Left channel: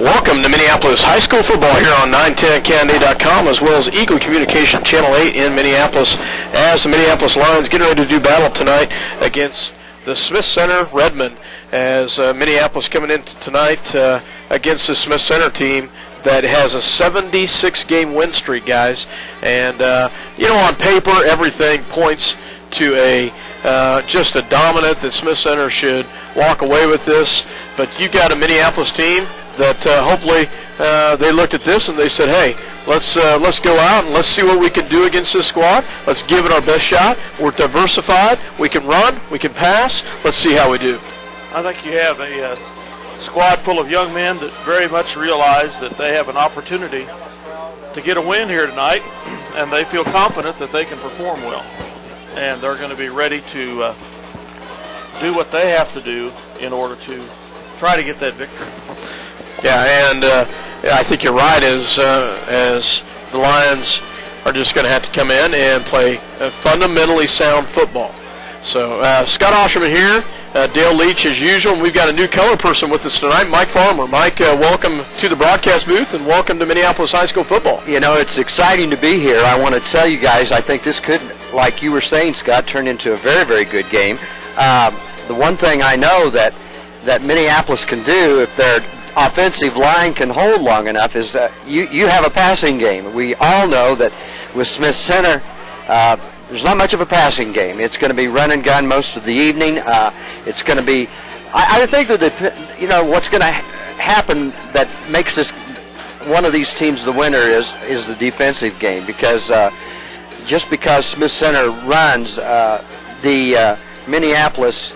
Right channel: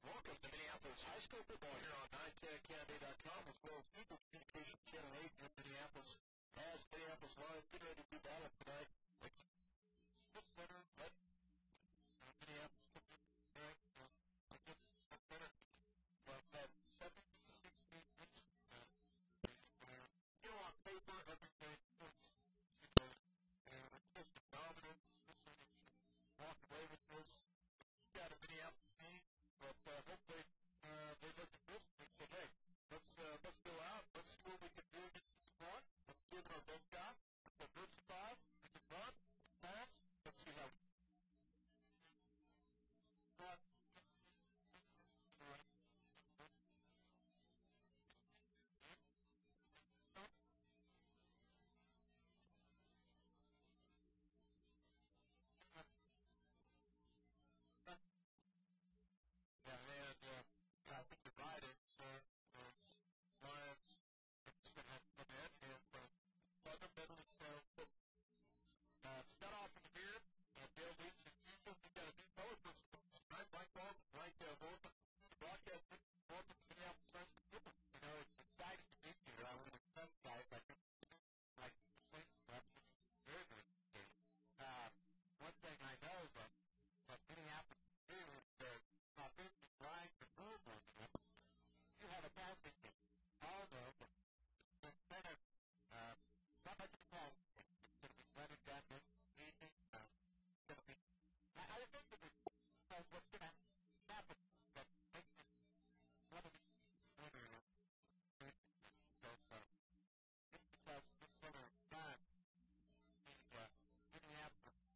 Welcome to Minneapolis High School football here on 910candy.com, as well as Eagle Communication Channel 8 in Minneapolis, as the Minneapolis Lions getting ready to do battle tonight against the Smith Center Redmen, as Minneapolis coming in tonight against the Smith Center team that has a 76-game win streak, guys. And, on paper, everything points to a just a dominant that Smith Center should walk away with this. But you've got a Minneapolis team that hopefully they looked at this and they said, hey, let's go out and let's see what we can do against this squad. Let's give it our best shot. We're diversified. We can run. We can pass. Let's see how we do. I think you have a squad full of young men that very much realize that they have an opportunity to get a win here tonight, and they feel confident that they can perform well. And they're going to be ready to do what they have to do in order to try to get that victory. Yeah, and I think you're right, as the Lions are just going to have to come in and play fundamentally sound football. So Scott Osherman here, Dale Leach as usual, and we've got a new color person with us tonight, Mike Farmer. Mike, welcome to the broadcast booth, and welcome to Minneapolis High School football. You know, it's exciting to be here. I want to tell you guys, I think this could, like you were saying, Scott, turn into a very, very good game. The one thing I know that Minneapolis can do, if their offensive line can hold long enough, is you have a passing game. We all know that with Smith Center, there's not much of a passing game. It's going to be run and gun most of the evening. It's going to be, I think that what's going to happen that makes this one of these teams the winner is the defensive game, because just because Smith Center runs, the Minneapolis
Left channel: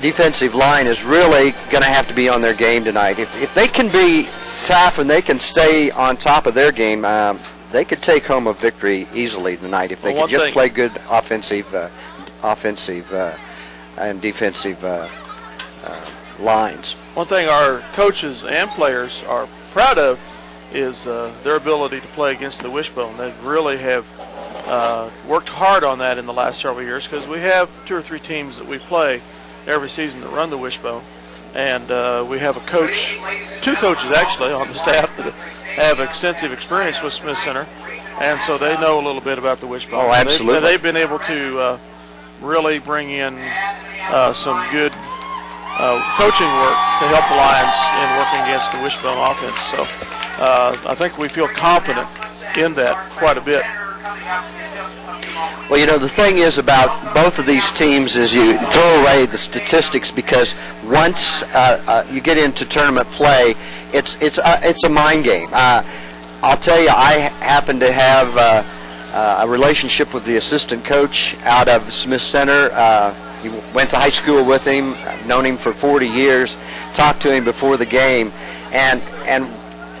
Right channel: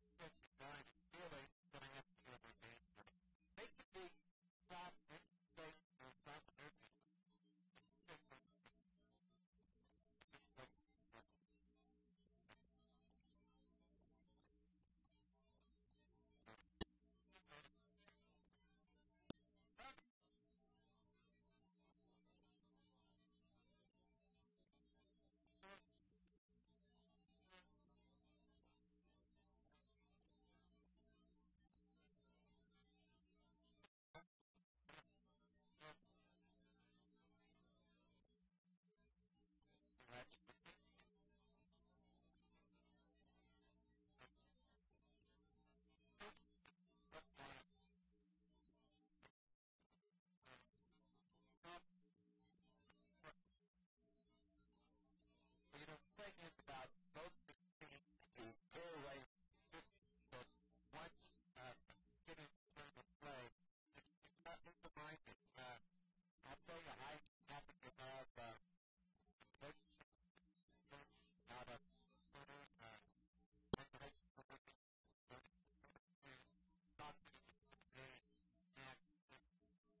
defensive line is really going to have to be on their game tonight. If they can be tough and they can stay on top of their game, they could take home a victory easily tonight if they could just play good offensive and defensive lines. One thing our coaches and players are proud of is their ability to play against the wishbone. They really have worked hard on that in the last several years, because we have 2 or 3 teams that we play every season that run the wishbone, and we have a coach, 2 coaches actually on the staff that have extensive experience with Smith Center, and so they know a little bit about the wishbone. Oh, absolutely. They've been able to really bring in some good coaching work to help the Lions in working against the wishbone offense. So I think we feel confident in that quite a bit. Well, the thing is about both of these teams is you throw away the statistics, because once you get into tournament play, it's a mind game. I'll tell you, I happen to have a relationship with the assistant coach out of Smith Center. He went to high school with him, known him for 40 years, talked to him before the game, and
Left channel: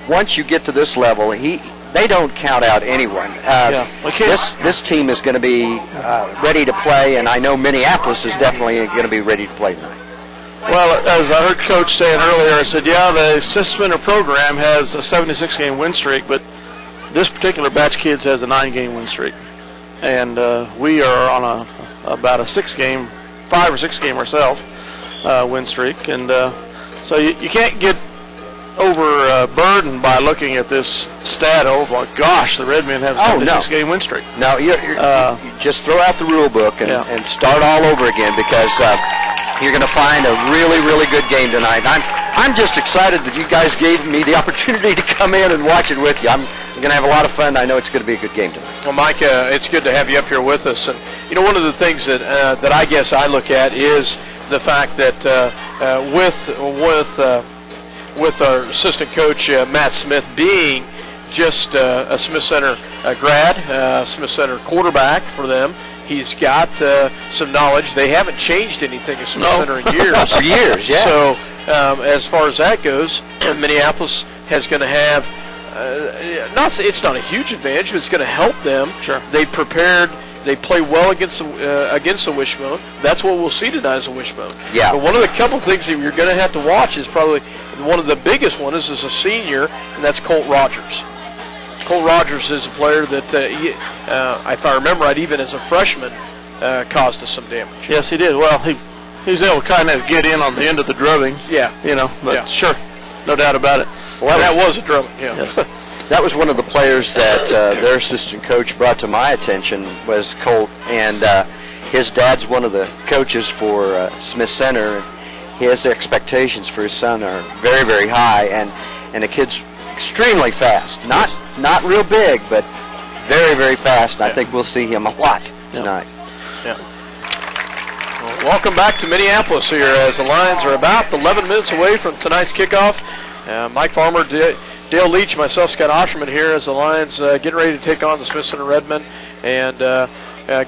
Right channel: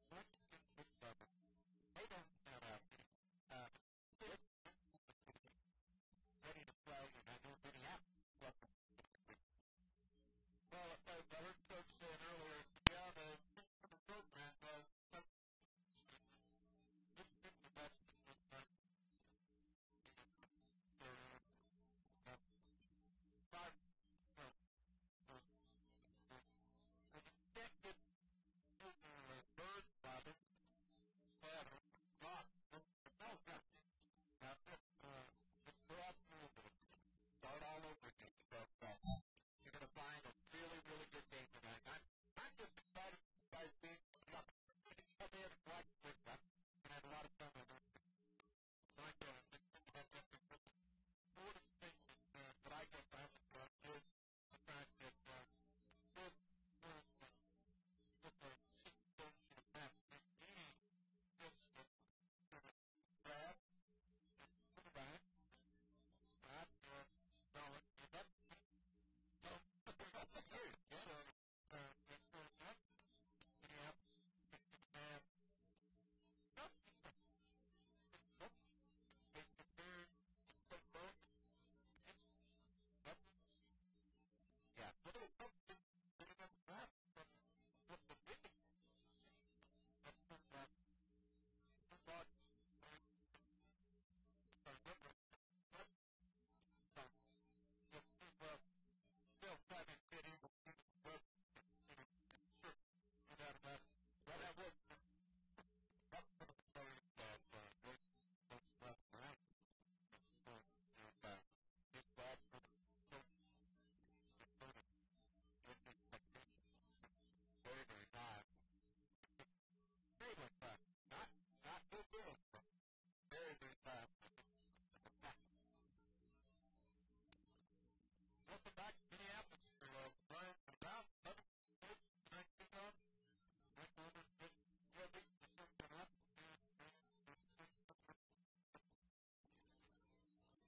once you get to this level, they don't count out anyone. This team is going to be ready to play, and I know Minneapolis is definitely going to be ready to play tonight. Well, as I heard Coach saying earlier, I said, yeah, the Smith Center program has a 76-game win streak, but this particular batch of kids has a 9-game win streak. And we are on about a 5 or 6 game ourselves win streak. And so you can't get overburdened by looking at this stat. Oh my gosh, the Redmen have a 76-game win streak. No, you just throw out the rule book and start all over again, because you're going to find a really, really good game tonight. I'm just excited that you guys gave me the opportunity to come in and watch it with you. I'm going to have a lot of fun. I know it's going to be a good game tonight. Well, Mike, it's good to have you up here with us. And one of the things that I guess I look at is the fact that with our assistant coach Matt Smith being just a Smith Center grad, Smith Center quarterback for them. He's got some knowledge. They haven't changed anything at Smith Center in years. For years, yeah. So as far as that goes, Minneapolis is going to have, it's not a huge advantage, but it's going to help them. Sure. They prepared. They play well against the wishbone. That's what we'll see tonight is a wishbone. Yeah. But one of the couple things that you're going to have to watch is probably one of the biggest ones is a senior, and that's Colt Rogers. Colt Rogers is a player that, if I remember right, even as a freshman, caused us some damage. Yes, he did. Well, he was able to kind of get in on the end of the drubbing. Yeah. But sure. no doubt about it. Well, that was a drubbing, yeah. Yes. That was one of the players that their assistant coach brought to my attention was Colt, and his dad's one of the coaches for Smith Center. His expectations for his son are very, very high, and the kid's extremely fast. Not real big, but very, very fast. And I think we'll see him a lot tonight. Yeah. Well, welcome back to Minneapolis here as the Lions are about 11 minutes away from tonight's kickoff. Mike Farmer, Dale Leach, myself, Scott Osherman here as the Lions getting ready to take on the Smith Center Redmen. And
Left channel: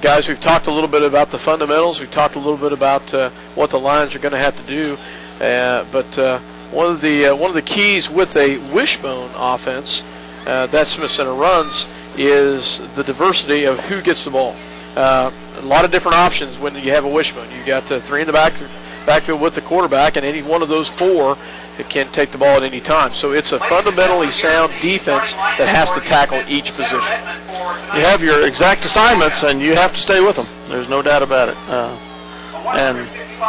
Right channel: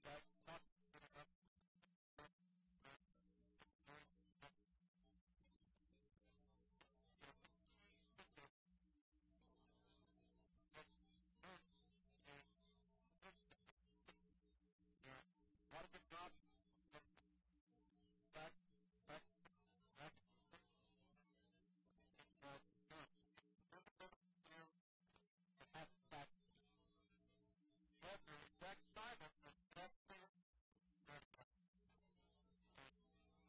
guys, we've talked a little bit about the fundamentals. We've talked a little bit about what the Lions are going to have to do. But one of the keys with a wishbone offense that Smith Center runs is the diversity of who gets the ball. A lot of different options when you have a wishbone. You got three in the backfield with the quarterback, and any one of those four can take the ball at any time. So it's a fundamentally sound defense that has to tackle each position. You have your exact assignments, and you have to stay with them. There's no doubt about it. And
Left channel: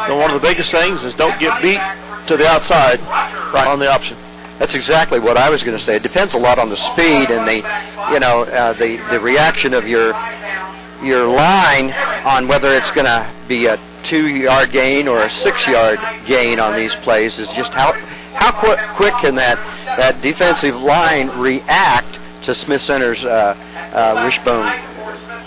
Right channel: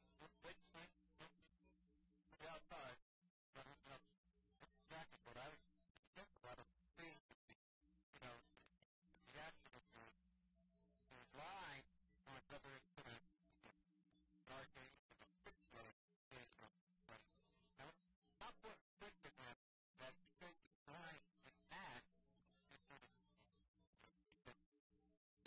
one of the biggest things is don't get beat to the outside on the option. That's exactly what I was going to say. It depends a lot on the speed and the reaction of your line on whether it's going to be a 2-yard gain or a 6-yard gain on these plays. Is just how quick can that defensive line react to Smith Center's wishbone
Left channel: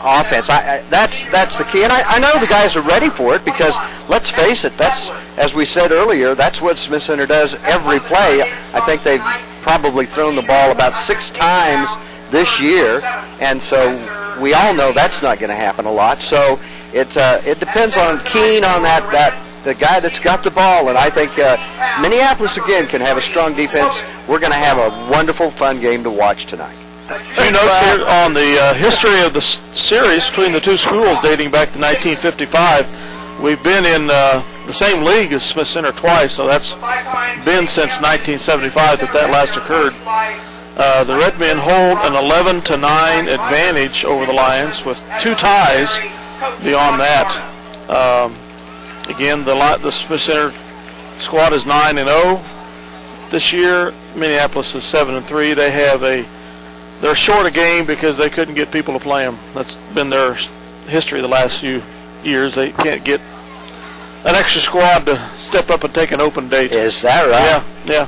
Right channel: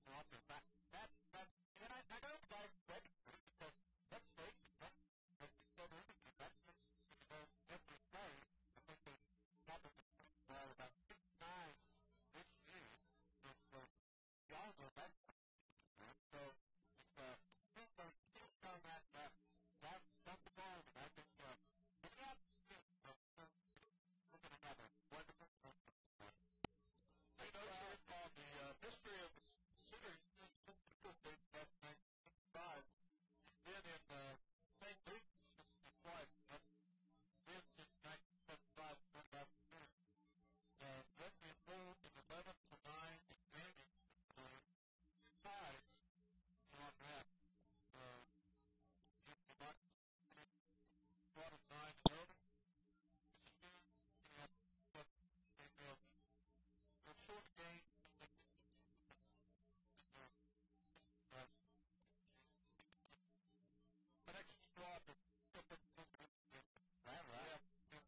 offense. That's the key, and I know the guys are ready for it because let's face it, that's, as we said earlier, that's what Smith Center does every play. I think they've probably thrown the ball about 6 times this year, and so we all know that's not going to happen a lot. So it depends on Keene on the guy that's got the ball, and I think Minneapolis again can have a strong defense. We're going to have a wonderful, fun game to watch tonight. A few notes here on the history of the series between the two schools dating back to 1955. We've been in the same league as Smith Center twice, so that's been since 1975 that last occurred. The Redmen hold an 11-9 advantage over the Lions with 2 ties beyond that. Again, the Smith Center squad is 9-0 this year. Minneapolis is 7-3. They're short a game because they couldn't get people to play them. That's been their history the last few years. They can't get an extra squad to step up and take an open date. Is that right? Yeah.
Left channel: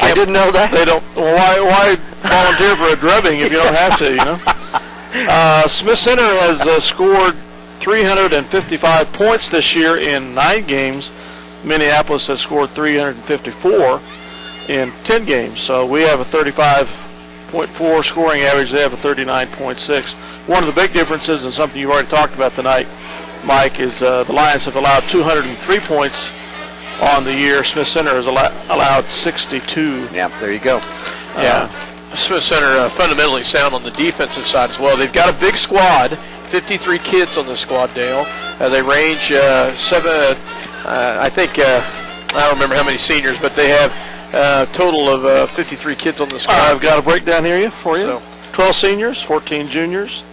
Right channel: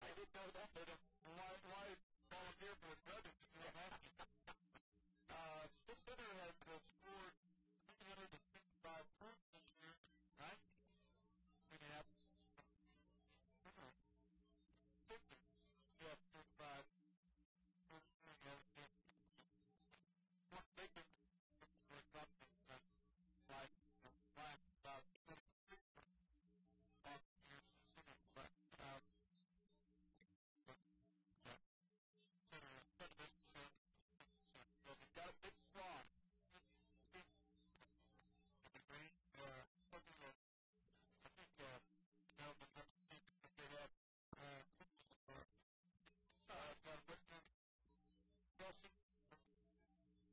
I didn't know that. They don't. Well, why volunteer for a drubbing if you don't have to? You know. Smith Center has scored 355 points this year in 9 games. Minneapolis has scored 354 in 10 games. So we have a 35.4 scoring average. They have a 39.6. One of the big differences, and something you've already talked about tonight, Mike, is the Lions have allowed 203 points on the year. Smith Center has allowed 62. Yeah, there you go. Yeah. Smith Center fundamentally sound on the defensive side as well. They've got a big squad, 53 kids on the squad, Dale. They range I don't remember how many seniors, but they have a total of 53 kids on the squad. I've got a breakdown here for you. So, 12 seniors, 14 juniors,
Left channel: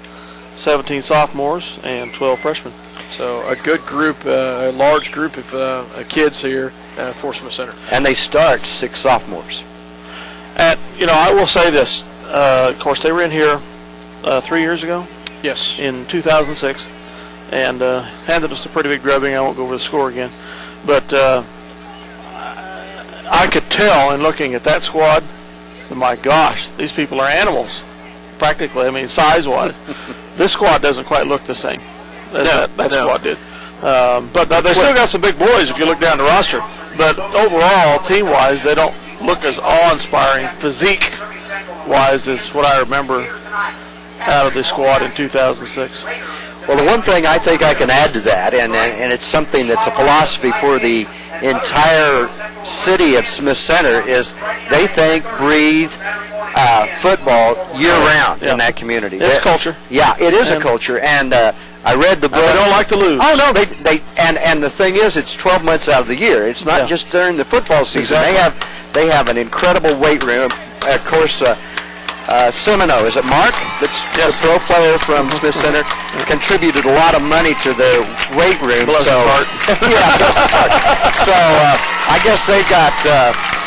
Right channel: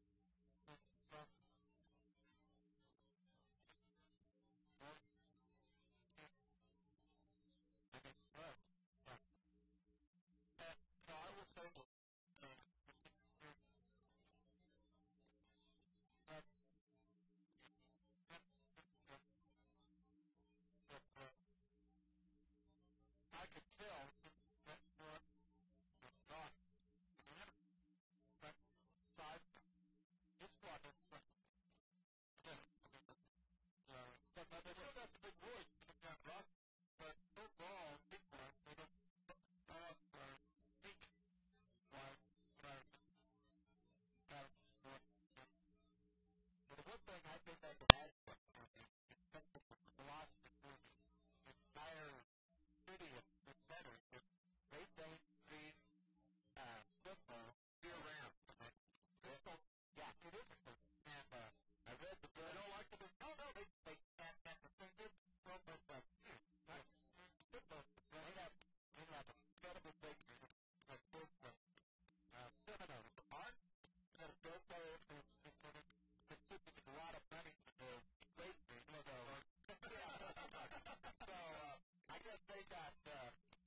17 sophomores, and 12 freshmen. So a good group, a large group of kids here for Smith Center. And they start 6 sophomores. And, I will say this. Of course, they were in here 3 years ago. Yes. In 2006. And handed us a pretty big drubbing. I won't go over the score again. But I could tell in looking at that squad, my gosh, these people are animals, practically. I mean, size-wise. This squad doesn't quite look the same. That squad did. But they still got some big boys if you look down the roster. But overall, team-wise, they don't look as awe-inspiring physique-wise as what I remember out of this squad in 2006. Well, the one thing I think I can add to that, and it's something that's a philosophy for the entire city of Smith Center, is they think, breathe football year-round in that community. It's culture. Yeah, it is a culture, and I read the book. They don't like to lose. Oh no, and the thing is, it's 12 months out of the year. It's not just during the football season. Exactly. They have an incredible weight room. Of course, Semino, is it Mark? That's the pro player from Smith Center. Contributed a lot of money to their weight room. Bless his heart. Yeah. So I guess they got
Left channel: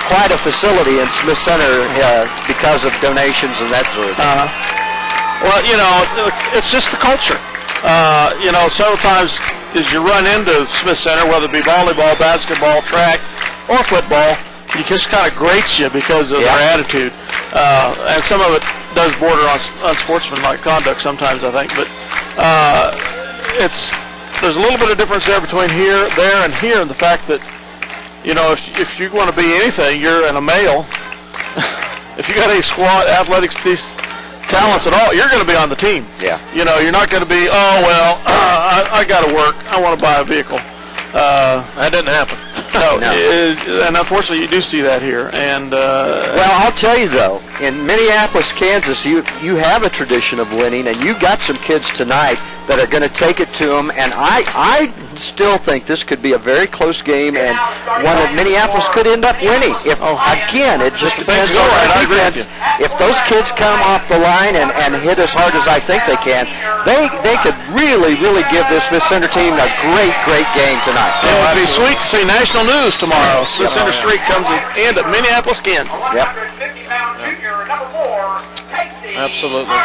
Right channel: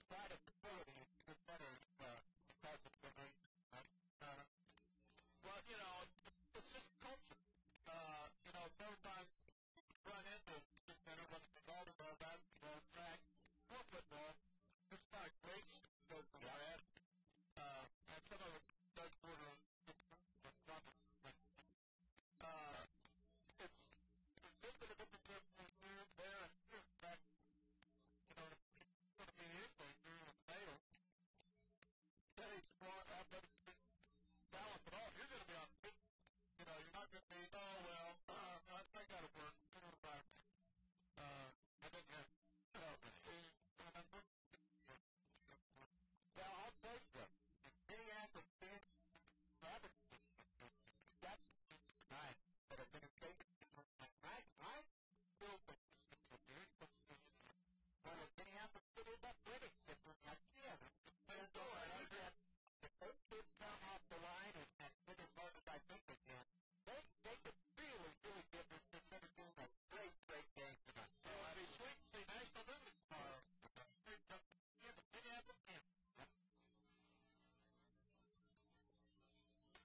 quite a facility in Smith Center because of donations and that sort of thing. Well, it's just the culture. Several times as you run into Smith Center, whether it be volleyball, basketball, track, or football, it just kind of grates you because of their attitude. And some of it does border on unsportsmanlike conduct sometimes, I think. But there's a little bit of difference there between here, there, and here, and the fact that, if you want to be anything, you're a male. If you got any squad athletics, these talents at all, you're going to be on the team. Yeah. You're not going to be, I got to work. I want to buy a vehicle. That didn't happen. No. And unfortunately, you do see that here. And well, I'll tell you though, in Minneapolis, Kansas, you have a tradition of winning, and you got some kids tonight that are going to take it to them. And I still think this could be a very close game, and one that Minneapolis could end up winning. Again, it just depends on our defense. If those kids come off the line and hit as hard as I think they can, they could really, really give this Smith Center team a great, great game tonight. It would be sweet to see national news tomorrow. Smith Center Street comes in at Minneapolis, Kansas. Yep. Absolutely.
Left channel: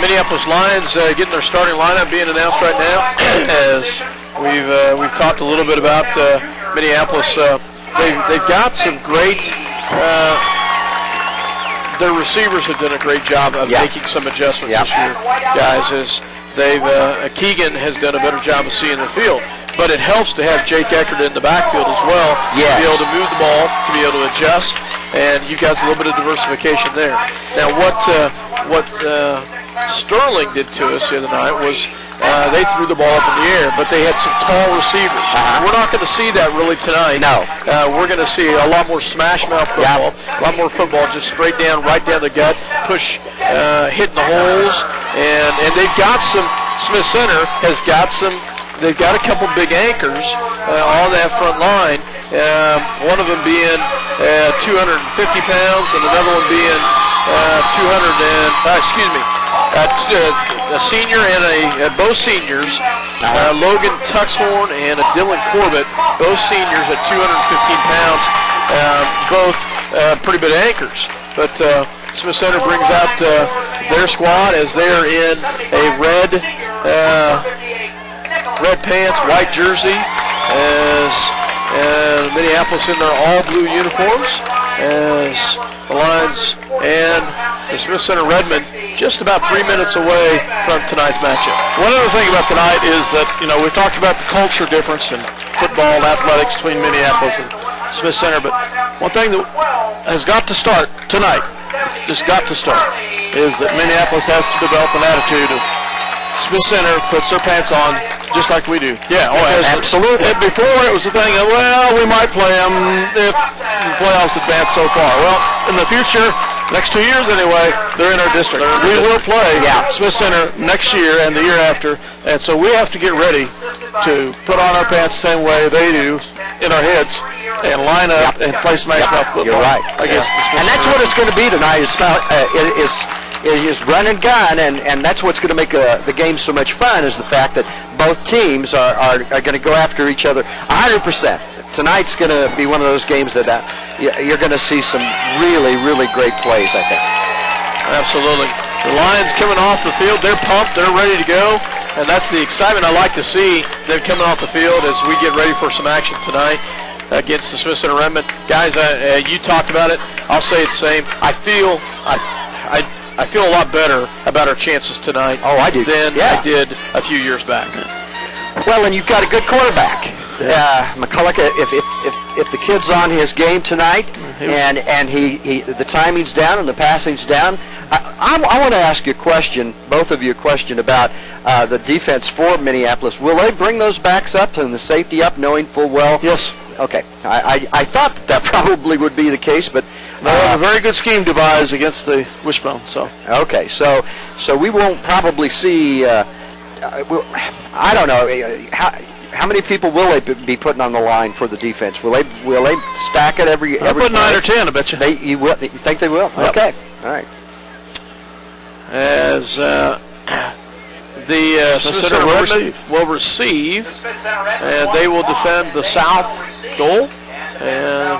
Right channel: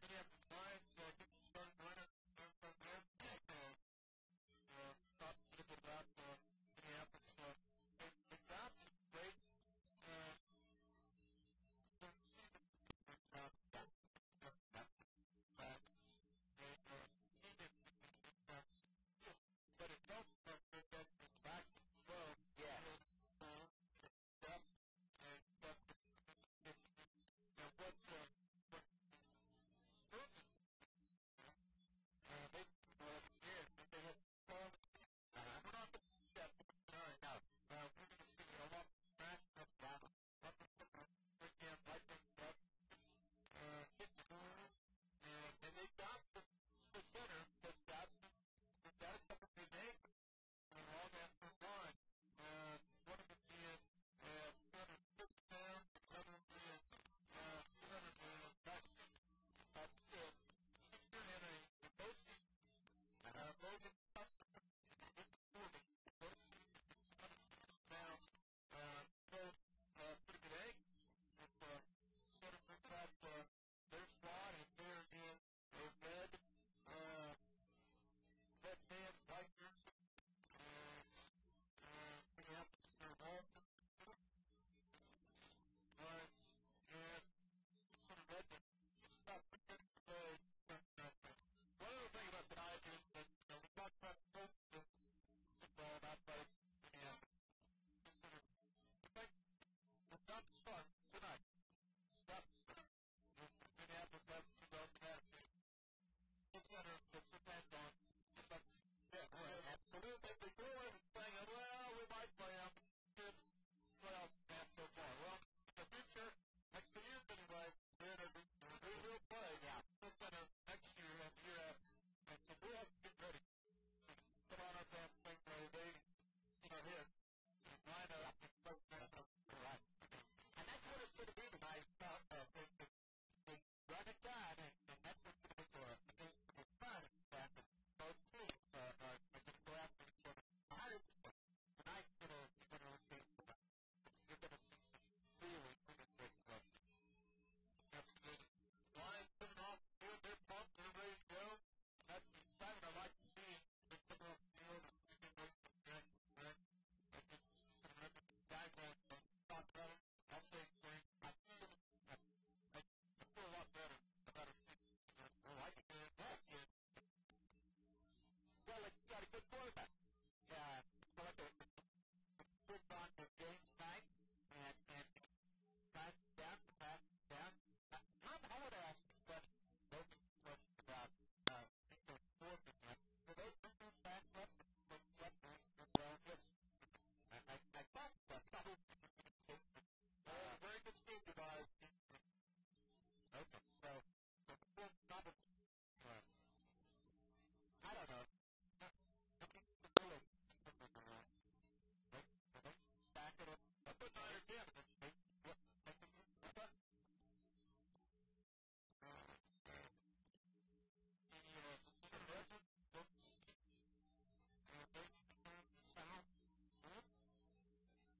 Minneapolis Lions getting their starting lineup being announced right now. As we've talked a little bit about Minneapolis, they've got some great. Their receivers have done a great job of making some adjustments this year, guys. As Keegan has done a better job of seeing the field. But it helps to have Jake Eckert in the backfield as well to be able to move the ball, to be able to adjust, and you guys a little bit of diversification there. Now, what Sterling did to us the other night was they threw the ball up in the air, but they had some tall receivers. We're not going to see that really tonight. No. We're going to see a lot more smash mouth football, a lot more football just straight down, right down the gut, push, hitting the holes, and they've got some. Smith Center has got some. They've got a couple big anchors on that front line. One of them being 250 pounds, and another one being a senior and both seniors, Logan Tuxhorn and Dylan Corbett, both seniors at 215 pounds, both pretty big anchors. But Smith Center brings out their squad as they're in a red pants, white jersey, as Minneapolis in their all-blue uniforms, as the Lions and the Smith Center Redmen just about 3 minutes away from tonight's matchup. One other thing about tonight is that, we've talked about the culture difference in football and athletics between Minneapolis and Smith Center, but one thing that has got to start tonight, it's just got to start, is that Minneapolis has to develop an attitude of Smith Center puts their pants on just like we do. Yeah, absolutely. Before it was the thing of, we might play them if the playoffs advance so far. Well, in the future, next 2 years anyway, they're in our district. We will play Smith Center next year and the year after, and so we have to get ready to put on our pants the same way they do in our heads and line up and play smash mouth football. You're right. Against the Smith and that's Center. what it's going to be tonight. It's not. It is run and gun, and that's what's going to make the game so much fun, is the fact that both teams are going to go after each other 100%. Tonight's going to be one of those games that you're going to see some really, really great plays, I think. Absolutely. The Lions coming off the field, they're pumped, they're ready to go, and that's the excitement I like to see, them coming off the field as we get ready for some action tonight against the Smith Center Redmen. Guys, you talked about it. I'll say it the same. I feel a lot better about our chances tonight I did a few years back. Well, and you've got a good quarterback. McCulloch, if the kid's on his game tonight and the timing's down and the passing's down, I want to ask you a question, both of you a question about the defense for Minneapolis. Will they bring those backs up and the safety up, knowing full well? Yes. Okay. I thought that probably would be the case, but they have a very good scheme devised against the Wishbone. So okay, so we won't probably see. I don't know how many people will they be putting on the line for the defense. Will they stack it every? I'll put 9 or 10. I bet you. You think they will? Yep. Okay, all right. As the Smith Center will receive, and they will defend the south goal. And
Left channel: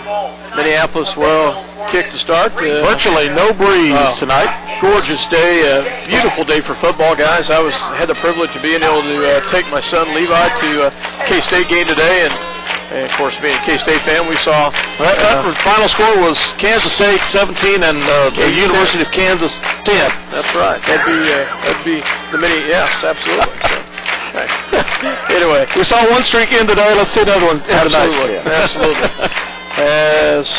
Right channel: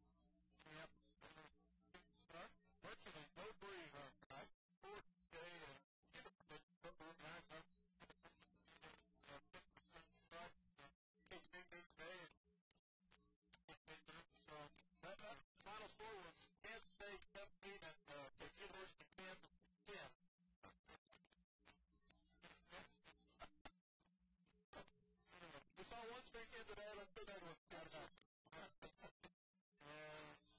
Minneapolis will kick to start. Virtually no breeze tonight. Gorgeous day, beautiful day for football, guys. I had the privilege of being able to take my son Levi to K-State game today, and of course, being a K-State fan, we saw that final score was Kansas State 17 and the University of Kansas 10. That's right. That'd be the mini. Yes, absolutely. So, anyway, we saw one streak in today. Let's see another one. Absolutely, absolutely. As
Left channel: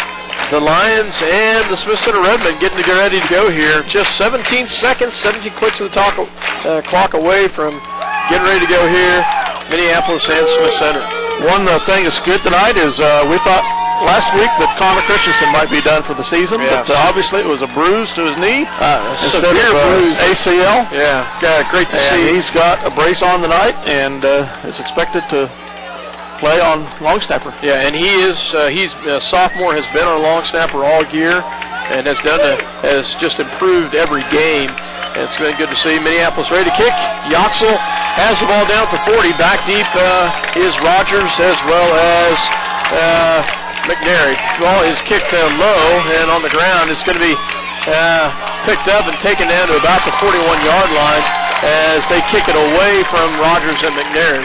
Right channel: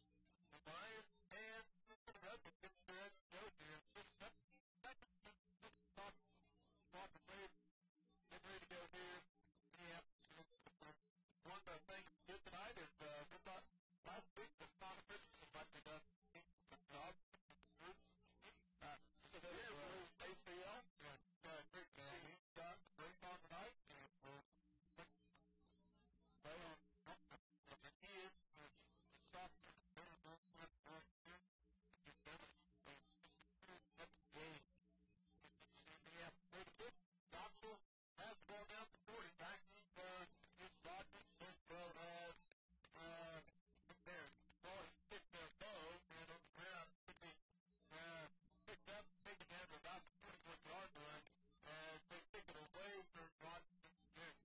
the Lions and the Smith Center Redmen getting to get ready to go here, just 17 seconds, 17 clicks of the clock away from getting ready to go here. Minneapolis and Smith Center. One thing that's good tonight is we thought last week that Connor Christensen might be done for the season, but obviously it was a bruise to his knee instead of bruise ACL. Yeah, great to see. He's got a brace on tonight and is expected to play on long snapper. Yeah, and he's a sophomore, has been our long snapper all year, and has just improved every game. And it's been good to see. Minneapolis ready to kick. Yoxel has the ball down at the 40. Back deep is Rogers as well as McNary. The ball is kicked low and on the ground. It's going to be picked up and taken down to about the 41-yard line as they kick it away from Rogers and McNary.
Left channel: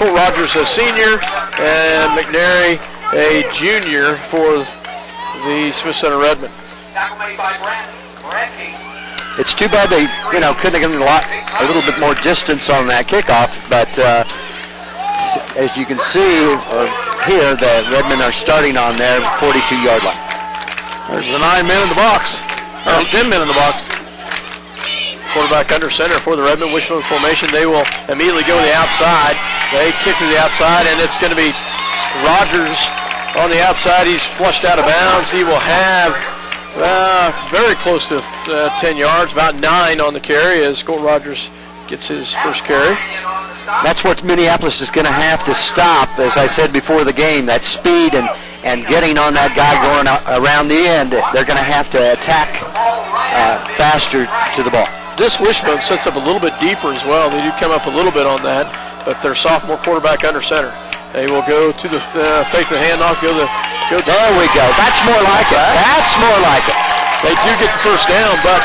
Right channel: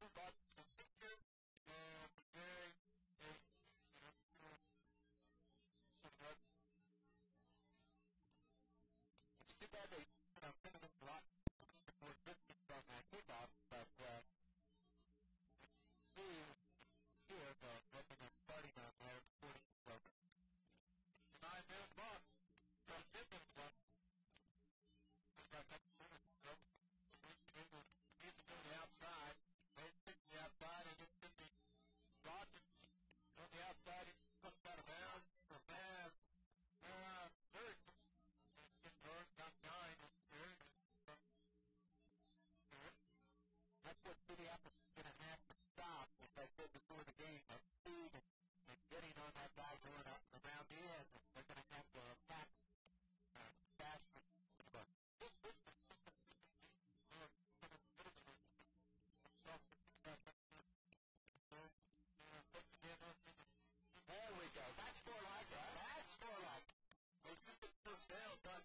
Colt Rogers, a senior, and McNary, a junior for the Smith Center Redmen. It's too bad they, couldn't have given a little bit more distance on that kickoff, but as you can see here, the Redmen are starting on their 42-yard line. There's the 9 men in the box, or 10 men in the box. Quarterback under center for the Redmen, wishbone formation. They will immediately go to the outside. They kick to the outside, and it's going to be Rogers on the outside. He's flushed out of bounds. He will have very close to 10 yards, about 9 on the carry as Colt Rogers gets his first carry. That's what Minneapolis is going to have to stop, as I said before the game, that speed and getting on that guy going around the end. They're going to have to attack faster to the ball. This wishbone sets up a little bit deeper as well. They do come up a little bit on that, but their sophomore quarterback under center. They will go to the fake the handoff, go. There we go. That's more like it. That's more like it. They do get the first down, but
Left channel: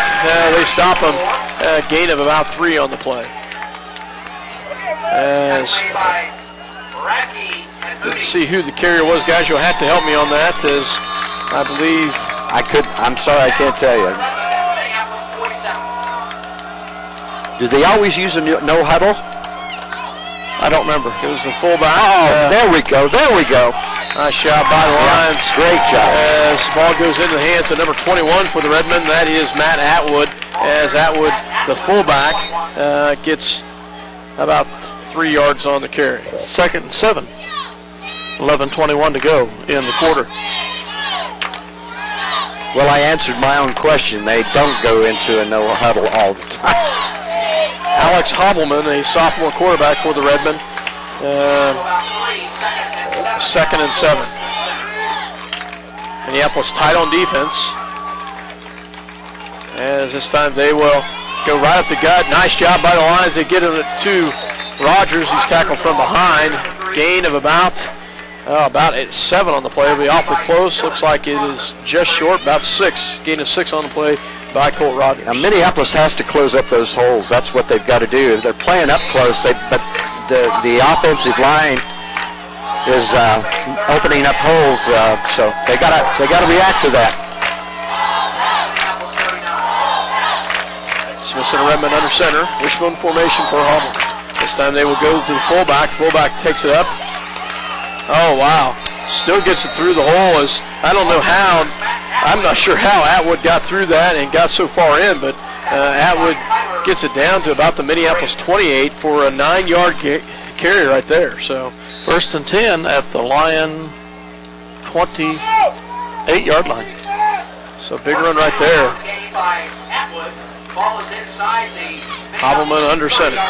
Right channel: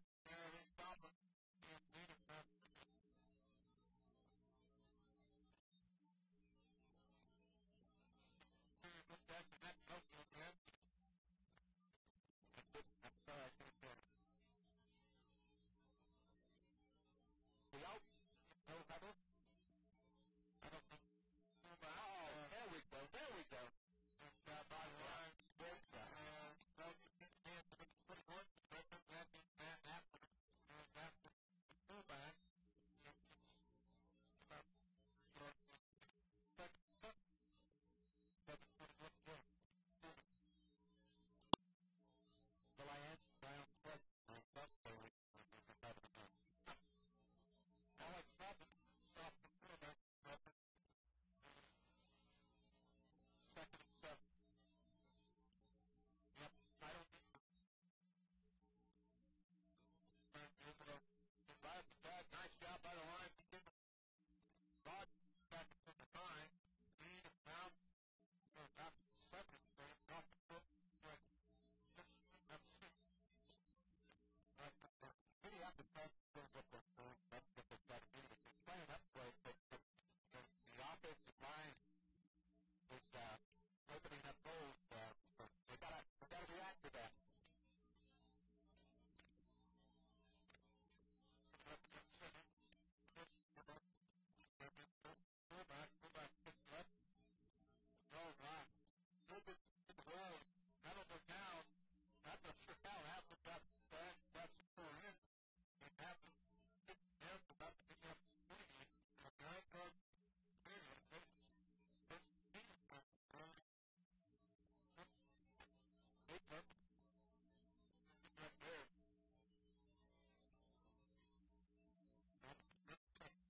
they stop them. Gain of about 3 on the play. As let's see who the carrier was, guys. You'll have to help me on that, as I believe I'm sorry, I can't tell you. Do they always use a no huddle? I don't remember. It was the fullback. Oh, there we go. There we go. Nice shot by the Lions. Great job. As the ball goes into the hands of number 21 for the Redmen, that is Matt Atwood. As Atwood, the fullback, gets about 3 yards on the carry. 2nd and 7. 11:21 to go in the quarter. Well, I answered my own question. They don't go into a no huddle all the time. Alex Hobbleman, a sophomore quarterback for the Redmen. 2nd and 7. Minneapolis tight on defense. As this time they will go right up the gut. Nice job by the Lions. They get it to Rogers. He's tackled from behind. Gain of about 7 on the play. It'll be awfully close. Looks like it is just short, about 6. Gain of 6 on the play by Colt Rogers. Now, Minneapolis has to close up those holes. That's what they've got to do. They're playing up close, but the offensive line is opening up holes, so they got to react to that. Smith Center Redmen under center. Wishbone formation for Hubble. This time they will go to the fullback. Fullback takes it up. Oh, wow. Still gets it through the hole. I don't know how. I'm not sure how Atwood got through that and got so far in, but Atwood gets it down to about the Minneapolis 28 for a 9-yard carry right there. So 1st and 10 at the Lion 28-yard line. So big run right there. Hobbleman under center.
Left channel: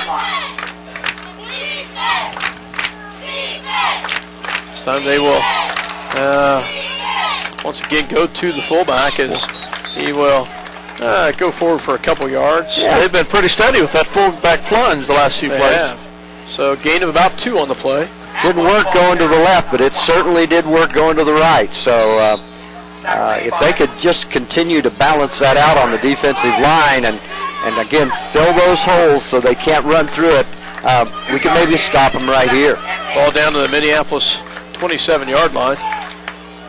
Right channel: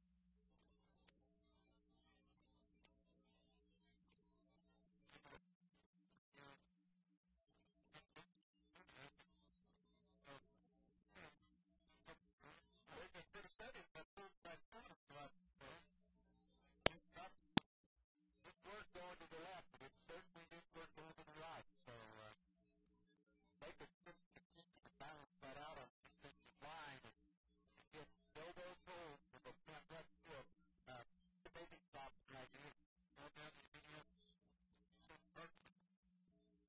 This time they will once again go to the fullback as he will go forward for a couple yards. Yeah, they've been pretty steady with that fullback plunge the last few plays. Have. So gain of about 2 on the play. Didn't work going to the left, but it certainly did work going to the right. So if they could just continue to balance that out on the defensive line and again, fill those holes so they can't run through it, we can maybe stop them right here. Ball down to the Minneapolis 27-yard line.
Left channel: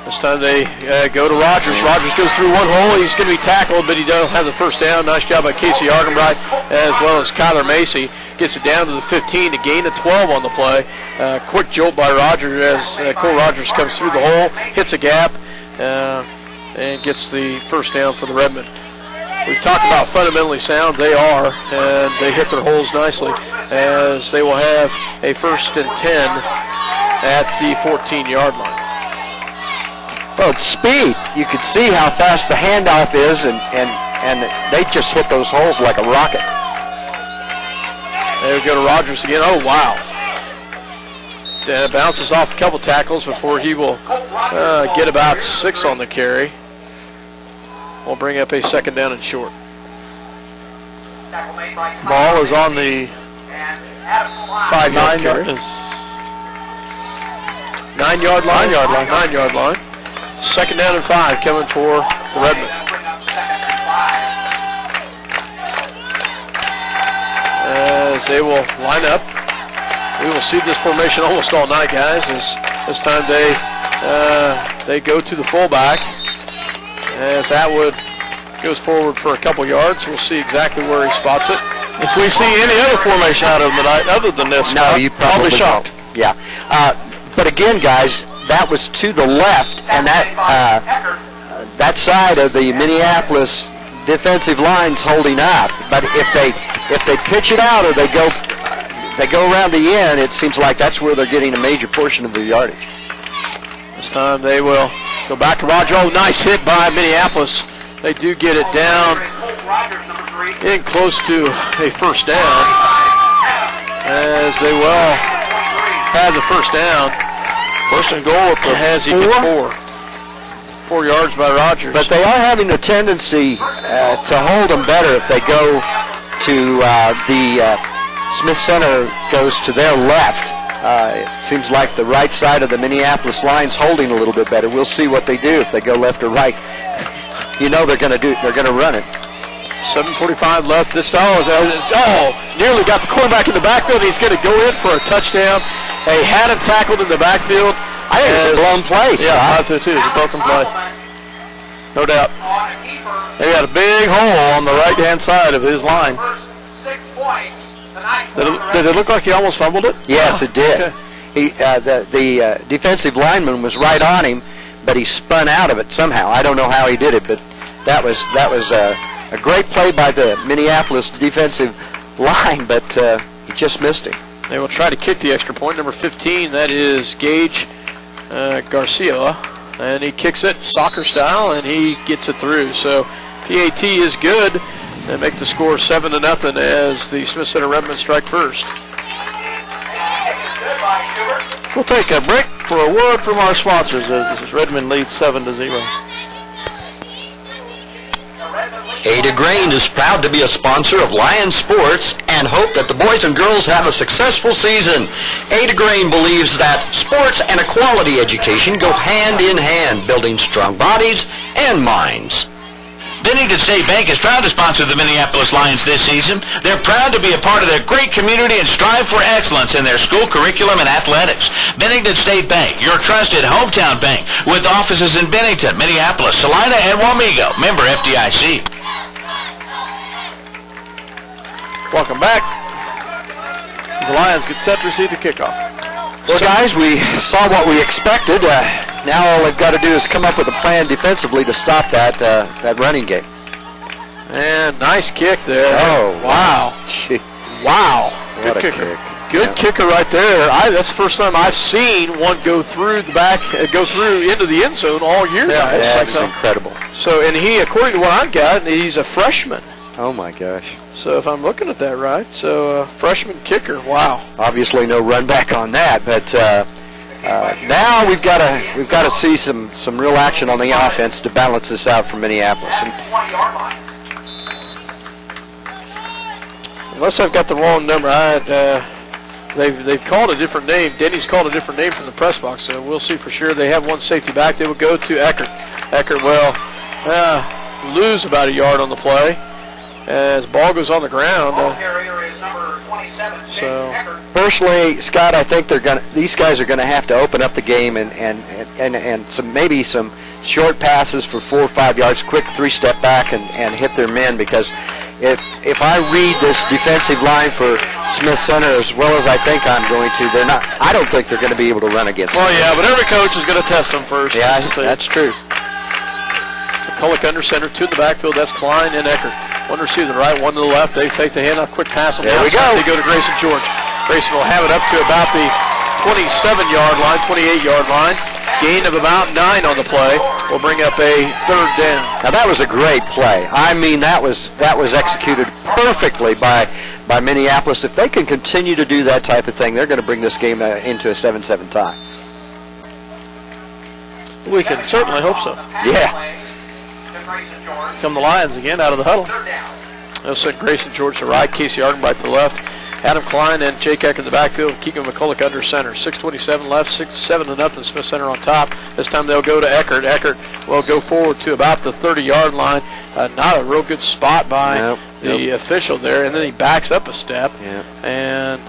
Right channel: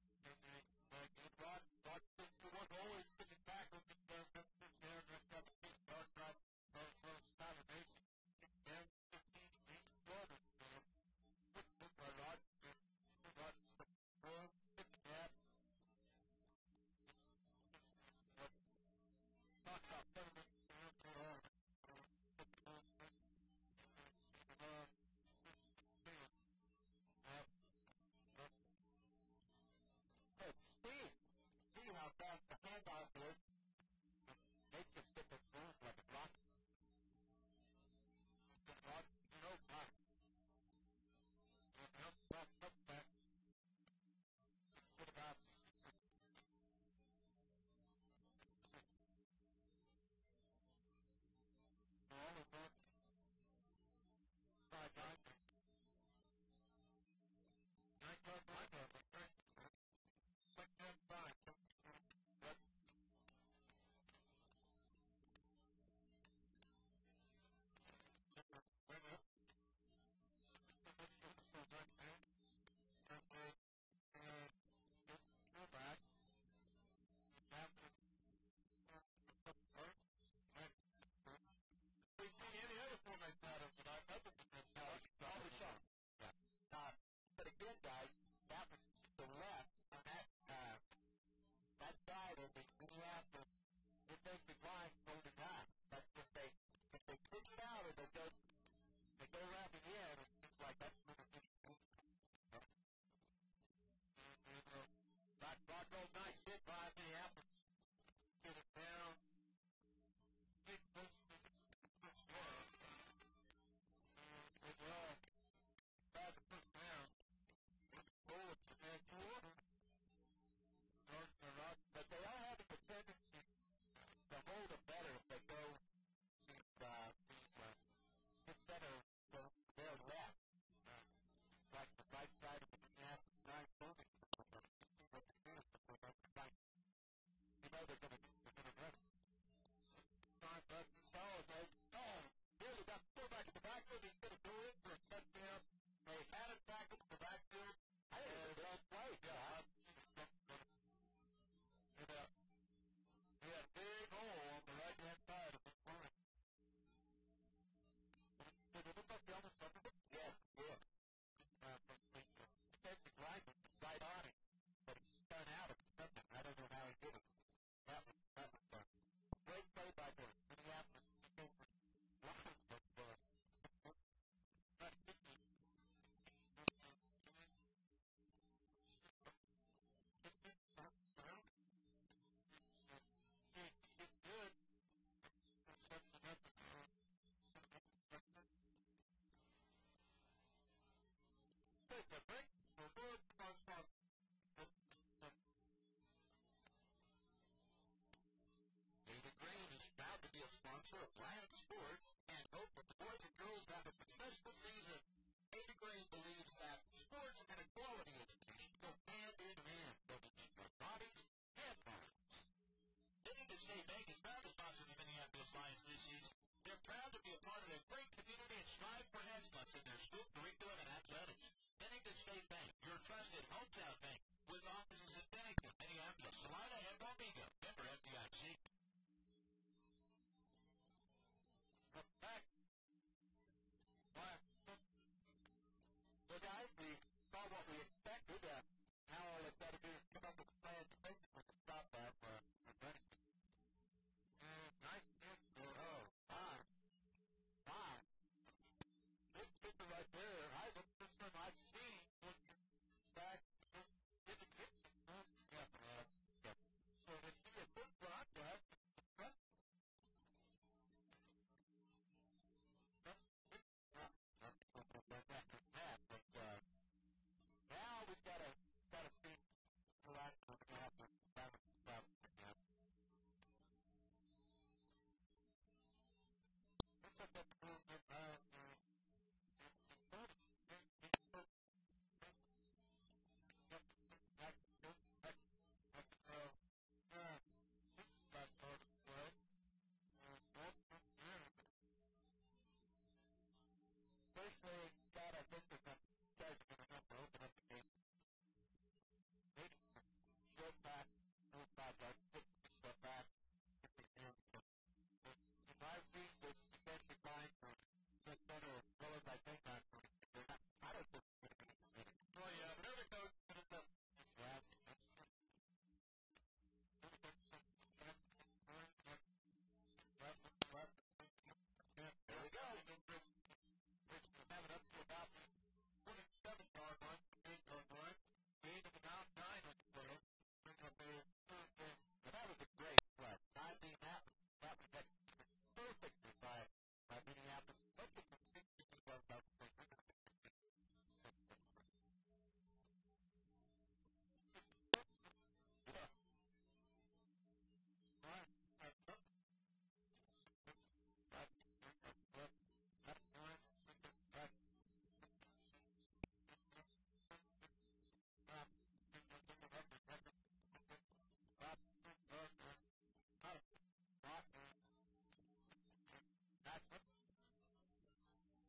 This time they go to Rogers. Rogers goes through one hole. He's going to be tackled, but he doesn't have the first down. Nice job by Casey Argenbright as well as Kyler Macy. Gets it down to the 15 to gain a 12 on the play. Quick jolt by Rogers as Cole Rogers comes through the hole, hits a gap, and gets the first down for the Redmen. We've talked about fundamentally sound. They are, and they hit their holes nicely as they will have a 1st and 10 at the 14-yard line. Well, it's speed. You could see how fast the handoff is, and they just hit those holes like a rocket. There we go to Rogers again. Oh, wow. Bounces off a couple tackles before he will get about 6 on the carry. We'll bring up a 2nd down and short. Ball is on the 5-yard carry. 9-yard line. 9-yard line. 2nd down and 5 coming for the Redmen. As they will line up. We will see this formation almost all night, guys, as this time they go to the fullback. As Atwood goes forward for a couple yards, we'll see exactly where he spots it. If we see any other formation out of them tonight other than this, no, you I'll be shocked. Yeah. But again, guys, that was to the left, and that side of the Minneapolis defensive line's holding up. But if they pitch it out or they go around the end, it seems like that's where they're getting a major portion of the yardage. This time they will go back to Roger. Oh, nice hit by Minneapolis. They do get it down in close to a 1st down, as they will have the 1st down. 1st and goal with the as he gets 4 yards by Rogers. But they are having a tendency to hold them better if they go to the Smith Center goes to their left. It seems like the right side of the Minneapolis line's holding a little bit better. We'll see what they do if they go left or right. You know they're going to run it. 7:45 left. This nearly got the quarterback in the backfield. He's going to go in for a touchdown. They had him tackled in the backfield. I think it's a blown play. Yeah, I think too. It's a broken play. No doubt. They got a big hole on the right-hand side of his line. Did it look like he almost fumbled it? Yes, it did. Okay. He, the defensive lineman was right on him, but he spun out of it somehow. I don't know how he did it, but that was a great play by the Minneapolis defensive line, but he just missed him. They will try to kick the extra point. Number 15, that is Gage Garcia, and he kicks it soccer style, and he gets it through. So PAT is good. They make the score 7-0 as the Smith Center Redmen strike first. We'll take a break for a word from our sponsors as Redmond leads 7-0. Ada Grain is proud to be a sponsor of Lion Sports and hope that the boys and girls have a successful season. Ada Grain believes that sports and a quality education go hand in hand, building strong bodies and minds. Bennington State Bank is proud to sponsor the Minneapolis Lions this season. They're proud to be a part of their great community and strive for excellence in their school curriculum and athletics. Bennington State Bank, your trusted hometown bank, with offices in Bennington, Minneapolis, Salina, and Wamego. Member FDIC. Welcome back. The Lions get set to receive the kickoff. Well, guys, we saw what we expected. Now all they've got to do is come up with a plan defensively to stop that running game. And nice kick there. Oh, wow. Gee. Wow. What Good a kicker. kick. Good kicker right there. That's the first time I've seen one go through the back, go through into the end zone all year. That is incredible. So, and he, according to what I've got, he's a freshman. Oh my gosh. So if I'm looking at that right, so freshman kicker, wow. Obviously no run back on that, but now we've got to see some real action on the offense to balance this out for Minneapolis. And unless I've got the wrong number, they've called a different name. Denny's called a different name from the press box, so we'll see for sure. They have one safety back. They will go to Eckert. Eckert will lose about a yard on the play as ball goes on the ground. So personally, Scott, I think these guys are going to have to open up the game and maybe some short passes for 4 or 5 yards, quick 3-step back and hit their men, because if I read this defensive line for Smith Center as well as I think I'm going to, I don't think they're going to be able to run against them. Well, yeah, but every coach is going to test them first. Yeah, that's true. McCulloch under center, 2 in the backfield. That's Klein and Eckert. 1 receiver to the right, 1 to the left. They fake the handoff, quick pass on the outside. They go to Grayson George. Grayson will have it up to about the 27-yard line, 28-yard line. Gain of about 9 on the play. Will bring up a 3rd down. Now that was a great play. I mean, that was executed perfectly by Minneapolis. If they can continue to do that type of thing, they're going to bring this game into a 7-7 tie. We can certainly hope so. Yeah. Come the Lions again out of the huddle. They'll send Grayson George to right, Casey Ardenbright to the left, Adam Klein and Jake Eckert in the backfield, Keegan McCulloch under center. 6:27 left, 7-0 Smith Center on top. This time they'll go to Eckert. Eckert will go forward to about the 30-yard line. Not a real good spot by the official there, and then he backs up a step, and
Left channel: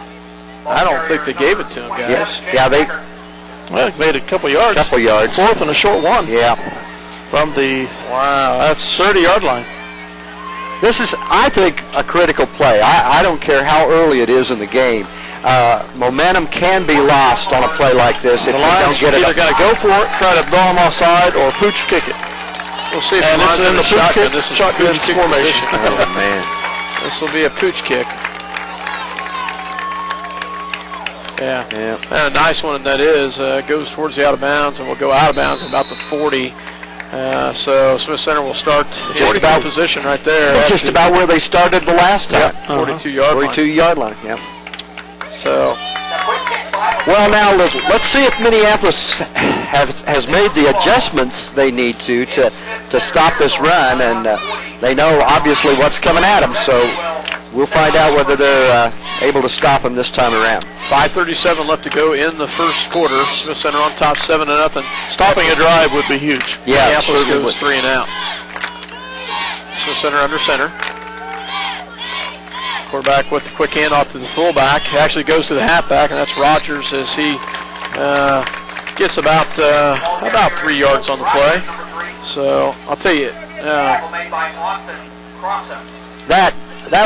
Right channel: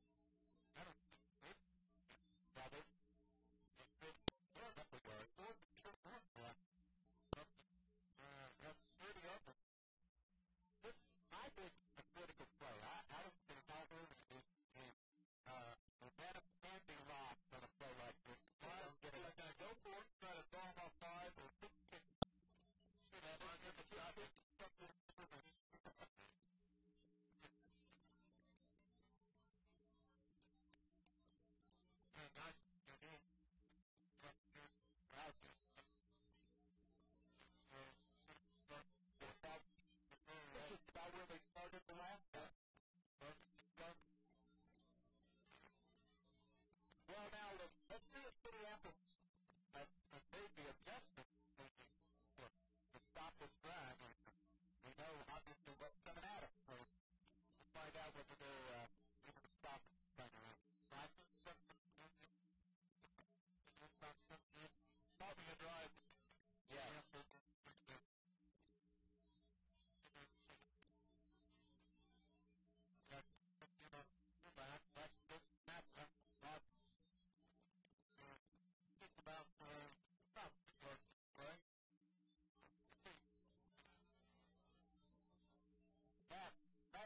I don't think they gave it to him, guys. Yeah, they made a couple yards. 4th and a short 1. Yeah. From the, that's 30-yard line. This is, I think, a critical play. I don't care how early it is in the game. Momentum can be lost on a play like this if the you Lions don't get it. Either got to go for it, try to blow them offside, or pooch kick it. We'll see if the Lions in the shotgun. This is shotgun formation. Oh, man. This will be a pooch kick. Yeah. And a nice one that is. Goes towards the out of bounds and will go out of bounds at about the 40. So Smith Center will start in about position right there. That's just about where they started the last time. 42-yard line. 42-yard line, So, well, now let's see if Minneapolis has made the adjustments they need to stop this run, and they know obviously what's coming at them. So we'll find out whether they're able to stop them this time around. 5:37 left to go in the first quarter. Smith Center on top, 7-0. Stopping a drive would be huge. Yeah, Minneapolis goes 3 and out. Smith Center under center. Quarterback with the quick handoff to the fullback. He actually goes to the halfback, and that's Rogers as he gets about 3 yards on the play. So I'll tell you, that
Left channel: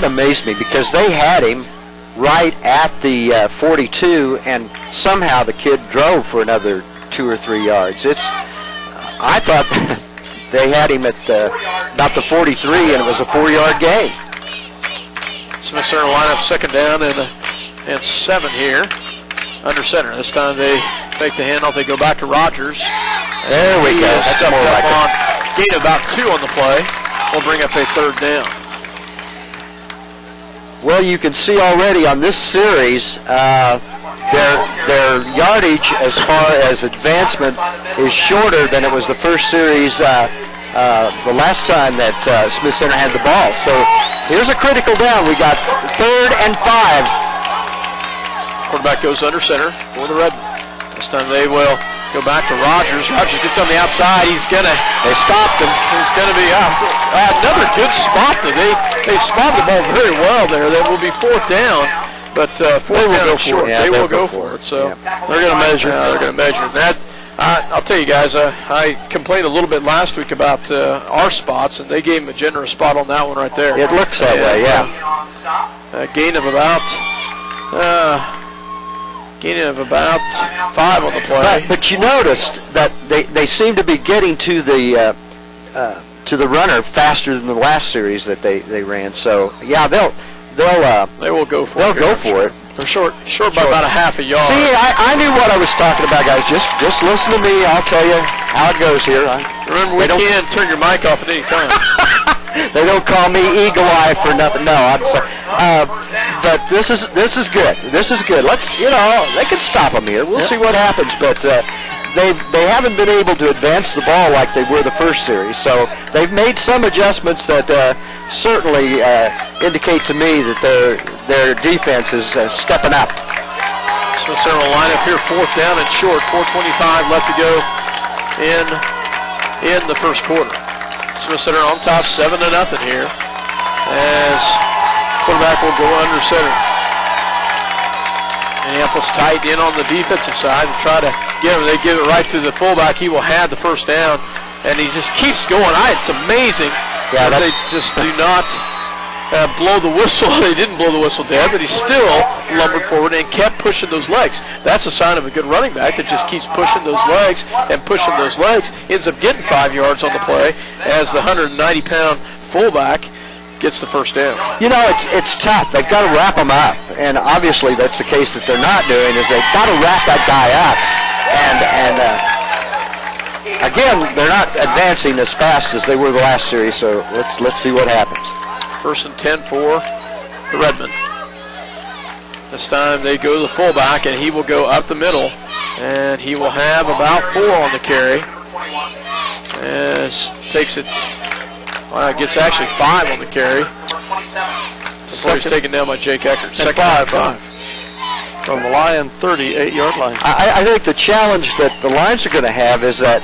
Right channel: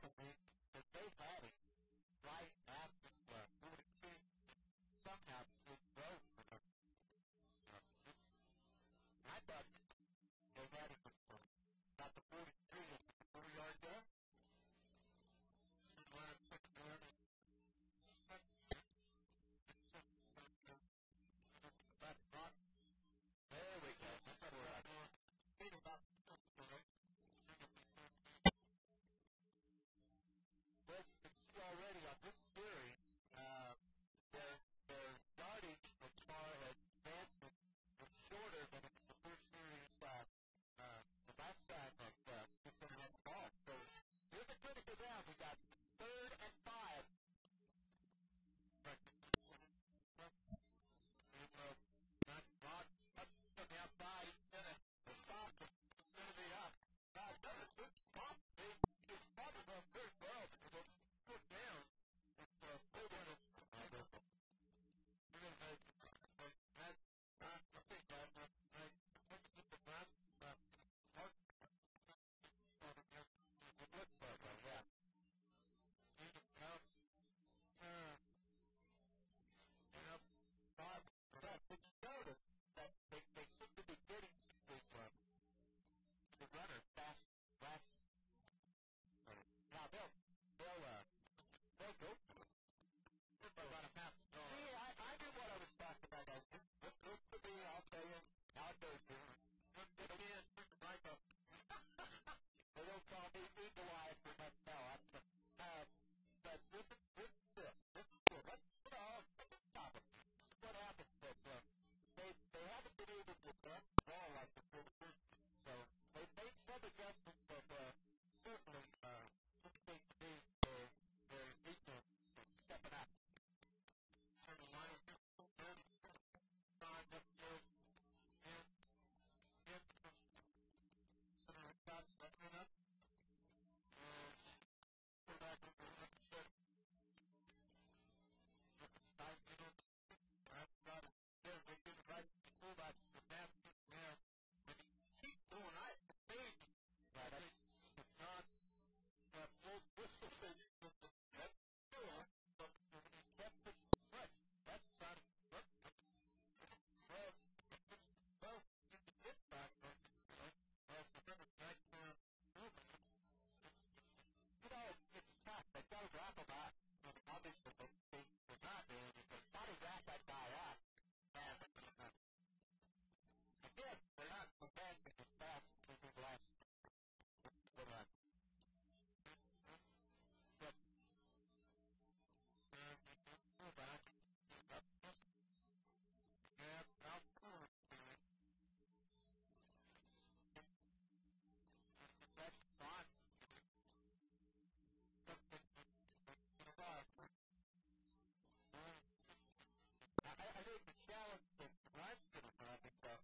amazed me, because they had him right at the 42, and somehow the kid drove for another 2 or 3 yards. I thought they had him at about the 43, and it was a 4-yard gain. Smith Center line up 2nd down and 7 here. Under center. This time they fake the handoff. They go back to Rogers. There we go. That's more like it. Gain about 2 on the play. We'll bring up a 3rd down. Well, you can see already on this series, their yardage as far as advancement is shorter than it was the first series the last time that Smith Center had the ball. So here's a critical down. We got 3rd and 5. Quarterback goes under center for the Red. This time they will go back to Rogers. Rogers gets on the outside. They stopped him. He's gonna be another good spot. They spotted the ball very well there. That will be 4th down, but 4th down is short. They will go for it. So they're gonna measure. They're gonna measure that. I'll tell you guys, I complained a little bit last week about our spots, and they gave him a generous spot on that one right there. It looks that way, yeah. Gain of about 5 on the play. But you noticed that they seem to be getting to the runner faster than the last series that they ran. So yeah, they will go for it. They'll go for it. They're short by about a half a yard. See, I knew what I was talking about, guys. Just listen to me. I'll tell you how it goes here. Remember, we can't turn your mic off at any time. They don't call me Eagle Eye for nothing. No, I'm sorry. But this is good. This is good. They can stop them here. We'll see what happens. But they haven't been able to advance the ball like they were the first series. So they've made some adjustments that certainly indicate to me that their defense is stepping up. Smith Center will line up here, 4th down and short. 4:25 left to go in the first quarter. Smith Center on top, 7-0 here, as quarterback will go under center. Minneapolis tight in on the defensive side to try to get him. They give it right to the fullback. He will have the first down, and he just keeps going. It's amazing. Yeah, they just do not blow the whistle. They didn't blow the whistle dead, but he still lumbered forward and kept pushing those legs. That's a sign of a good running back that just keeps pushing those legs and pushing those legs. Ends up getting 5 yards on the play as the 190-pound fullback gets the first down. You know, it's tough. They've got to wrap them up, and obviously that's the case that they're not doing. Is they've got to wrap that guy up, and again, they're not advancing as fast as they were the last series. So let's see what happens. 1st and 10 for the Redmen. This time they go to the fullback, and he will go up the middle, and he will have about 4 on the carry. As takes it, gets actually 5 on the carry. Before he's taken down by Jake Eckert. Second 5 from the Lion 38-yard line. I think the challenge that the Lions are going to have is that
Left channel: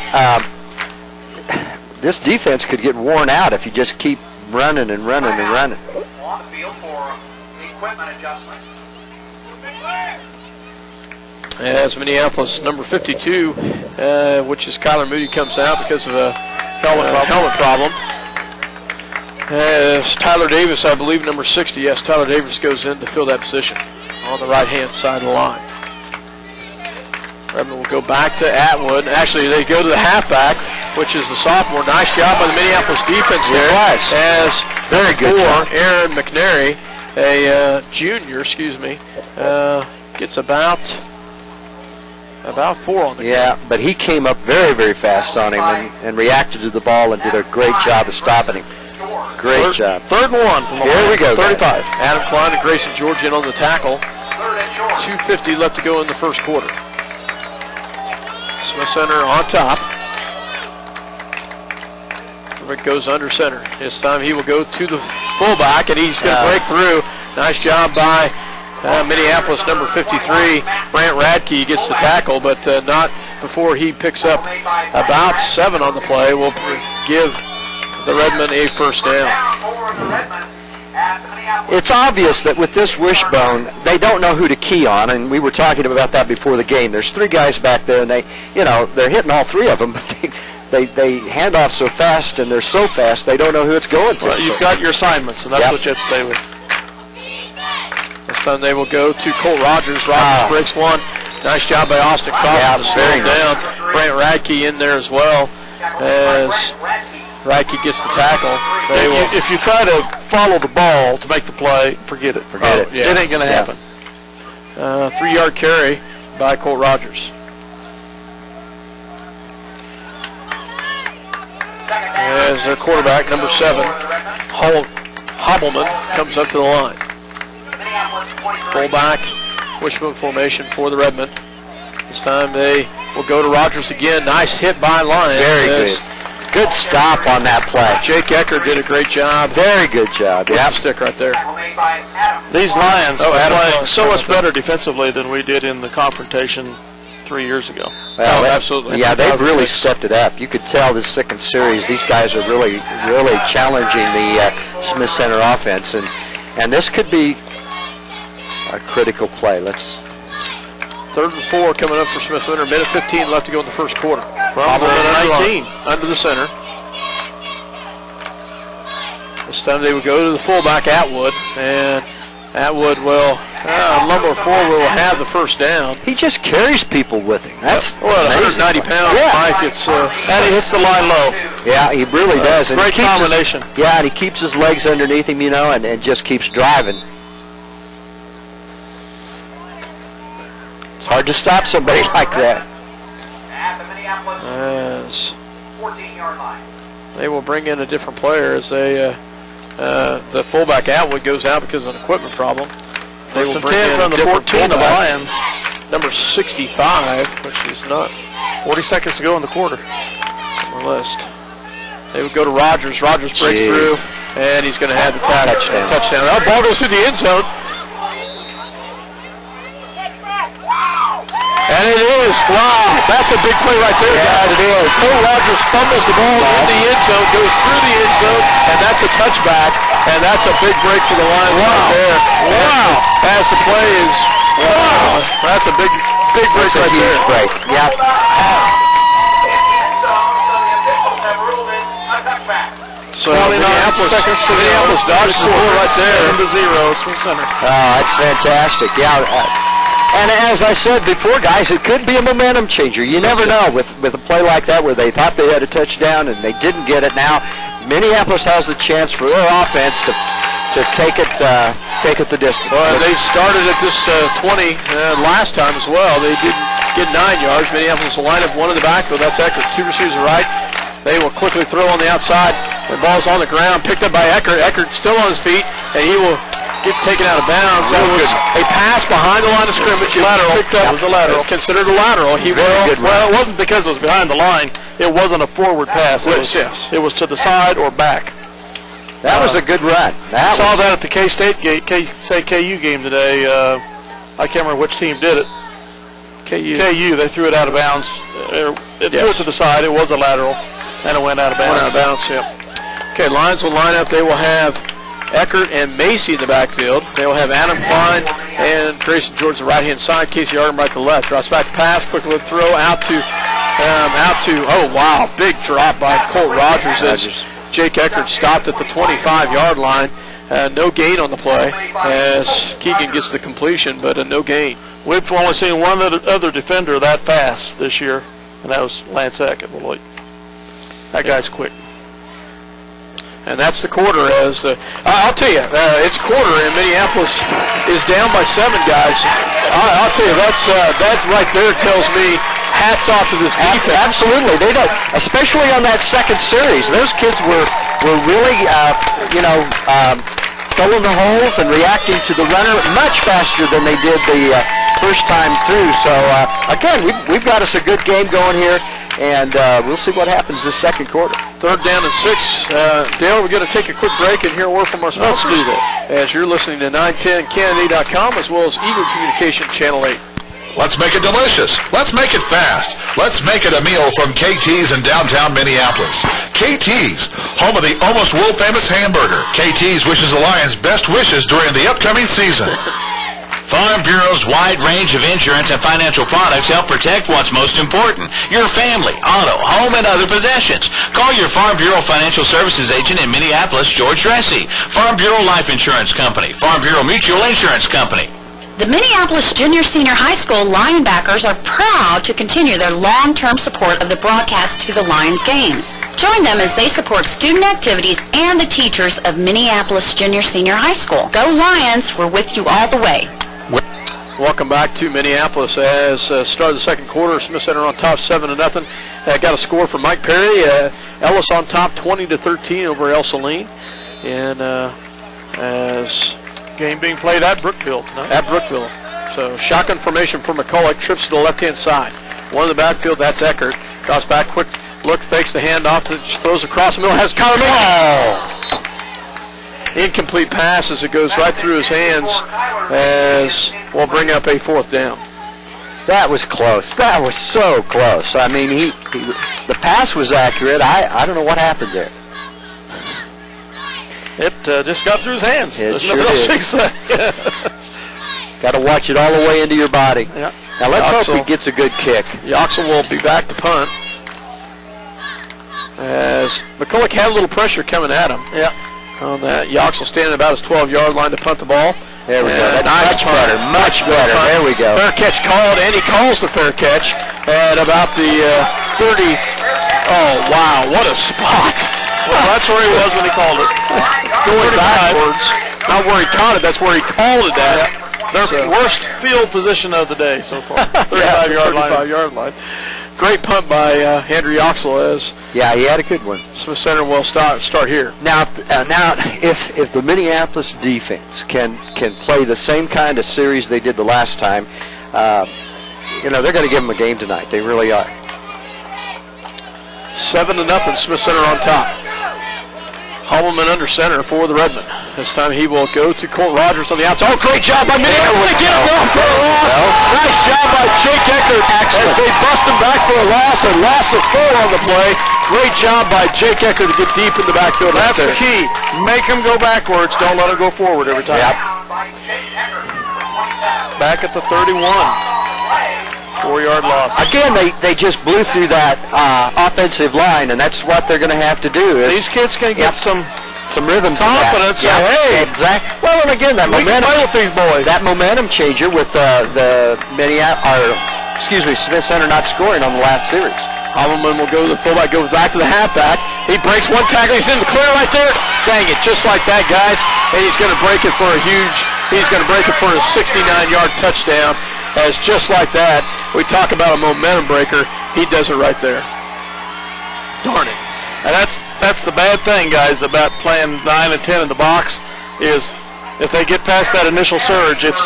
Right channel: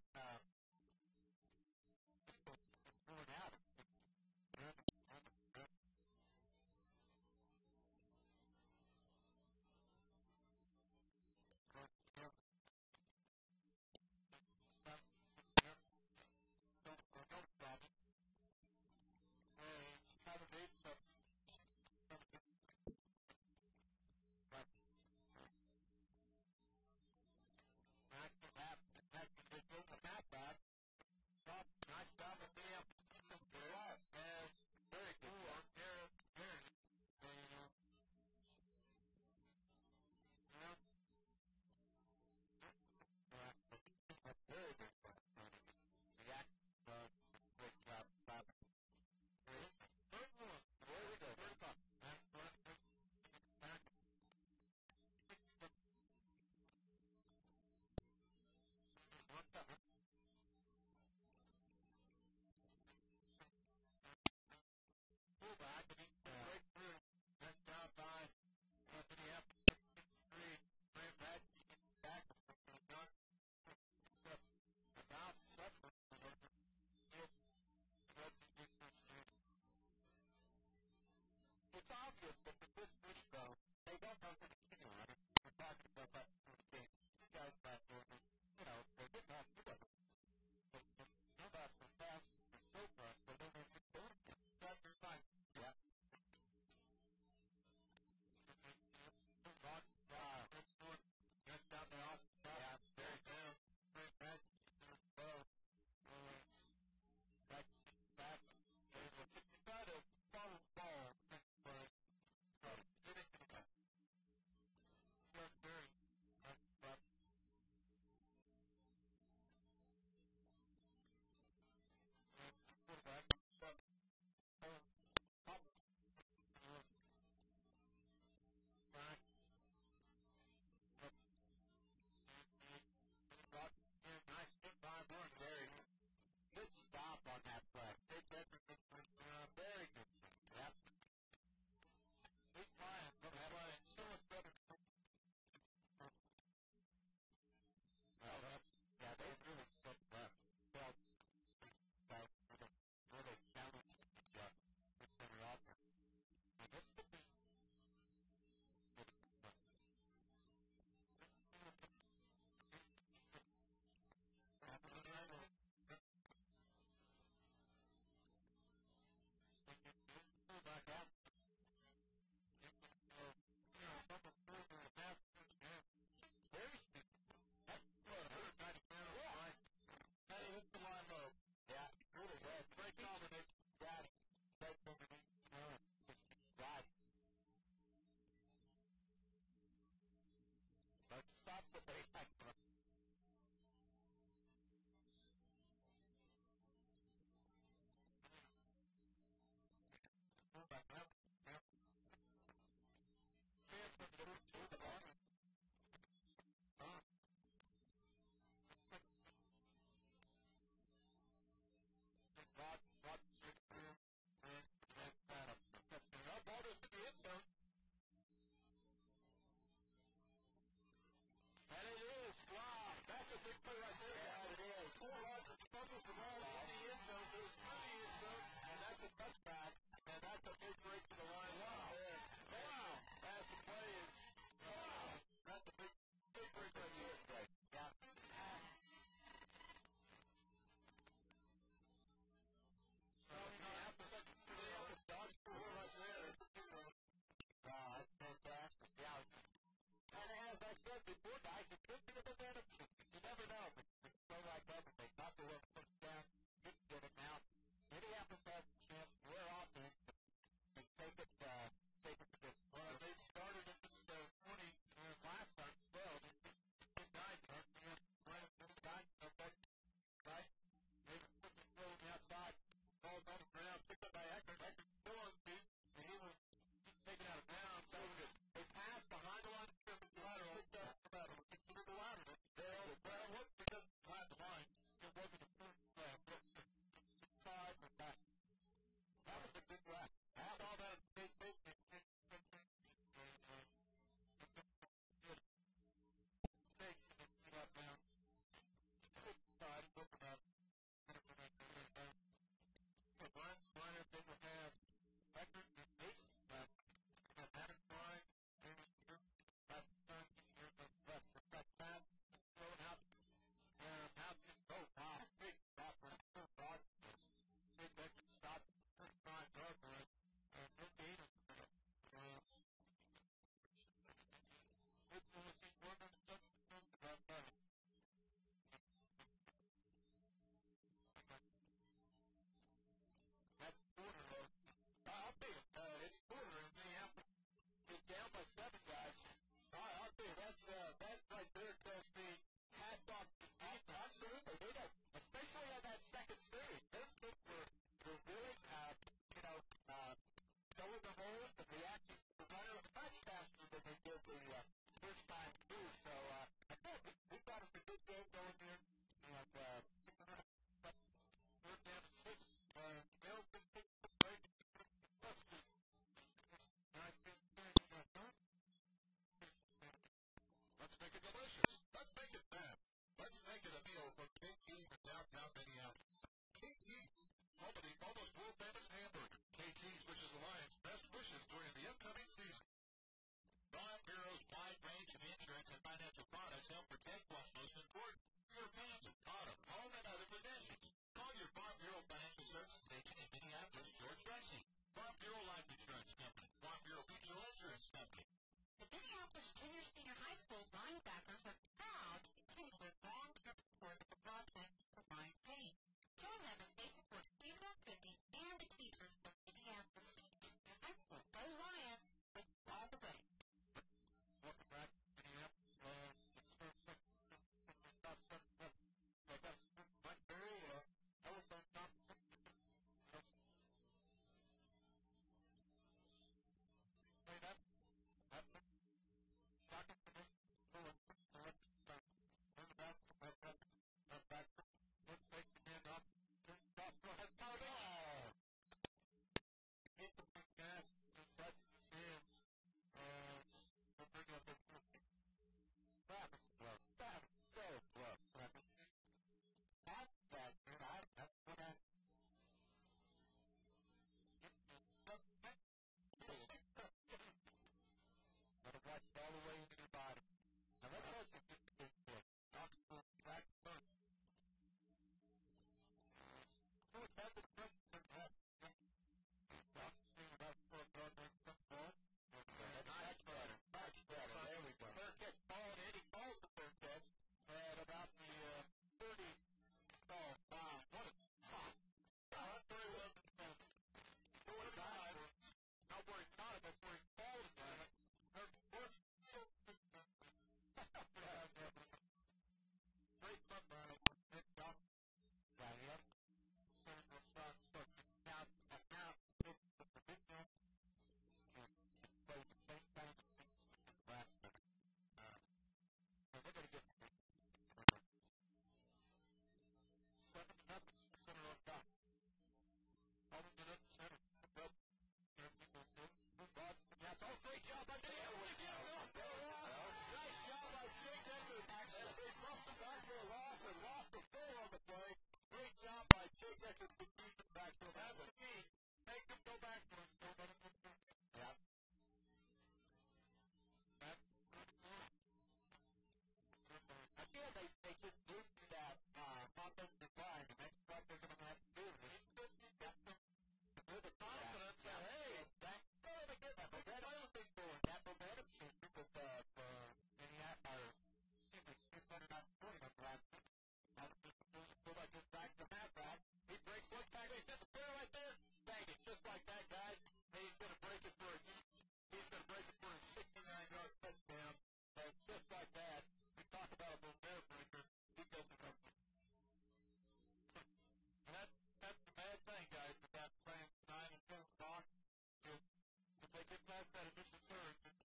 this defense could get worn out if you just keep running and running and running. On the field for equipment adjustment. As Minneapolis number 52, which is Kyler Moody, comes out because of a helmet problem. As Tyler Davis, I believe, number 60, yes, Tyler Davis goes in to fill that position on the right-hand side of the line. Redmond will go back to Atwood. Actually, they go to the halfback, which is the sophomore. Nice job by the Minneapolis defense there. As very good job. Aaron McNary, a junior, gets about 4 on the game. Yeah, but he came up very, very fast on him and reacted to the ball and did a great job of stopping him. Great job. 3rd and 1 from the Here we go, 35. Adam Klein and Grayson George in on the tackle. 2:50 left to go in the first quarter. Smith Center on top. Rick goes under center. This time he will go to the fullback, and he's going to break through. Nice job by Minneapolis number 53. Brant Radke. He gets the tackle, but not before he picks up about 7 on the play. Will give the Redmen a first down. It's obvious that with this wishbone, they don't know who to key on, and we were talking about that before the game. There's 3 guys back there, and they're hitting all 3 of them, but they hand off so fast, and they're so fast, they don't know who it's going to. Well, you've got your assignments, and that's what you have to stay with. This time they will go to Colt Rogers. Rogers breaks 1. Nice job by Austin Crawford to slow him down. Brant Radke in there as well, as Radke gets the tackle. If you try to follow the ball to make the play, forget it. Yeah. It ain't going to happen. 3-yard carry by Colt Rogers. As their quarterback, number 7, Hobbleman, comes up to the line. Fullback, wishbone formation for the Redmen. This time they will go to Rogers again. Nice hit by Lions. Very good. Good stop on that play. Jake Eckert did a great job. Very good job. With the stick right there. These Lions are Adam playing Clark. so much better defensively than we did in the confrontation 3 years ago. Well, absolutely. Yeah, they've really stepped it up. You could tell this second series, these guys are really, really challenging the Smith Center offense, and this could be a critical play. 3rd and 4 coming up for Smith Center. 1:15 left to go in the first quarter. From 19. Under the center. This time they would go to the fullback, Atwood, and Atwood will lumber forward, will have the first down. He just carries people with him. That's 190 pounds. Yeah. Mike, it's And he hits the line low. Yeah, he really does. And Great he keeps combination. and he keeps his legs underneath him, and just keeps driving. It's hard to stop somebody like that. as they will bring in a different player as they the fullback Atwood goes out because of an equipment problem. They will bring in from the 14 of the Lions. Number 65, which is not 40 seconds to go in the quarter. on the list. They would go to Rogers. Rogers breaks through, and he's going to have the touchdown. Oh, ball goes through the end zone. And it is. Wow. That's a big play right there. Yeah, it is. Cole Rogers fumbles the ball in the end zone, goes through the end zone, and that's a touchback. And that's a big break for the Lions right there. Wow. As the play is, wow. That's a big break right there. Huge break. Yeah. So Minneapolis dodged the ball right there. 7-0, Smith Center. Oh, that's fantastic. Yeah. And as I said before, guys, it could be a momentum changer. You never know with a play like that where they thought they had a touchdown and they didn't get it. Now, Minneapolis has the chance for their offense to take it the distance. Well, they started at this 20 last time as well. They didn't get 9 yards. Minneapolis will line up one in the backfield. That's Eckert. 2 receivers right. They will quickly throw on the outside. The ball's on the ground, picked up by Eckert. Eckert still on his feet, and he will get taken out of bounds. That was a pass behind the line of scrimmage. Lateral. It was a lateral. It's considered a lateral. Well, it wasn't because it was behind the line. It wasn't a forward pass. It was to the side or back. That was a good run. I saw that at the KU game today. I can't remember which team did it. KU. They threw it out of bounds. It threw it to the side. It was a lateral, and it went out of bounds. Yeah. Okay, Lions will line up. They will have Eckert and Macy in the backfield. They will have Adam Klein and Grayson George the right-hand side. Casey Ardenbright to the left. Drops back to pass. Quick little throw out to. Oh wow! Big drop by Colt Rogers as Jake Eckert stopped at the 25-yard line. No gain on the play as Keegan gets the completion, but no gain. We've only seen one other defender that fast this year, and that was Lance Eckert. That guy's quick. And that's the quarter. I'll tell you, it's quarter, and Minneapolis is down by 7, guys. I'll tell you, that right there tells me hats off to this defense. Absolutely, they don't. Especially on that second series, those kids were really, filling the holes and reacting to the runner much faster than they did the first time through. So again, we've got us a good game going here. And we'll see what happens this second quarter. 3rd down and 6. Dale, we're going to take a quick break and hear a word from our sponsors. Let's do that. As you're listening to 910canada.com as well as Eagle Communication Channel 8. Let's make it delicious. Let's make it fast. Let's make it a meal from KT's in downtown Minneapolis. KT's, home of the almost world-famous hamburger. KT's wishes the Lions best wishes during the upcoming season. Farm Bureau's wide range of insurance and financial products help protect what's most important, your family, auto, home, and other possessions. Call your Farm Bureau Financial Services agent in Minneapolis, George Dressy. Farm Bureau Life Insurance Company. Farm Bureau Mutual Insurance Company. The Minneapolis Junior-Senior High School Lionbackers are proud to continue their long-term support of the broadcast to the Lions games. Join them as they support student activities and the teachers of Minneapolis Junior-Senior High School. Go Lions, we're with you all the way. Welcome back to Minneapolis as start of the second quarter. Smith Center on top 7-0. Got a score from Mike Perry. Ellis on top 20-13 over El Saline. And as game being played at Brookville tonight. At Brookville. So shotgun formation for McCulloch. Trips to the left-hand side. One in the backfield, that's Eckert. Drops back, quick look, fakes the handoff, throws across the middle, has Kyler Miller. Incomplete pass as it goes right through his hands as we'll bring up a 4th down. That was close. That was so close. I mean, the pass was accurate. I don't know what happened there. It just got through his hands. It sure did. Got to watch it all the way into your body. Yeah. Now let's hope he gets a good kick. Yoxel will be back to punt. As McCulloch had a little pressure coming at him. Yeah. On that, Yoxel standing about his 12-yard line to punt the ball. There we go. That's much better. There we go. Fair catch called, and he calls the fair catch at about the 30. Oh, wow, what a spot. Well, that's where he was when he called it. Going backwards. Not where he caught it, that's where he called it at. Their worst field position of the day so far. 35-yard line. Great punt by Andrew Yoxel. Yeah, he had a good one. Smith Center will start here. Now, if the Minneapolis defense can play the same kind of series they did the last time, they're going to give them a game tonight. They really are. 7-0, Smith Center on top. Hubbleman under center for the Redmen. This time he will go to Colt Rogers on the outside. Oh, great job by Minneapolis. Get him down for a loss. Nice job by Jake Eckert as they bust him back for a loss of 4 on the play. Great job by Jake Eckert to get deep in the backfield. That's the key. Make him go backwards. Don't let him go forward every time. Yep. Back at the 31. 4-yard loss. Again, they just blew through that offensive line, and that's what they're going to have to do. These kids can get some rhythm, confidence. Yeah, Hey, exactly. Well, and again, that we can momentum play with these boys. That momentum changer with Smith Center not scoring on the last series. Hubbleman will go to the fullback, goes back to the halfback. He breaks one tackle. He's in the clear right there. Dang it, just like that, guys. And he's going to break it for a 69-yard touchdown. As just like that, we talk about a momentum breaker. He does it right there. Darn it. And that's the bad thing, guys, about playing 9 and 10 in the box is if they get past that initial surge, it's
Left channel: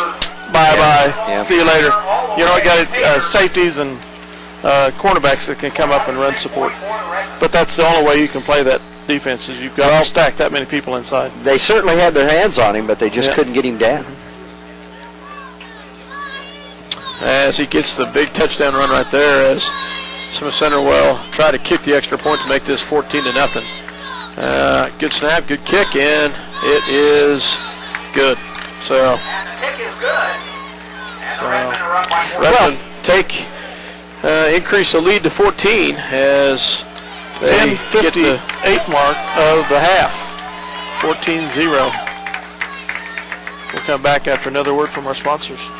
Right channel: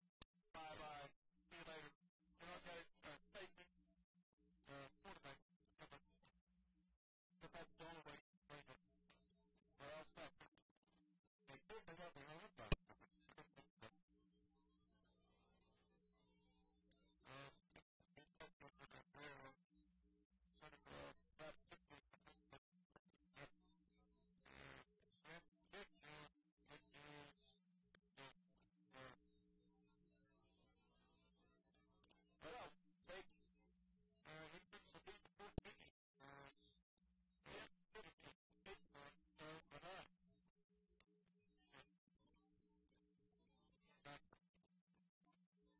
bye-bye. Yeah. See you later. You know, you got safeties and cornerbacks that can come up and run support. But that's the only way you can play that defense is you've got to stack that many people inside. They certainly had their hands on him, but they just couldn't get him down. As he gets the big touchdown run right there, as Smith Center will try to kick the extra point to make this 14-0. Good snap, good kick, and it is good. So, Redmond increase the lead to 14 as they get the 10:58 mark of the half. 14-0. We'll come back after another word from our sponsors.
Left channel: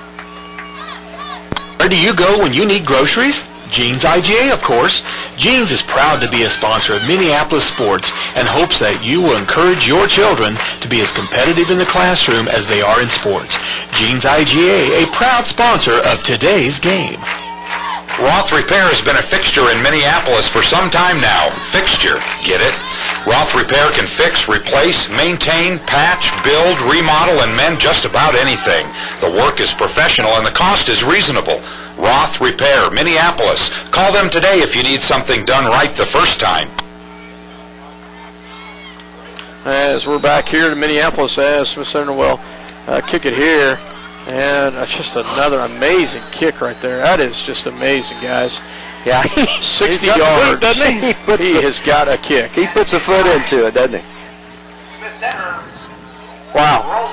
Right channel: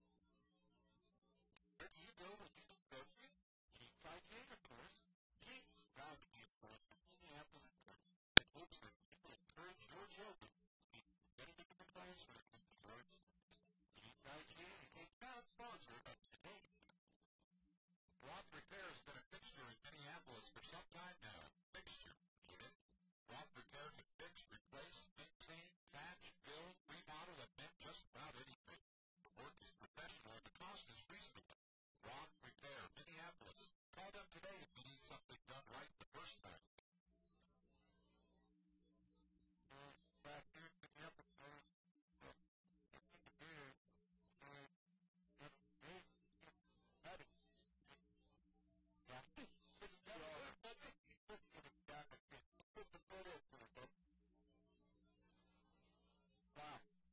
Where do you go when you need groceries? Jeans IGA, of course. Jeans is proud to be a sponsor of Minneapolis sports and hopes that you will encourage your children to be as competitive in the classroom as they are in sports. Jeans IGA, a proud sponsor of today's game. Roth Repair has been a fixture in Minneapolis for some time now. Fixture, get it? Roth Repair can fix, replace, maintain, patch, build, remodel, and mend just about anything. The work is professional and the cost is reasonable. Roth Repair, Minneapolis. Call them today if you need something done right the first time. As we're back here in Minneapolis, as Smith Center will kick it here. And just another amazing kick right there. That is just amazing, guys. Yeah, 60 yards. Doesn't he? He has got a kick. He puts a foot into it, doesn't he? Wow.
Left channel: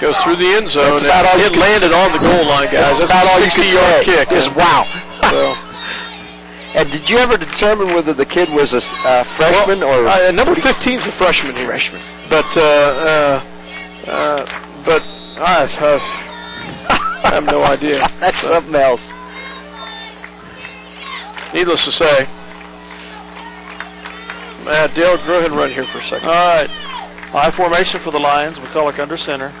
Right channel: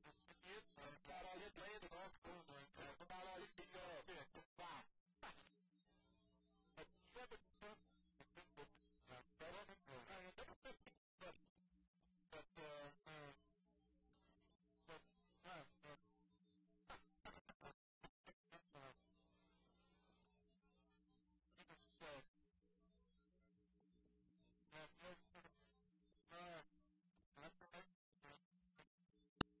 Goes through the end zone. That's about all it landed on the goal line, guys. That's about all a you can 60-yard say. kick. Just wow. So, and did you ever determine whether the kid was a freshman or number 15 is a freshman here. Freshman. But I have no idea. That's something else. Needless to say, Dale, go ahead and run here for a second. All right. High formation for the Lions. McCulloch under center.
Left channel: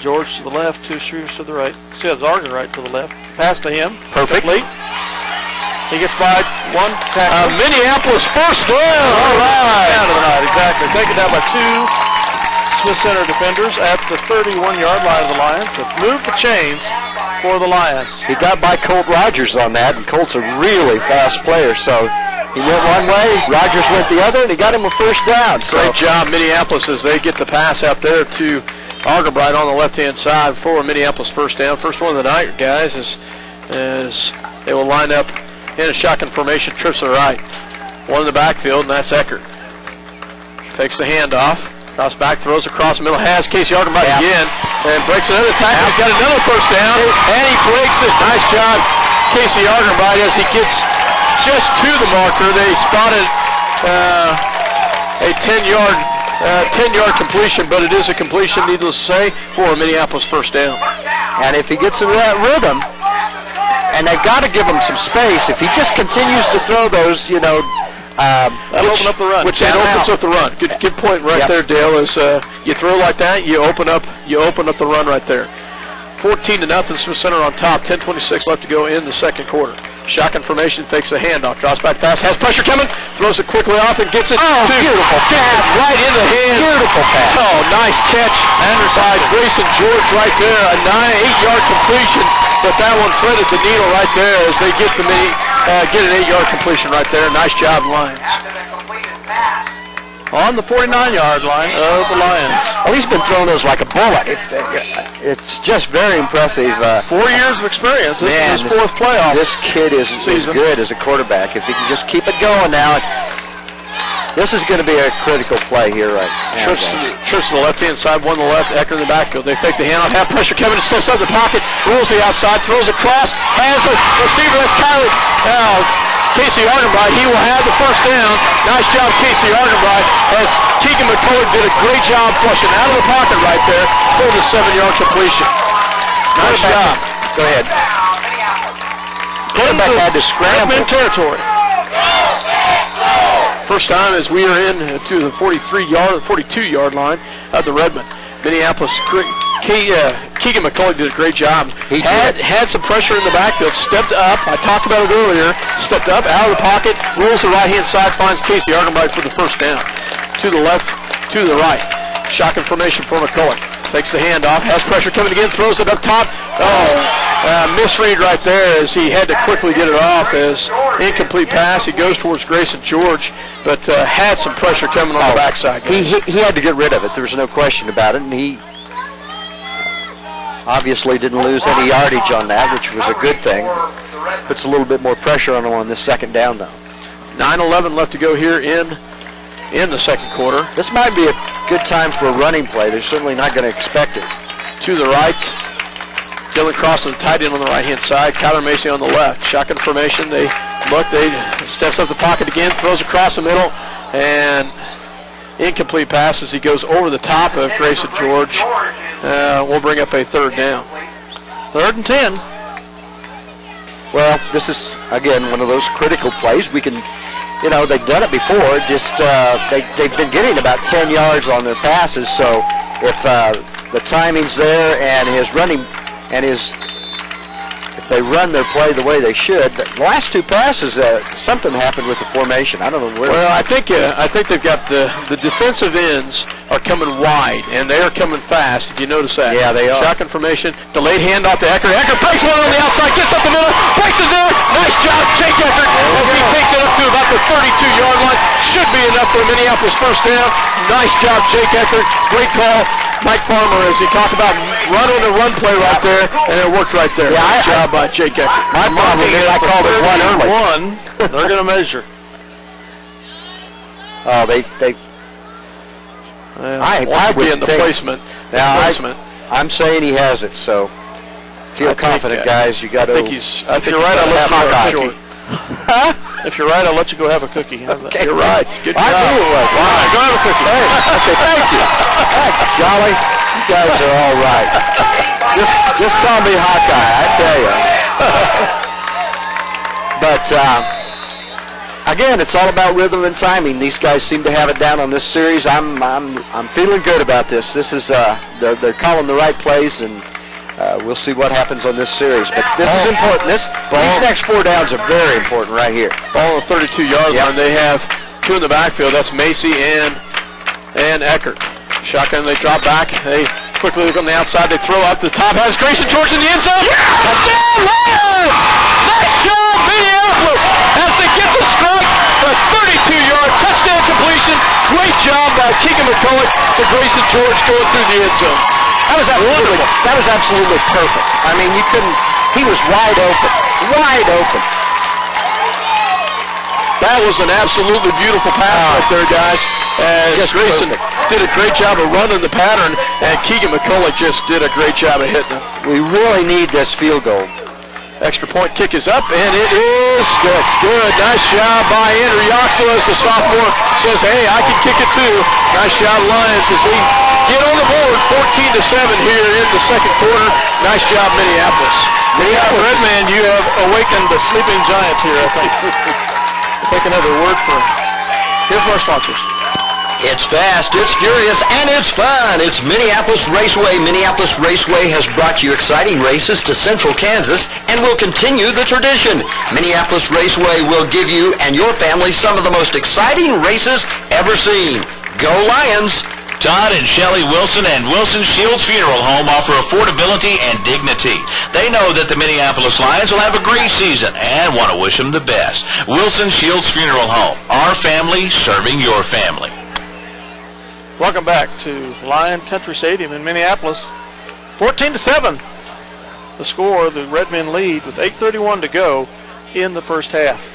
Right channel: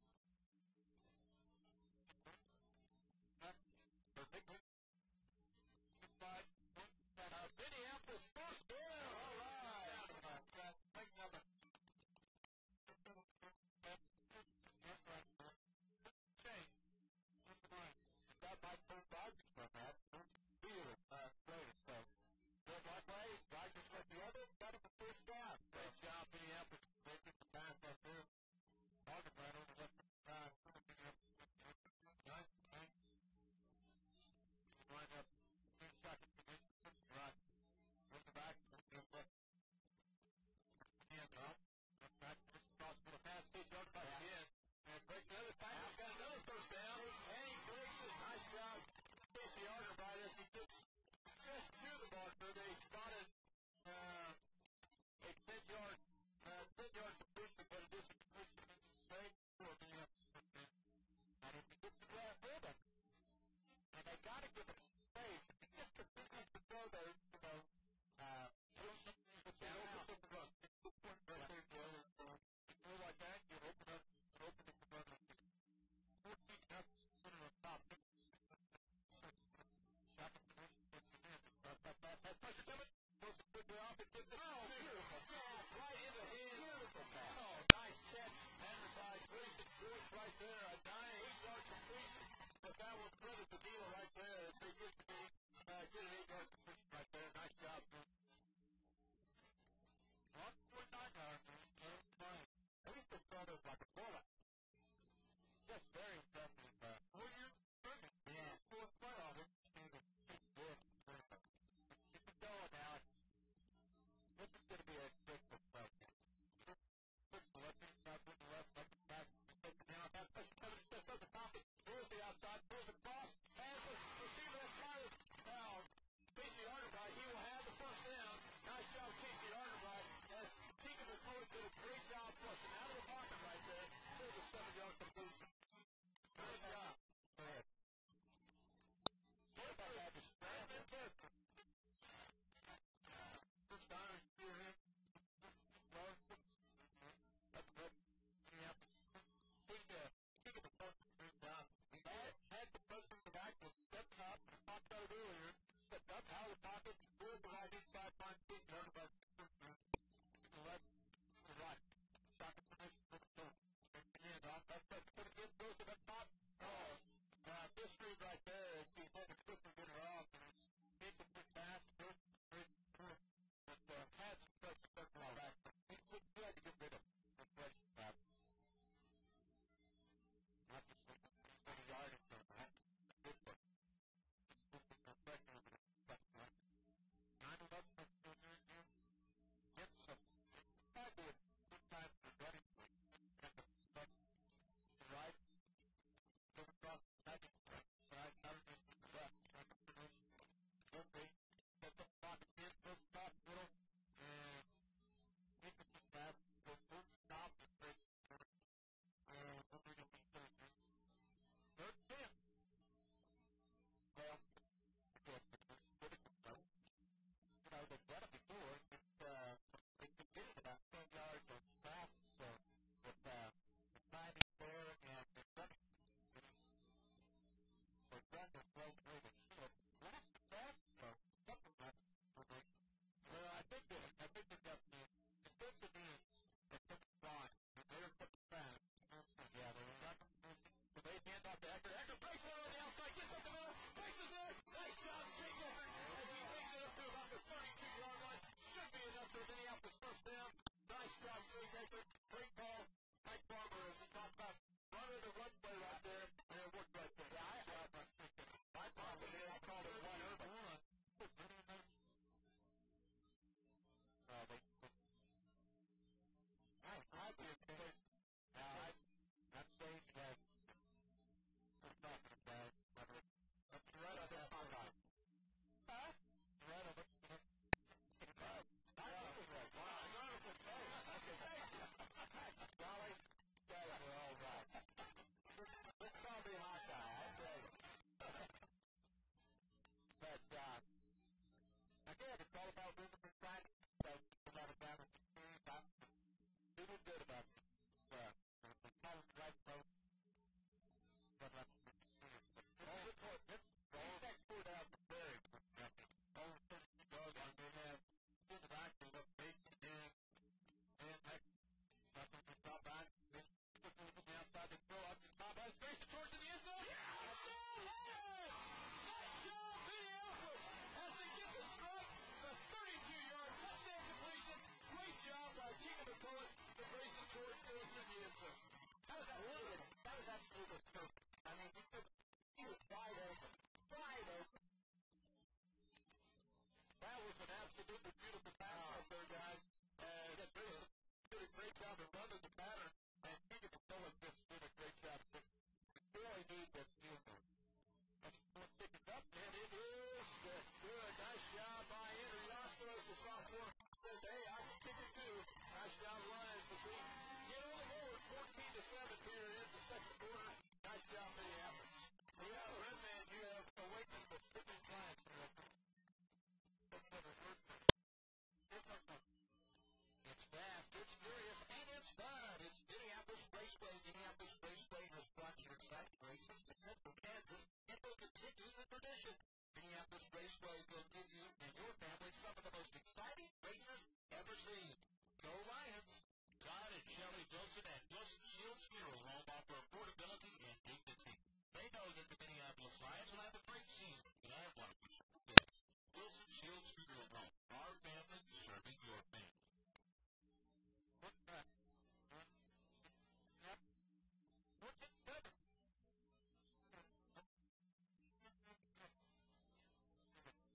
George to the left, two Shrews to the right. See, that's Argan right to the left. Pass to him. Perfectly. He gets by one tackle. Minneapolis first down. All right. Down to the right, exactly. Taken down by two Smith Center defenders at the 31-yard line of the Lions. Have moved the chains for the Lions. He got by Colt Rogers on that, and Colt's a really fast player, so he went one way, Rogers went the other, and he got him a first down. So. Great job, Minneapolis, as they get the pass out there to Argabright on the left-hand side for Minneapolis first down. First one of the night, guys, is they will line up in a shotgun formation, trips to the right. One in the backfield, and that's Eckert. Fakes the handoff. Cross back, throws across the middle, has Casey Argabright again, and breaks another tackle. He's got another first down, and he breaks it. Nice job, Casey Argabright, as he gets just to the marker. They spotted a 10-yard completion, but it is a completion, needless to say, for a Minneapolis first down. And if he gets into that rhythm, and they've got to give him some space, if he just continues to throw those, that'll open up the run. Which it opens up the run. Good point right there, Dale. Is you throw like that, you open up the run right there. 14-0, Smith Center on top. 10:26 left to go in the second quarter. Shotgun formation, fakes a handoff, drops back pass, has pressure coming, throws it quickly off and gets it. Oh, beautiful pass right in the hand. Beautiful pass. Oh, nice catch. Anderside, Grayson George right there. A 8-yard completion, but that one threaded the needle right there as they get an 8-yard completion right there. Nice job, Lions. on the 49-yard line of the Lions. Well, he's been throwing those like a bullet. It's just very impressive. 4 years of experience. This Man, is his fourth playoff. This kid is good as a quarterback. If he can just keep it going now, this is going to be a critical play here right now. Church to the left-hand side, one to the left, Ecker in the backfield. They fake the handoff, have pressure. Kevin steps up the pocket, rolls the outside, throws across, has a receiver. That's Casey Ardenbright. He will have the first down. Nice job, Casey Ardenbright, as Keegan McCullough did a great job flushing out of the pocket right there for the 7-yard completion. Nice job. Go ahead. Quarterback had to scramble. Redmond territory. First time as we are in to the 42-yard line of the Redmond. Minneapolis. Keegan McCullough did a great job. He had some pressure in the backfield, stepped up. I talked about it earlier. Stepped up, out of the pocket, rolls the right-hand side, finds Casey Ardenbright for the first down. To the left, to the right. Shotgun formation for McCullough. Takes the handoff, has pressure coming again, throws it up top. Misread right there as he had to quickly get it off as incomplete pass. He goes towards Grayson George, but had some pressure coming on the backside. He had to get rid of it. There's no question about it, and he obviously didn't lose any yardage on that, which was a good thing. Puts a little bit more pressure on him on this second down, though. 9:11 left to go here in the second quarter. This might be a good time for a running play. They're certainly not going to expect it. To the right, Dylan Cross is the tight end on the right-hand side. Kyler Macy on the left. Shotgun formation. They steps up the pocket again, throws across the middle, and incomplete pass as he goes over the top of Grayson George. We'll bring up a third down. 3rd and 10. Well, this is, again, one of those critical plays. We can, they've done it before. Just they've been getting about 10 yards on their passes. So if the timing's there and his running and if they run their play the way they should, the last 2 passes, something happened with the formation. I don't know where. Well, I think they've got the defensive ends are coming wide, and they are coming fast, if you notice that. Yeah, they are. Shotgun formation, delayed handoff to Ecker. Ecker breaks one on the outside, gets up the middle, breaks it there. Nice job, Jake Ecker, as he takes it up to about the 32-yard line. Should be enough for a Minneapolis first down. Nice job, Jake Ecker. Great call. Mike Farmer, as he talked about running the run play right there, and it worked right there. Yeah, nice job by Jake Ecker. My problem is I called it one early. They're going to measure. Oh, I would in the think, placement. I'm saying he has it, so feel confident, guys. You got to. I think you're right. I'll let you go short. Huh? If you're right, I'll let you go have a cookie. How's that? You're right. Good job. I knew it was. All right, go have a cookie. Hey, okay, thank you. Golly, you guys are all right. Just call me Hawkeye, I tell you. But again, it's all about rhythm and timing. These guys seem to have it down on this series. I'm feeling good about this. This is they're calling the right plays, and we'll see what happens on this series. But this is important. These next 4 downs are very important right here. Ball on the 32-yard line. They have 2 in the backfield. That's Macy and Eckert. Shotgun. They drop back. They quickly look on the outside. They throw up the top. Has Grayson George in the end zone. Touchdown, Lions! Nice job, Minneapolis, as they get the strike. A 32-yard touchdown completion. Great job by Keegan McCullough to Grayson George going through the end zone. That was absolutely perfect. I mean, you couldn't. He was wide open. Wide open. That was an absolutely beautiful pass right there, guys. As Grayson did a great job of running the pattern, and Keegan McCullough just did a great job of hitting him. We really need this field goal. Extra point kick is up, and it is good. Good. Nice job by Andrew Yoxel as the sophomore says, hey, I can kick it too. Nice job, Lions, as they get on the board 14-7 here in the second quarter. Nice job, Minneapolis. Redman, you have awakened the sleeping giant here, I think. Take another word for him. Here's our sponsors. It's fast, it's furious, and it's fun. It's Minneapolis Raceway. Minneapolis Raceway has brought you exciting races to Central Kansas and will continue the tradition. Minneapolis Raceway will give you and your family some of the most exciting races ever seen. Go Lions! Todd and Shelley Wilson and Wilson Shields Funeral Home offer affordability and dignity. They know that the Minneapolis Lions will have a great season and want to wish them the best. Wilson Shields Funeral Home, our family serving your family. Welcome back to Lion Country Stadium in Minneapolis. 14-7. The score, the Redmen lead with 8:31 to go in the first half.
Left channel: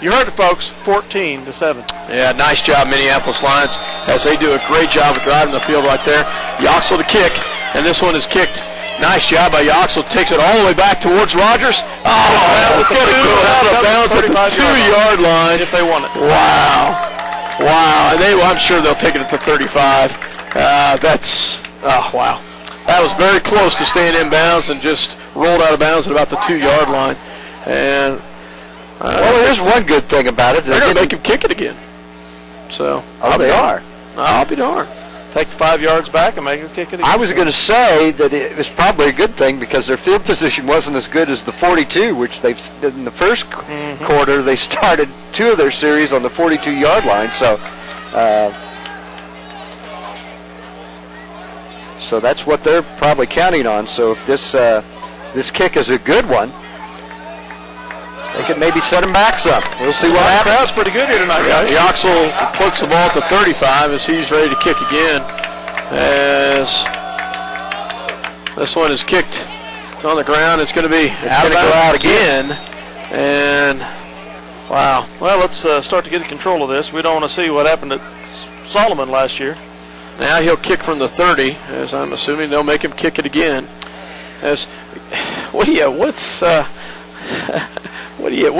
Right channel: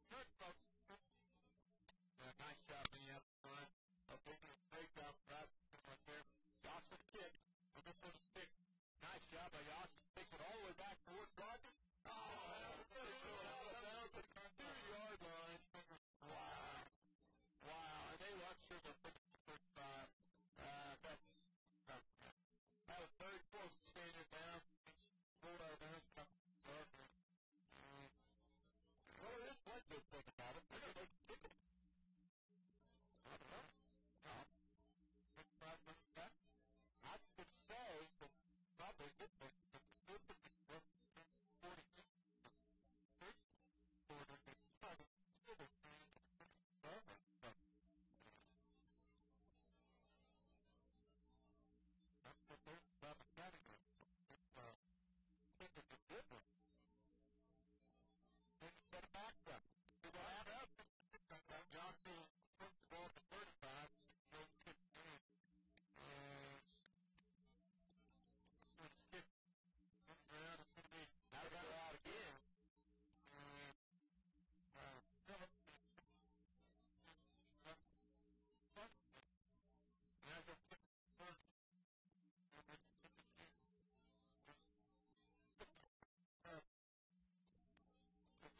You heard it, folks, 14-7. Yeah, nice job, Minneapolis Lions, as they do a great job of driving the field right there. Yoxel to kick, and this one is kicked. Nice job by Yoxel. Takes it all the way back towards Rogers. Oh, that was going to go out of bounds at the 2-yard line. If they want it. Wow. Wow. And I'm sure they'll take it at the 35. Wow. That was very close to staying in bounds and just rolled out of bounds at about the 2-yard line. And well, there's one good thing about it. They're going to make him kick it again. So, they are. I'll be darned. Take the 5 yards back and make him kick it again. I was going to say that it was probably a good thing because their field position wasn't as good as the 42, which they've in the first quarter. They started 2 of their series on the 42-yard line, so that's what they're probably counting on. So if this kick is a good one, they could maybe set them back some. We'll see what happens. Crowd's pretty good here tonight, guys. Yoxel puts the ball at the 35 as he's ready to kick again. As this one is kicked, it's on the ground. It's going to be out of bounds. Go out again. And wow. Well, let's start to get control of this. We don't want to see what happened at Solomon last year. Now he'll kick from the 30, as I'm assuming they'll make him kick it again. What do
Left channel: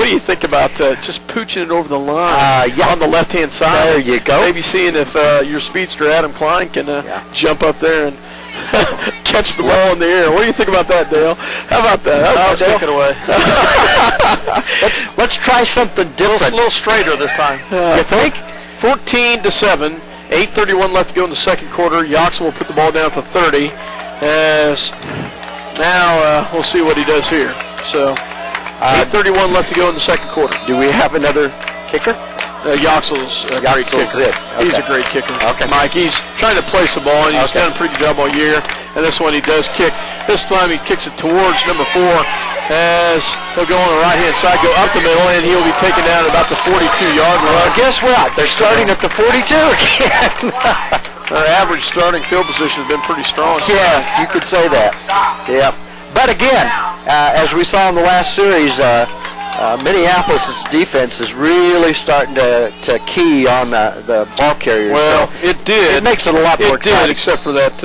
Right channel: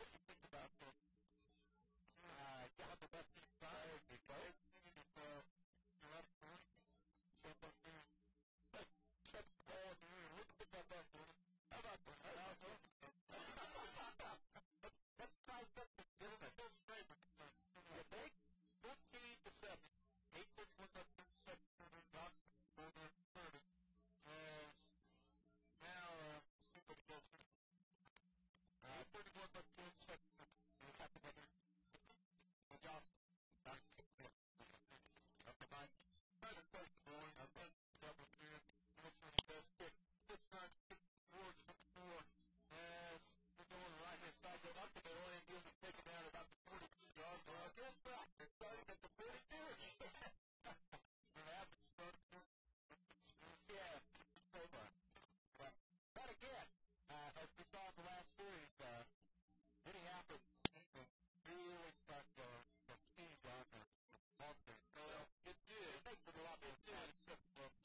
you think about just pooching it over the line on the left-hand side? There you go. Maybe seeing if your speedster Adam Klein can jump up there and catch the ball in the air. What do you think about that, Dale? How about that? Let's kick it away. let's try something different. A little straighter this time. You think? 14-7. 8:31 left to go in the second quarter. Yoxel will put the ball down at the 30. As now we'll see what he does here. So 8:31 left to go in the second quarter. Do we have another kicker? Yoxel's a great kicker. Okay. He's a great kicker. Okay. Mike, he's trying to place the ball, and he's done a pretty good job all year. And this one he does kick. This time he kicks it towards number 4 as he'll go on the right-hand side, go up the middle, and he'll be taken down at about the 42-yard line. Well, guess what? They're starting at the 42 again. Their average starting field position has been pretty strong. Yes, you could say that. Yeah. But again, as we saw in the last series, Minneapolis' defense is really starting to key on the ball carriers. Well, so it did. It makes it a lot more It did, tight. except for that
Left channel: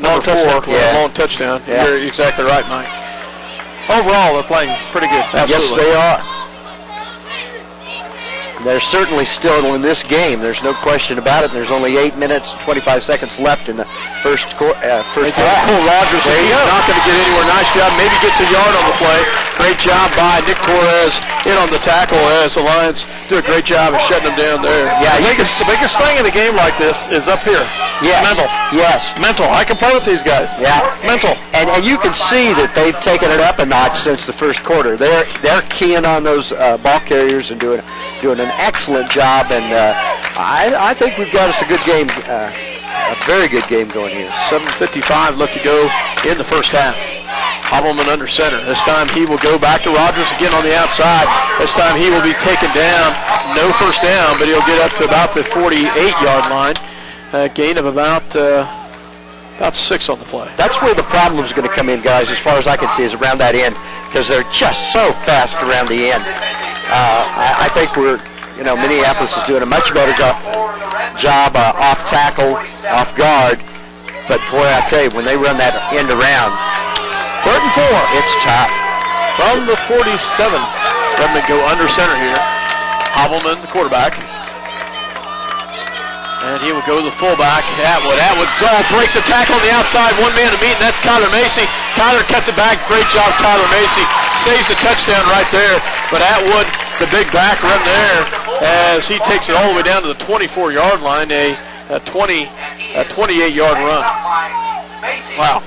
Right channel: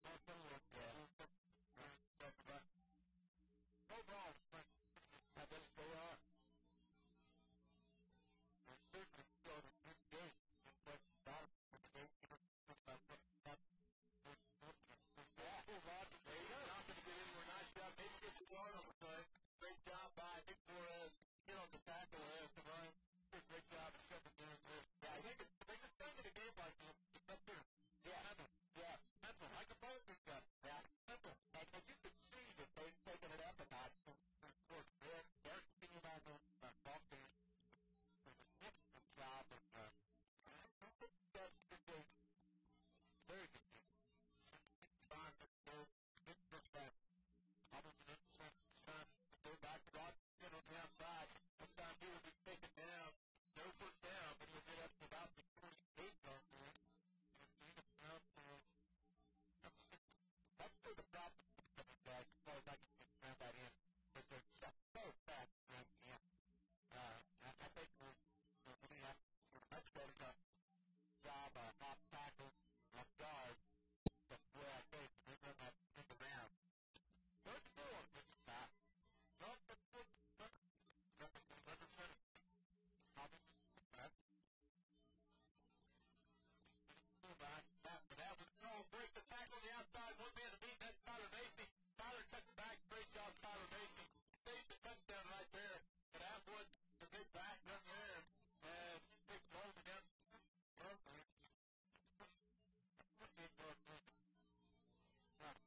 number 4 long touchdown. Yeah. You're exactly right, Mike. Overall, they're playing pretty good. Absolutely. Yes, they are. They're certainly still in this game. There's no question about it. There's only 8 minutes and 25 seconds left in the first half. Pull Rogers. There you He's go. not going to get anywhere. Nice job. Maybe gets a yard on the play. Great job by Nick Torres in on the tackle as the Lions do a great job of shutting them down there. Yeah, The biggest thing in a game like this is up here. Yes. Mental. Yes. Mental. I can play with these guys. Yeah. Mental. And you can see that they've taken it up a notch since the first quarter. They're keying on those ball carriers and doing an excellent job. And I think we've got us a good game, a very good game going here. 7:55 left to go in the first half. Hobbleman under center. This time he will go back to Rogers again on the outside. This time he will be taken down. No first down, but he'll get up to about the 48-yard line. Gain of about 6 on the play. That's where the problem is going to come in, guys, as far as I can see, is around that end, because they're just so fast around the end. I think Minneapolis is doing a much better job off tackle, off guard. But boy, I tell you, when they run that end around, 3rd and 4, it's tough. From the 47. Redmond go under center here. Hobbleman, the quarterback. And he will go to the fullback, Atwood. Atwood breaks a tackle on the outside, one man to beat, and that's Kyler Macy. Kyler cuts it back. Great job, Kyler Macy. Saves the touchdown right there. But Atwood, the big back, run there as he takes it all the way down to the 24-yard line, a 28-yard run. Wow.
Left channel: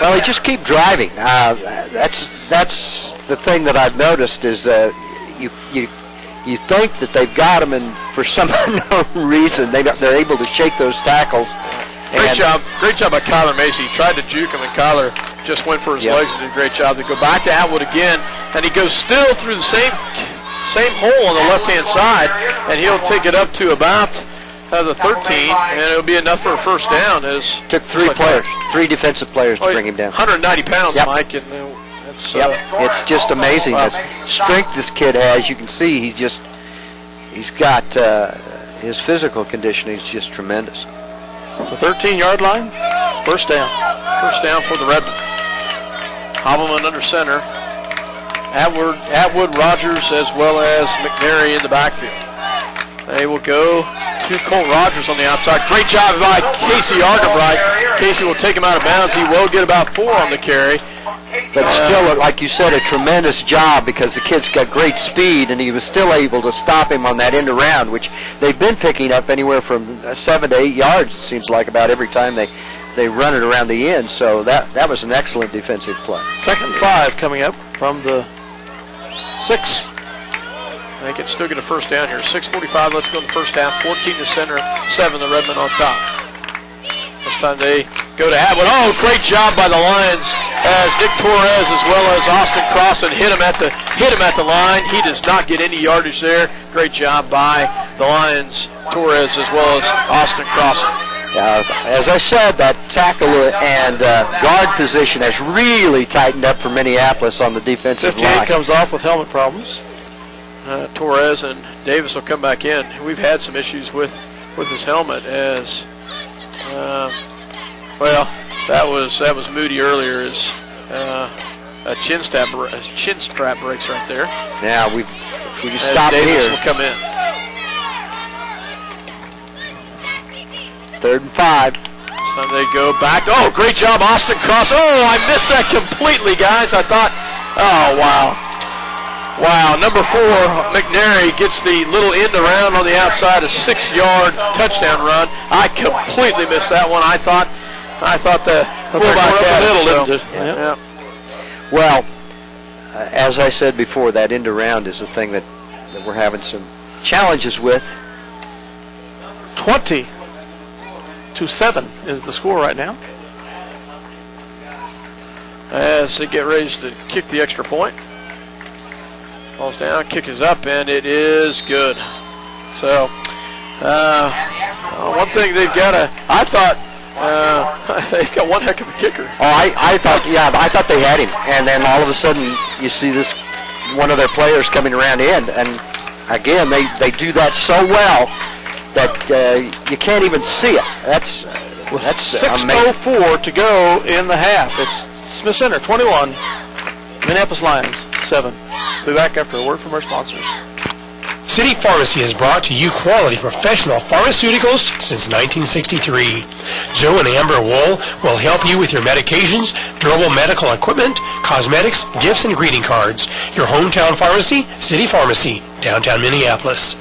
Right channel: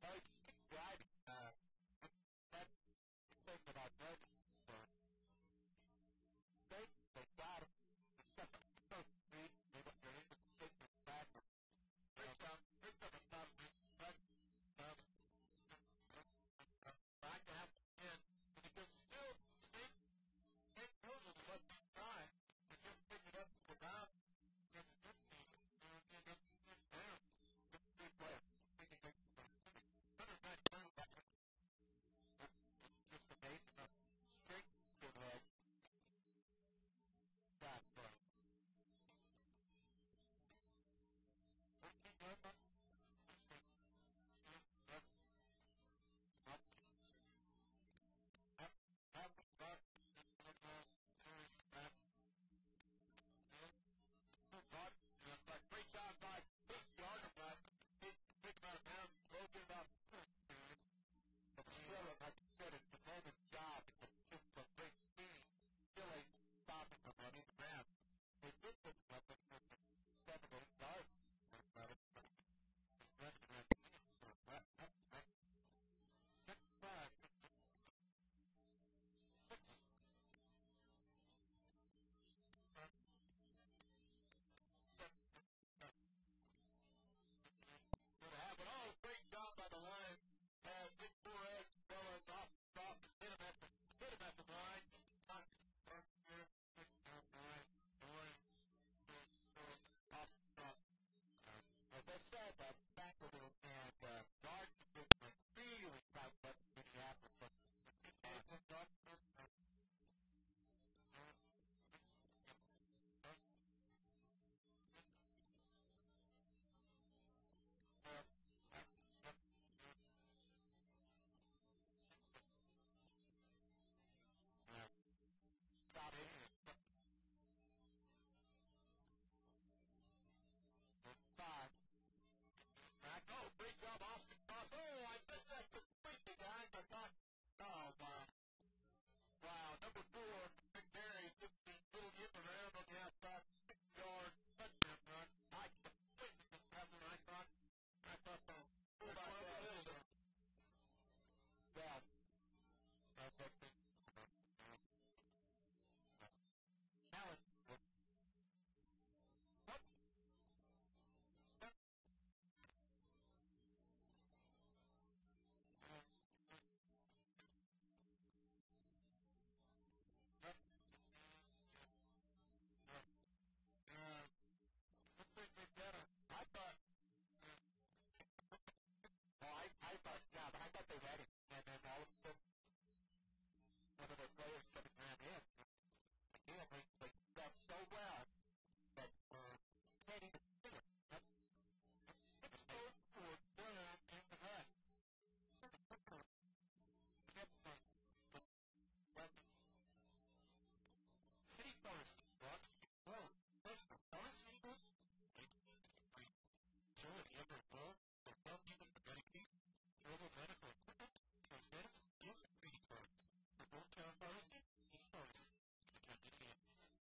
Well, they just keep driving. That's the thing that I've noticed is you think that they've got them, and for some unknown reason they're able to shake those tackles. Great job by Kyler Macy. He tried to juke him, and Kyler just went for his legs and did a great job. They go back to Atwood again, and he goes still through the same hole on the left-hand side, and he'll take it up to about the 13, and it'll be enough for a first down. As took three defensive players to bring him down. 190 pounds, yep. Mike, and that's it's just amazing the strength this kid has. You can see he's got his physical conditioning is just tremendous. The 13-yard line, first down. First down for the Redmen. Hobbleman under center. Atwood, Rogers, as well as McNary in the backfield. They will go to Colt Rogers on the outside. Great job by Casey Argenbright. Casey will take him out of bounds. He will get about 4 on the carry. But still, like you said, a tremendous job because the kid's got great speed, and he was still able to stop him on that end around, which they've been picking up anywhere from 7 to 8 yards, it seems like, about every time they run it around the end. So that was an excellent defensive play. 2nd and 5 coming up from the 6. They can still get a first down here. 6:45 left to go in the first half. 14 to center, 7 the Redmen on top. This time they go to Atwood. Oh, great job by the Lions as Nick Torres as well as Austin Crossan hit him at the line. He does not get any yardage there. Great job by the Lions, Torres as well as Austin Crossan. As I said, that tackle and guard position has really tightened up for Minneapolis on the defensive 58 line. comes off with helmet problems. Torres and Davis will come back in. We've had some issues with his helmet as, well, that was Moody earlier as a chin strap breaks right there. Now if we can stop Davis here. Will come in. 3rd and 5. This time they go back. Oh, great job, Austin Cross. Oh, I missed that completely, guys. I thought, oh, wow. Wow, number 4, McNary gets the little end around on the outside, a 6-yard touchdown run. I completely missed that one. I thought the fullback had it. Yeah. Well, as I said before, that end around is the thing that we're having some challenges with. 20-7 is the score right now. As they get ready to kick the extra point. Falls down, kick is up, and it is good. So, one thing they've got I thought they've got one heck of a kicker. Oh, I thought they had him, and then all of a sudden you see this one of their players coming around in, and again they do that so well that you can't even see it. That's 6:04 to go in the half. It's Smith Center 21, Minneapolis Lions 7. We'll be back after a word from our sponsors. City Pharmacy has brought to you quality professional pharmaceuticals since 1963. Joe and Amber Wool will help you with your medications, durable medical equipment, cosmetics, gifts, and greeting cards. Your hometown pharmacy, City Pharmacy, downtown Minneapolis.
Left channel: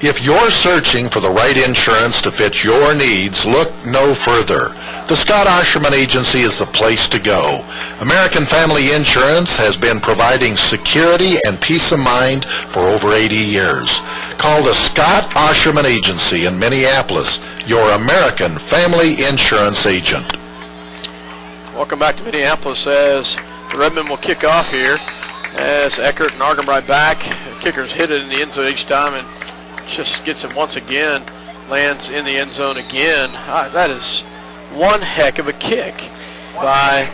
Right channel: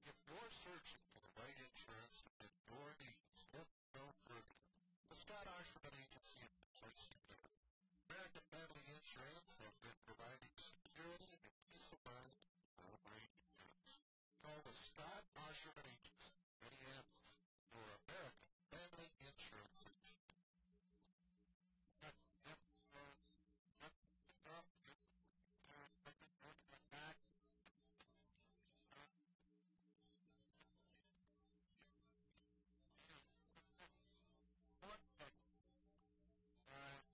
If you're searching for the right insurance to fit your needs, look no further. The Scott Osherman Agency is the place to go. American Family Insurance has been providing security and peace of mind for over 80 years. Call the Scott Osherman Agency in Minneapolis, your American Family Insurance agent. Welcome back to Minneapolis as the Redmen will kick off here as Eckert and Argenbright back. The kickers hit it in the end zone each time and just gets it once again, lands in the end zone again. That is one heck of a kick by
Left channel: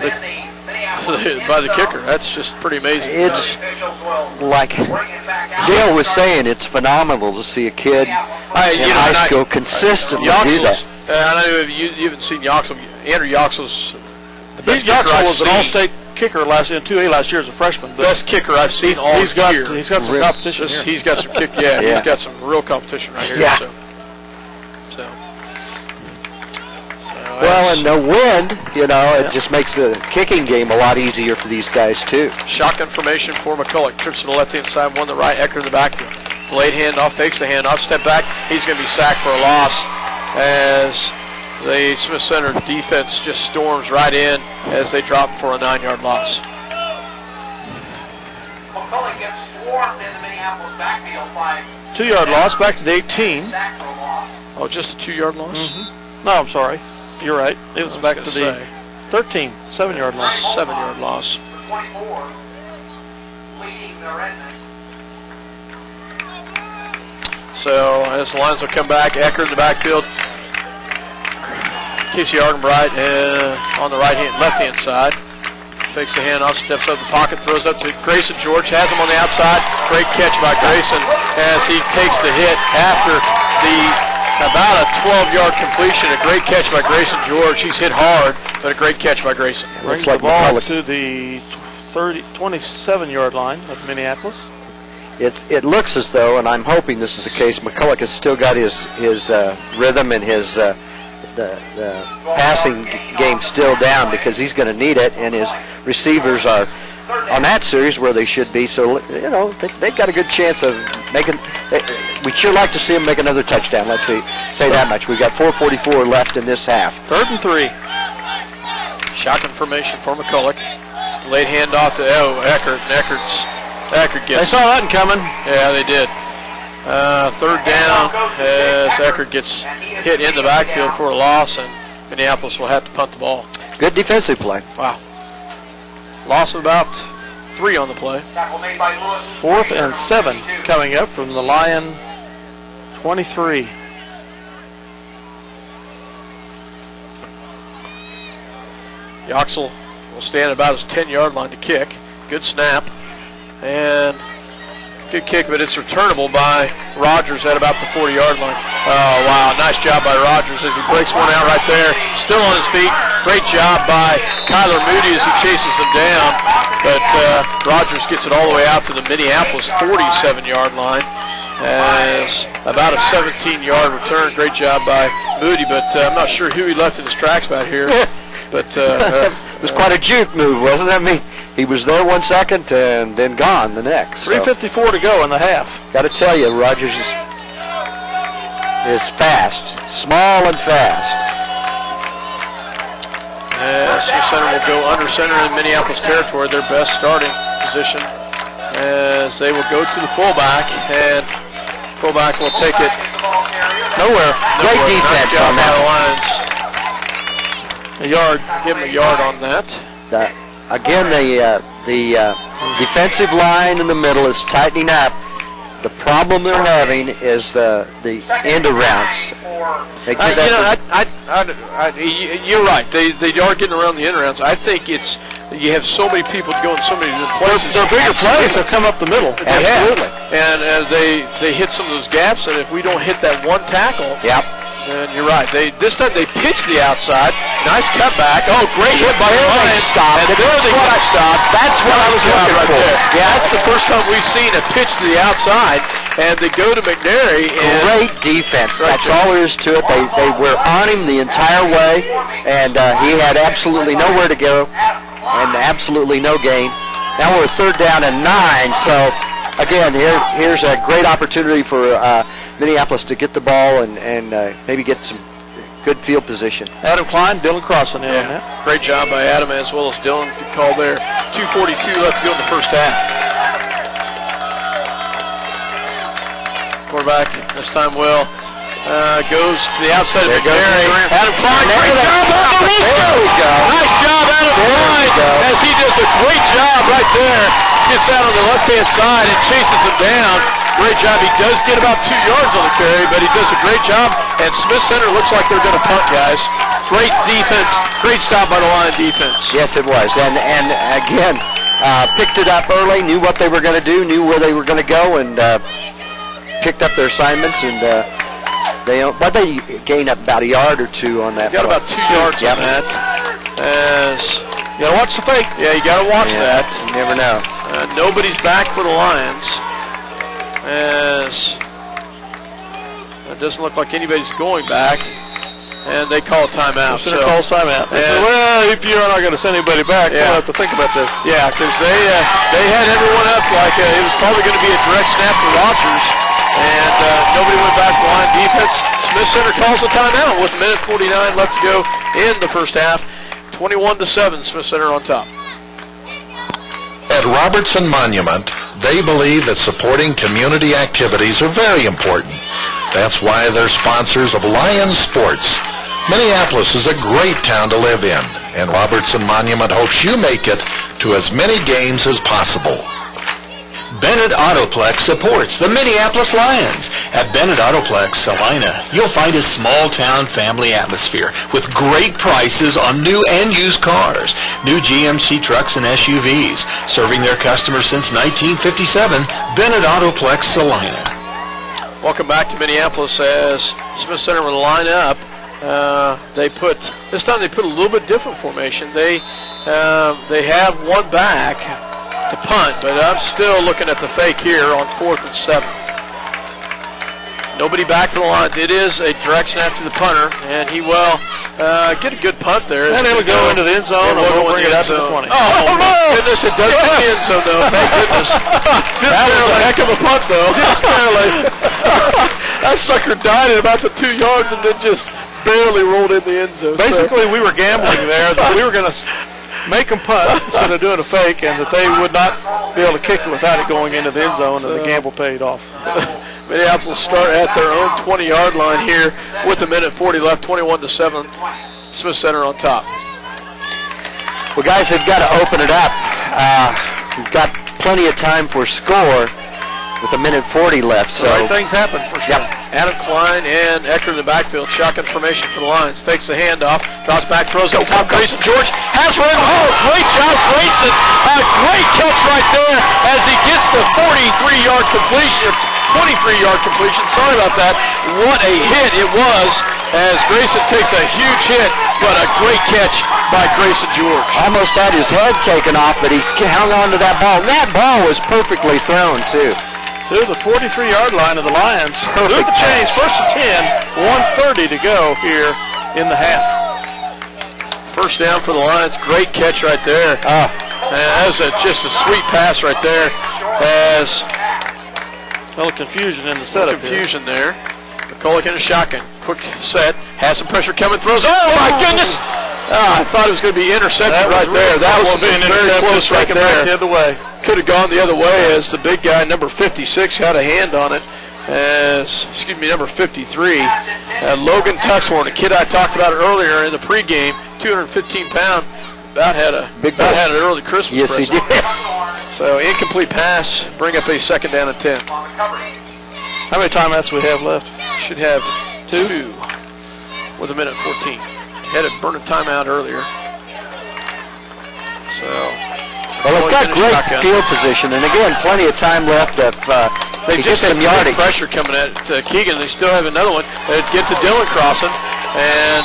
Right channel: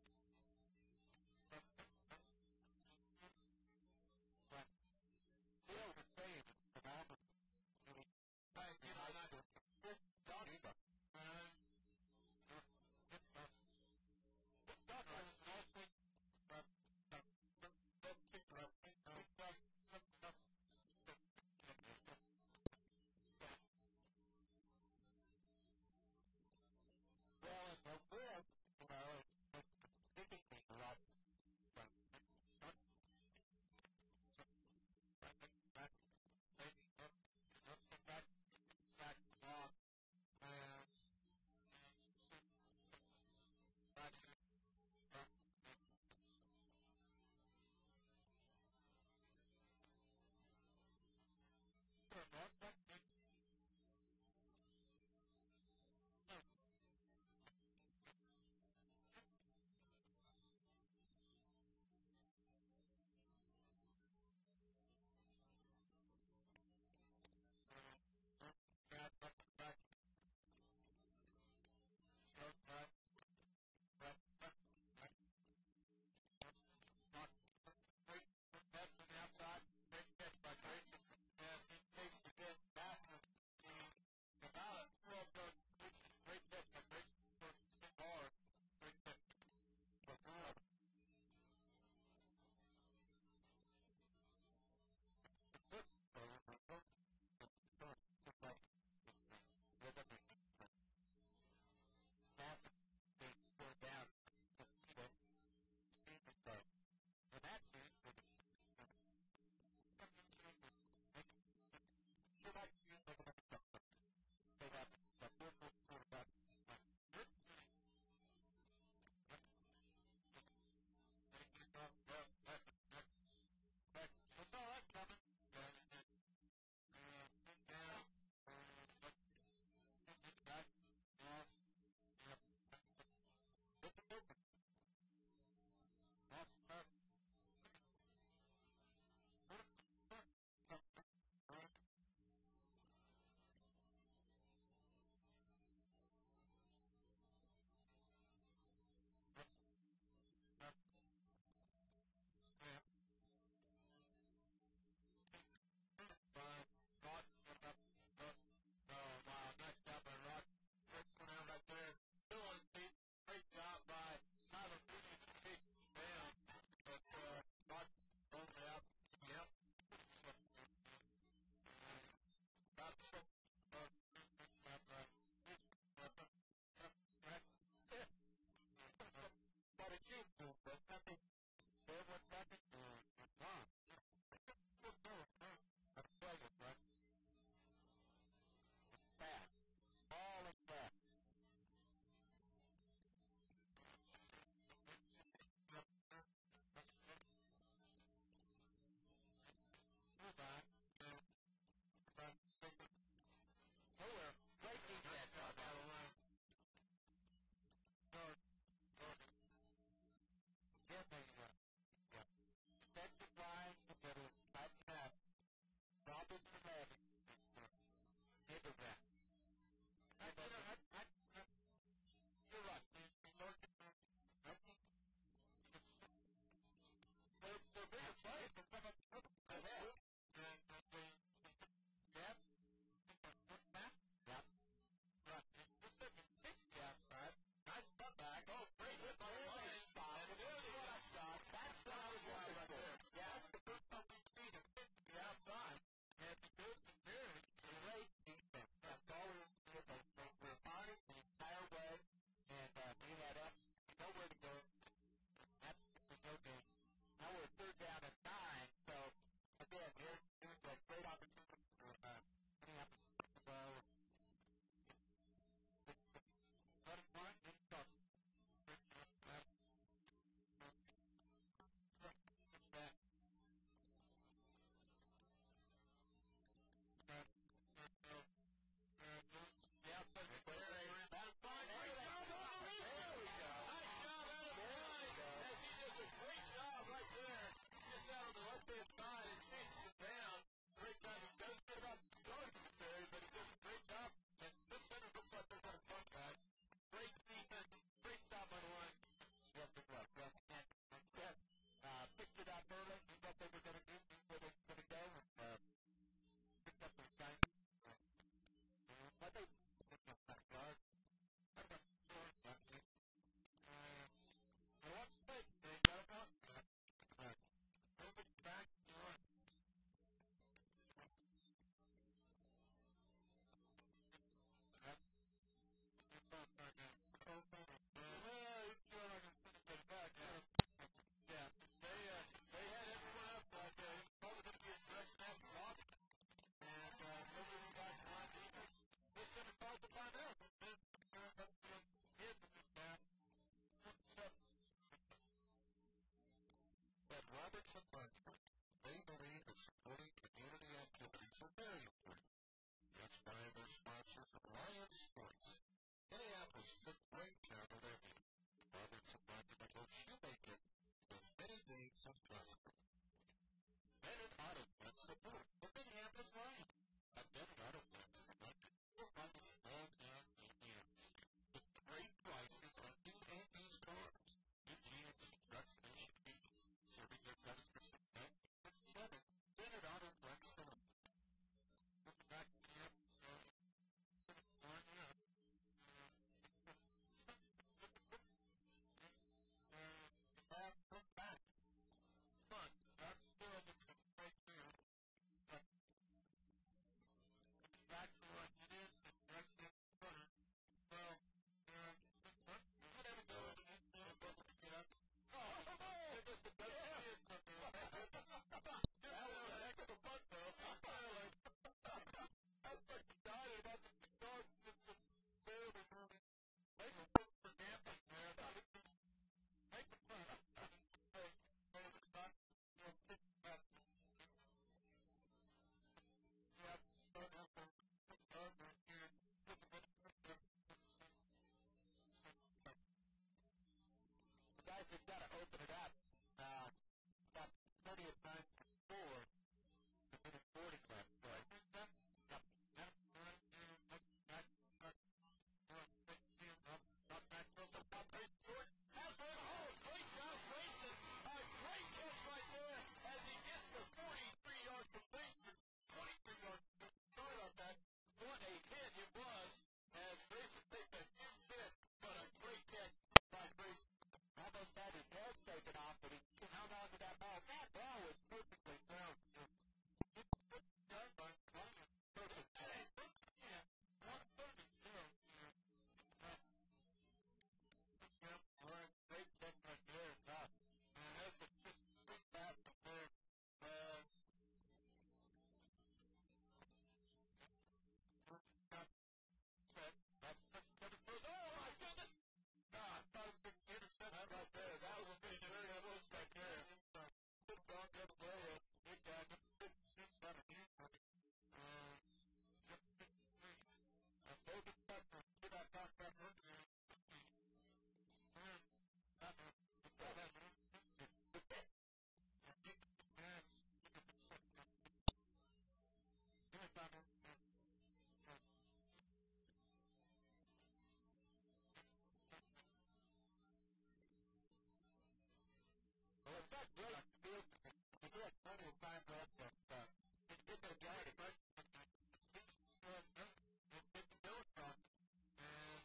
the kicker. That's just pretty amazing. It's like Dale was saying, it's phenomenal to see a kid in high school consistently do that. I know you haven't seen Yoxel. Andrew Yoxel's the best kicker Yoxel I've was seen. an all-state kicker in 2A last year as a freshman. Best kicker I've seen all year. He's got some competition here. He's got some he's got some real competition right here. Yeah. So well, and the wind, it just makes the kicking game a lot easier for these guys, too. Shotgun formation for McCulloch. Trips to the left-hand side, one to the right. Eckert in the backfield. Delayed handoff, fakes the handoff, step back. He's going to be sacked for a loss as the Smith Center defense just storms right in as they drop for a 9-yard loss. McCulloch gets swarmed in the Minneapolis backfield by 2-yard loss back to the 18. sack for a loss. Oh, just a 2-yard loss? Mm-hmm. No, I'm sorry. You're right. It was back to the 13, 7-yard loss. 7-yard loss. 24, leading the Redmen. So as the Lions will come back, Eckert in the backfield. Casey Argenbright on the left-hand side. Fakes the handoff, steps up the pocket, throws up to Grayson George, has him on the outside. Great catch by Grayson as he takes the hit after about a 12-yard completion. A great catch by Grayson George. He's hit hard, but a great catch by Grayson. Brings the ball to the 27-yard line of Minneapolis. It looks as though, and I'm hoping this is the case, McCulloch has still got his rhythm and his the passing game still down, because he's going to need it, and his receivers are on that series where they should be. So, you know, they've got a good chance of making. We'd sure like to see them make another touchdown. Let's say that much. We've got 4:44 left in this half. 3rd and 3. Shotgun formation for McCulloch. Late handoff to Eckert, and Eckert gets. They saw that coming. Yeah, they did. 3rd down as Eckert gets hit in the backfield for a loss, and Minneapolis will have to punt the ball. Good defensive play. Wow. Loss of about 3 on the play. 4th and 7 coming up from the Lion 23. Yoxel will stand about his 10-yard line to kick. Good snap. And good kick, but it's returnable by Rogers at about the 40-yard line. Oh, wow. Nice job by Rogers as he breaks one out right there. Still on his feet. Great job by Kyler Moody as he chases him down. But Rogers gets it all the way out to the Minneapolis 47-yard line. As about a 17-yard return. Great job by Moody, but I'm not sure who he left in his tracks back here. But it was quite a juke move, wasn't it? I mean, he was there 1 second and then gone the next. 3:54 to go in the half. Got to tell you, Rogers is fast, small and fast. Smith Center will go under center in Minneapolis territory, their best starting position, as they will go to the fullback, and fullback will take it nowhere. Great defense on that. A yard, give him a yard on that. Again, the defensive line in the middle is tightening up. The problem they're having is the end arounds. You're right. They are getting around the end arounds. I think it's you have so many people going so many places. Their bigger plays have come up the middle. Absolutely. And they hit some of those gaps, and if we don't hit that one tackle, yep. And you're right. This time they pitched the outside. Nice cutback. Oh, great hit by the Lions. Stop. And there they got stopped. That's what I was looking right for. There. Yeah, that's the first time we've seen a pitch to the outside. And they go to McNary. And great defense. That's all there is to it. They were on him the entire way, and he had absolutely nowhere to go and absolutely no gain. Now we're 3rd down and 9. So again, here's a great opportunity for Minneapolis to get the ball and maybe get some good field position. Adam Klein, Dylan Crossan in on that. Great job by Adam as well as Dylan. Good call there. 2:42 left to go in the first half. Quarterback this time goes to the outside of McNary. Adam Klein, great job. There we go. Nice job, Adam Klein, as he does a great job right there. Gets out on the left-hand side and chases him down. Great job. He does get about 2 yards on the carry, but he does a great job. And Smith Center looks like they're going to punt, guys. Great defense. Great stop by the Lion defense. Yes, it was. And again, picked it up early, knew what they were going to do, knew where they were going to go, and picked up their assignments. And they gained up about a yard or 2 on that. Got about 2 yards on that. As you got to watch the fake. Yeah, you got to watch that. You never know. Nobody's back for the Lions. As it doesn't look like anybody's going back, and they call a timeout. So calls timeout. Well, if you're not going to send anybody back, we'll have to think about this. Yeah, because they had everyone up like it was probably going to be a direct snap to Rogers, and nobody went back to line defense. Smith Center calls a timeout with a minute 49 left to go in the first half. 21-7, Smith Center on top. At Robertson Monument, they believe that supporting community activities are very important. That's why they're sponsors of Lions Sports. Minneapolis is a great town to live in, and Robertson Monument hopes you make it to as many games as possible. Bennett Autoplex supports the Minneapolis Lions. At Bennett Autoplex, Salina, you'll find a small-town family atmosphere with great prices on new and used cars, new GMC trucks and SUVs. Serving their customers since 1957, Bennett Autoplex, Salina. Welcome back to Minneapolis as Smith Center will line up. This time they put a little bit different formation. They have one back to punt, but I'm still looking at the fake here on 4th and 7. Nobody back for the Lions. It is a direct snap to the punter, and he will get a good punt there. And it'll go into the end zone, and we'll bring it up to the 20. Oh, my goodness, it does get the end zone, though. Thank goodness. That was a heck of a punt, though. Just barely. That sucker died at about the 2 yards and then just barely rolled in the end zone. Basically, we were gambling there that we were going to make them punt instead of doing a fake, and that they would not be able to kick it without it going into the end zone, and the gamble paid off. Minneapolis will start at their own 20-yard line here with a minute 40 left, 21-7. Smith Center on top. Well, guys, they've got to open it up. We've got plenty of time for score with a minute 40 left. So the right things happen for sure. Yep. Adam Klein and Ecker in the backfield. Shotgun formation for the Lions. Fakes the handoff. Drops back, throws up top. Grayson George has one. Oh, great job, Grayson. A great catch right there as he gets the 43-yard completion. 23-yard completion. Sorry about that. What a hit it was as Grayson takes a huge hit, but a great catch by Grayson George. Almost had his head taken off, but he hung on to that ball. That ball was perfectly thrown, too. To the 43-yard line of the Lions. Do the change. 1st and 10. 1:30 to go here in the half. First down for the Lions. Great catch right there. That was just a sweet pass right there. As a little confusion in the setup. Confusion there. McCulloch in a shotgun. Quick set. Has some pressure coming. Throws. Oh, my goodness. I thought it was going to be intercepted right there. That was very close right there. The other way. Could have gone the other way as the big guy, number 56, had a hand on it. Number 53. Logan Tuxhorn, a kid I talked about earlier in the pregame, 215-pound, about had an early Christmas Yes, present. he did. So incomplete pass, bring up a 2nd down and 10. How many timeouts we have left? Should have two with a minute 14. Had a burning timeout earlier. So. Well, they've got great field position, and again, plenty of time left if they just some have yardage. Pressure coming at Keegan. They still have another one. They get to Dillon crossing, and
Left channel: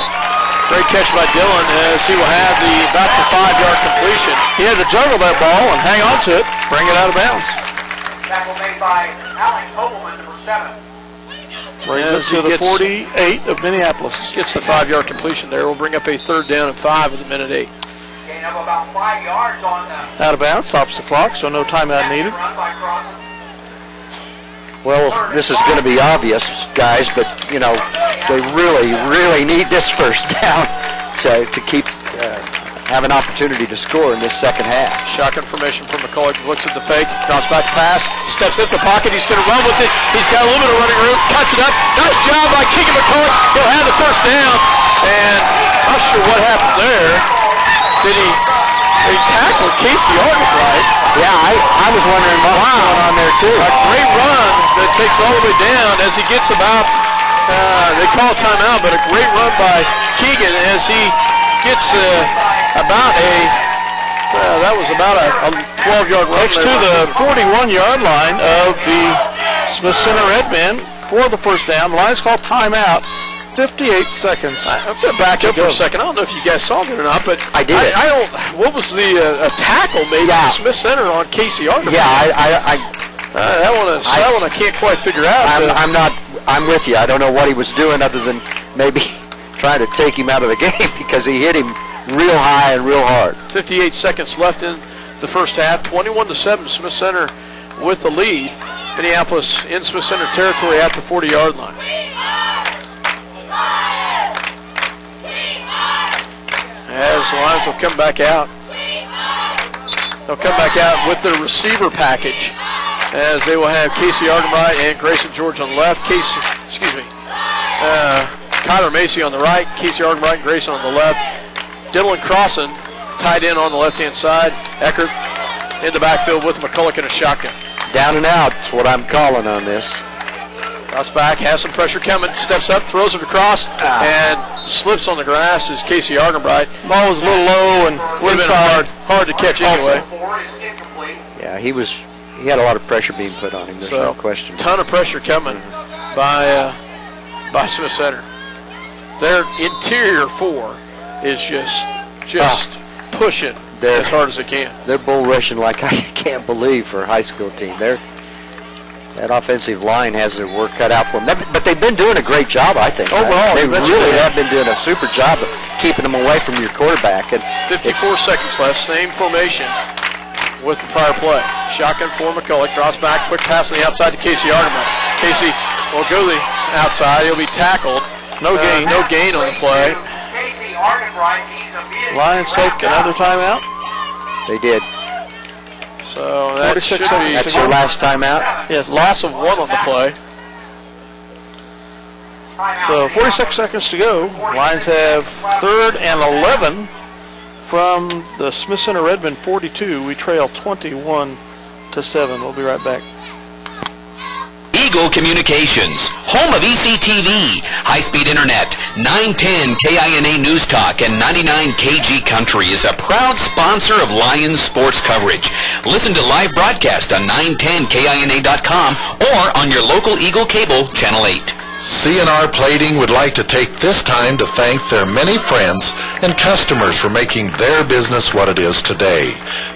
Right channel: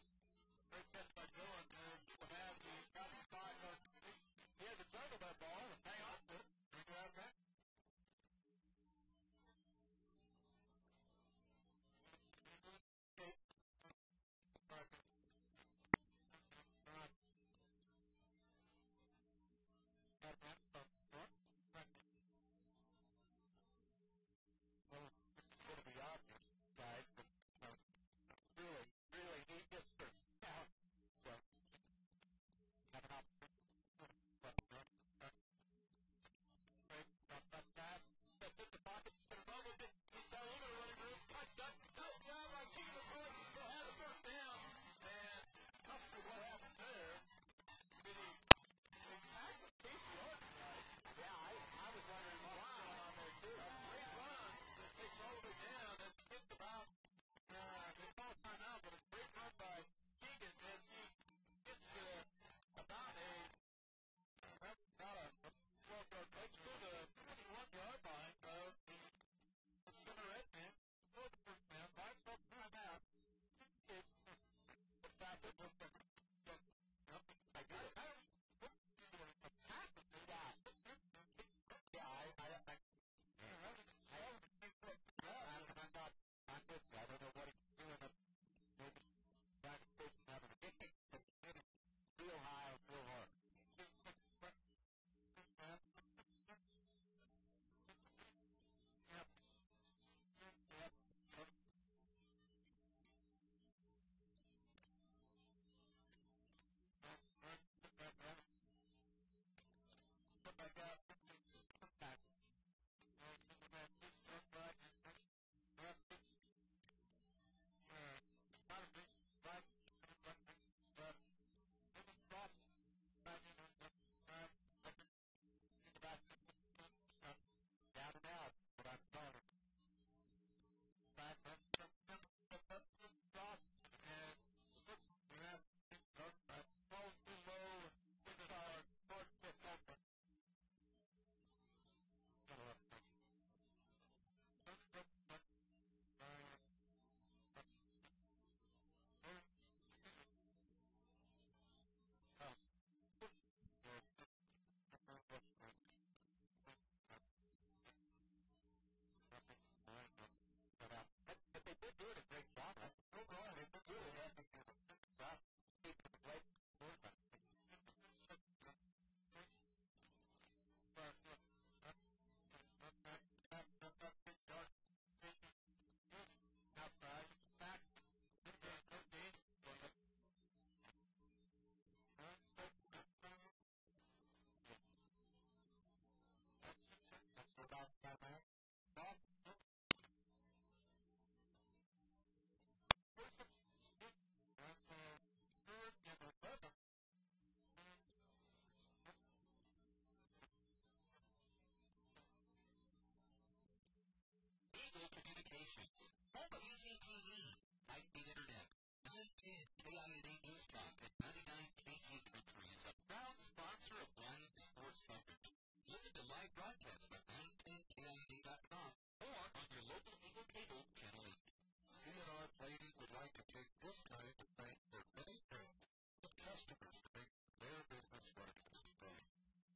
great catch by Dillon as he will have about the 5-yard completion. He had to juggle that ball and hang on to it, bring it out of bounds. Tackle made by Alex Hobelman, number 7. Brings it to the 48 of Minneapolis. Gets the 5-yard completion there. We'll bring up a 3rd down and 5 with a minute 8. Gain of about 5 yards on out of bounds, stops the clock, so no timeout needed. Well, this is going to be obvious, guys, but, you know, they really, really need this first down to keep have an opportunity to score in this second half. Shotgun formation from McCulloch. Looks at the fake, drops back pass, steps into the pocket. He's going to run with it. He's got a little bit of running room, cuts it up. Nice job by Keegan McCulloch. He'll have the first down. And not sure what happened there. Did he tackled Casey Arden, right? Yeah, I was wondering what was going on there too. A great run that takes all the way down as he gets about, they call it timeout, but a great run by Keegan as he gets that was about a 12-yard run. Next to the 41-yard line of the Smith Center Redmen for the first down. The Lions call timeout. 58 seconds. I'm going to back up for a second. I don't know if you guys saw it or not, but I did. I don't. What was the tackle made by Smith Center on Casey Arden? Yeah, that one I can't quite figure out. I'm with you. I don't know what he was doing other than maybe trying to take him out of the game because he hit him real high and real hard. 58 seconds left in the first half. 21-7. Smith Center with the lead. Minneapolis in Smith Center territory at the 40-yard line. As the Lions will come back out. They'll come back out with the receiver package as they will have Casey Ardenbright and Grayson George on the left. Kyler Macy on the right, Casey Ardenbright and Grayson on the left. Dylan Crossan tied in on the left-hand side. Eckert in the backfield with McCulloch in a shotgun. Down and out is what I'm calling on this. Cross back, has some pressure coming, steps up, throws it across, and slips on the grass is Casey Argenbright. Ball was a little low and inside. Hard to catch anyway. Yeah, he had a lot of pressure being put on him. There's no question. Ton of pressure coming by Smith Center. Their interior four is just pushing as hard as they can. They're bull rushing like I can't believe for a high school team. That offensive line has their work cut out for them. But they've been doing a great job, I think. Overall, they really have been doing a super job of keeping them away from your quarterback. And 54 seconds left, same formation with the prior play. Shotgun for McCulloch, draws back, quick pass on the outside to Casey Argenbright. Casey will go the outside. He'll be tackled. No gain on the play. Lions take another timeout. They did. So that should be that's your last timeout? Yes. Loss of 1 on the play. So 46 seconds to go. Lions have 3rd and 11 from the Smith Center Redmond 42. We trail 21-7. We'll be right back. Eagle Communications, home of ECTV, high-speed internet, 910 KINA News Talk, and 99 KG Country is a proud sponsor of Lions sports coverage. Listen to live broadcast on 910KINA.com or on your local Eagle Cable, Channel 8. CNR Plating would like to take this time to thank their many friends and customers for making their business what it is today.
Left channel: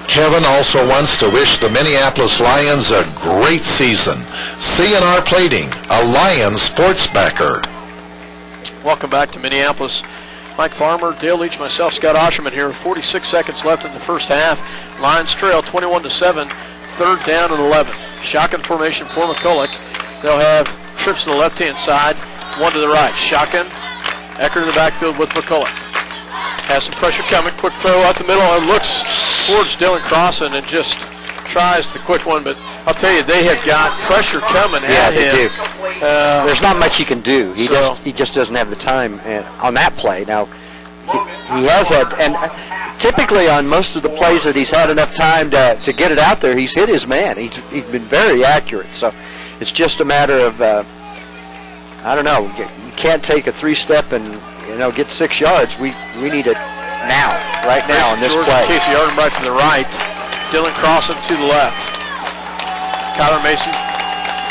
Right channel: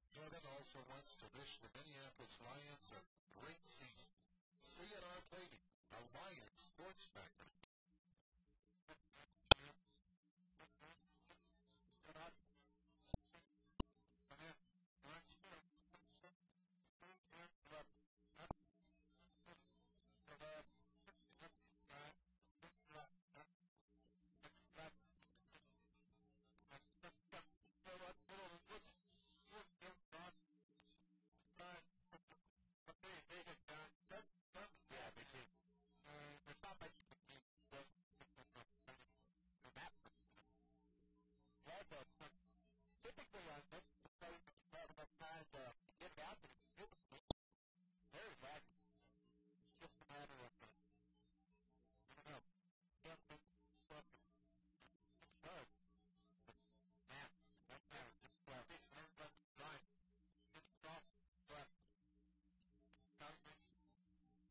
Kevin also wants to wish the Minneapolis Lions a great season. CNR Plating, a Lions sports backer. Welcome back to Minneapolis. Mike Farmer, Dale Leach, myself, Scott Osherman here. 46 seconds left in the first half. Lions trail 21-7, 3rd down and 11. Shotgun formation for McCulloch. They'll have trips to the left-hand side, 1 to the right. Shotgun, Ecker in the backfield with McCulloch. Has some pressure coming, quick throw out the middle, and looks towards Dylan Crossan and just tries the quick one, but I'll tell you, they have got pressure coming at him. They do. There's not much he can do. He just doesn't have the time on that play. Now, he has had, and typically on most of the plays that he's had enough time to get it out there, he's hit his man. He's been very accurate, so it's just a matter of, I don't know, you can't take a 3-step and, get 6 yards. We need it now, right now, in this play. Casey Argenbright to the right, Dylan Crossan to the left. Kyler Mason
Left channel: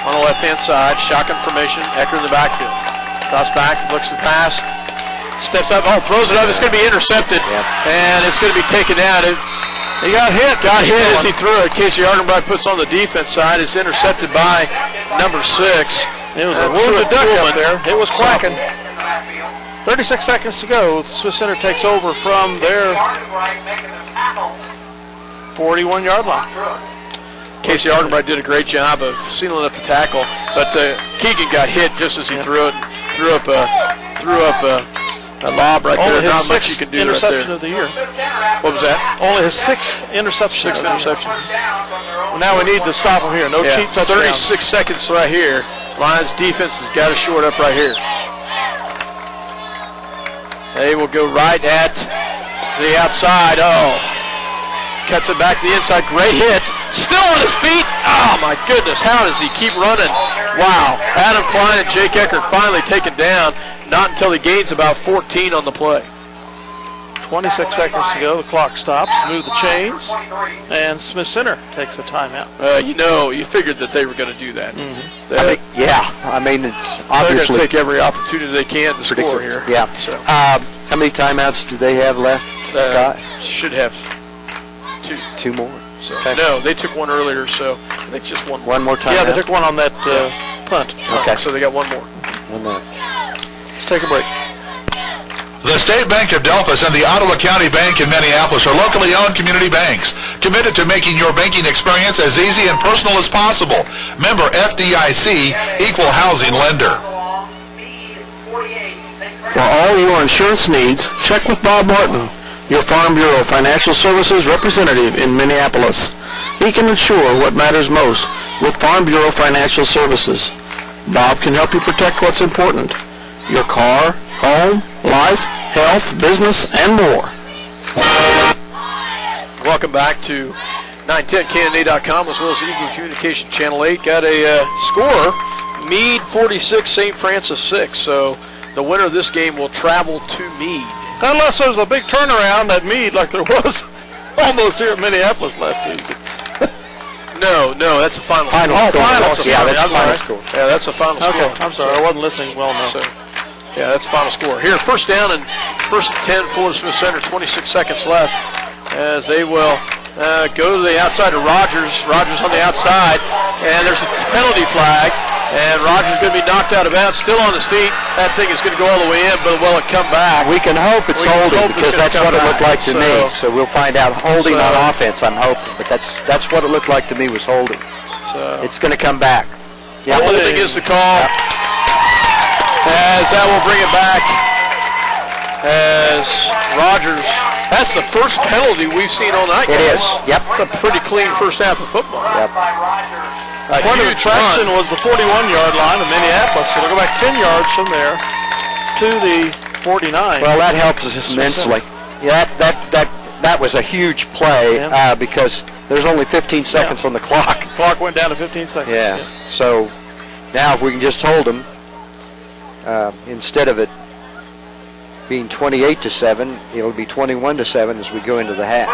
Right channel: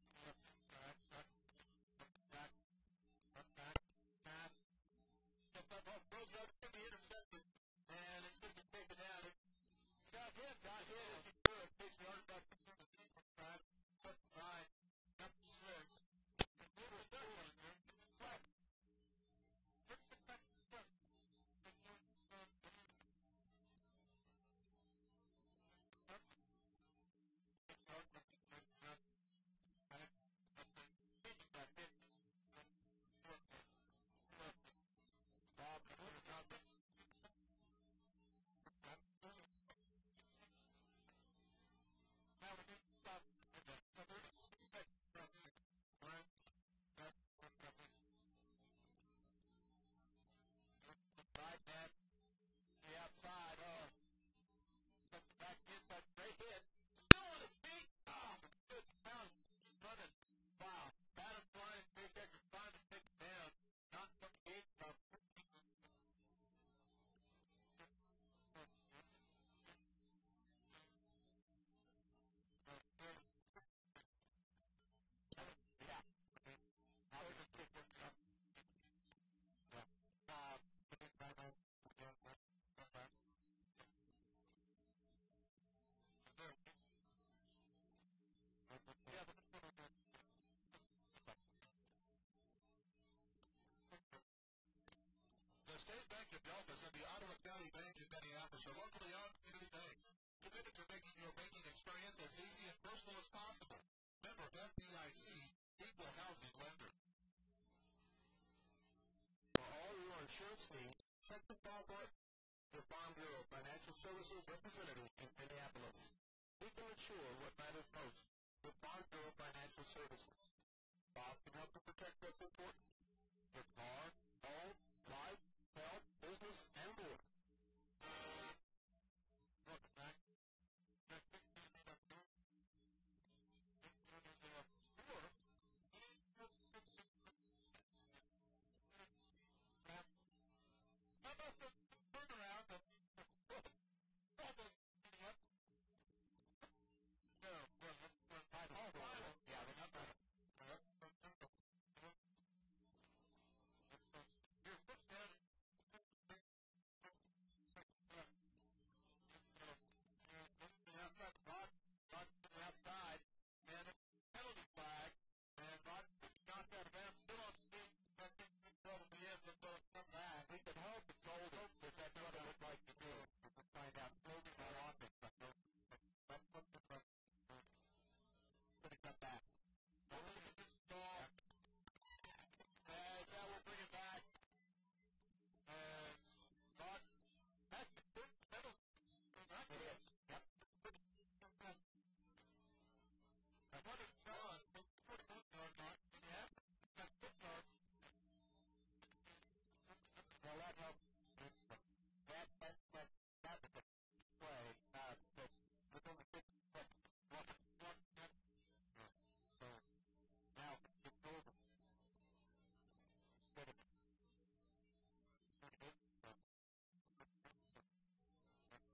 on the left-hand side, shotgun formation, Ecker in the backfield. Cross back, looks to the pass, steps up, throws it up, it's going to be intercepted, and it's going to be taken down. He got hit as he threw it. Casey Argenbright puts on the defense side. It's intercepted by number 6. It was a wounded duck up there. It was quacking. 36 seconds to go. Smith Center takes over from their 41-yard line. Casey Argenbright did a great job of sealing up the tackle, but Keegan got hit just as he threw it. Threw up a lob right there. Not much you can do interception right there. of the year. What was that? Only his 6th interception. 6th interception. Well, now we need to stop him here. No cheap touchdowns. 36 seconds right here. Lions defense has got to short up right here. They will go right at the outside. Cuts it back to the inside. Great hit. Still on his feet. Oh, my goodness. How does he keep running? Wow. Adam Klein and Jake Eckert finally taken down. Not until he gains about 14 on the play. 26 seconds to go. The clock stops. Move the chains. And Smith Center takes a timeout. You figured that they were going to do that. Mm-hmm. I mean, it's obviously. They're going to take every opportunity they can to score here. Yeah. So. How many timeouts do they have left, Scott? Should have 2. 2 more. So, no, they took 1 earlier, so I think just 1 more. 1 more timeout? Yeah, they took 1 on that punt. Okay. So they got 1 more. 1 more. Let's take a break. The State Bank of Delphus and the Ottawa County Bank in Minneapolis are locally owned community banks, committed to making your banking experience as easy and personal as possible. Member FDIC, equal housing lender. For all your insurance needs, check with Bob Martin, your Farm Bureau Financial Services representative in Minneapolis. He can insure what matters most with Farm Bureau Financial Services. Bob can help you protect what's important: your car, home, life, health, business, and more. Welcome back to 910knd.com as well as Eagle Communication Channel 8. Got a score, Meade 46, St. Francis 6. So the winner of this game will travel to Meade. Unless there's a big turnaround at Meade like there was almost here at Minneapolis last season. No, that's a final score. Score. That's a Final score. Yeah, that's a final score. Okay, I'm sorry, I wasn't listening well enough. So, yeah, that's the final score. Here, first down and first and 10 for Smith Center, 26 seconds left as they will go to the outside of Rogers. Rogers on the outside, and there's a penalty flag, and Rogers is going to be knocked out of bounds, still on his feet. That thing is going to go all the way in, but will it come back? We can hope it's holding because that's what it looked like to me. So we'll find out holding on offense, I'm hoping. But that's what it looked like to me was holding. So it's going to come back. Yeah, holding is the call. As that will bring it back as Rogers. That's the first penalty we've seen all night. It is. Yep. A pretty clean first half of football. Yep. Point of attraction was the 41-yard line of Minneapolis, so they'll go back 10 yards from there to the 49. Well, that helps us immensely. Yeah, that was a huge play because there's only 15 seconds on the clock. Clock went down to 15 seconds. Yeah. So now if we can just hold them, instead of it being 28-7, it'll be 21-7 as we go into the half.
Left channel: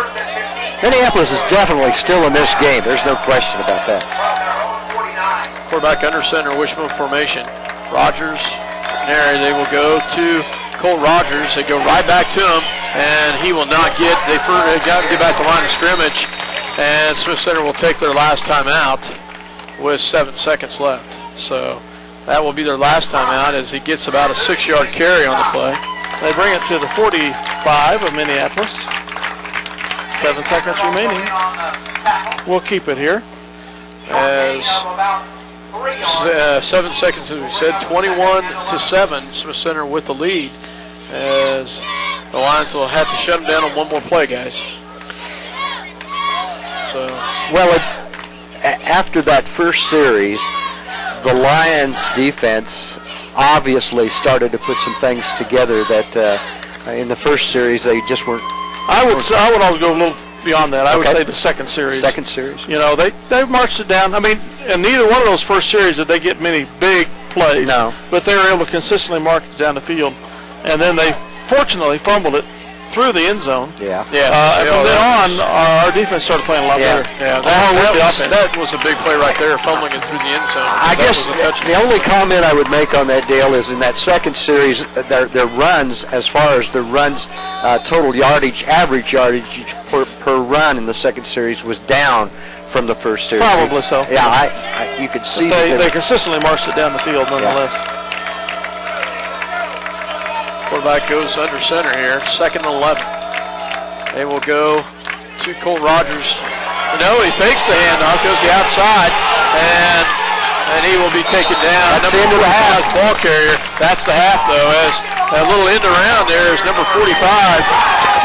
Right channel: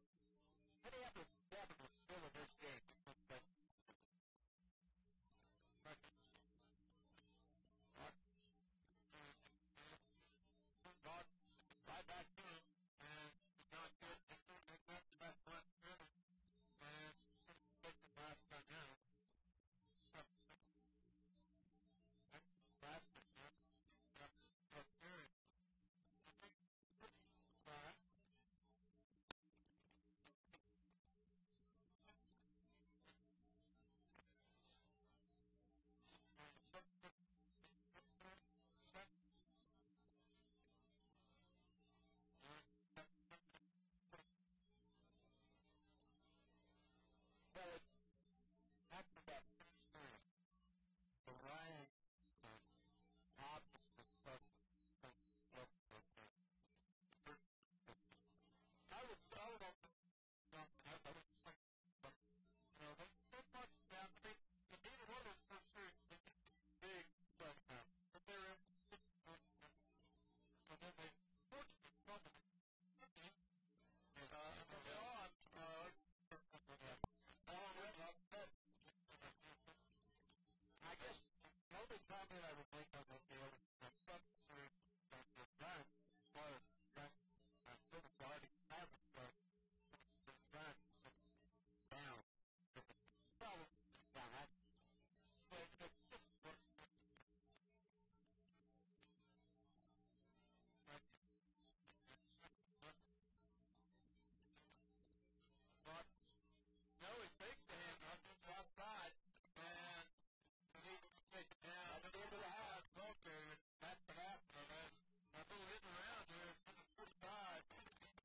Minneapolis is definitely still in this game. There's no question about that. Quarterback under center, wishbone formation. Rogers, there they will go to Cole Rogers. They go right back to him, and he will not get. They got to get back to the line of scrimmage, and Smith Center will take their last time out with 7 seconds left. So that will be their last time out as he gets about a 6-yard carry on the play. They bring it to the 45 of Minneapolis. 7 seconds remaining. We'll keep it here. As 7 seconds, as we said, 21-7, Smith Center with the lead. As the Lions will have to shut them down on one more play, guys. So, well, after that first series, the Lions defense obviously started to put some things together that in the first series they just weren't. I would always go a little beyond that. I would say the second series. Second series. You know, they marched it down. I mean, in neither one of those first series did they get many big plays. No. But they were able to consistently march it down the field, and then they fortunately fumbled it through the end zone. Yeah. And from then on, our defense started playing a lot better. Yeah, that was a big play right there, fumbling it through the end zone. I guess the only comment I would make on that, Dale, is in that second series, their runs, as far as the runs, total yardage, average yardage per run in the second series was down from the first series. Probably so. Yeah, you could see they consistently marched it down the field nonetheless. Yeah. Quarterback goes under center here, 2nd and 11. They will go to Cole Rogers. No, he fakes the handoff, goes the outside, and he will be taken down. That's the end of the half. Ball carrier. That's the half, though, as a little end around there is number 45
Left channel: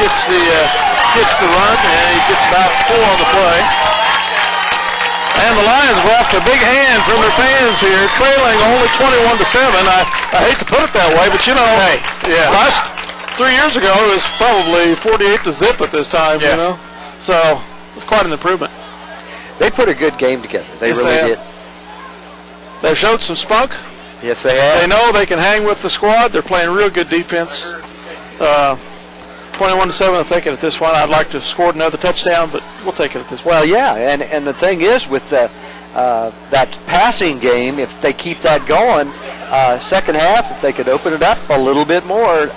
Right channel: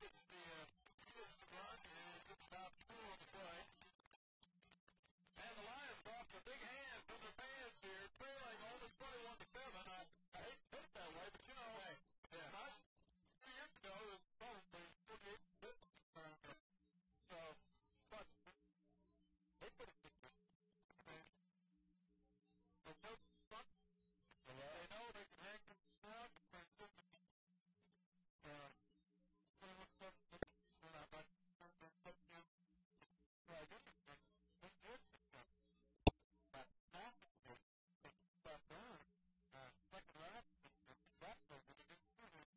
gets the run, and he gets about 4 on the play. And the Lions go off to a big hand from their fans here, trailing only 21-7. I hate to put it that way, but you know, last 3 years ago it was probably 48-0 at this time. You know, so it's quite an improvement. They put a good game together. They really did. They've showed some spunk. Yes, they have. They know they can hang with the squad. They're playing real good defense. 21-7, I'll take it at this one. I'd like to have scored another touchdown, but we'll take it at this one. Well, yeah, and the thing is with that passing game, if they keep that going, second half, if they could open it up a little bit more,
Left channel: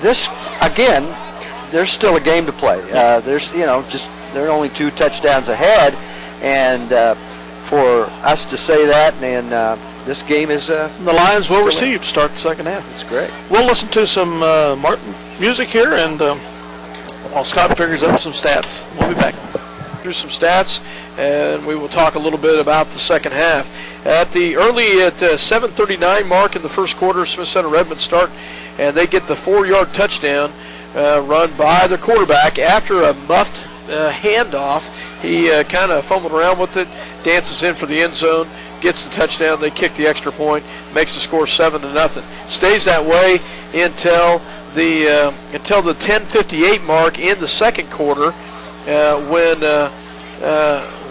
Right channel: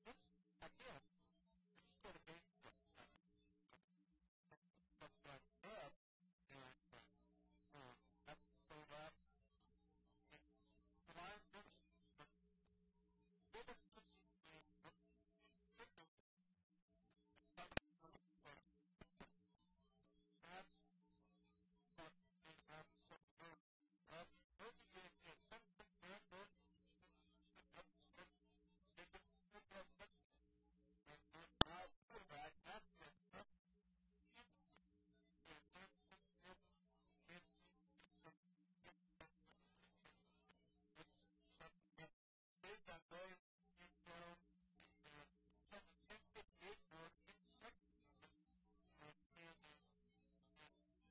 this, again, there's still a game to play. There's, they're only 2 touchdowns ahead, and for us to say that, and this game is... the Lions will receive to start the second half. It's great. We'll listen to some Martin music here, and while Scott figures up some stats, we'll be back. Here's some stats, and we will talk a little bit about the second half. At 7:39 mark in the first quarter, Smith Center Redmond start, and they get the 4-yard touchdown run by the quarterback after a muffed handoff. He kind of fumbled around with it, dances in for the end zone, gets the touchdown. They kick the extra point, makes the score 7-0. Stays that way until the 10:58 mark in the second quarter, when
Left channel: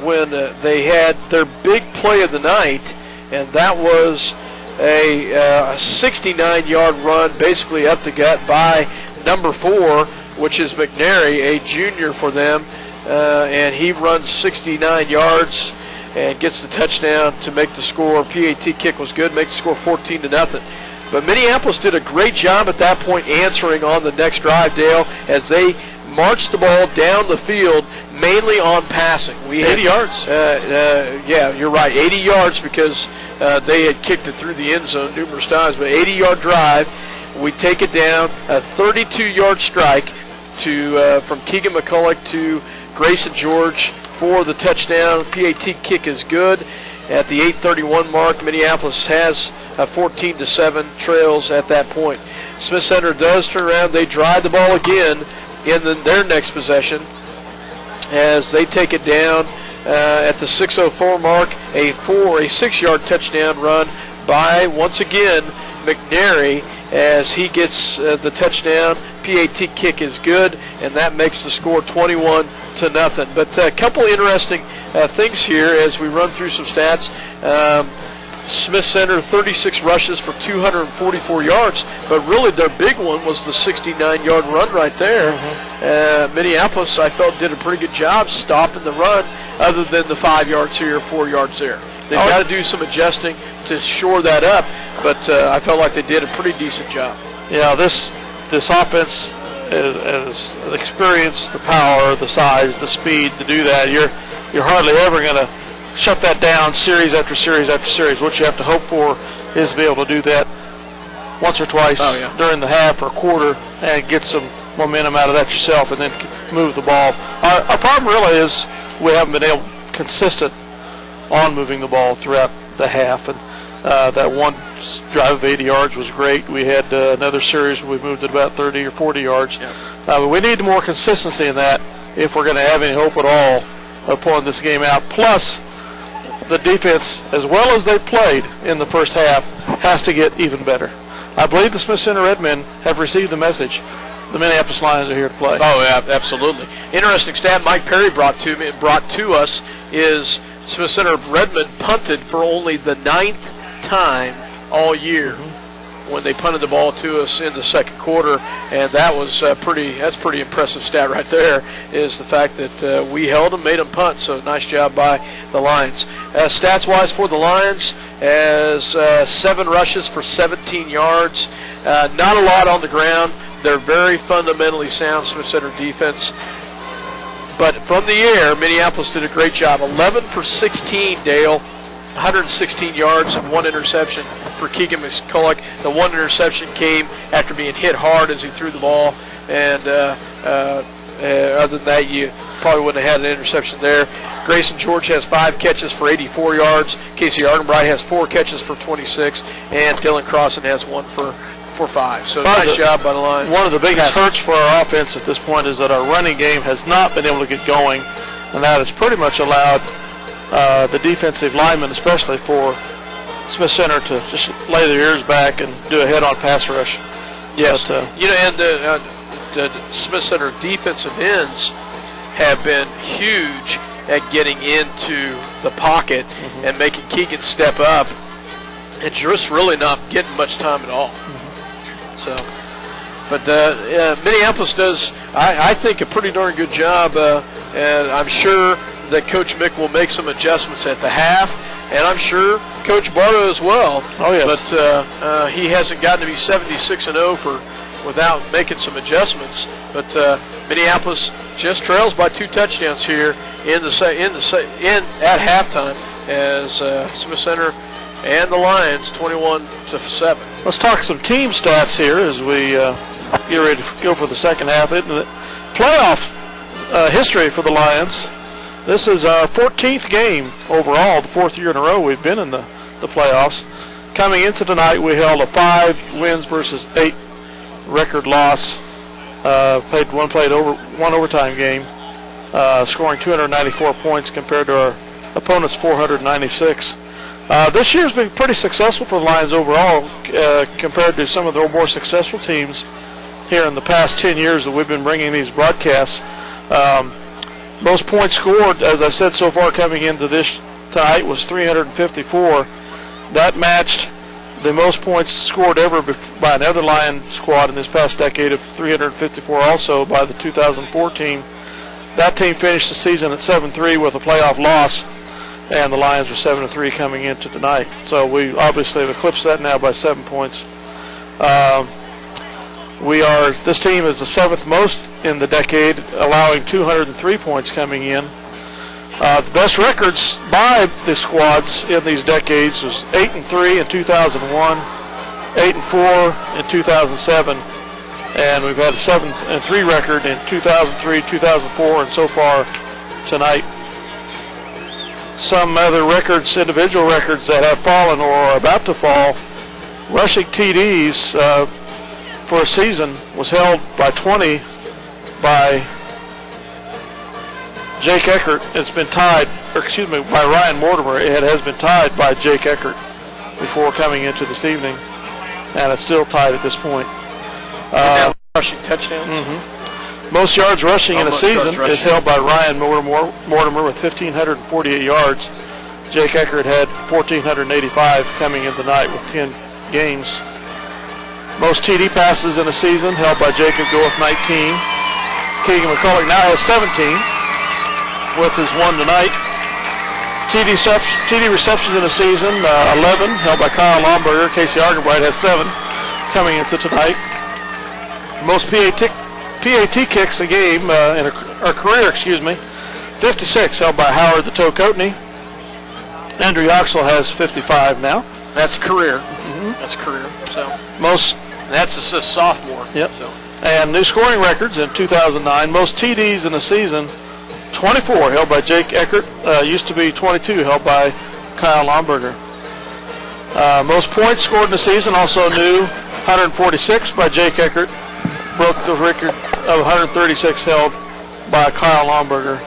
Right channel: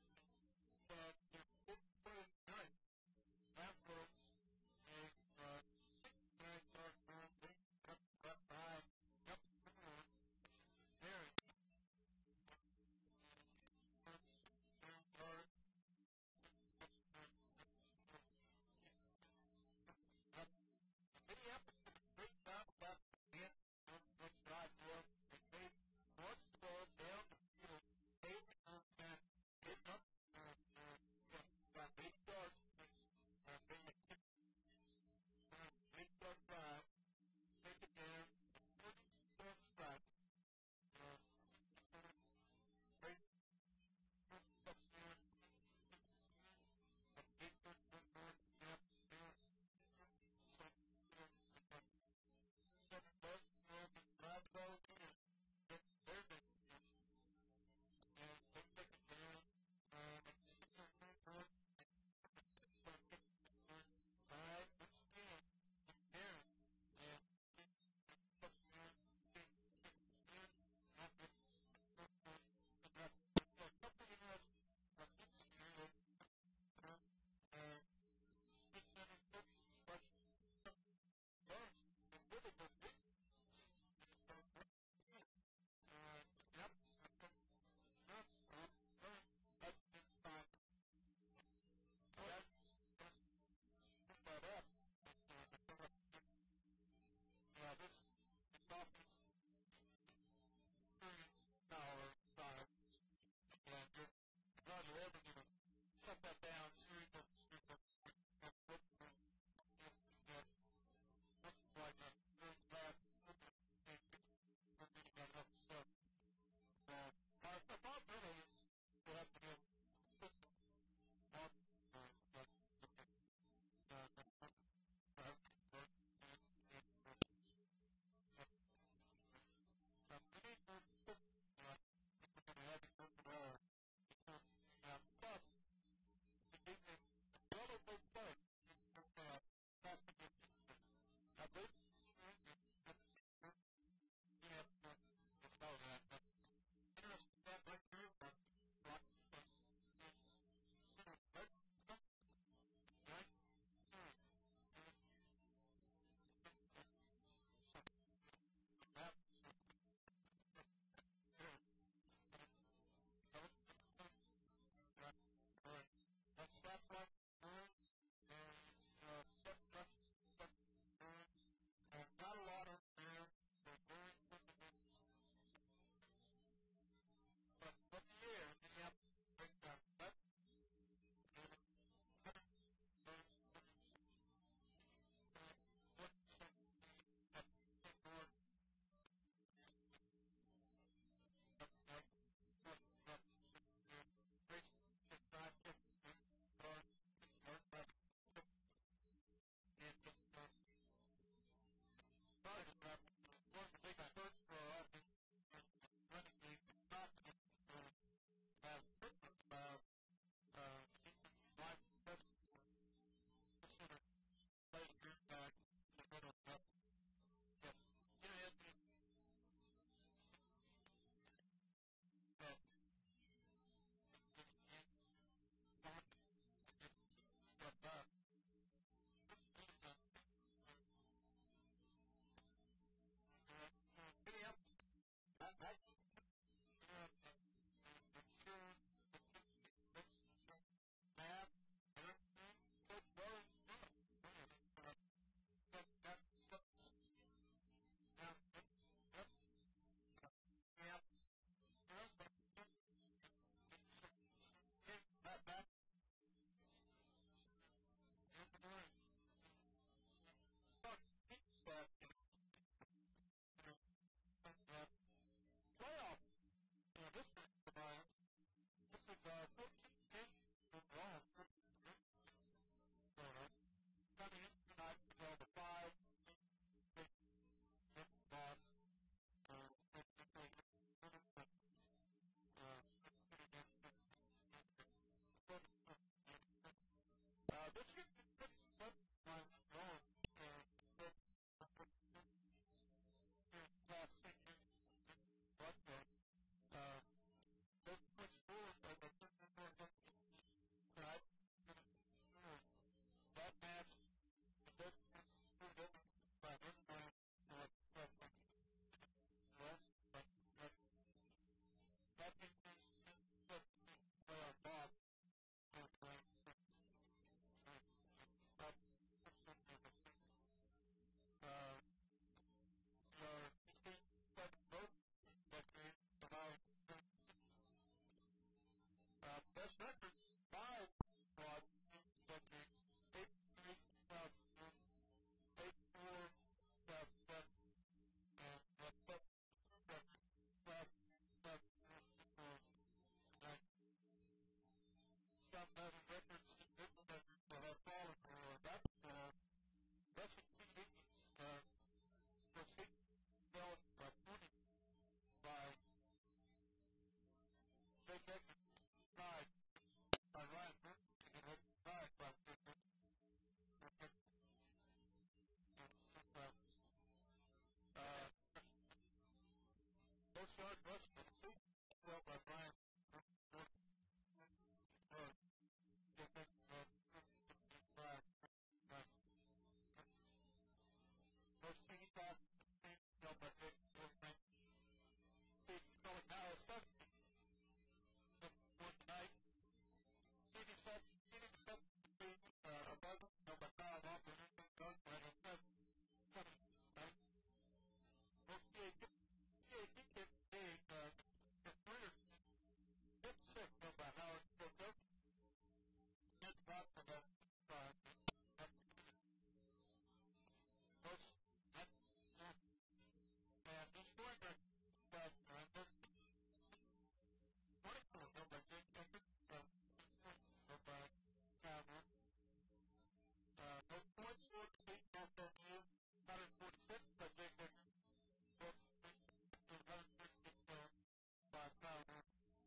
when they had their big play of the night, and that was a 69-yard run basically up the gut by number 4, which is McNary, a junior for them, and he runs 69 yards and gets the touchdown to make the score. PAT kick was good, makes the score 14-0. But Minneapolis did a great job at that point answering on the next drive, Dale, as they marched the ball down the field mainly on passing. 80 yards. Yeah, you're right, 80 yards because they had kicked it through the end zone numerous times, but 80-yard drive. We take it down, a 32-yard strike to from Keegan McCulloch to Grayson George for the touchdown. PAT kick is good. At the 8:31 mark, Minneapolis has a 14-7 trails at that point. Smith Center does turn around. They drive the ball again in their next possession as they take it down at the 6:04 mark. A 6-yard touchdown run by, once again, McNary as he gets the touchdown. PAT kick is good, and that makes the score 21-0. But a couple interesting things here as we run through some stats. Smith Center, 36 rushes for 244 yards, but really their big one was the 69-yard run right there. Minneapolis, I felt, did a pretty good job stopping the run other than the 5 yards here, 4 yards there. They've got to do some adjusting to shore that up, but I felt like they did a pretty decent job. Yeah, this offense is the experience, the power, the size, the speed to do that. You're hardly ever going to shut that down series after series after series. What you have to hope for is to be able to do that once or twice during the half or quarter and get some momentum out of that yourself and then move the ball. Our problem really is we haven't been able consistent on moving the ball throughout the half, and that one drive of 80 yards was great. We had another series where we moved it about 30 or 40 yards. But we need more consistency in that if we're going to have any hope at all of pulling this game out. Plus, the defense, as well as they've played in the first half, has to get even better. I believe the Smith Center Redmen have received the message. The Minneapolis Lions are here to play. Oh, yeah, absolutely. Interesting stat Mike Perry brought to us is Smith Center Redmen punted for only the 9th time all year when they punted the ball to us in the second quarter, and that was pretty impressive stat right there, is the fact that we held them, made them punt, so nice job by the Lions. Stats-wise for the Lions, as 7 rushes for 17 yards, not a lot on the ground. They're very fundamentally sound Smith Center defense. But from the air, Minneapolis did a great job. 11 for 16, Dale, 116 yards and 1 interception for Keegan McCulloch. The 1 interception came after being hit hard as he threw the ball, and other than that, you probably wouldn't have had an interception there. Grayson George has 5 catches for 84 yards. Casey Ardenbright has 4 catches for 26, and Dylan Crossan has 1 for 5. So nice job by the Lions. One of the biggest hurts for our offense at this point is that our running game has not been able to get going, and that has pretty much allowed the defensive linemen, especially for Smith Center, to just lay their ears back and do a head-on pass rush. Yes, but, and the Smith Center defensive ends have been huge at getting into the pocket and making Keegan step up, and just really not getting much time at all. So, but Minneapolis does, I think, a pretty darn good job, and I'm sure that Coach Mick will make some adjustments at the half, and I'm sure Coach Bartow as well. Oh, yes. But he hasn't gotten to be 76-0 without making some adjustments. But Minneapolis just trails by 2 touchdowns here at halftime, as Smith Center and the Lions 21-7. Let's talk some team stats here as we get ready to go for the second half. In the playoff history for the Lions, this is our 14th game overall, the 4th year in a row we've been in the playoffs. Coming into tonight, we held a 5 wins versus 8 record loss. Played one overtime game, scoring 294 points compared to our opponent's 496. This year's been pretty successful for the Lions overall compared to some of the more successful teams here in the past 10 years that we've been bringing these broadcasts. Most points scored, as I said so far coming into this tonight, was 354. That matched the most points scored ever by another Lion squad in this past decade of 354, also by the 2014. That team finished the season at 7-3 with a playoff loss, and the Lions are 7-3 coming into tonight. So we obviously have eclipsed that now by 7 points. This team is the 7th most in the decade, allowing 203 points coming in. The best records by the squads in these decades was 8-3 in 2001, 8-4 in 2007, and we've had a 7-3 record in 2003, 2004, and so far tonight. Some other records, individual records that have fallen or are about to fall. Rushing TDs for a season was held by 20 by Jake Eckert. It's been tied, by Ryan Mortimer. It has been tied by Jake Eckert before coming into this evening, and it's still tied at this point. Rushing touchdowns. Most yards rushing in a season is held by Ryan Mortimer with 1,548 yards. Jake Eckert had 1,485 coming in tonight with 10 games. Most TD passes in a season held by Jacob Gore with 19. Keegan McCulloch now has 17 with his one tonight. TD receptions in a season, 11 held by Kyle Lomberger. Casey Argenbright has 7 coming into tonight. Most PAT kicks a game, or career, 56 held by Howard the Toe Coatney. Andrew Yoxel has 55 now. That's career. That's career. So that's a sophomore. Yep. So. And new scoring records in 2009. Most TDs in a season, 24 held by Jake Eckert. Used to be 22 held by Kyle Lomberger. Most points scored in a season, also new, 146 by Jake Eckert. Broke the record of 136 held by Kyle Lomberger.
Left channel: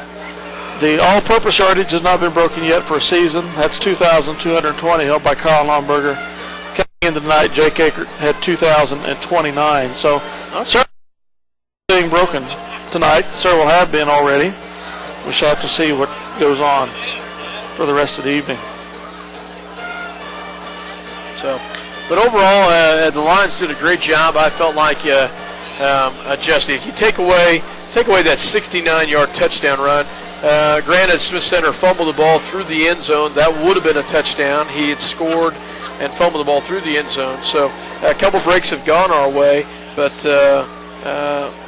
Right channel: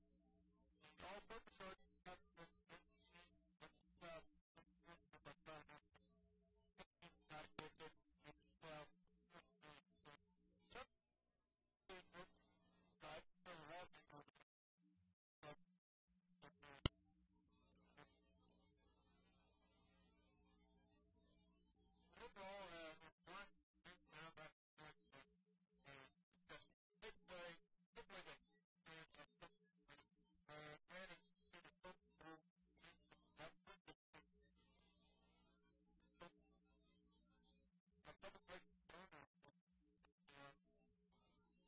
The all-purpose yardage has not been broken yet for a season. That's 2,220 held by Kyle Lomberger. Coming into tonight, Jake Eckert had 2,029. So several being broken tonight. Several have been already. We shall have to see what goes on for the rest of the evening. So, but overall, the Lions did a great job. I felt like adjusting. If you take away that 69-yard touchdown run, granted Smith Center fumbled the ball through the end zone. That would have been a touchdown. He had scored and fumbled the ball through the end zone. So a couple breaks have gone our way, but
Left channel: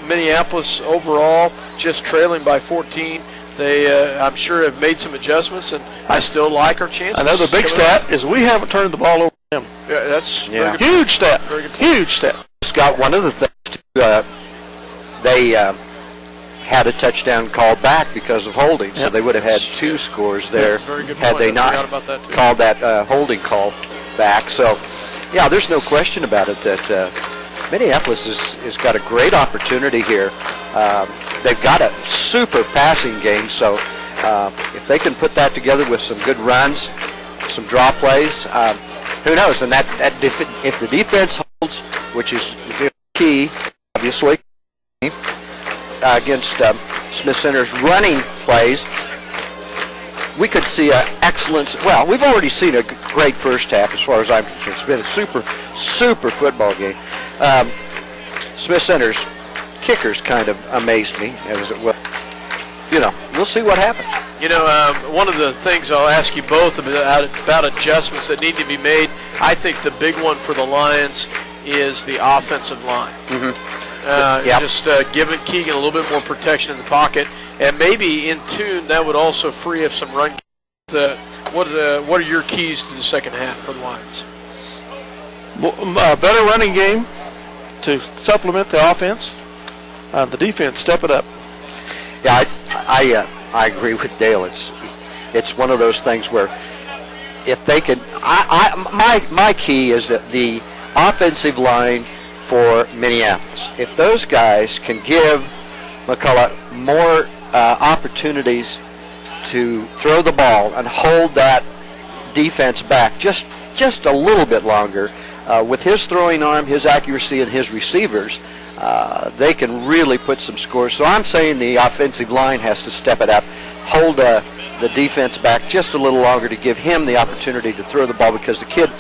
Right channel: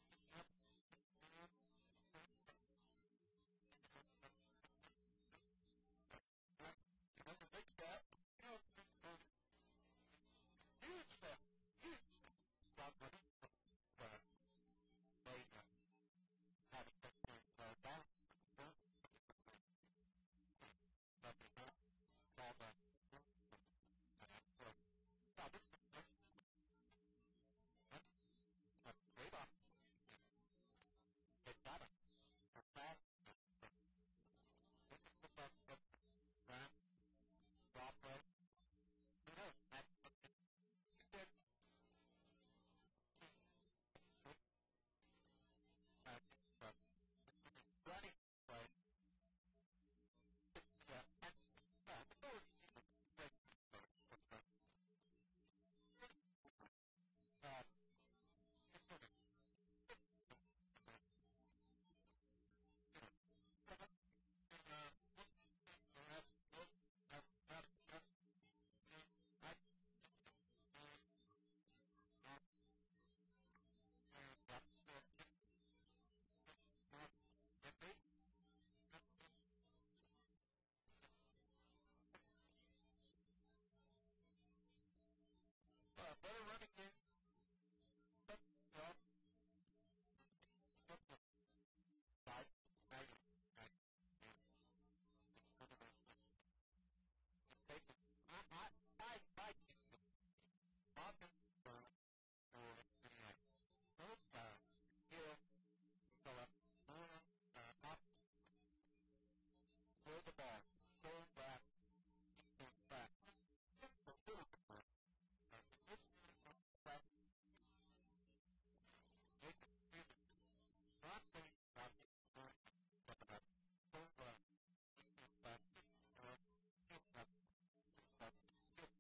Minneapolis overall just trailing by 14. They, I'm sure, have made some adjustments, and I still like our chances. Another big stat is we haven't turned the ball over to him. Yeah, that's very good. Huge stat. Very good. Huge stat. Scott, one of the things they had a touchdown called back because of holding, so they would have had 2 scores there had they not called that holding call back. So, yeah, there's no question about it that Minneapolis has got a great opportunity here. They've got a super passing game, so if they can put that together with some good runs, some draw plays, who knows? And if the defense holds, which is key, obviously, against Smith Center's running plays, we could see an excellent. Well, we've already seen a great first half as far as I'm concerned. It's been a super football game. Smith Center's kickers kind of amazed me as it was. We'll see what happens. One of the things I'll ask you both about adjustments that need to be made, I think the big one for the Lions is the offensive line. Just giving Keegan a little bit more protection in the pocket, and maybe in tune that would also free up some run. What are your keys to the second half for the Lions? Better running game to supplement the offense. The defense, step it up. Yeah, I agree with Dale. It's one of those things where if they can, my key is that the offensive line for Minneapolis, if those guys can give McCulloch more opportunities to throw the ball and hold that defense back just a little bit longer, with his throwing arm, his accuracy, and his receivers, they can really put some scores. So I'm saying the offensive line has to step it up, hold the defense back just a little longer to give him the opportunity to throw the ball, because the kid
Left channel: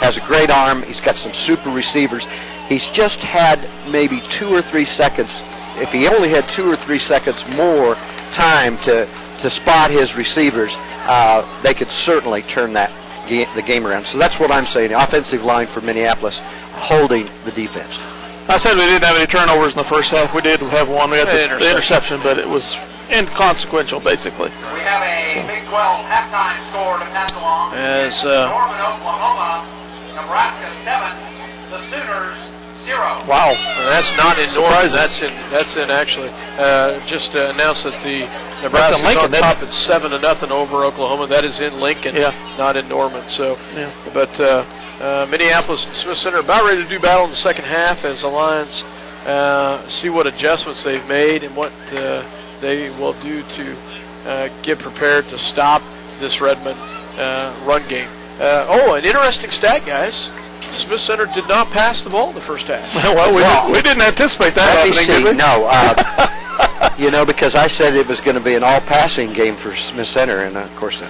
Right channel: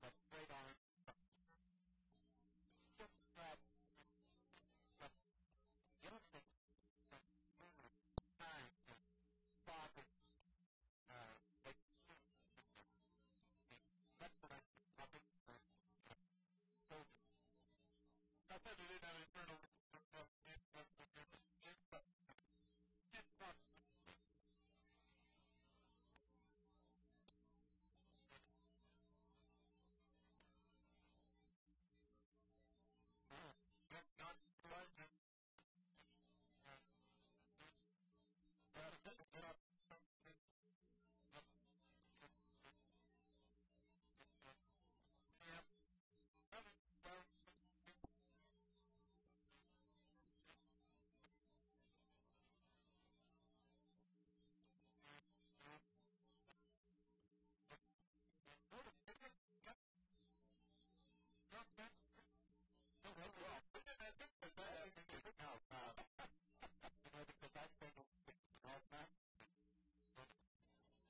has a great arm. He's got some super receivers. He's just had maybe 2 or 3 seconds. If he only had 2 or 3 seconds more time to spot his receivers, they could certainly turn the game around. So that's what I'm saying. The offensive line for Minneapolis holding the defense. I said we didn't have any turnovers in the first half. We did have one. We had the interception, but it was inconsequential, basically. We have a Big 12 halftime score to pass along. As Norman, Oklahoma, Nebraska 7, the Sooners 0. Wow. that's not in Norman. That's in actually. Just announced that the Nebraska's Lincoln, on top at 7-0 over Oklahoma. That is in Lincoln, not in Norman. So, but Minneapolis and Smith Center about ready to do battle in the second half as the Lions see what adjustments they've made and what they will do to get prepared to stop this Redmond run game. An interesting stat, guys. Smith Center did not pass the ball in the first half. We didn't anticipate that happening, did we? No, because I said it was going to be an all-passing game for Smith Center, and of course.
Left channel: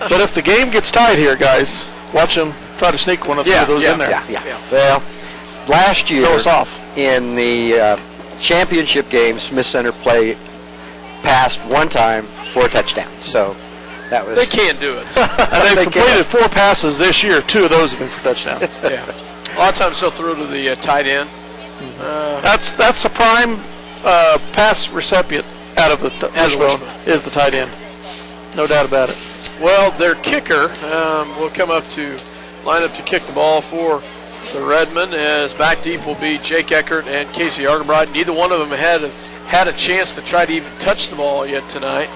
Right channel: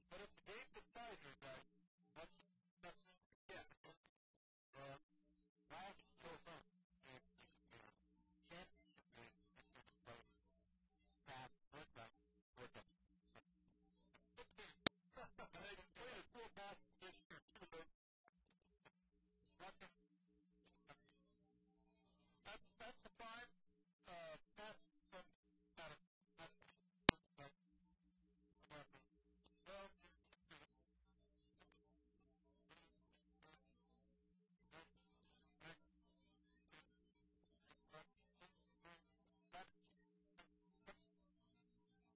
But if the game gets tied here, guys, watch them try to sneak one of those in there. Yeah. Well, last year in the championship game, Smith Center passed one time for a touchdown. So that was. They can't do it. And they've completed 4 passes this year. 2 of those have been for touchdowns. A lot of times they'll throw to the tight end. That's a prime pass recipient out of the wishbone is the tight end. No doubt about it. Well, their kicker will come up to line up to kick the ball for the Redmond, as back deep will be Jake Eckert and Casey Argenbright. Neither one of them had a chance to try to even touch the ball yet tonight,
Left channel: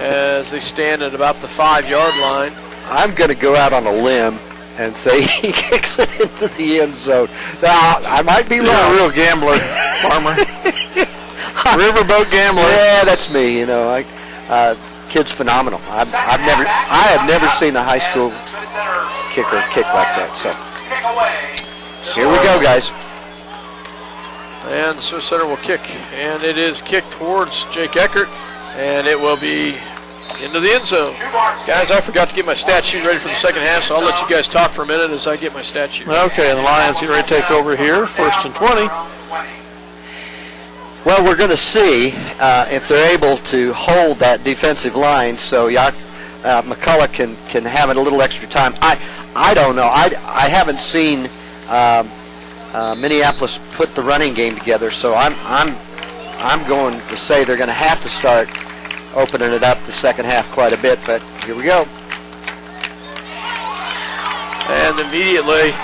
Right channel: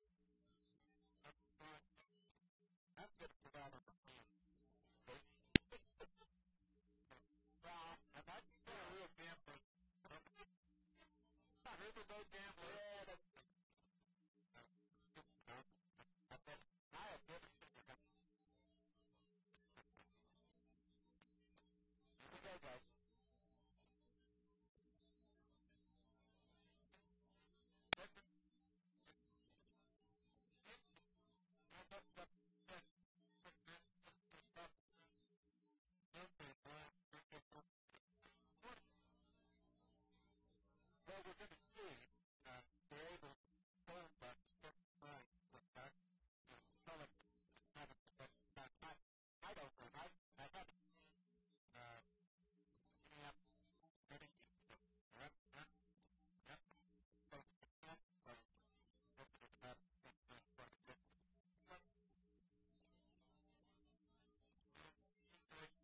as they stand at about the 5-yard line. I'm going to go out on a limb and say he kicks it into the end zone. Now, I might be wrong. You're a real gambler, Farmer. Riverboat gambler. Yeah, that's me. You know, kid's phenomenal. I have never seen a high school kicker kick like that. So here we go, guys. And the Smith Center will kick, and it is kicked towards Jake Eckert, and it will be into the end zone. Guys, I forgot to get my stat sheet ready for the second half, so I'll let you guys talk for a minute as I get my stat sheet ready. Okay, and the Lions get ready to take over here, 1st and 20. Well, we're going to see if they're able to hold that defensive line so McCullough can have it a little extra time. I don't know. I haven't seen Minneapolis put the running game together, so I'm going to say they're going to have to start opening it up the second half quite a bit, but here we go. And immediately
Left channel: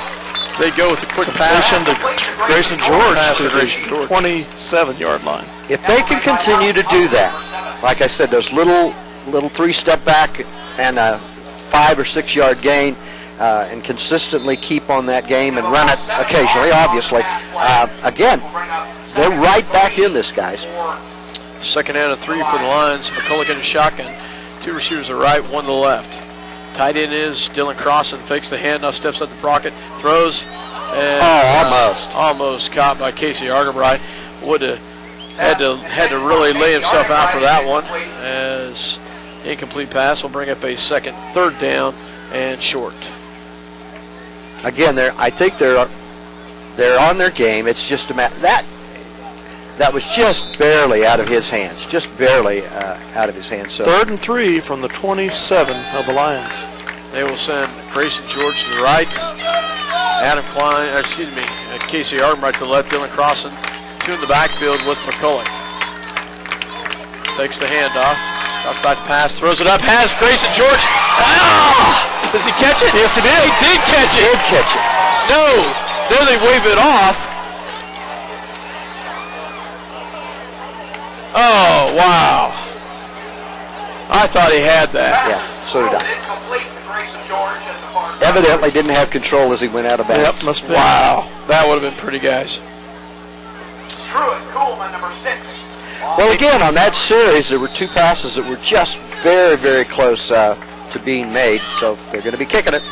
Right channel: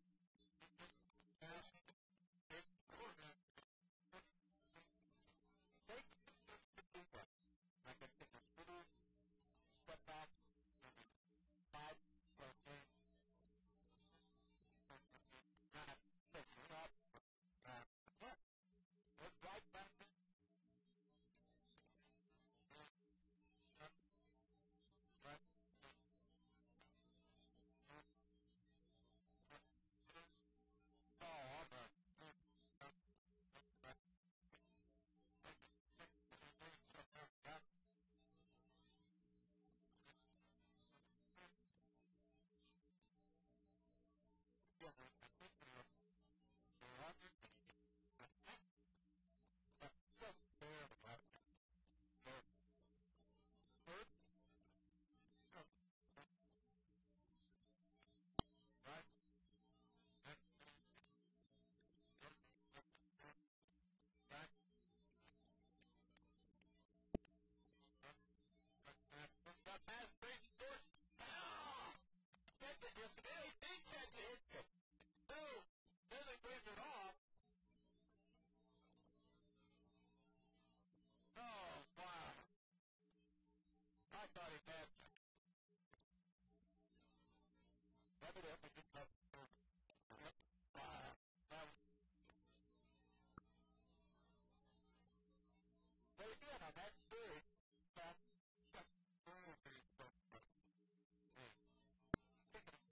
they go with a quick pass to Grayson George to the 27-yard line. If they can continue to do that, like I said, those little 3-step back and a 5 or 6 yard gain, and consistently keep on that game and run it occasionally, obviously, again, they're right back in this, guys. Second and 3 for the Lions. McCullough in a shotgun. 2 receivers to the right, 1 to the left. Tight end is Dylan Crossan. Fakes the hand, now steps up the pocket, throws. And, almost caught by Casey Argenbright. Would have had to really lay himself out for that one, as incomplete pass will bring up a third down and short. Again, I think they're on their game. It's just a matter that was just barely out of his hands, just barely out of his hands. So 3rd and 3 from the 27 of the Lions. They will send Grayson George to the right, Casey Argenbright to the left, Dylan Crossan 2 in the backfield with McCullough. Takes the handoff, drops back to pass, throws it up, has Grayson George. Ah! Does he catch it? Yes, he did. He did catch it. He did catch it. No, there they wave it off. Oh, wow. I thought he had that. Yeah, so did I. Evidently didn't have control as he went out of bounds. Yep, must be. Wow, that would have been pretty, guys. Coolman, number 6. Well, again, on that series, there were 2 passes that were just very, very close to being made, so they're going to be kicking it.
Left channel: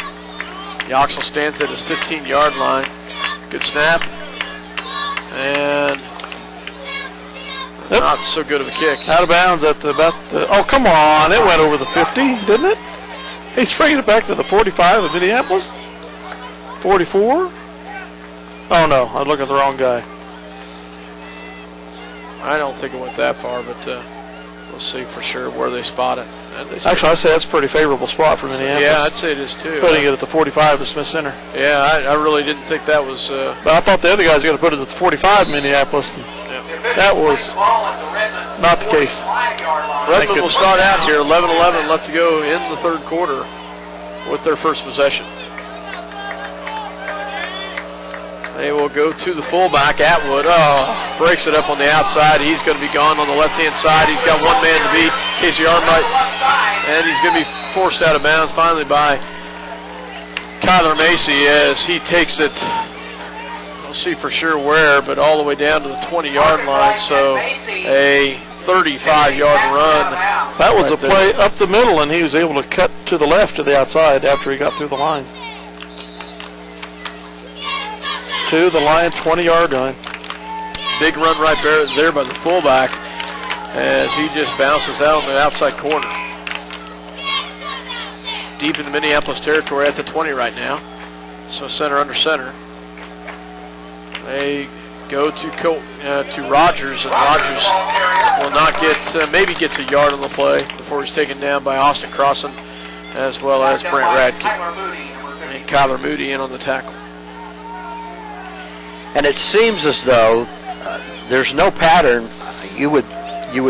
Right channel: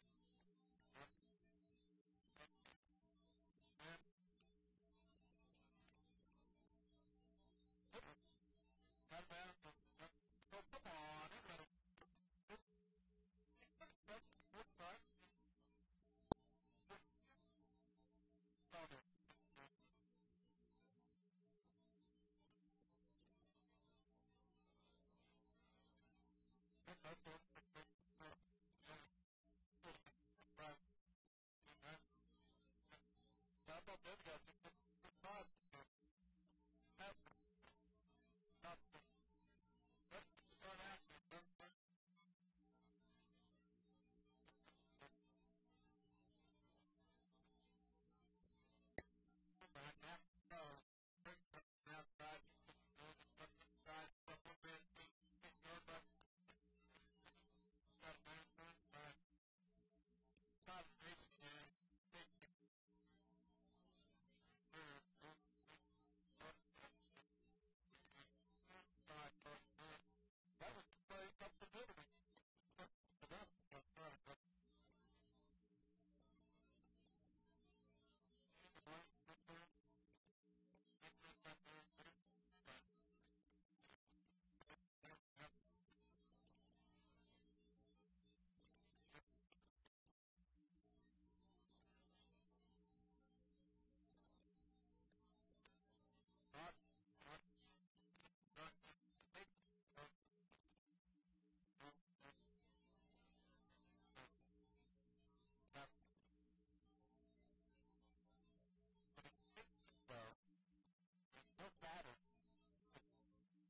Yoxel stands at his 15-yard line. Good snap. And not so good of a kick. Out of bounds at oh, come on. It went over the 50, didn't it? He's bringing it back to the 45 of Minneapolis. 44. Oh, no. I look at the wrong guy. I don't think it went that far, but we'll see for sure where they spot it. Actually, I'd say that's a pretty favorable spot for Minneapolis. Yeah, I'd say it is too. Putting it at the 45 of Smith Center. Yeah, I really didn't think that was... but I thought the other guys were going to put it at the 45 Minneapolis. Yeah. That was not the case. Redmond will start out here, 11-11 left to go in the third quarter with their first possession. They will go to the fullback, Atwood. Oh, breaks it up on the outside. He's going to be gone on the left-hand side. He's got one man to beat, Casey Arnwright, and he's going to be forced out of bounds finally by Kyler Macy as he takes it, we'll see for sure where, but all the way down to the 20-yard line, so a 35-yard run. That was a play up the middle, and he was able to cut to the left to the outside after he got through the line. To the line, 20-yard line. Big run right there by the fullback as he just bounces out on the outside corner. Deep in the Minneapolis territory at the 20 right now. So center under center. They go to Rogers, and Rogers will not get, maybe gets a yard on the play before he's taken down by Austin Crossan as well as Brent Radke. And Kyler Moody in on the tackle. And it seems as though there's no pattern. You would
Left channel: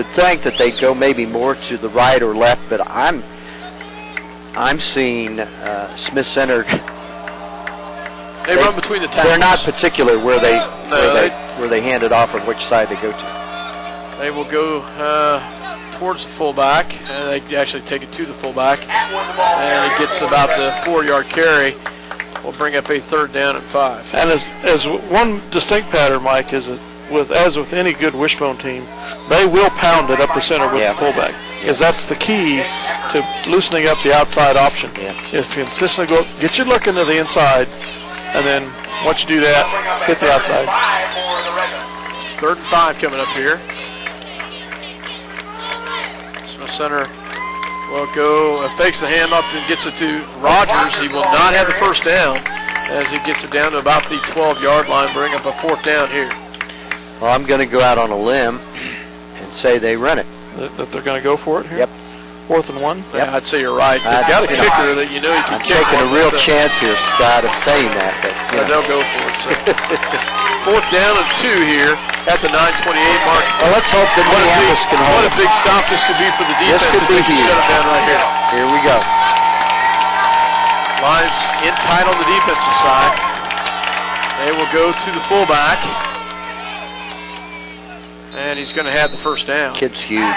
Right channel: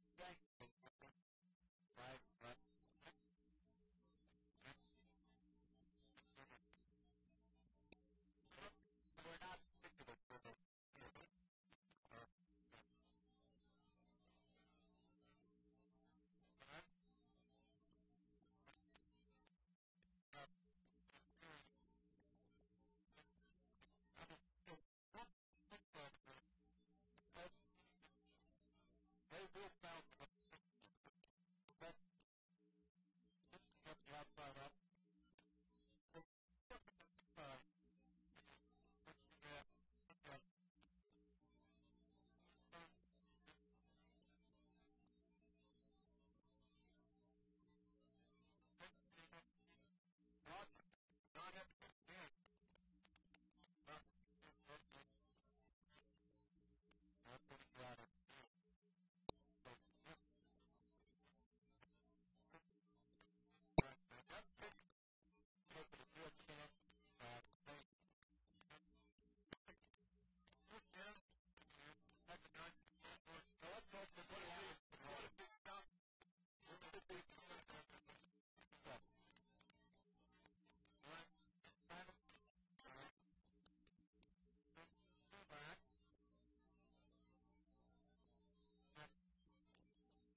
think that they'd go maybe more to the right or left, but I'm seeing Smith Center. They run between the tackles. They're not particular where they hand it off or which side they go to. They will go towards the fullback, and they actually take it to the fullback, and it gets about the 4-yard carry. Will bring up a 3rd down and 5. And as one distinct pattern, Mike, is that as with any good wishbone team, they will pound it up the center with the fullback, because that's the key to loosening up the outside option. Is to consistently get your look into the inside, and then once you do that, hit the outside. 3rd and 5 coming up here. Smith Center will go, fakes the handoff and gets it to Rogers. He will not have the first down as he gets it down to about the 12-yard line, bring up a 4th down here. Well, I'm going to go out on a limb and say they run it. That they're going to go for it here? Yep. 4th and 1? Yeah, I'd say you're right. They've got a kicker that you know you can kick. I'm taking a real chance here, Scott, of saying that. But they'll go for it. So. 4th down and 2 here at the 9:28 mark. Well, let's hope that Minneapolis can hold. What a big stop this could be for the defense. This could be huge. Shut it down right here. Here we go. Lions in tight on the defensive side. They will go to the fullback. And he's going to have the first down. Kid's huge.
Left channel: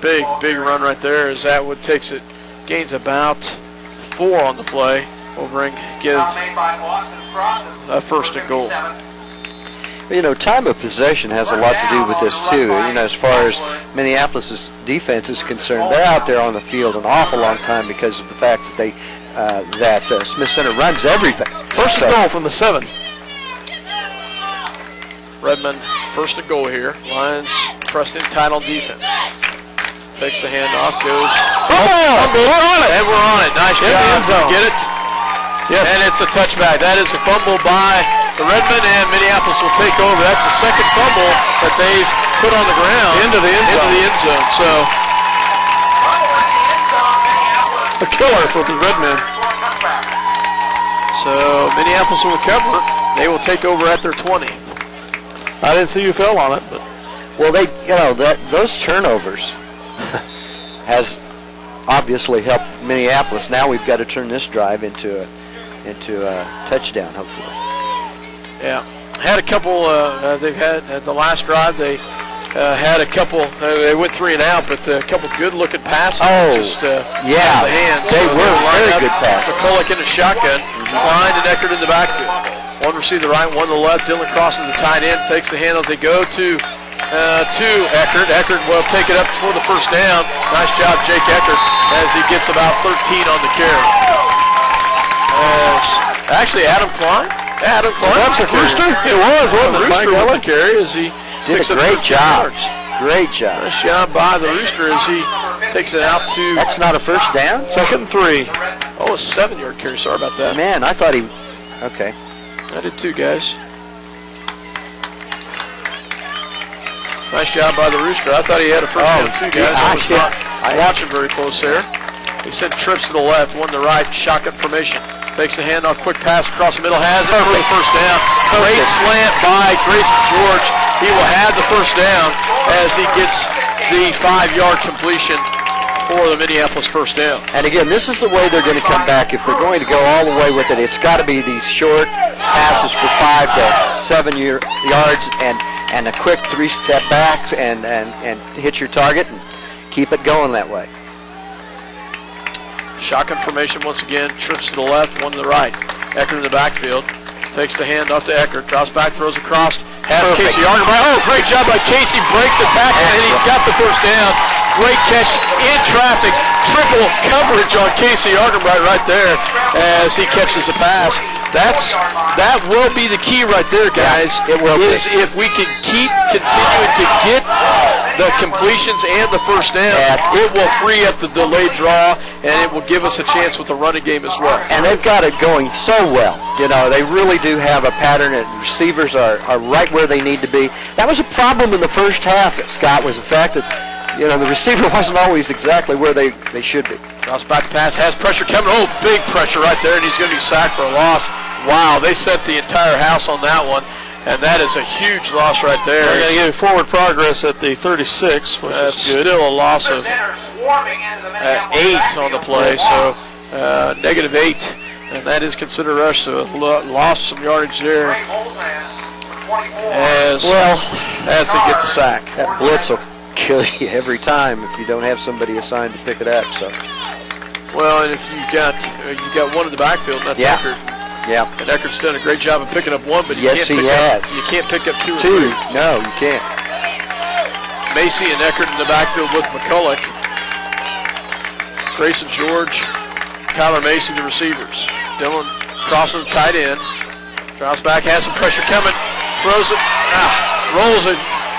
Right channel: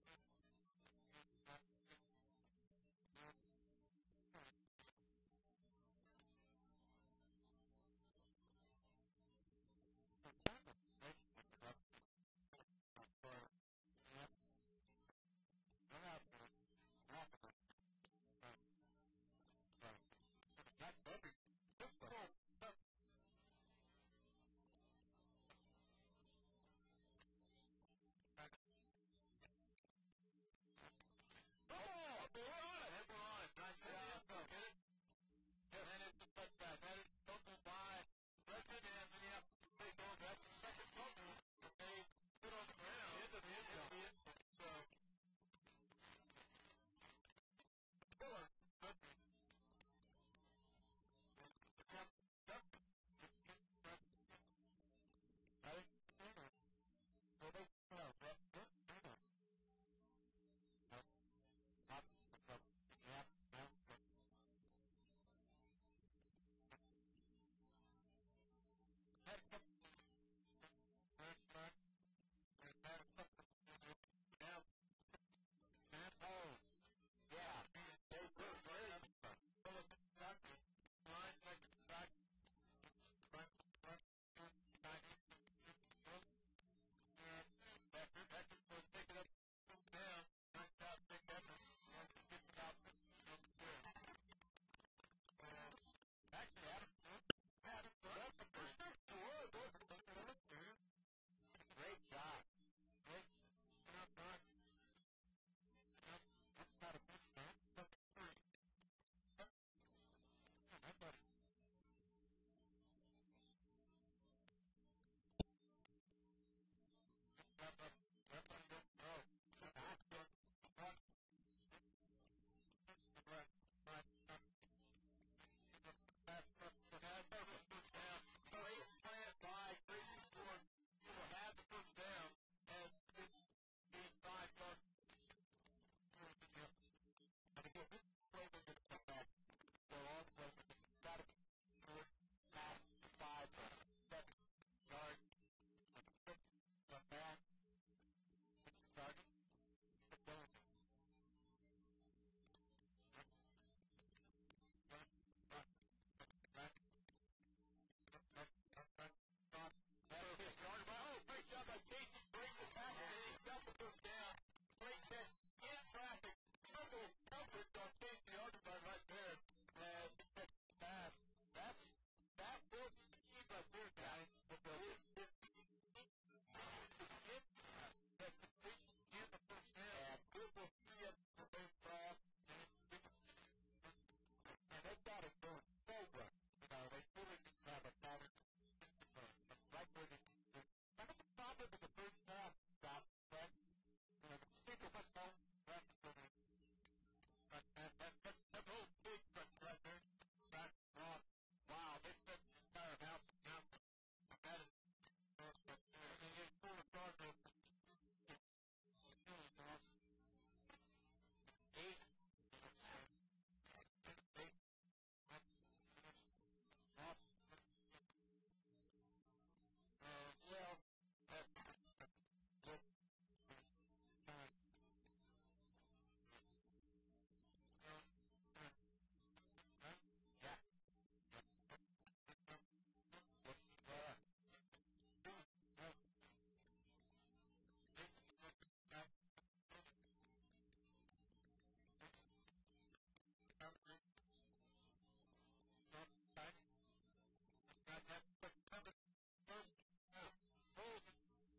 Big run right there as Atwood takes it, gains about 4 on the play. Will give a 1st and goal. You know, time of possession has a lot to do with this too. You know, as far as Minneapolis' defense is concerned, they're out there on the field an awful long time because of the fact that Smith Center runs everything. 1st and goal from the 7. Redmond, 1st and goal here. Lions pressed in tight on defense. Takes the handoff, goes. Oh, we're on it. And we're on it. Nice job. Get it? Yes. And it's a touchback. That is a fumble by the Redmond, and Minneapolis will take over. That's the 2nd fumble that they've put on the ground. Into the end zone. So a killer for the Redmen. So Minneapolis will recover. They will take over at their 20. I didn't see you fell on it, but well, those turnovers has obviously helped Minneapolis. Now we've got to turn this drive into a touchdown, hopefully. Yeah, had a couple. They've had at the last drive. They had a couple. They went 3 and out, but a couple good-looking passes. Oh, just, yeah, the hands. they were very good passes. McCulloch in a shotgun, Klein and Eckert in the backfield. One receiver the right, one to the left. Dylan crosses the tight end, fakes the handoff. They go to Eckert. Eckert will take it up for the first down. Nice job, Jake Eckert, as he gets about 13 on the carry. Minneapolis. Actually, Adam Klein. Adam Klein. That's a Rooster? It was, wasn't it? Rooster By with golly. the carry as he Did picks a up great 13 job. yards. Great job. Nice job by the Rooster as he takes it out to That's not a first down? Second and 3. a 7-yard carry. Sorry about that. Man, I thought he... Okay. I did too, guys. Nice job by the Rooster. I thought he had a first down too, guys. I was not watching very close there. He sent trips to the left, one to the right, shotgun formation. Takes the handoff, quick pass across the middle, has it for the first down. Great slant by Grayson George. He will have the first down as he gets the 5-yard completion for the Minneapolis first down. And again, this is the way they're going to come back. If they're going to go all the way with it, it's got to be these short passes for 5 to 7 yards and a quick 3-step back and hit your target and keep it going that way. Shotgun formation once again, trips to the left, one to the right. Eckert in the backfield, takes the handoff to Eckert, drops back, throws across, has Perfect. Casey Argenbright. Oh, great job by Casey, breaks the tackle, and he's got the first down. Great catch in traffic, triple coverage on Casey Argenbright right there as he catches the pass. That will be the key right there, guys. It will is be. If we can keep continuing to get the completions and the first down, it will free up the delayed draw, and it will give us a chance with the running game as well. And they've got it going so well. You know, they really do have a pattern, and receivers are right where they need to be. That was a problem in the first half, Scott, was the fact that, you know, the receiver wasn't always exactly where they should be. Cross back pass, has pressure coming. Oh, big pressure right there, and he's going to be sacked for a loss. Wow, they set the entire house on that one, and that is a huge loss right there. They're going to give forward progress at the 36, which is good. Still a loss of 8 on the play, so -8, and that is considered a rush, so lost some yardage there as they get the sack. That blitz will kill you every time if you don't have somebody assigned to pick it up. So. Well, and if you got one in the backfield, that's Eckert. Yeah. And Eckert's done a great job of picking up one, but you Yes, he has. You can't pick up 2 or 3. No, you can't. Macy and Eckert in the backfield with McCulloch. Grayson George, Kyler Macy, the receivers. Dylan crossing the tight end. Drops back, has some pressure coming. Throws it, rolls it,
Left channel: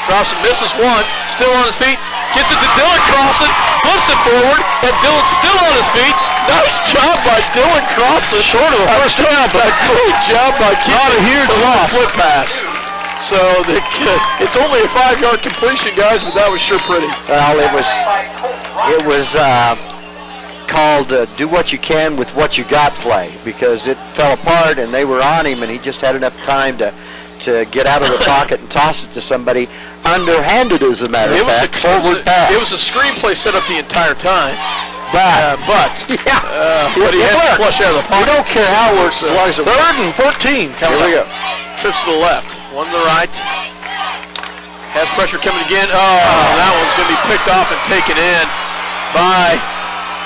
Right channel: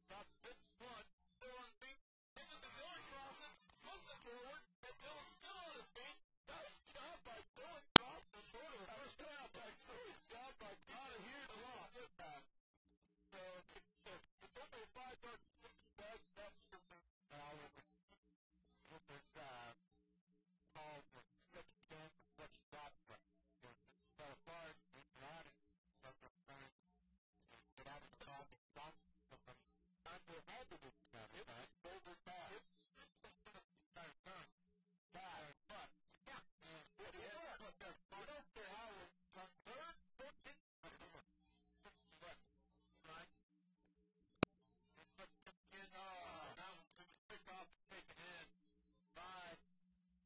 drops it, misses one. Still on his feet. Gets it to Dylan Crossan, flips it forward, and Dylan's still on his feet. Nice job by Dylan Crossan. Short of a first down, but a great job by keeping Not a huge loss. Flip pass. So it's only a 5-yard completion, guys, but that was sure pretty. Well, it was called do what you can with what you got play, because it fell apart and they were on him and he just had enough time to get out of the pocket and toss it to somebody underhanded, as a matter of fact. Forward pass. It was a screenplay set up the entire time. But he had to flush out of the pocket. We don't care how it works as long as it works. 3rd and 14. Here we go. Trips to the left, one to the right. Has pressure coming again. Oh, that one's going to be picked off and taken in by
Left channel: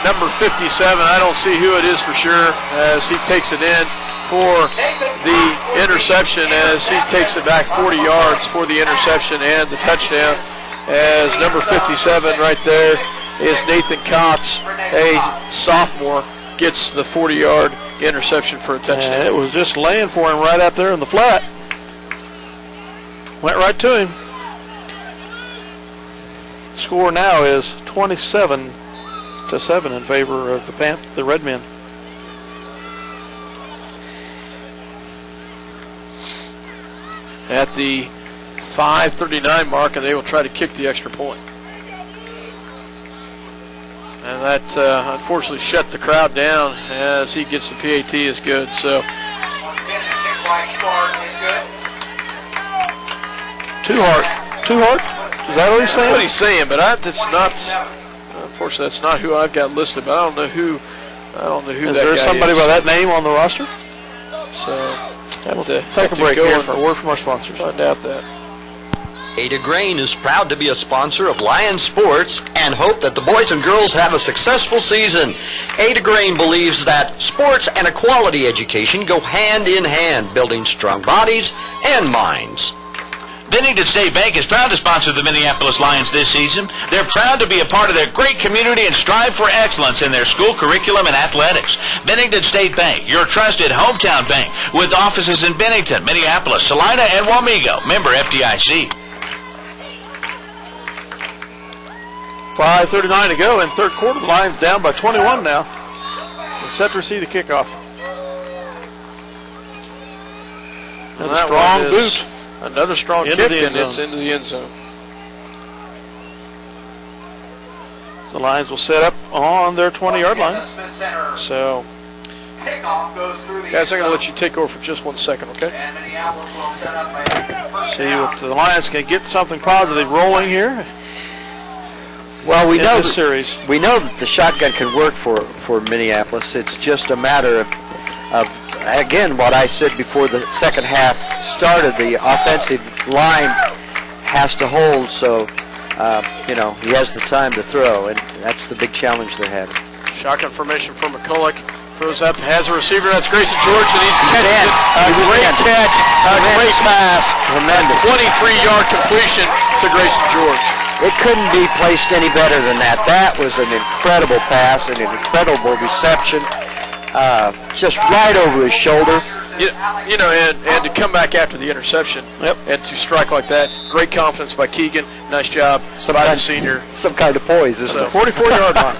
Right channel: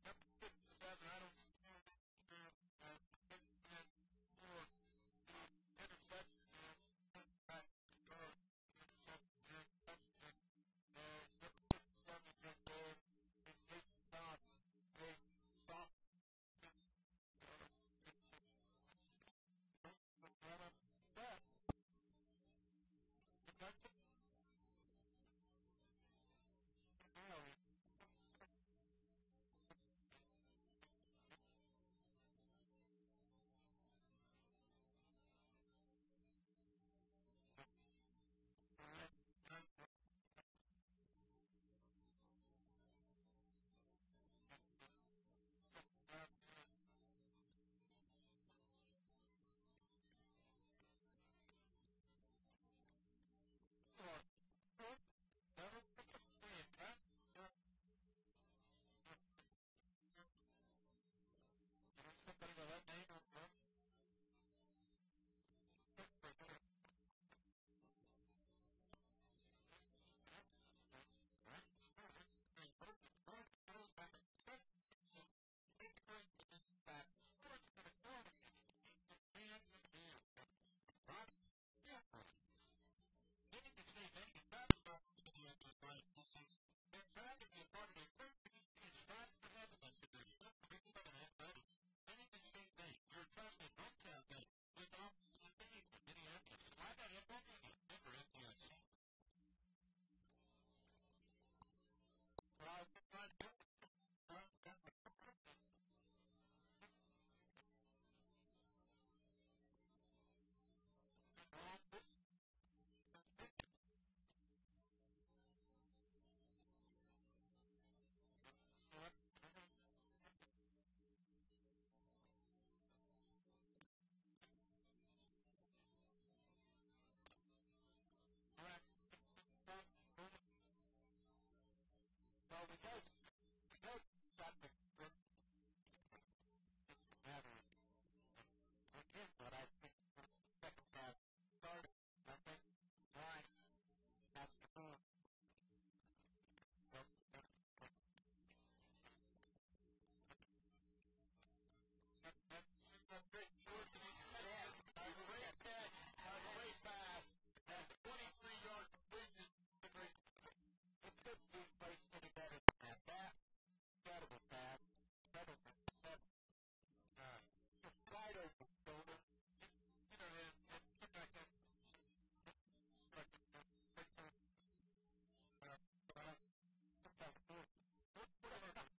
number 57. I don't see who it is for sure as he takes it in for the interception, as he takes it back 40 yards for the interception and the touchdown, as number 57 right there is Nathan Cox, a sophomore, gets the 40-yard interception for a touchdown. And it was just laying for him right out there in the flat. Went right to him. Score now is 27-7 in favor of the Red Men. At the 5:39 mark, and they will try to kick the extra point. And that unfortunately shut the crowd down as he gets the PAT is good. So Too hard. Is that what he's saying? that's what he's saying, but that's not. Unfortunately, that's not who I've got listed. But I don't know who. Is there somebody by that name on the roster? So We'll take a break here for a word from our sponsors. Find out that. Ada Grain is proud to be a sponsor of Lions Sports and hope that the boys and girls have a successful season. Ada Grain believes that sports and a quality education go hand in hand, building strong bodies and minds. Bennington State Bank is proud to sponsor the Minneapolis Lions this season. They're proud to be a part of their great community and strive for excellence in their school curriculum and athletics. Bennington State Bank, your trusted hometown bank, with offices in Bennington, Minneapolis, Salina, and Wamego. Member FDIC. 5:39 to go in third quarter. The Lions down by 21 now. We're set to receive the kickoff. Another strong boot. Another strong kick, and it's into the end zone. So the Lions will set up on their 20-yard line. So, guys, I'm going to let you take over for just 1 second, okay? See if the Lions can get something positive rolling here. Well, we know this series. We know that the shotgun can work for Minneapolis. It's just a matter of again, what I said before the second half started. The offensive line has to hold, so you know, he has the time to throw, and that's the big challenge they're having. Shotgun formation for McCulloch. Throws up, has a receiver. That's Grayson George, and he's catching it. A great catch, a great pass. Tremendous. 23-yard completion to Grayson George. It couldn't be placed any better than that. That was an incredible pass and an incredible reception. Just right over his shoulder. You know, and to come back after the interception and to strike like that, great confidence by Keegan. Nice job by the senior. Some kind of poise, isn't it? 44-yard line.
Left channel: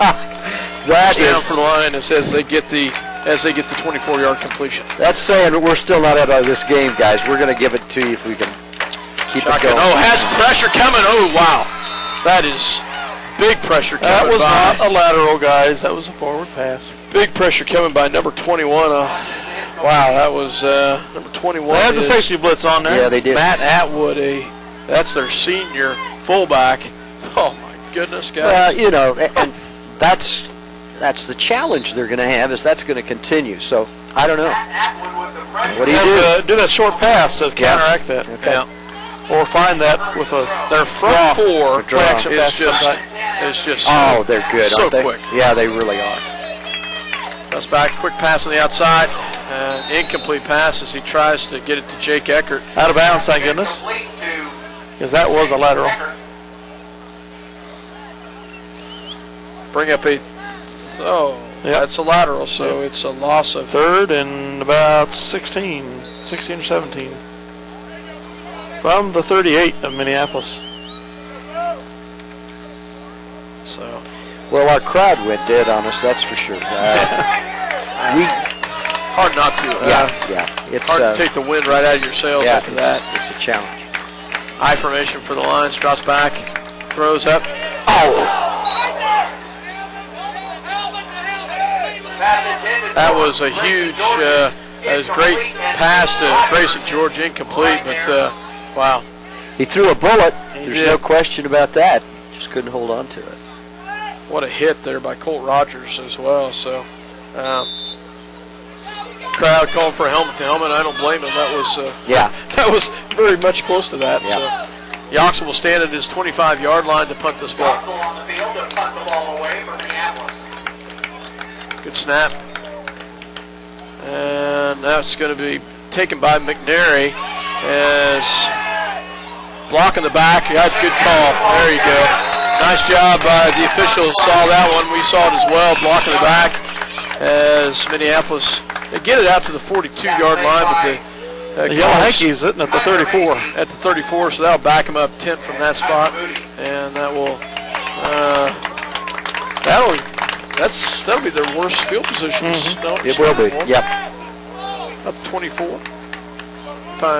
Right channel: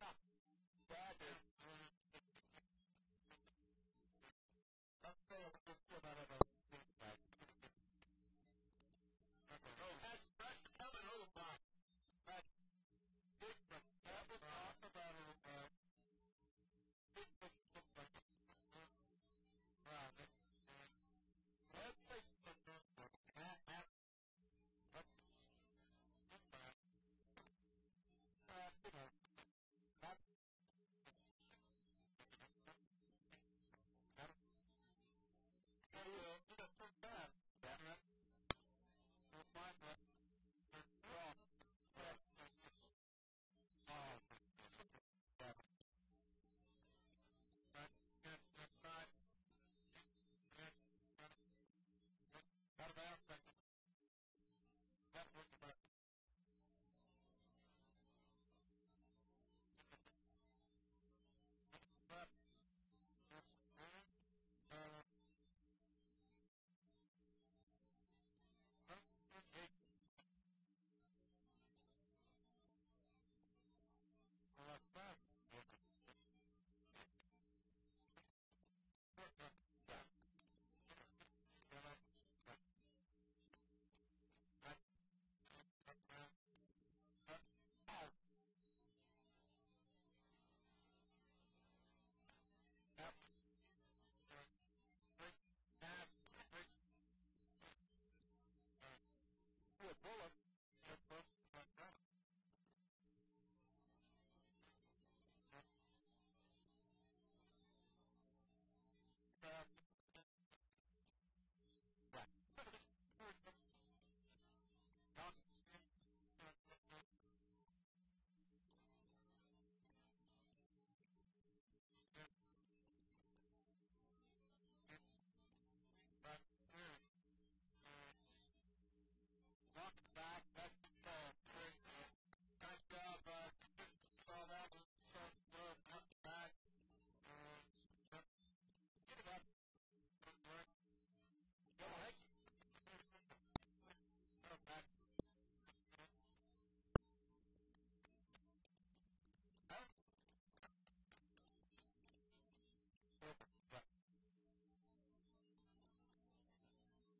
That down is for the line as they get the 24-yard completion. That's saying we're still not out of this game, guys. We're going to give it to you if we can keep it going. Oh, has pressure coming. Oh, wow. That is big pressure coming by. That was by. not a lateral, guys. That was a forward pass. Big pressure coming by number 21. Wow, that was number 21. They had the safety blitz on there. Yeah, they did. Matt Atwood, that's their senior fullback. Oh, my goodness, guys. Well, you know, and that's the challenge they're going to have, is that's going to continue. So, I don't know. What do you do? Do that short pass to counteract that. Okay. Yeah. Or find that with their front four is just oh, they're good, so aren't they? quick. Yeah, they really are. Goes back, quick pass on the outside, incomplete pass as he tries to get it to Jake Eckert. Out of bounds, thank goodness, because that was a lateral. Bring up that's a lateral, so it's a loss of third and about 16 or 17. From the 38 of Minneapolis. So, well, our crowd went dead on us, that's for sure. hard not to. It's hard to take the wind right out of your sails after that. It's a challenge. I formation for the Lions, drops back, throws up. That was a huge, great pass to Grayson George, incomplete, but wow. He threw a bullet. There's no question about that. Just couldn't hold on to it. What a hit there by Colt Rogers as well. So, crowd calling for helmet to helmet. I don't blame him. That was that was very much close to that. Yeah. So, Yoxel will stand at his 25-yard line to punt this ball. Good snap. And that's going to be taken by McNary as blocking the back. You had a good call. There you go. Nice job by the officials. Saw that one. We saw it as well. Blocking the back as Minneapolis. They get it out to the 42-yard line, but the Yellow Hankies sitting at the 34. At the 34, so that'll back them up 10 from that spot, and that will that'll be their worst field positions. No, it will be. Yep. Up 24.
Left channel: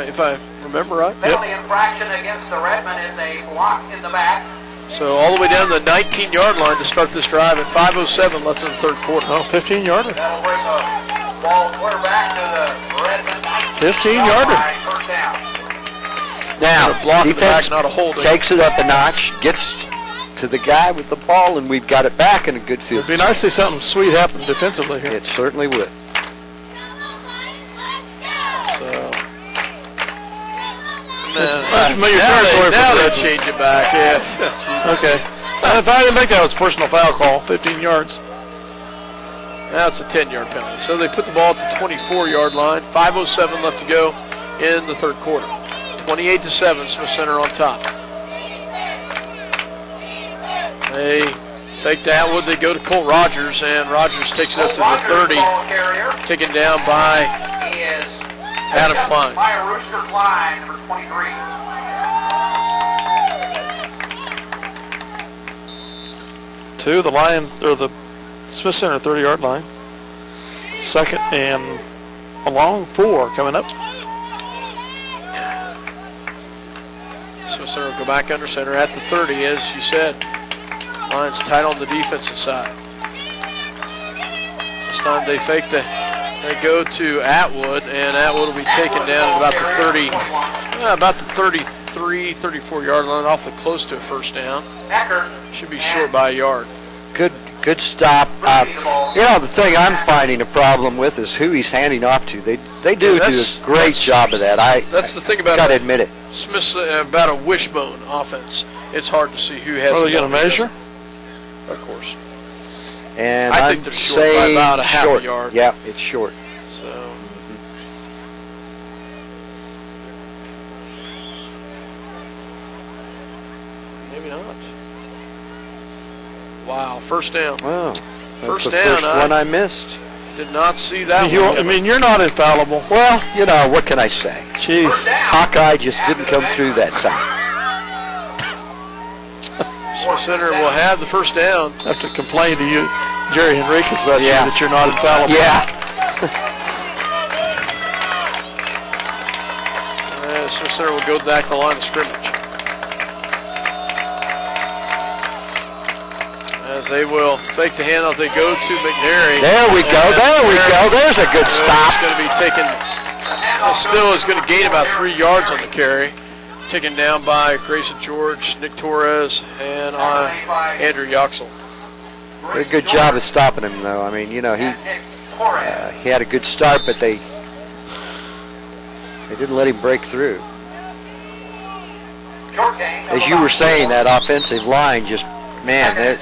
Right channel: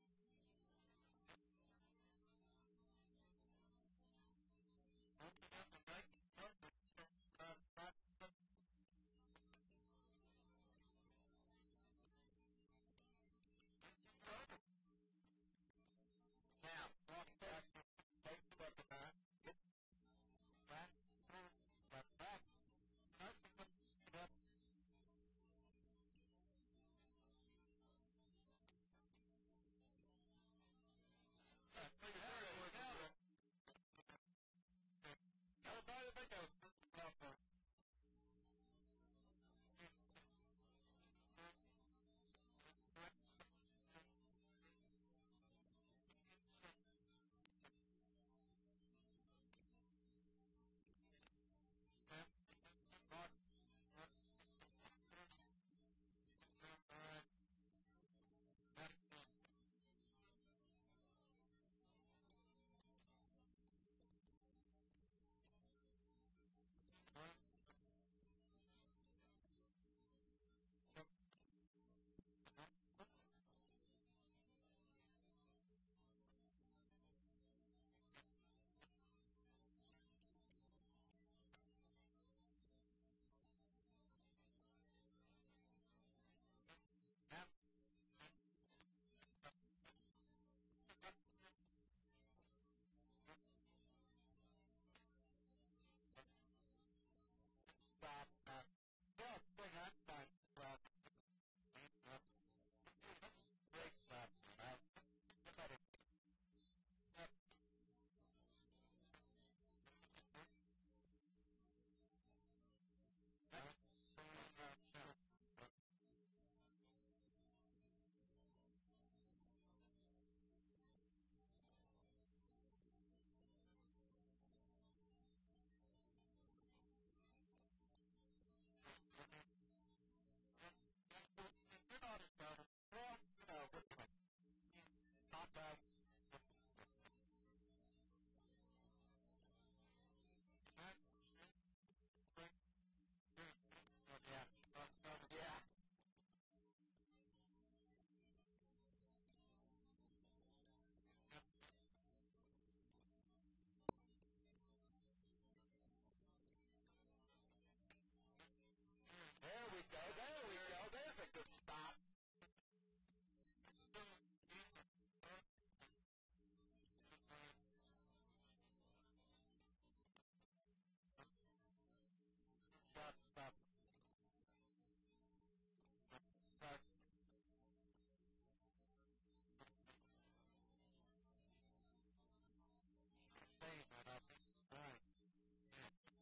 If I remember right. Penalty infraction against the Redmen is a block in the back. So all the way down to the 19-yard line to start this drive at 5:07 left in the third quarter. Oh, 15-yarder. That'll bring the ball clear back to the Redmen. 15-yarder. Now, blocking the defense back, not a holding. Takes it up a notch, gets to the guy with the ball, and we've got it back in a good field. It'd be nice to see something sweet happen defensively here. It certainly would. So now they change it back. Yeah. Okay. If I didn't make that, it was a personal foul call. 15 yards. Now it's a 10-yard penalty. So they put the ball at the 24-yard line. 5:07 left to go in the third quarter. 28-7, Smith Center on top. They fake that Atwood. They go to Cole Rogers, and Rogers takes it up to the 30, taken down by Adam Klein. Rooster Klein, number 23. To the line, or the Smith Center 30-yard line. Second and a long 4 coming up. Smith Center will go back under center at the 30, as you said. Lions tight on the defensive side. This time they fake they go to Atwood, and Atwood will be taken down at about the 30, about the 33, 34-yard line, awfully close to a first down. Should be short by a yard. Good stop. The thing I'm finding a problem with is who he's handing off to. They do a great job of that. That's the thing about got to admit it. Smith's about a wishbone offense. It's hard to see who has. Are they going to measure? Of course. And I think they're short by about a half a yard. Yeah, it's short. So. Maybe not. Wow, first down. Wow. First That's the down. First one I missed. Did not see that one. I mean, you're not infallible. Well, what can I say? Jeez, Hawkeye just didn't come through that time. Smith Center will have the first down. I have to complain to you, Jerry Henriquez, about you that you're not infallible. Yeah. Smith Center will go back to the line of scrimmage. As they will fake the handoff, they go to McNary. There we go. There's a good stop. It's going to be taken. Still is going to gain about 3 yards on the carry. Taken down by Grayson George, Nick Torres, and Andrew Yoxel. Did a good job of stopping him, though. I mean, he had a good start, but they didn't let him break through. As you were saying, that offensive line just, man, they're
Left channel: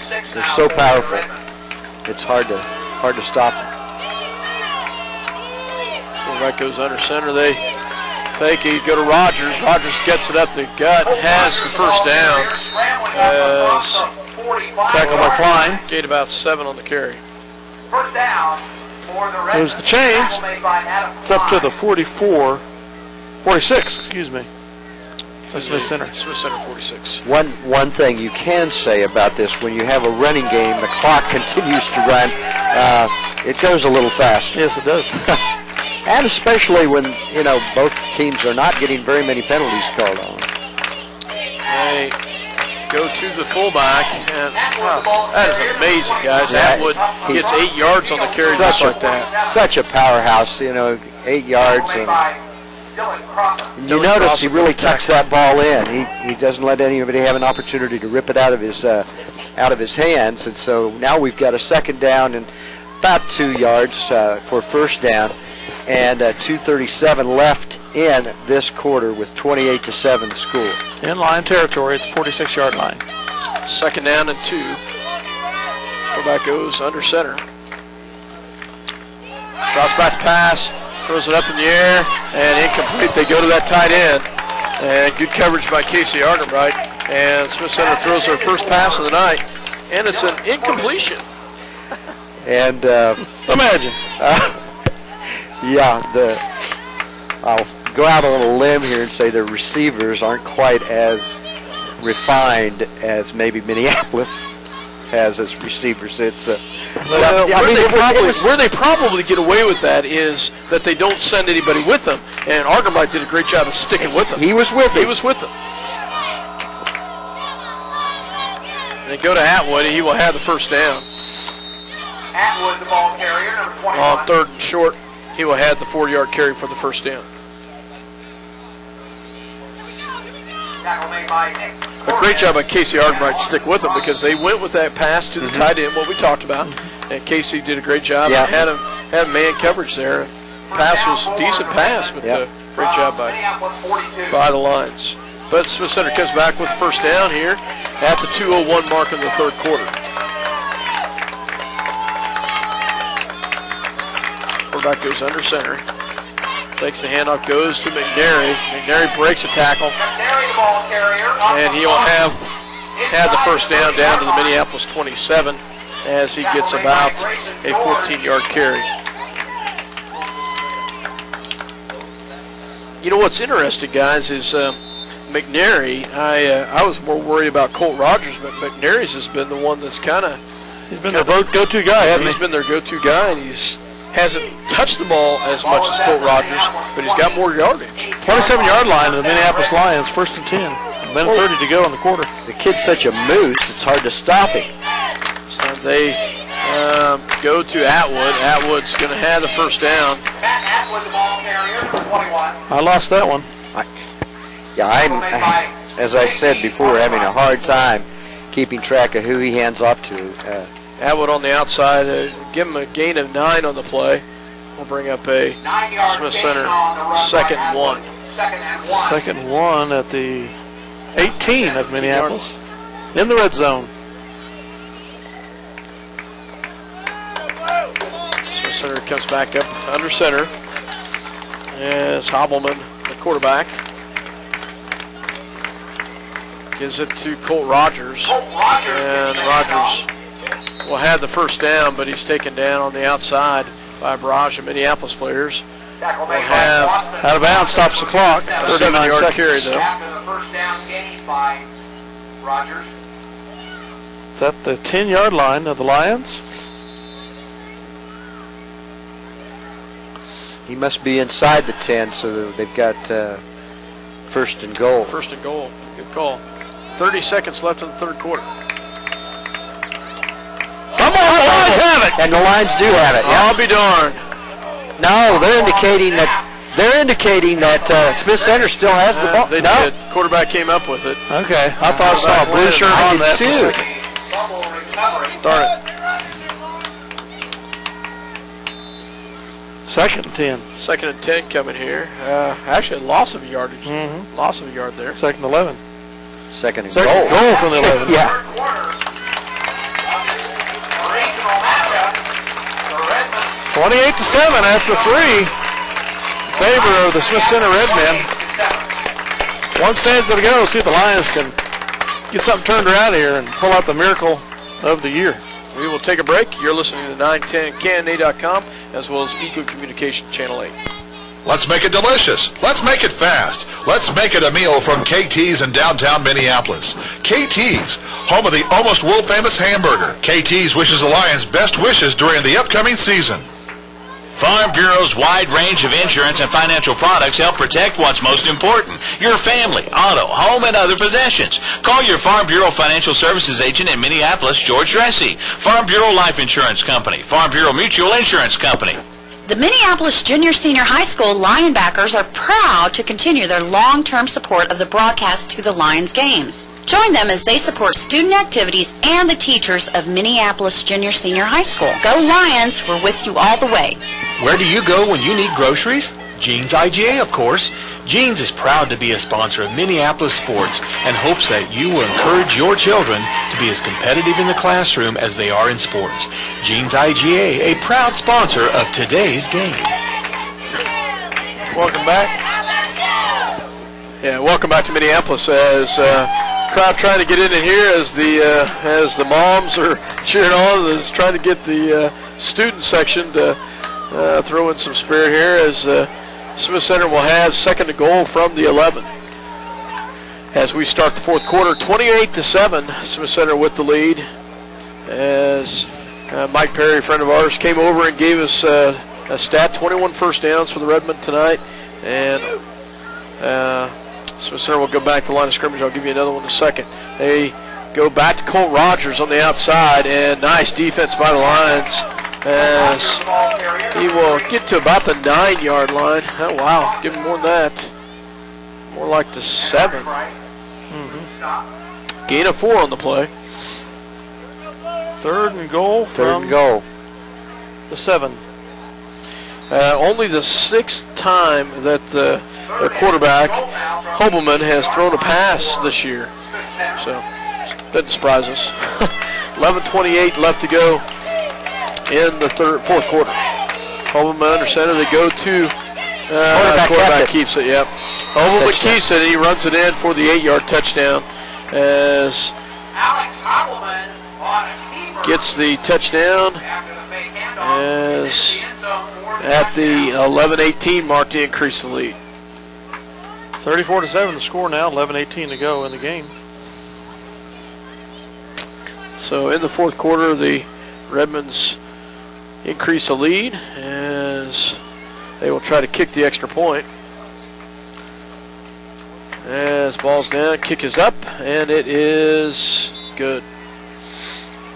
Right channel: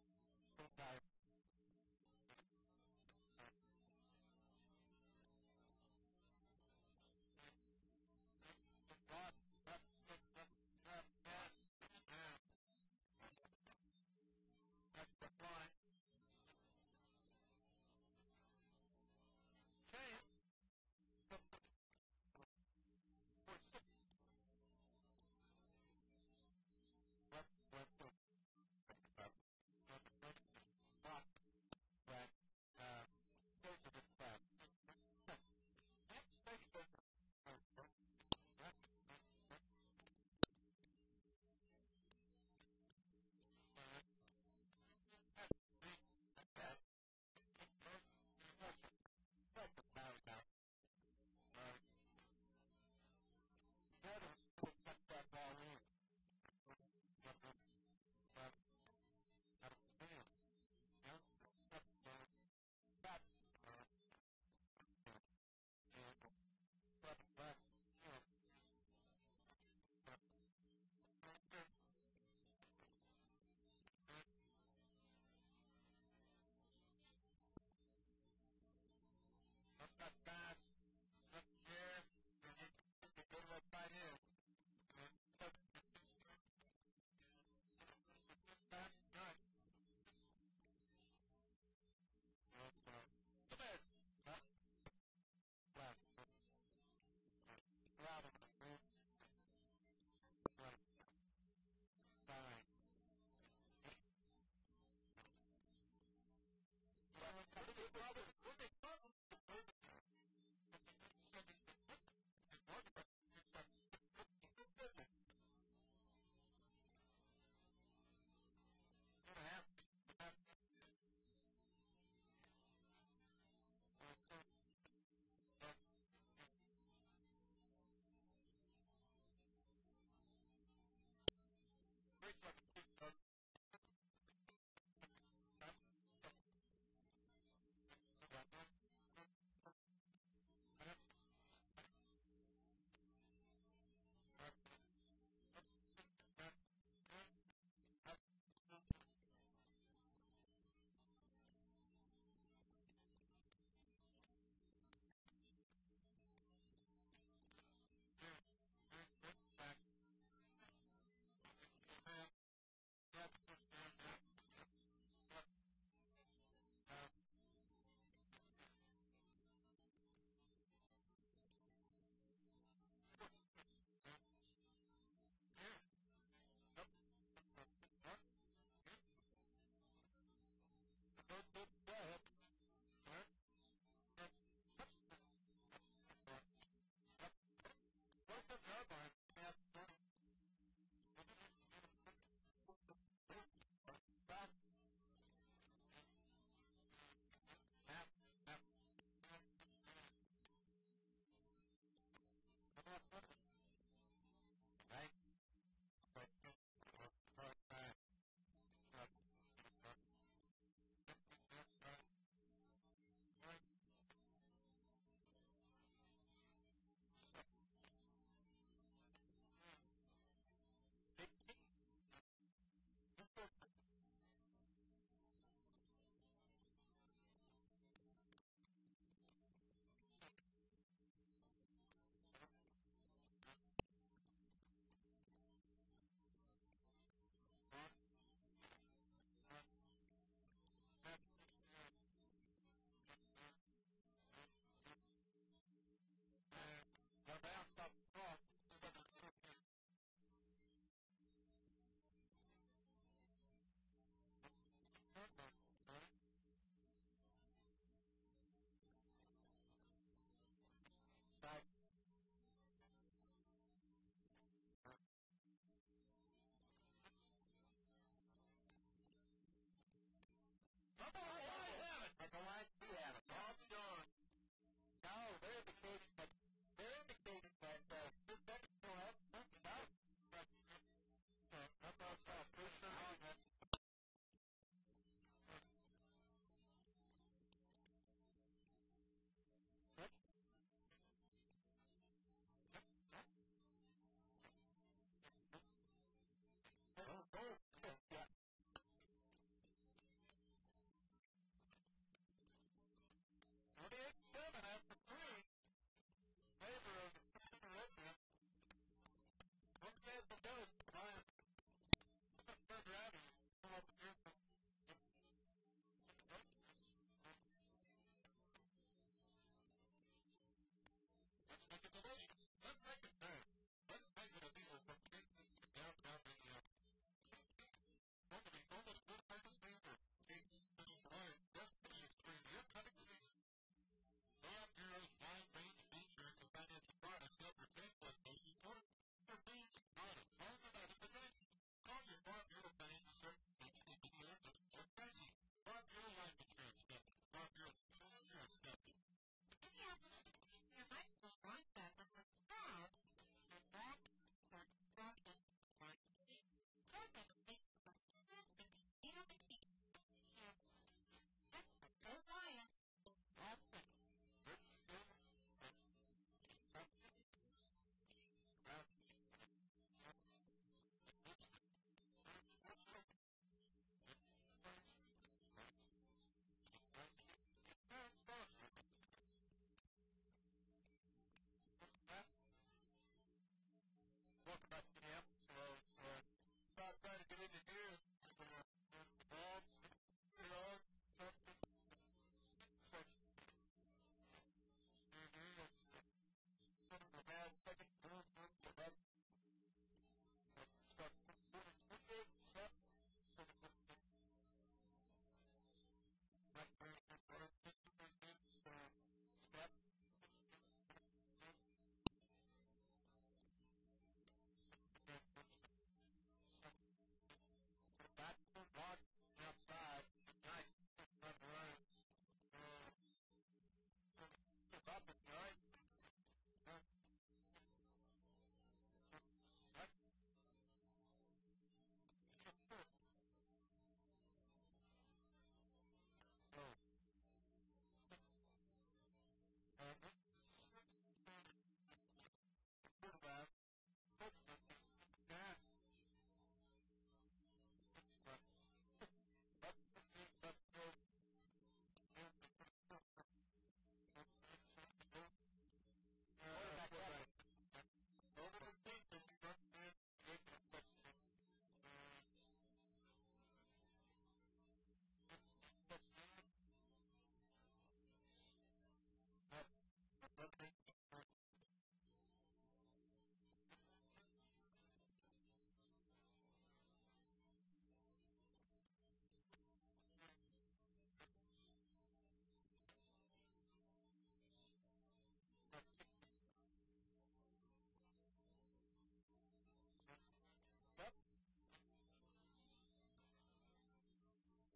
so powerful. It's hard to stop them. Quarterback goes under center. They fake it, go to Rogers. Rogers gets it up the gut, has the first down. Tackle by Klein. Gained about 7 on the carry. First down for the Red. There's the chains. It's up to the 46, excuse me. Smith Center. Smith Center 46. One thing you can say about this, when you have a running game, the clock continues to run. It goes a little fast. Yes, it does. And especially when, both teams are not getting very many penalties called on. They go to the fullback, and that is amazing, guys. Yeah, Atwood gets 8 yards on the carry just like that. Such a powerhouse, 8 yards. And you notice he really tucks that ball in. He doesn't let anybody have an opportunity to rip it out of his hands. And so now we've got a second down and about 2 yards for first down, and 2:37 left in this quarter with 28-7 the score. In line territory, it's 46-yard line. Second down and 2. Quarterback goes under center. Drops back to pass. Throws it up in the air, and incomplete. They go to that tight end. And good coverage by Casey Argenbright. And Smith Center throws their first pass of the night. And it's an incompletion. And imagine. I'll go out on a limb here and say the receivers aren't quite as refined as maybe Minneapolis has as receivers. It's where they probably get away with that is that they don't send anybody with them, and Argenbright did a great job of sticking with them. He was with them. He was with them. And they go to Atwood, and he will have the first down. Atwood, the ball carrier, number 21. On third and short, he will have the 4-yard carry for the first down. Tackle made by Nick. A great job by Casey Argenbright to stick with them, because they went with that pass to the tight end, what we talked about, and Casey did a great job and had man coverage there. Pass was a decent pass, but great job by the Lions. But Smith Center comes back with first down here at the 2:01 mark in the third quarter. Quarterback goes under center. Takes the handoff, goes to McNary. McNary breaks a tackle, and he'll have had the first down to the Minneapolis 27 as he gets about a 14-yard carry. You know what's interesting, guys, is McNary. I was more worried about Colt Rogers, but McNary's has been the one that's kind of their go-to guy, hasn't he? He's been their go-to guy, and he's hasn't touched the ball as much as Colt Rogers, but he's got more yardage. 27-yard line of the Minneapolis Lions, 1st and 10. Minute 30 to go in the quarter. The kid's such a moose, it's hard to stop him. So they go to Atwood. Atwood's going to have the first down. I lost that one. I'm, as I said before, having a hard time keeping track of who he hands off to. Atwood on the outside. Give him a gain of 9 on the play. We'll bring up a Smith Center 2nd and 1. 2nd and 1 at the 18 of Minneapolis in the red zone. Smith Center comes back up under center as Hobbleman, the quarterback, gives it to Colt Rogers, and Rogers will have the first down, but he's taken down on the outside by a barrage of Minneapolis players. We'll have out of bounds, stops the clock. 39-yard carry though. Is that the 10-yard line of the Lions? He must be inside the 10, so they've got 1st and goal. 1st and goal. Good call. 30 seconds left in the third quarter. Come on, the Lions have it! And the Lions do have it. I'll be darned. No, they're indicating that Smith Center still has the ball. They did. Quarterback came up with it. Okay, I thought I saw a blue shirt on that for a second. Darn it. 2nd and 10. 2nd and 10 coming here. Actually, a loss of yardage. Loss of a yard there. 2nd and 11. Second and goal from the 11. Yeah. 28-7 after 3 in favor of the Smith Center Redmen. 1 stanza to go. See if the Lions can get something turned around here and pull out the miracle of the year. We will take a break. You're listening to 910canada.com as well as Eco Communication Channel 8. Let's make it delicious. Let's make it fast. Let's make it a meal from KT's in downtown Minneapolis. KT's, home of the almost world-famous hamburger. KT's wishes the Lions best wishes during the upcoming season. Farm Bureau's wide range of insurance and financial products help protect what's most important, your family, auto, home, and other possessions. Call your Farm Bureau Financial Services agent in Minneapolis, George Dressy. Farm Bureau Life Insurance Company, Farm Bureau Mutual Insurance Company. The Minneapolis Junior Senior High School Lionbackers are proud to continue their long-term support of the broadcast to the Lions games. Join them as they support student activities and the teachers of Minneapolis Junior Senior High School. Go Lions, we're with you all the way. Where do you go when you need groceries? Jeans IGA, of course. Jeans is proud to be a sponsor of Minneapolis sports and hopes that you will encourage your children to be as competitive in the classroom as they are in sports. Jeans IGA, a proud sponsor of today's game. Welcome back. Yeah, welcome back to Minneapolis as crowd trying to get in here as the moms are cheering on, is trying to get the student section to throw in some spirit here as Smith Center will have 2nd and goal from the 11. As we start the fourth quarter, 28-7, Smith Center with the lead. As Mike Perry, a friend of ours, came over and gave us a stat, 21 first downs for the Redmen tonight. And Smith Center will go back to the line of scrimmage. I'll give you another one in a second. They go back to Colt Rogers on the outside, and nice defense by the Lions as he will get to about the 9-yard line. Oh, wow. Give him more than that. More like the 7. Gain of 4 on the play. 3rd and goal from the 7. Only the 6th time that the quarterback, Hobelman, has thrown a pass this year. So, doesn't surprise us. 11:28 left to go in the fourth quarter. Hobelman under center. They go to Quarterback keeps it, yep. Overman keeps it, and he runs it in for the 8-yard touchdown as gets the touchdown as at the 11-18 mark to increase the lead. 34-7 the score now, 11:18 to go in the game. So in the fourth quarter, the Redmonds increase the lead as they will try to kick the extra point. As ball's down, kick is up, and it is good.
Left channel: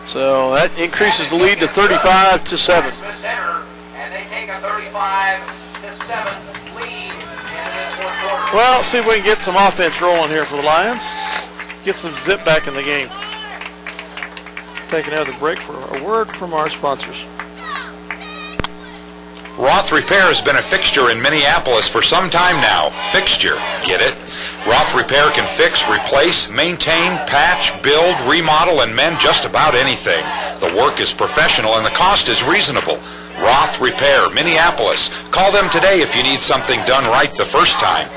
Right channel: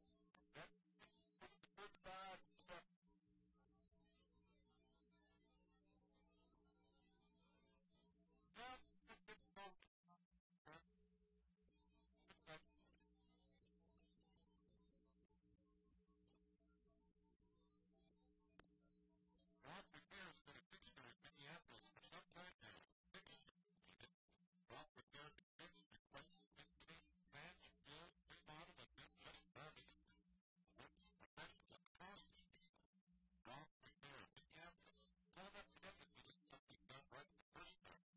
So that increases the lead to 35-7. Well, see if we can get some offense rolling here for the Lions. Get some zip back in the game. Take another break for a word from our sponsors. Roth Repair has been a fixture in Minneapolis for some time now. Fixture, get it? Roth Repair can fix, replace, maintain, patch, build, remodel, and mend just about anything. The work is professional and the cost is reasonable. Roth Repair, Minneapolis. Call them today if you need something done right the first time.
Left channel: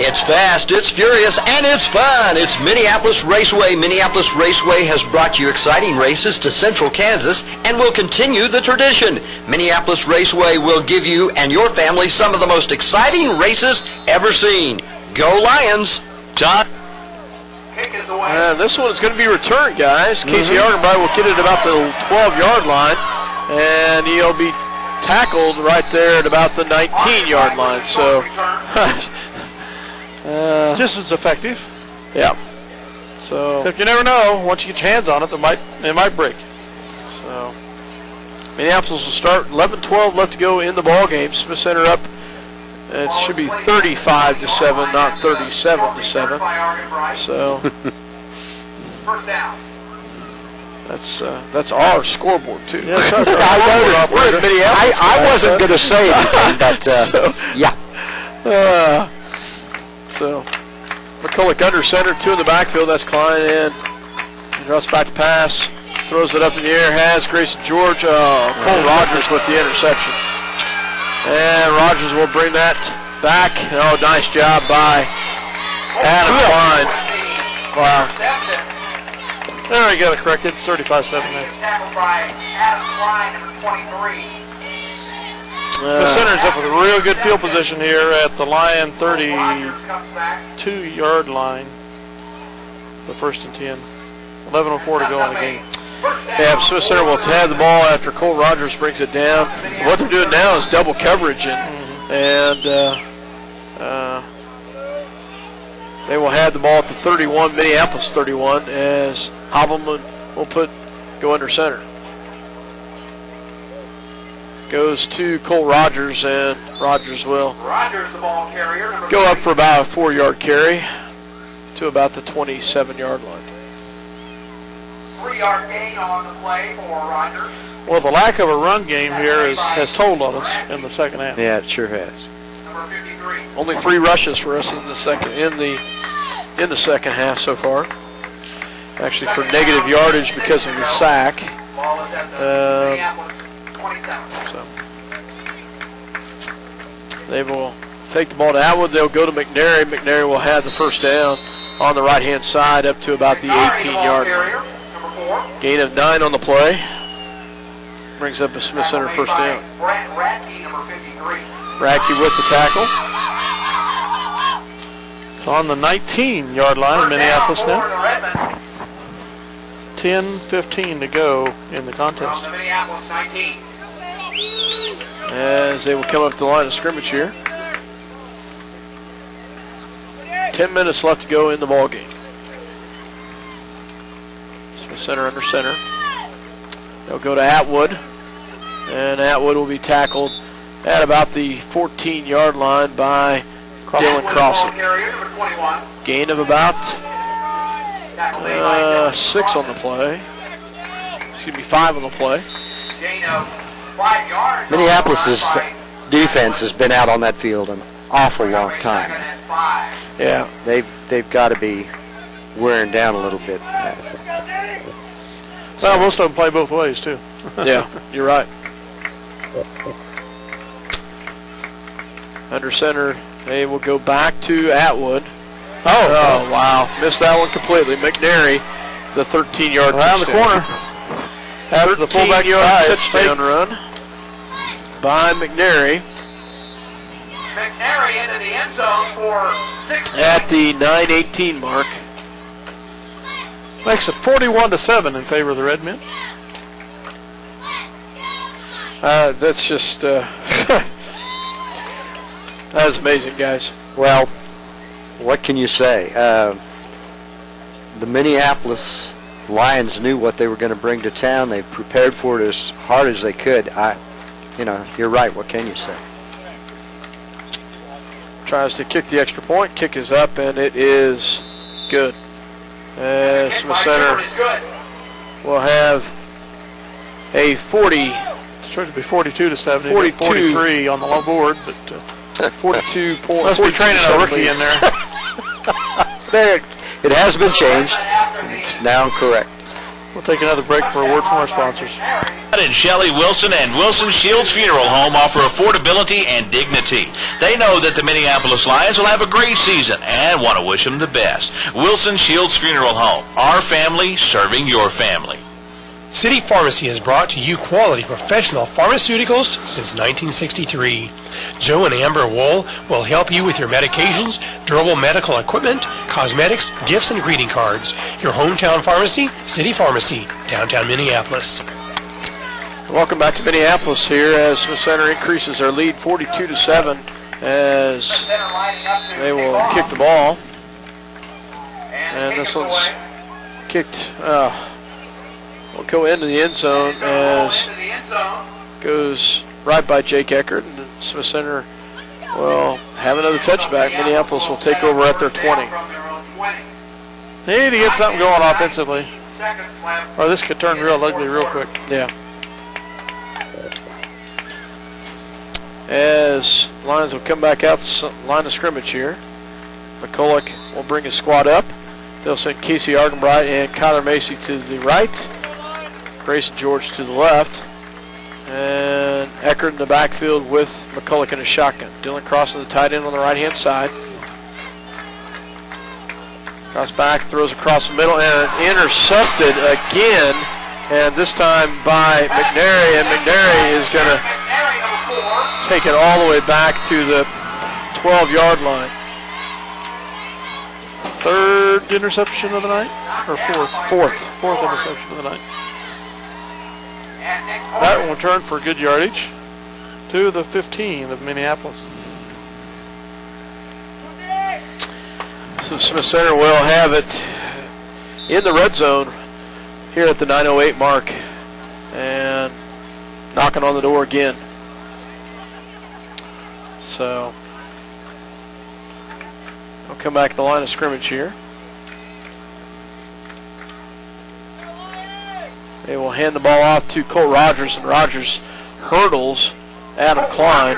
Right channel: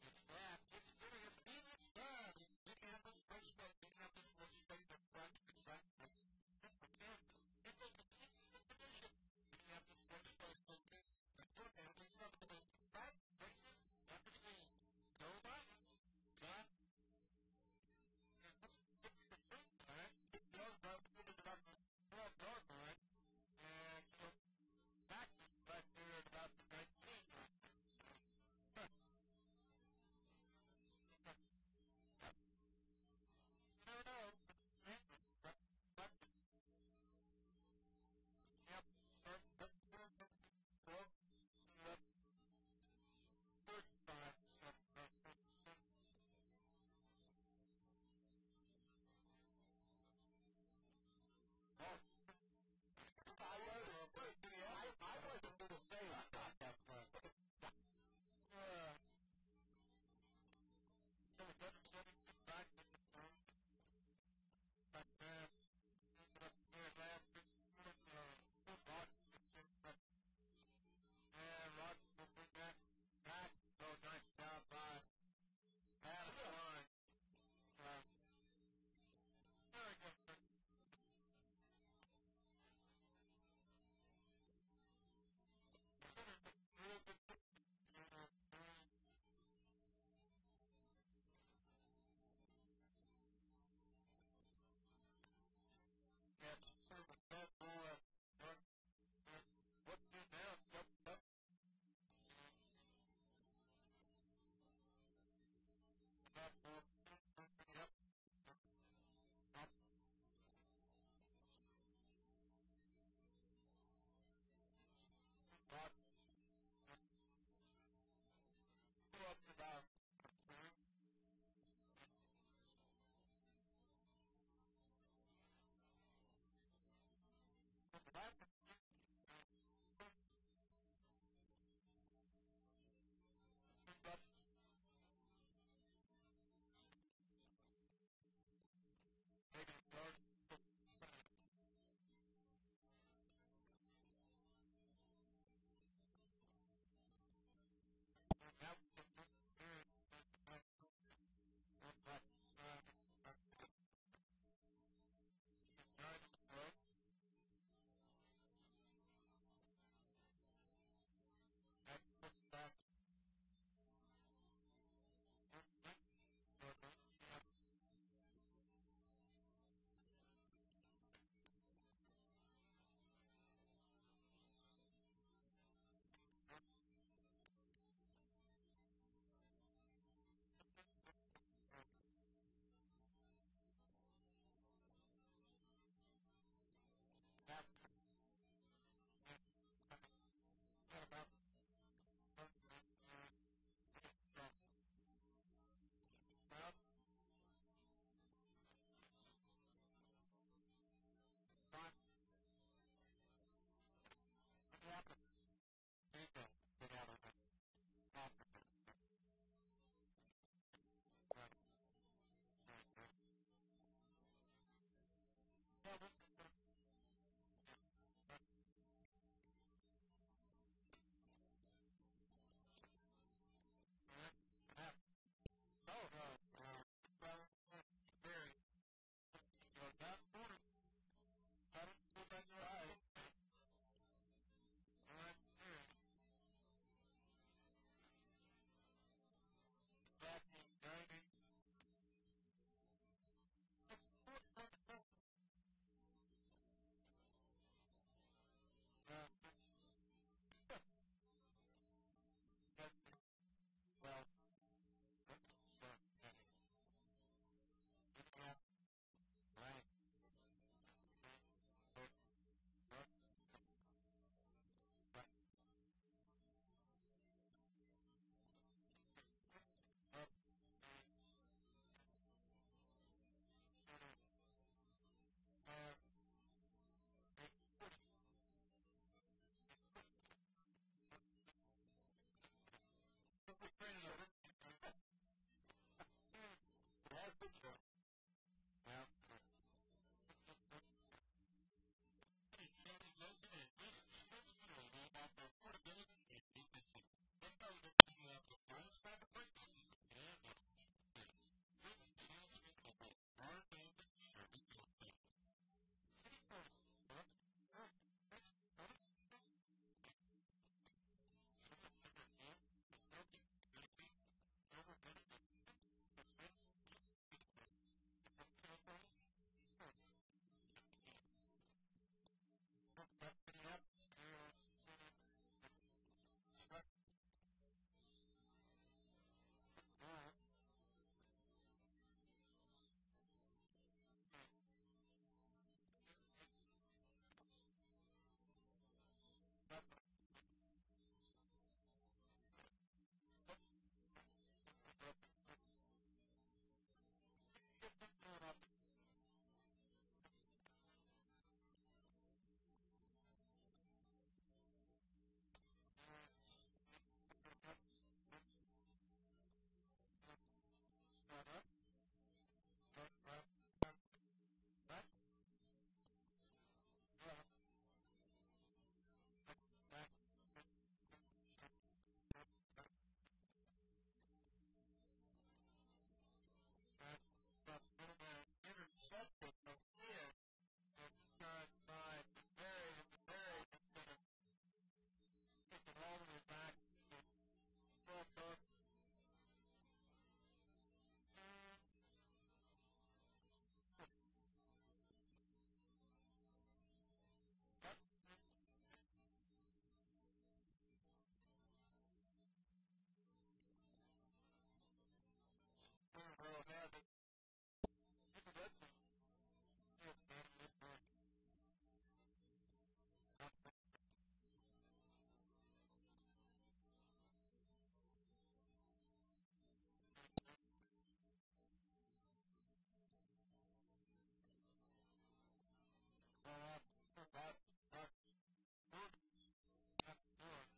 It's fast, it's furious, and it's fun. It's Minneapolis Raceway. Minneapolis Raceway has brought you exciting races to Central Kansas and will continue the tradition. Minneapolis Raceway will give you and your family some of the most exciting races ever seen. Go Lions! John? This one is going to be returned, guys. Casey Ardenby will get it about the 12-yard line, and he'll be tackled right there at about the 19-yard line. So, just as effective. Yeah. So except you never know. Once you get your hands on it, it might break. So Minneapolis will start. 11-12 left to go in the ball game. Smith Center up. It should be 35-7, not 37-7. So that's our scoreboard too. Yes, I noticed. We're in Minneapolis. I wasn't going to say anything, but yeah. So McCulloch under center, 2 in the backfield. That's Klein in. He drops back to pass. Throws it up in the air. Has Grayson George. Cole Rogers with the interception. And Rogers will bring that back. Oh, nice job by Adam Klein. Wow. There we got it corrected. It's 35-7 now. The center's up with a real good field position here at the Lion 32-yard line. The 1st and 10. 11:04 to go in the game. Yeah, Smith Center will have the ball after Cole Rogers brings it down. What they're doing now is double coverage, and they will have the ball at the 31, Minneapolis 31, as Hobbleman will go under center. Goes to Cole Rogers, and Rogers will go up for about a 4-yard carry to about the 27-yard line. 3-yard gain on the play for Rogers. Well, the lack of a run game here has told on us in the second half. Yeah, it sure has. Number 53. Only 3 rushes for us in the second half so far. Actually, for negative yardage because of the sack. Ball is at the Minneapolis 27. So they will take the ball to Atwood. They'll go to McNary. McNary will have the first down on the right-hand side up to about the 18-yard line. Gain of 9 on the play. Brings up a Smith Center first down. Radke, number 53. Radke with the tackle. It's on the 19-yard line in Minneapolis now. 10:15 to go in the contest. From the Minneapolis 19. As they will come up the line of scrimmage here. 10 minutes left to go in the ball game. Smith Center under center. They'll go to Atwood, and Atwood will be tackled at about the 14-yard line by Dylan Crossan. Gain of about 6 on the play. Excuse me, 5 on the play. Gain of 5 yards. Minneapolis's defense has been out on that field an awful long time. Yeah, they've got to be wearing down a little bit. Well, most of them play both ways too. Yeah, you're right. Under center, they will go back to Atwood. Oh, wow. Missed that one completely. McNary, the 13-yard around the corner. After the fullback 13-yard touchdown run by McNary. McNary into the end zone for 6. At the 9:18 mark. Makes it 41-7 in favor of the Red Men. That's just, that's amazing, guys. Well, what can you say? The Minneapolis Lions knew what they were going to bring to town. They prepared for it as hard as they could. You're right. What can you say? Tries to kick the extra point. Kick is up, and it is good. Smith Center will have a 40. It's supposed to be 42-7. 43 on the long board, but 42 points. must be training a rookie in there. There, it has been changed. It's now correct. We'll take another break for a word from our sponsors. And Shelley Wilson and Wilson Shields Funeral Home offer affordability and dignity. They know that the Minneapolis Lions will have a great season and want to wish them the best. Wilson Shields Funeral Home, our family serving your family. City Pharmacy has brought to you quality professional pharmaceuticals since 1963. Joe and Amber Wool will help you with your medications, durable medical equipment, cosmetics, gifts, and greeting cards. Your hometown pharmacy, City Pharmacy, downtown Minneapolis. Welcome back to Minneapolis here as Smith Center increases their lead 42-7 as they will kick the ball. And this one's kicked, will go into the end zone as goes right by Jake Eckert. And Smith Center will have another touchback. Minneapolis will take over at their 20. They need to get something going offensively, or this could turn real ugly real quick. Yeah. As Lions will come back out the line of scrimmage here. McCulloch will bring his squad up. They'll send Casey Argenbright and Kyler Macy to the right. Grayson George to the left. And Eckert in the backfield with McCulloch in a shotgun. Dylan crossing the tight end on the right-hand side. Cross back, throws across the middle, and intercepted again. And this time by McNary. And McNary is going to take it all the way back to the 12-yard line. Third interception of the night, or fourth? Fourth interception of the night. That one will turn for good yardage to the 15 of Minneapolis. So Smith Center will have it in the red zone here at the 9:08 mark and knocking on the door again. So we'll come back to the line of scrimmage here. They will hand the ball off to Cole Rogers, and Rogers hurdles Adam Klein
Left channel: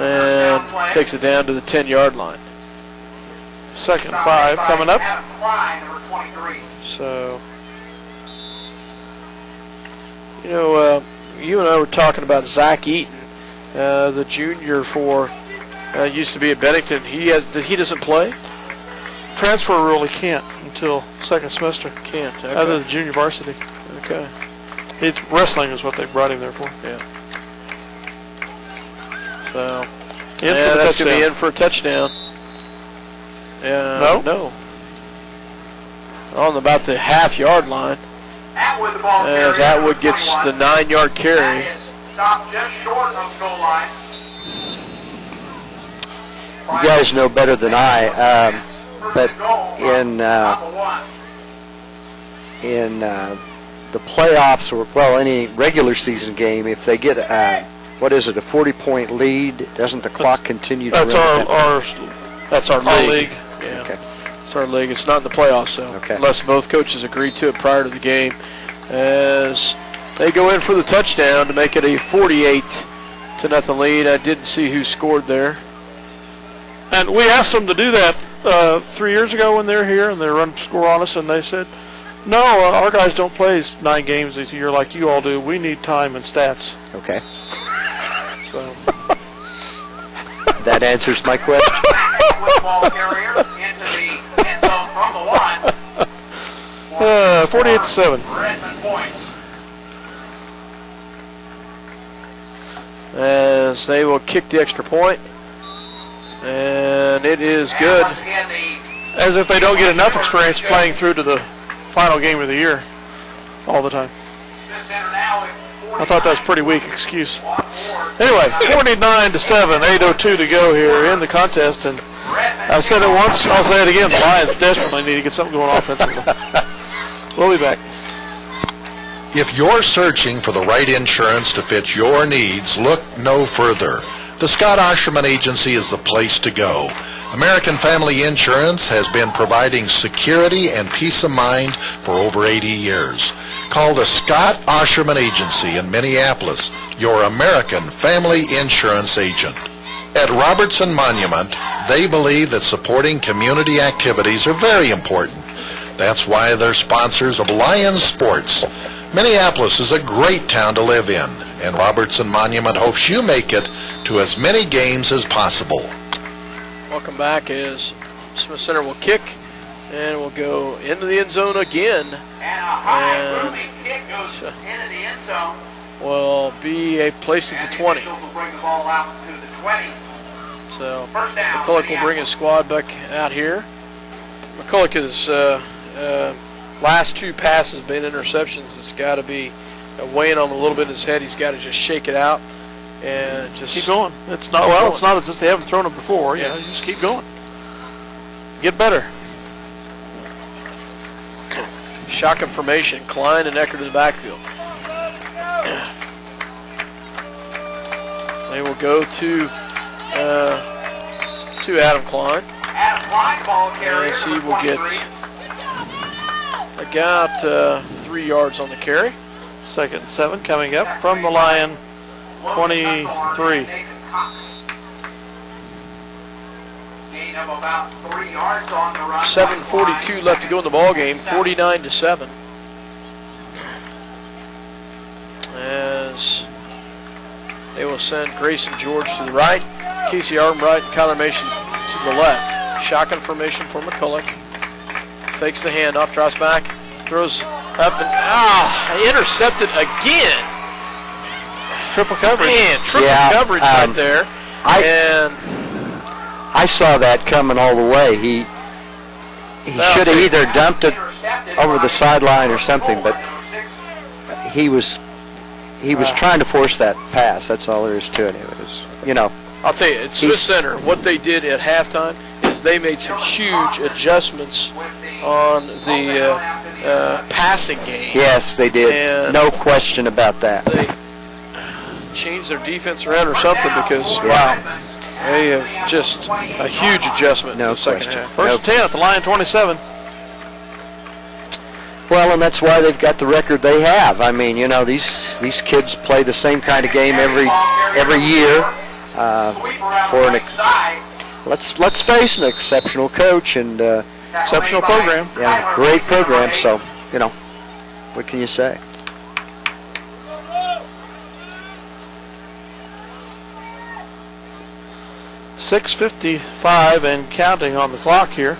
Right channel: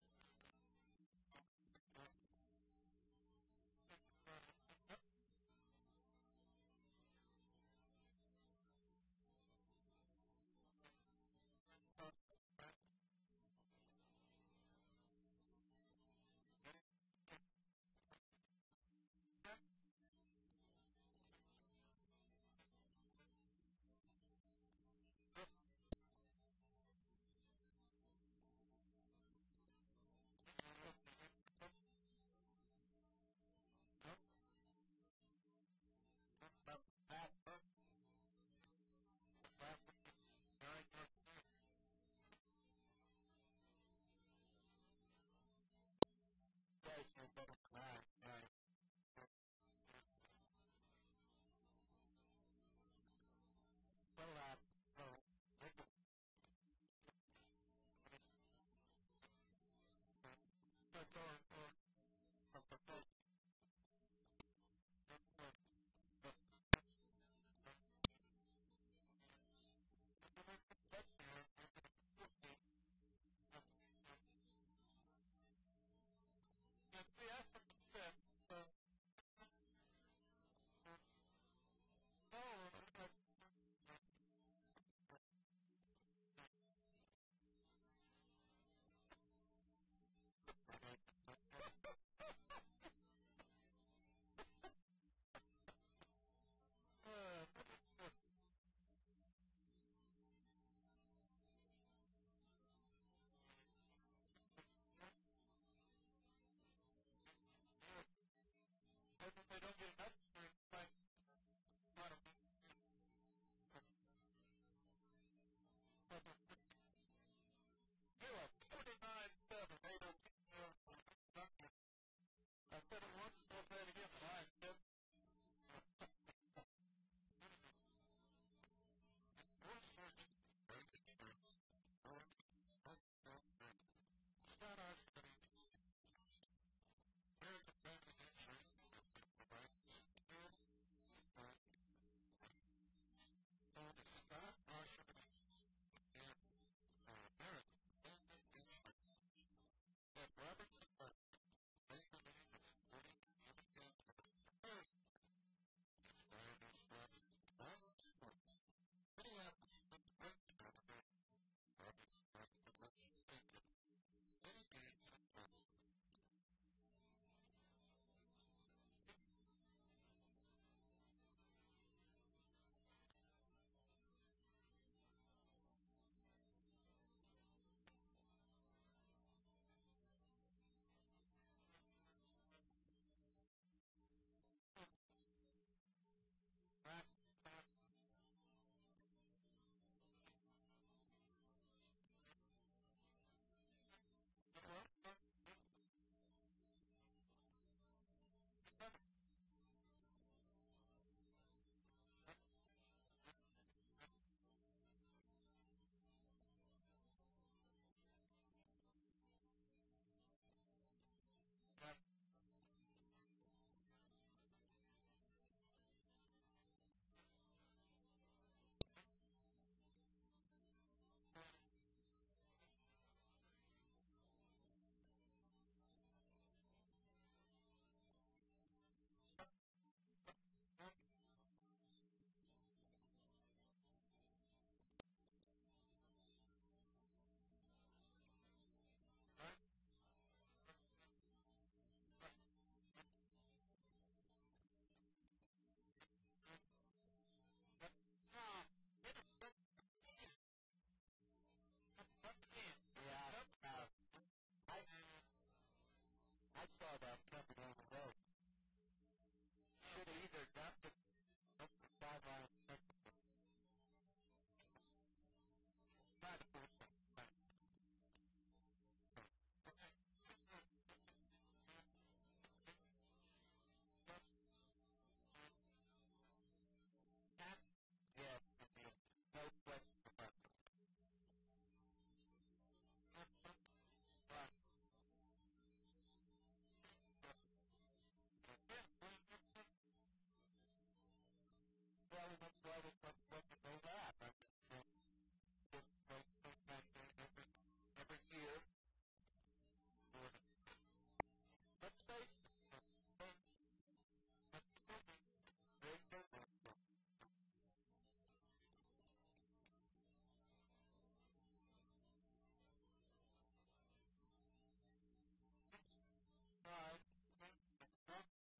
and takes it down to the 10-yard line. 2nd and 5 coming up. So, you and I were talking about Zach Eaton, the junior for used to be at Bennington. He doesn't play. Transfer rule, he can't until second semester. Can't. Okay. Other than junior varsity. Okay. Wrestling is what they brought him there for. Yeah. So, that's going to be in for a touchdown. No. On about the half-yard line. As Atwood gets the 9-yard carry. You guys know better than I, but in the playoffs, or any regular season game, if they get a 40-point lead, doesn't the clock continue to run? That's our league. Yeah. Okay. It's our league. It's not in the playoffs, though. Okay. Unless both coaches agreed to it prior to the game. As they go in for the touchdown to make it a 48-0 lead. I didn't see who scored there. And we asked them to do that 3 years ago when they were here, and they run score on us, and they said, no, our guys don't play 9 games a year like you all do. We need time and stats. Okay. So That answers my question. Football carrier into the end zone from the 1. 48-7. Redmond points. As they will kick the extra point. And it is good. Once again, As if they don't get enough experience playing through to the final game of the year all the time. I thought that was a pretty weak excuse. Anyway, 49-7, 8:02 to go here in the contest. And I said it once, I'll say it again. The Lions desperately need to get something going offensively. We'll be back. If you're searching for the right insurance to fit your needs, look no further. The Scott Osherman Agency is the place to go. American Family Insurance has been providing security and peace of mind for over 80 years. Call the Scott Osherman Agency in Minneapolis, your American Family Insurance agent. At Robertson Monument, they believe that supporting community activities are very important. That's why they're sponsors of Lions Sports. Minneapolis is a great town to live in, and Robertson Monument hopes you make it to as many games as possible. Welcome back as Smith Center will kick and will go into the end zone again. and a high moving kick goes into the end zone. Will be a place at the 20. Will bring the ball out to the 20. So First down, McCulloch will bring his squad back out here. McCulloch is last two passes been interceptions. It's got to be weighing on him a little bit in his head. He's got to just shake it out and just keep going. It's not It's not as if they haven't thrown it before. You know, you just keep going. Get better. Shotgun formation. Klein and Eckert to the backfield. They will go to Adam Klein. Adam Klein, ball carrier. As he will get about 3 yards on the carry. 2nd and 7 coming up from the Lion 23. Gain of about 3 yards on the run. 7:42 left to go in the ball game. 49-7. As they will send Grayson George to the right, Casey Armbright and Kyler Mason to the left. Shotgun formation for McCulloch. Fakes the handoff, drops back, throws up and intercepted again. Triple coverage. Man, triple coverage right there. I saw that coming all the way. He should have either dumped it over the sideline or something, but he was trying to force that pass. That's all there is to it. It was, you know. I'll tell you, at Smith Center, what they did at halftime is they made some huge adjustments on the passing game. Yes, they did. And no question about that. They changed their defense around or something because, wow, they have just a huge adjustment in the second half. First and 10 at the Lion 27. Well, and that's why they've got the record they have. I mean, you know, these kids play the same kind of game every year for let's face an exceptional coach and exceptional program. Yeah, great program. So, you know, what can you say? .6:55 and counting on the clock here.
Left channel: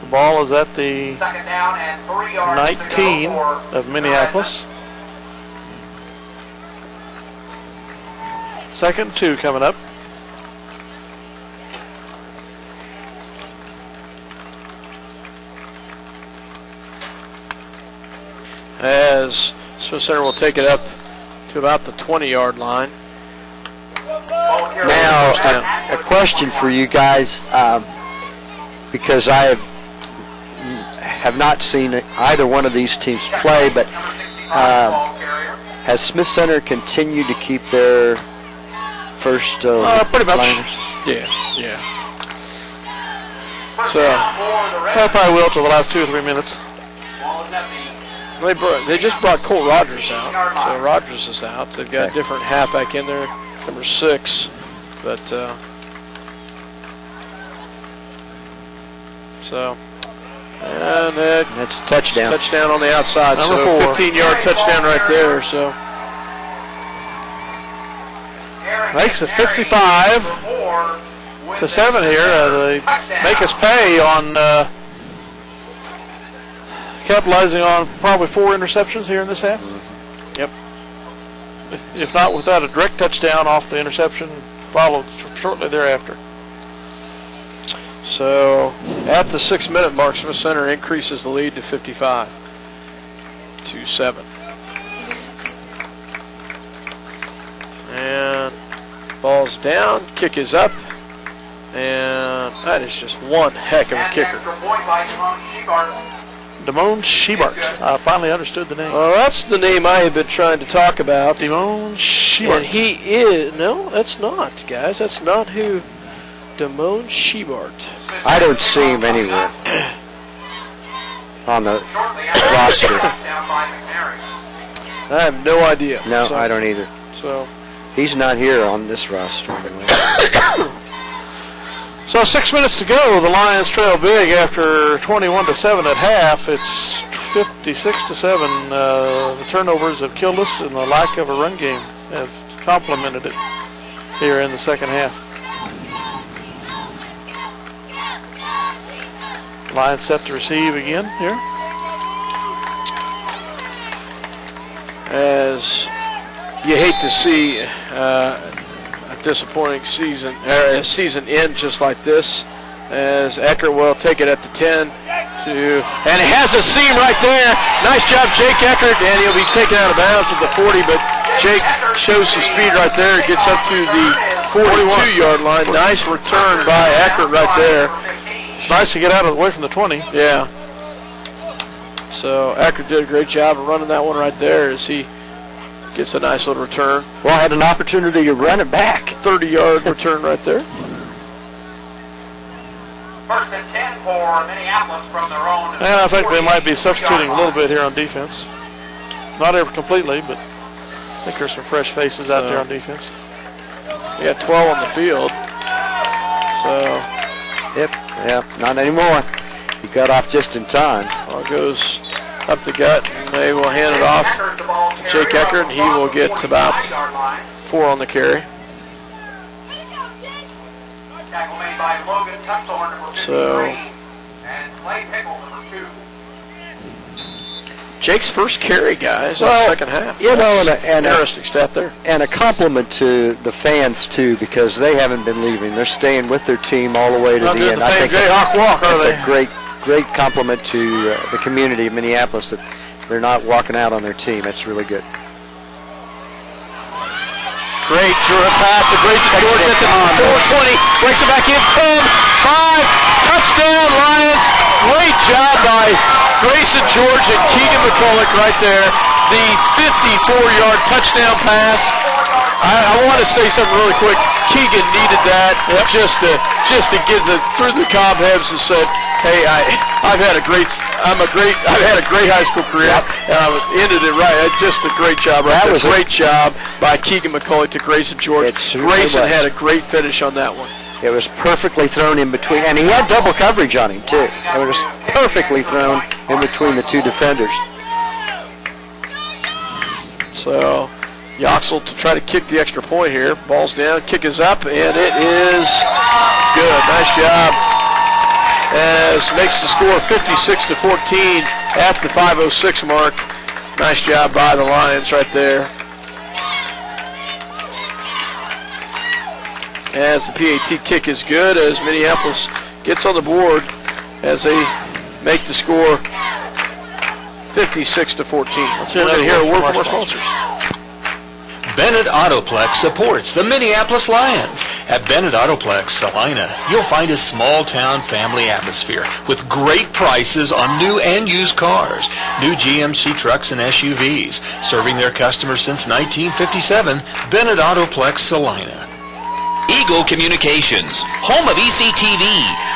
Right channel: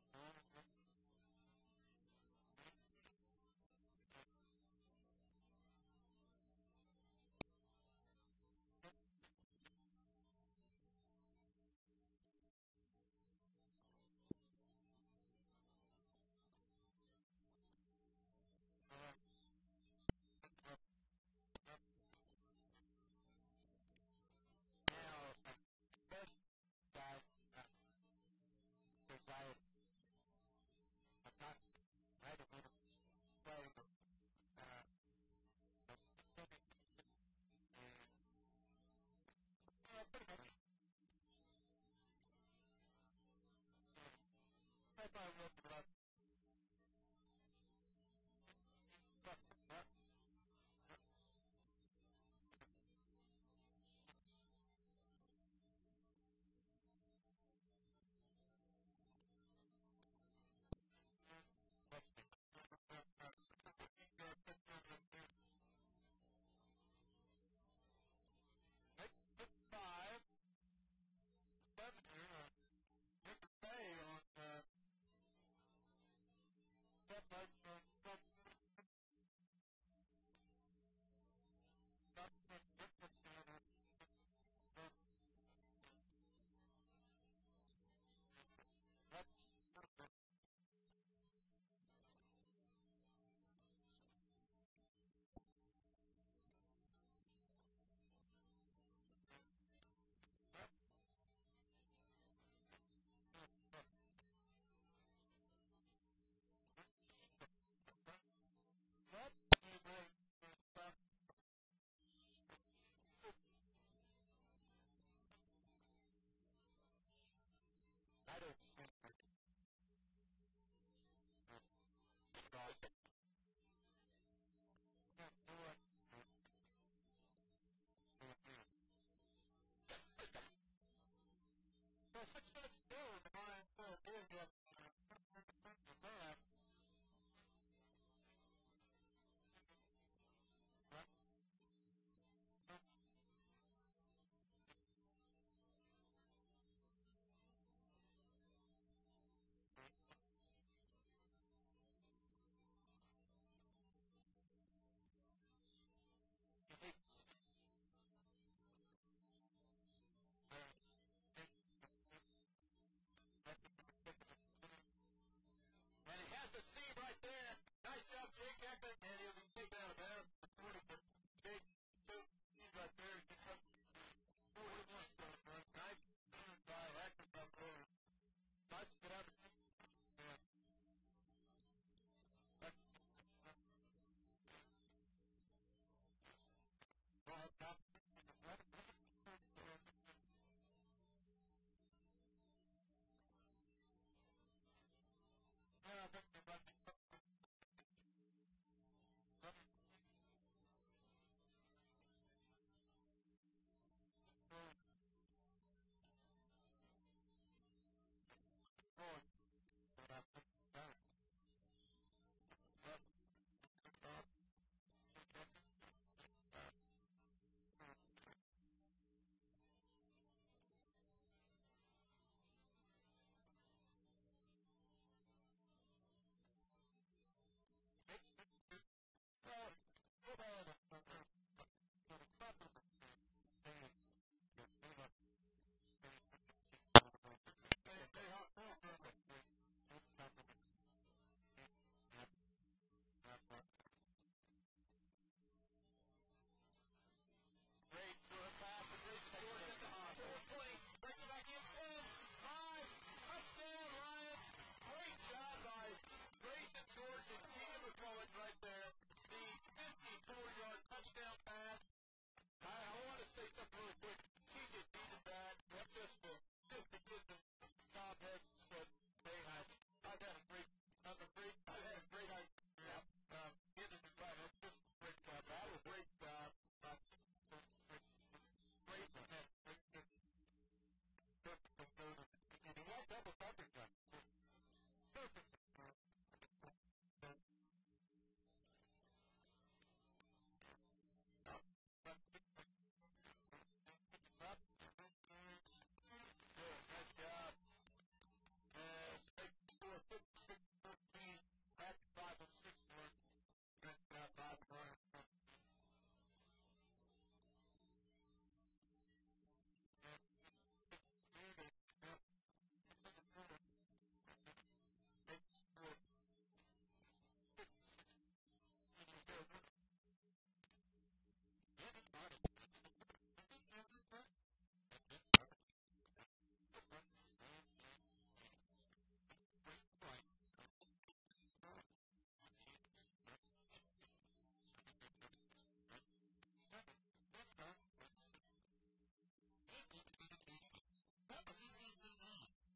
The ball is at the 19 of Minneapolis. 2nd and 2 coming up. As Smith Center will take it up to about the 20-yard line. Now, a question for you guys, because I have not seen either one of these teams play, but has Smith Center continued to keep their first pretty much. liners? Yeah. So I probably will till the last 2 or 3 minutes. they just brought Cole Rogers out. So Rogers is out. They've got a different halfback in there, number 6. But and that's a touchdown. Touchdown on the outside. Number so 4. 15-yard touchdown right there. So makes it 55. to 7 here. They make us pay on capitalizing on probably 4 interceptions here in this half. Yep. If not without a direct touchdown off the interception followed shortly thereafter. So at the 6-minute mark, Smith Center increases the lead to 55-7. And ball's down, kick is up, and that is just one heck of a kicker. Damone Shebart. I finally understood the name. Well, that's the name I have been trying to talk about. Damone Shebart. And he is, no, that's not, guys. That's not who Damone Shebart. I don't see him anywhere on the roster. I have no idea. No, I don't either. So he's not here on this roster anyway. So 6 minutes to go. The Lions trail big after 21-7 at half. It's 56-7. The turnovers have killed us, and the lack of a run game have complemented it here in the second half. Lions set to receive again here. As you hate to see a disappointing season end just like this, as Eckert will take it at the 10 and it has a seam right there. Nice job, Jake Eckert, and he'll be taken out of bounds at the 40, but Jake shows some speed right there. Gets up to the 42-yard line. Nice return by Eckert right there. It's nice to get out of the way from the 20. Yeah. So Eckert did a great job of running that one right there as he gets a nice little return. Well, I had an opportunity to run it back. 30-yard return right there. First and 10 for Minneapolis from their own. And I think they might be substituting a little bit here on defense. Not ever completely, but I think there's some fresh faces out there on defense. We got 12 on the field. So, yeah, not anymore. He got off just in time. Ball goes up the gut, and they will hand it off to Jake Eckert, and he will get about 4 on the carry. So, Jake's first carry, guys, in the second half. You know, and interesting stat there. And a compliment to the fans, too, because they haven't been leaving. They're staying with their team all the way to the end. I think Jayhawk walk, are they? It's a great compliment to the community of Minneapolis that they're not walking out on their team. It's really good. Great pass to Grayson George at the 420. Breaks it back in. 10, 5, touchdown Lions. Great job by Grayson George and Keegan McCulloch right there. The 54-yard touchdown pass. I want to say something really quick. Keegan needed that just to get through the cobwebs and said, hey, I've had a great high school career. Ended it right. Just a great job. That was a great job by Keegan McCulloch to Grayson George. Grayson had a great finish on that one. It was perfectly thrown in between, and he had double coverage on him too. It was perfectly thrown in between the two defenders. So Yoxel to try to kick the extra point here. Ball's down, kick is up, and it is good. Nice job. As makes the score 56-14 at the 5:06 mark. Nice job by the Lions right there. As the PAT kick is good, as Minneapolis gets on the board as they make the score 56-14. We're going to hear a word from our sponsors. Bennett Autoplex supports the Minneapolis Lions. At Bennett Autoplex, Salina, you'll find a small-town family atmosphere with great prices on new and used cars, new GMC trucks and SUVs. Serving their customers since 1957, Bennett Autoplex, Salina. Eagle Communications, home of ECTV,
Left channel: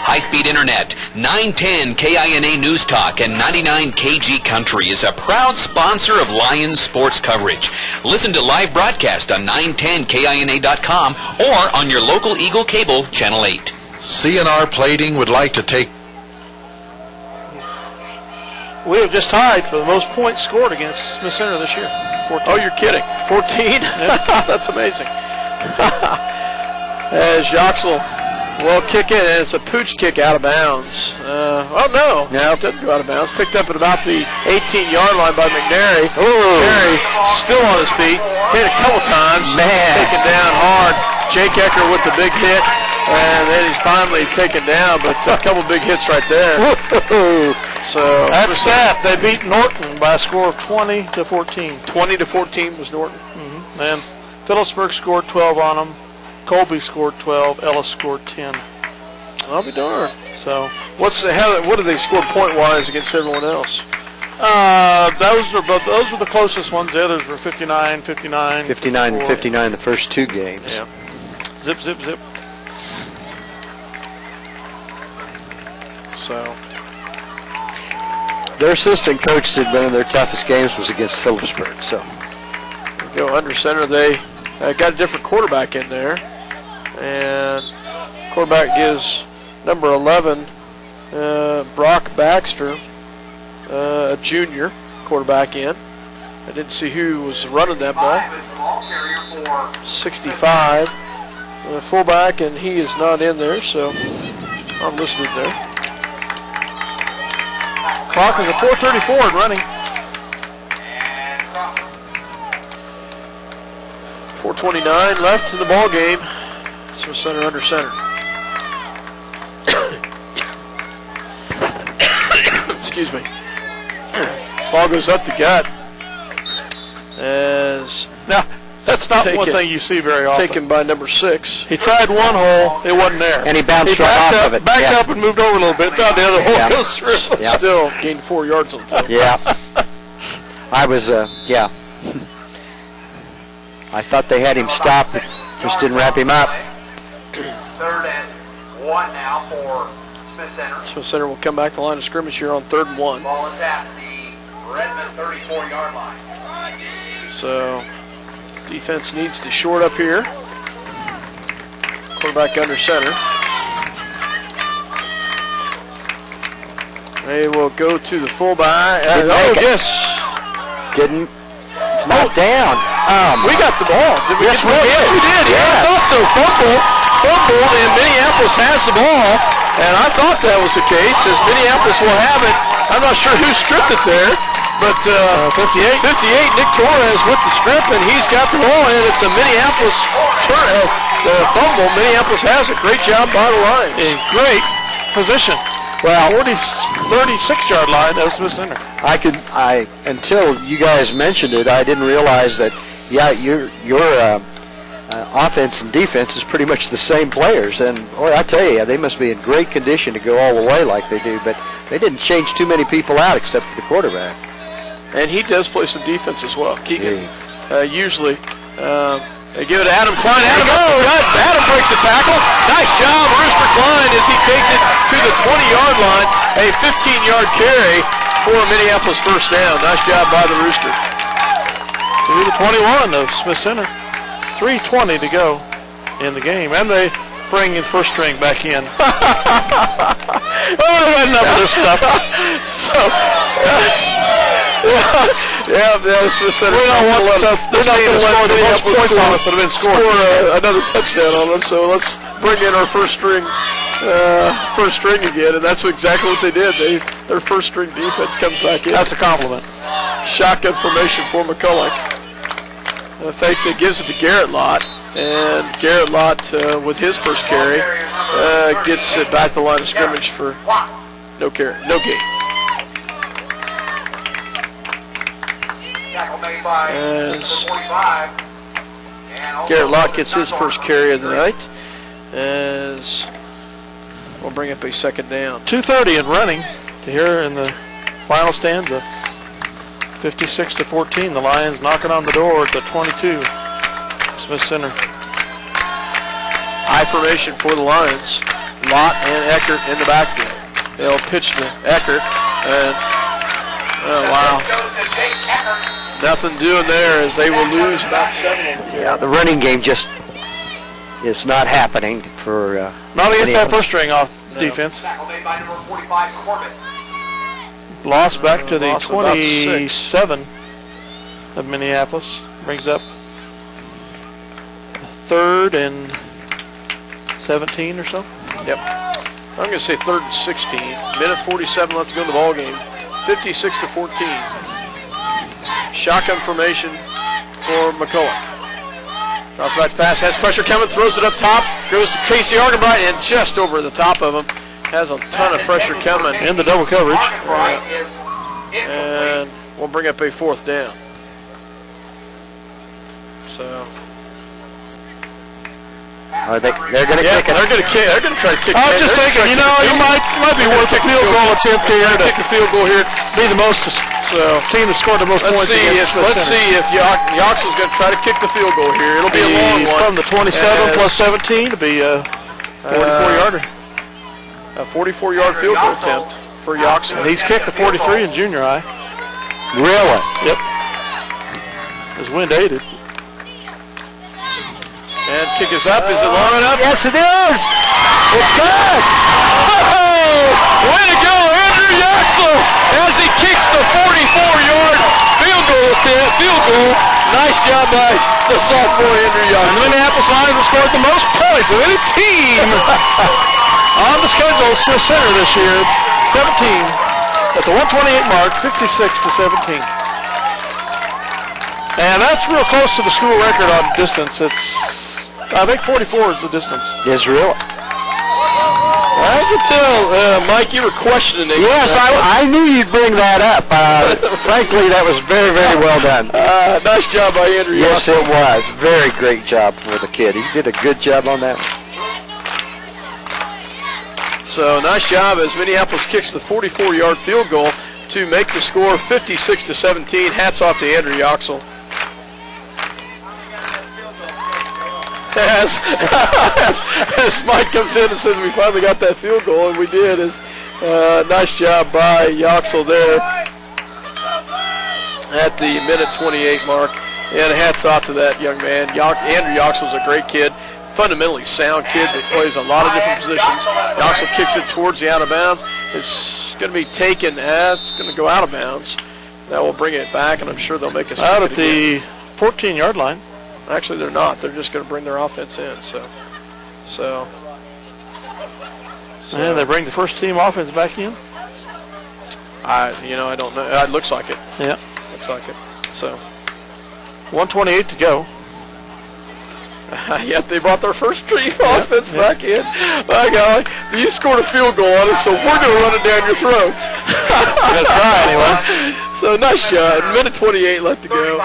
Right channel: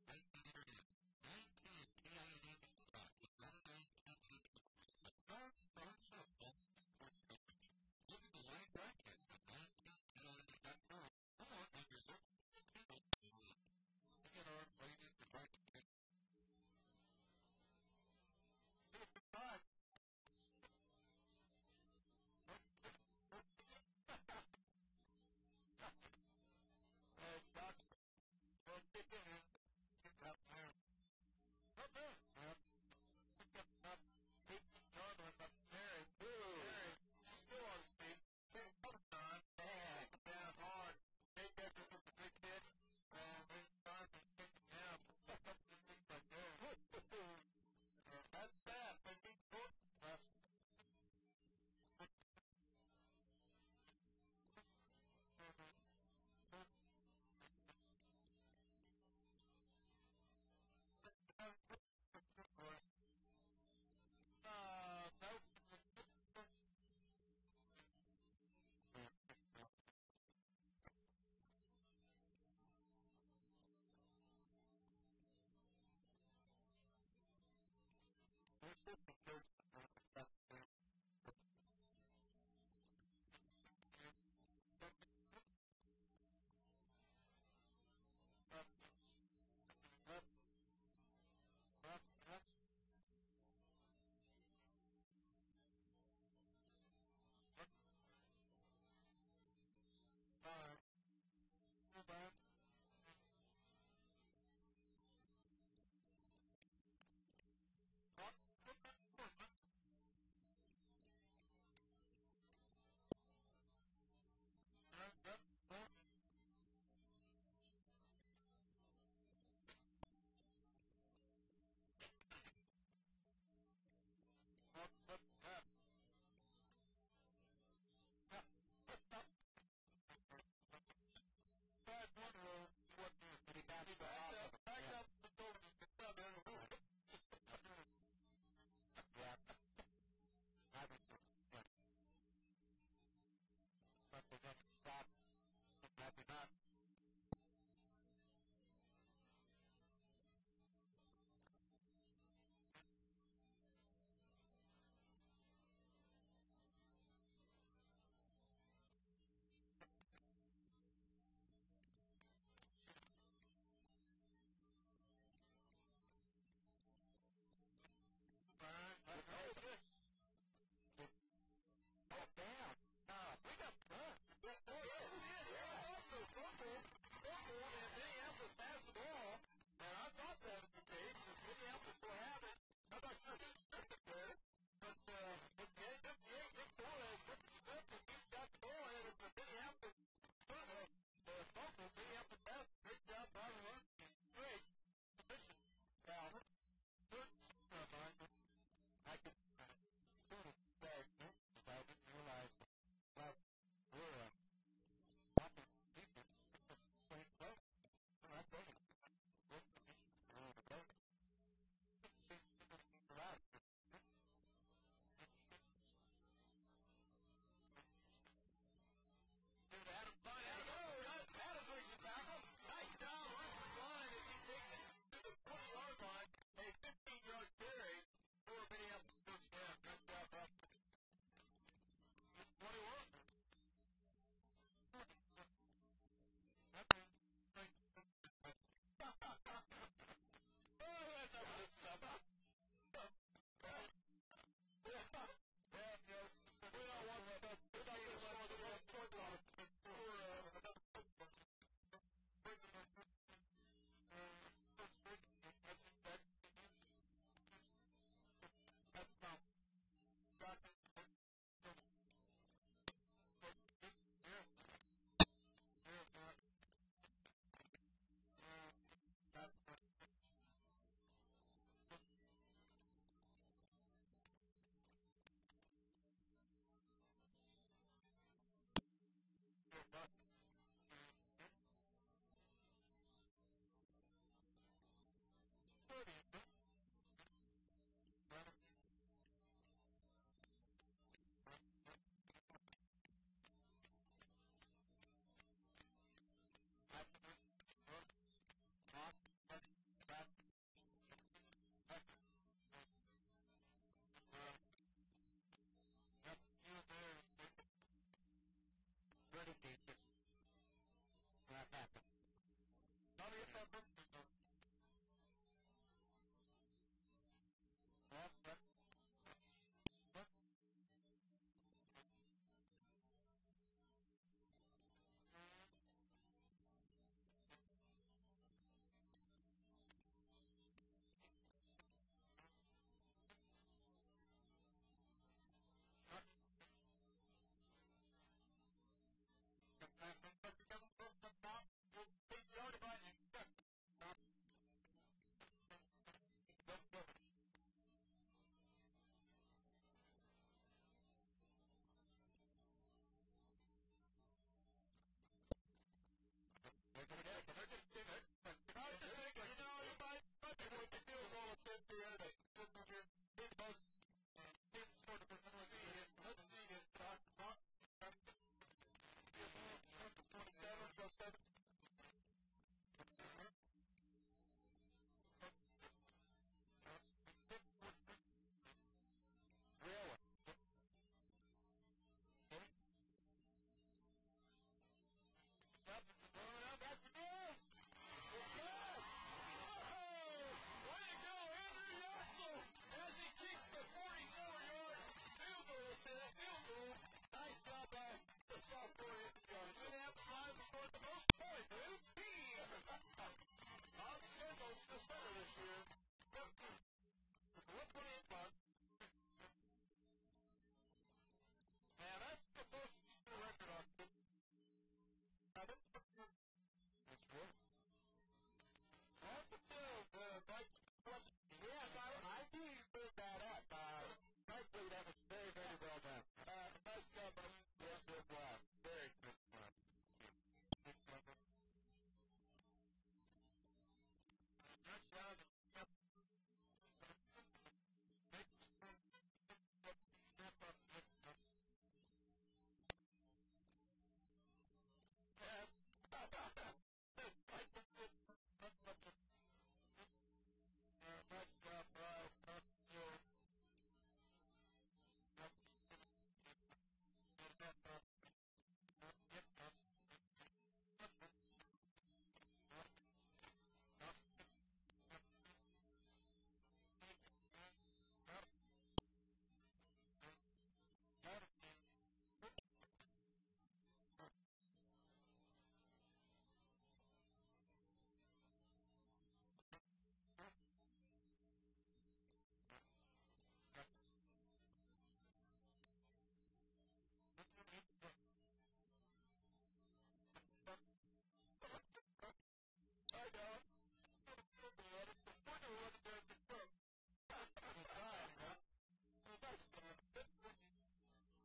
high-speed internet, 910 KINA News Talk, and 99 KG Country is a proud sponsor of Lions sports coverage. Listen to live broadcast on 910KINA.com or on your local Eagle Cable, Channel 8. CNR Plating would like to take... We have just tied for the most points scored against Smith Center this year. 14. Oh, you're kidding. 14? That's amazing. As Yoxel Well, kick in, and it's a pooch kick out of bounds. No, it doesn't go out of bounds. Picked up at about the 18-yard line by McNary. McNary still on his feet, hit a couple times, taken down hard. Jake Ecker with the big hit, and then he's finally taken down, but a couple big hits right there. So that's that. They beat Norton by a score of 20-14. 20-14 was Norton. And Phillipsburg scored 12 on them. Colby scored 12. Ellis scored 10. I'll be darned. So what do they score point-wise against everyone else? Those were the closest ones. The others were 59, 59. 59 and 59 the first two games. Yeah. Zip, zip, zip. So their assistant coach said one of their toughest games was against Phillipsburg. So go under center. They got a different quarterback in there, and quarterback gives number 11 Brock Baxter, a junior quarterback in. I didn't see who was running that ball. 65, fullback, and he is not in there, so I'm listed there. Clock is at 4:34 and running. 4:29 left in the ball game. So center under center. Excuse me. Ball goes up the gut. As now, that's not one thing you see very often. Taken by number 6. He tried one hole, it wasn't there. And he bounced right off of it. Backed up and moved over a little bit. Thought the other hole goes through. Still gained 4 yards on the field. Yeah. I was, I thought they had him stopped, but just didn't wrap him up. 3rd and 1 now for Smith Center. Smith Center will come back to the line of scrimmage here on 3rd and 1. Ball is at the Redmond 34-yard line. So defense needs to short up here. Quarterback under center. They will go to the fullback. Yes. Didn't. It's not down. We got the ball. Did we yes, get the ball? we did. Yes, we did. Yeah, I thought so. Fumble, and Minneapolis has the ball. And I thought that was the case, as Minneapolis will have it. I'm not sure who stripped it there, but 58, Nick Torres with the strip, and he's got the ball, and it's a Minneapolis fumble. Minneapolis has it. Great job by the Lions. A great position. Well, 36-yard line, that was Smith Center. Until you guys mentioned it, I didn't realize that, your offense and defense is pretty much the same players. And, boy, I tell you, they must be in great condition to go all the way like they do. But they didn't change too many people out except for the quarterback. And he does play some defense as well. Keegan, usually, they give it to Adam Klein. Adam breaks the tackle. Nice job, Rooster Klein, as he takes it to the 20-yard line. A 15-yard carry for Minneapolis first down. Nice job by the Rooster. To the 21 of Smith Center. 3:20 to go in the game. And they bring the first string back in. Enough of this stuff. Smith Center. We're not going to let the most points on us that have been scored. Another touchdown on them. So let's bring in our first string again, and that's exactly what they did. Their first string defense comes back in. That's a compliment. Shotgun formation for McCulloch. Fakes it, gives it to Garrett Lott, and Garrett Lott with his first carry gets it back to the line of scrimmage for no gain. As Garrett Lott gets his first carry of the night, as we'll bring up a second down. 2:30 and running to here in the final stanza. 56-14. The Lions knocking on the door at the 22. Smith Center. High formation for the Lions. Lott and Eckert in the backfield. They'll pitch to Eckert, and wow. Nothing doing there, as they will lose about 7. Yeah, the running game just is not happening for. Not against that first string off defense. Lost back to the 27 of Minneapolis. Brings up 3rd and 17 or so. Yep. I'm going to say 3rd and 16. Minute 47 left to go in the ball game. 56-14. Shotgun formation for McCulloch. Drops back pass, has pressure coming, throws it up top, goes to Casey Argenbright, and just over the top of him. Has a ton of pressure coming. In the double coverage. And we'll bring up a 4th down. So. They're going to kick it. They're going to kick. They're going to try to kick. I was just thinking, you know, it might be worth a field goal attempt here to kick a field goal here. Be the most team that scored the most points. Let's see if Yoxel's going to try to kick the field goal here. It'll be a long one. From the 27 plus 17 to be a 44-yarder. A 44-yard field goal attempt for Yoxel. And he's kicked a 43 in junior high. Really? Yep. His wind aided. And kick is up. Is it long enough? Yes, it is. It's good. Oh, way to go, Andrew Yoxel, as he kicks the 44-yard field goal. Nice job by the sophomore Andrew Yoxel. The Minneapolis Lions have scored the most points of any team on the schedule, Smith Center this year. 17 at the 128 mark, 56-17. And that's real close to the school record on distance. I think 44 is the distance. Is really? I could tell, Mike, you were questioning it. Yes, I knew you'd bring that up. Frankly, that was very, very well done. Nice job by Andrew Yoxel. Yes, it was. Very great job for the kid. He did a good job on that one. So nice job as Minneapolis kicks the 44-yard field goal to make the score 56-17. Hats off to Andrew Yoxel. As Mike comes in and says we finally got that field goal, and we did. Nice job by Yoxel there at the minute 28 mark. And hats off to that young man. Andrew Yoxel's a great kid, fundamentally sound kid that plays a lot of different positions. Yoxel kicks it towards the out of bounds. It's going to be taken. It's going to go out of bounds. That will bring it back, and I'm sure they'll make us out at the 14-yard line. Actually, they're not. They're just going to bring their offense in. So. And they bring the first team offense back in. I don't know. It looks like it. Yeah. Looks like it. So. 1:28 to go. Yet they brought their first team offense back in. My God, you scored a field goal on us, so we're going to run it down your throats. Gonna try anyway. So nice shot. Minute 28 left to go.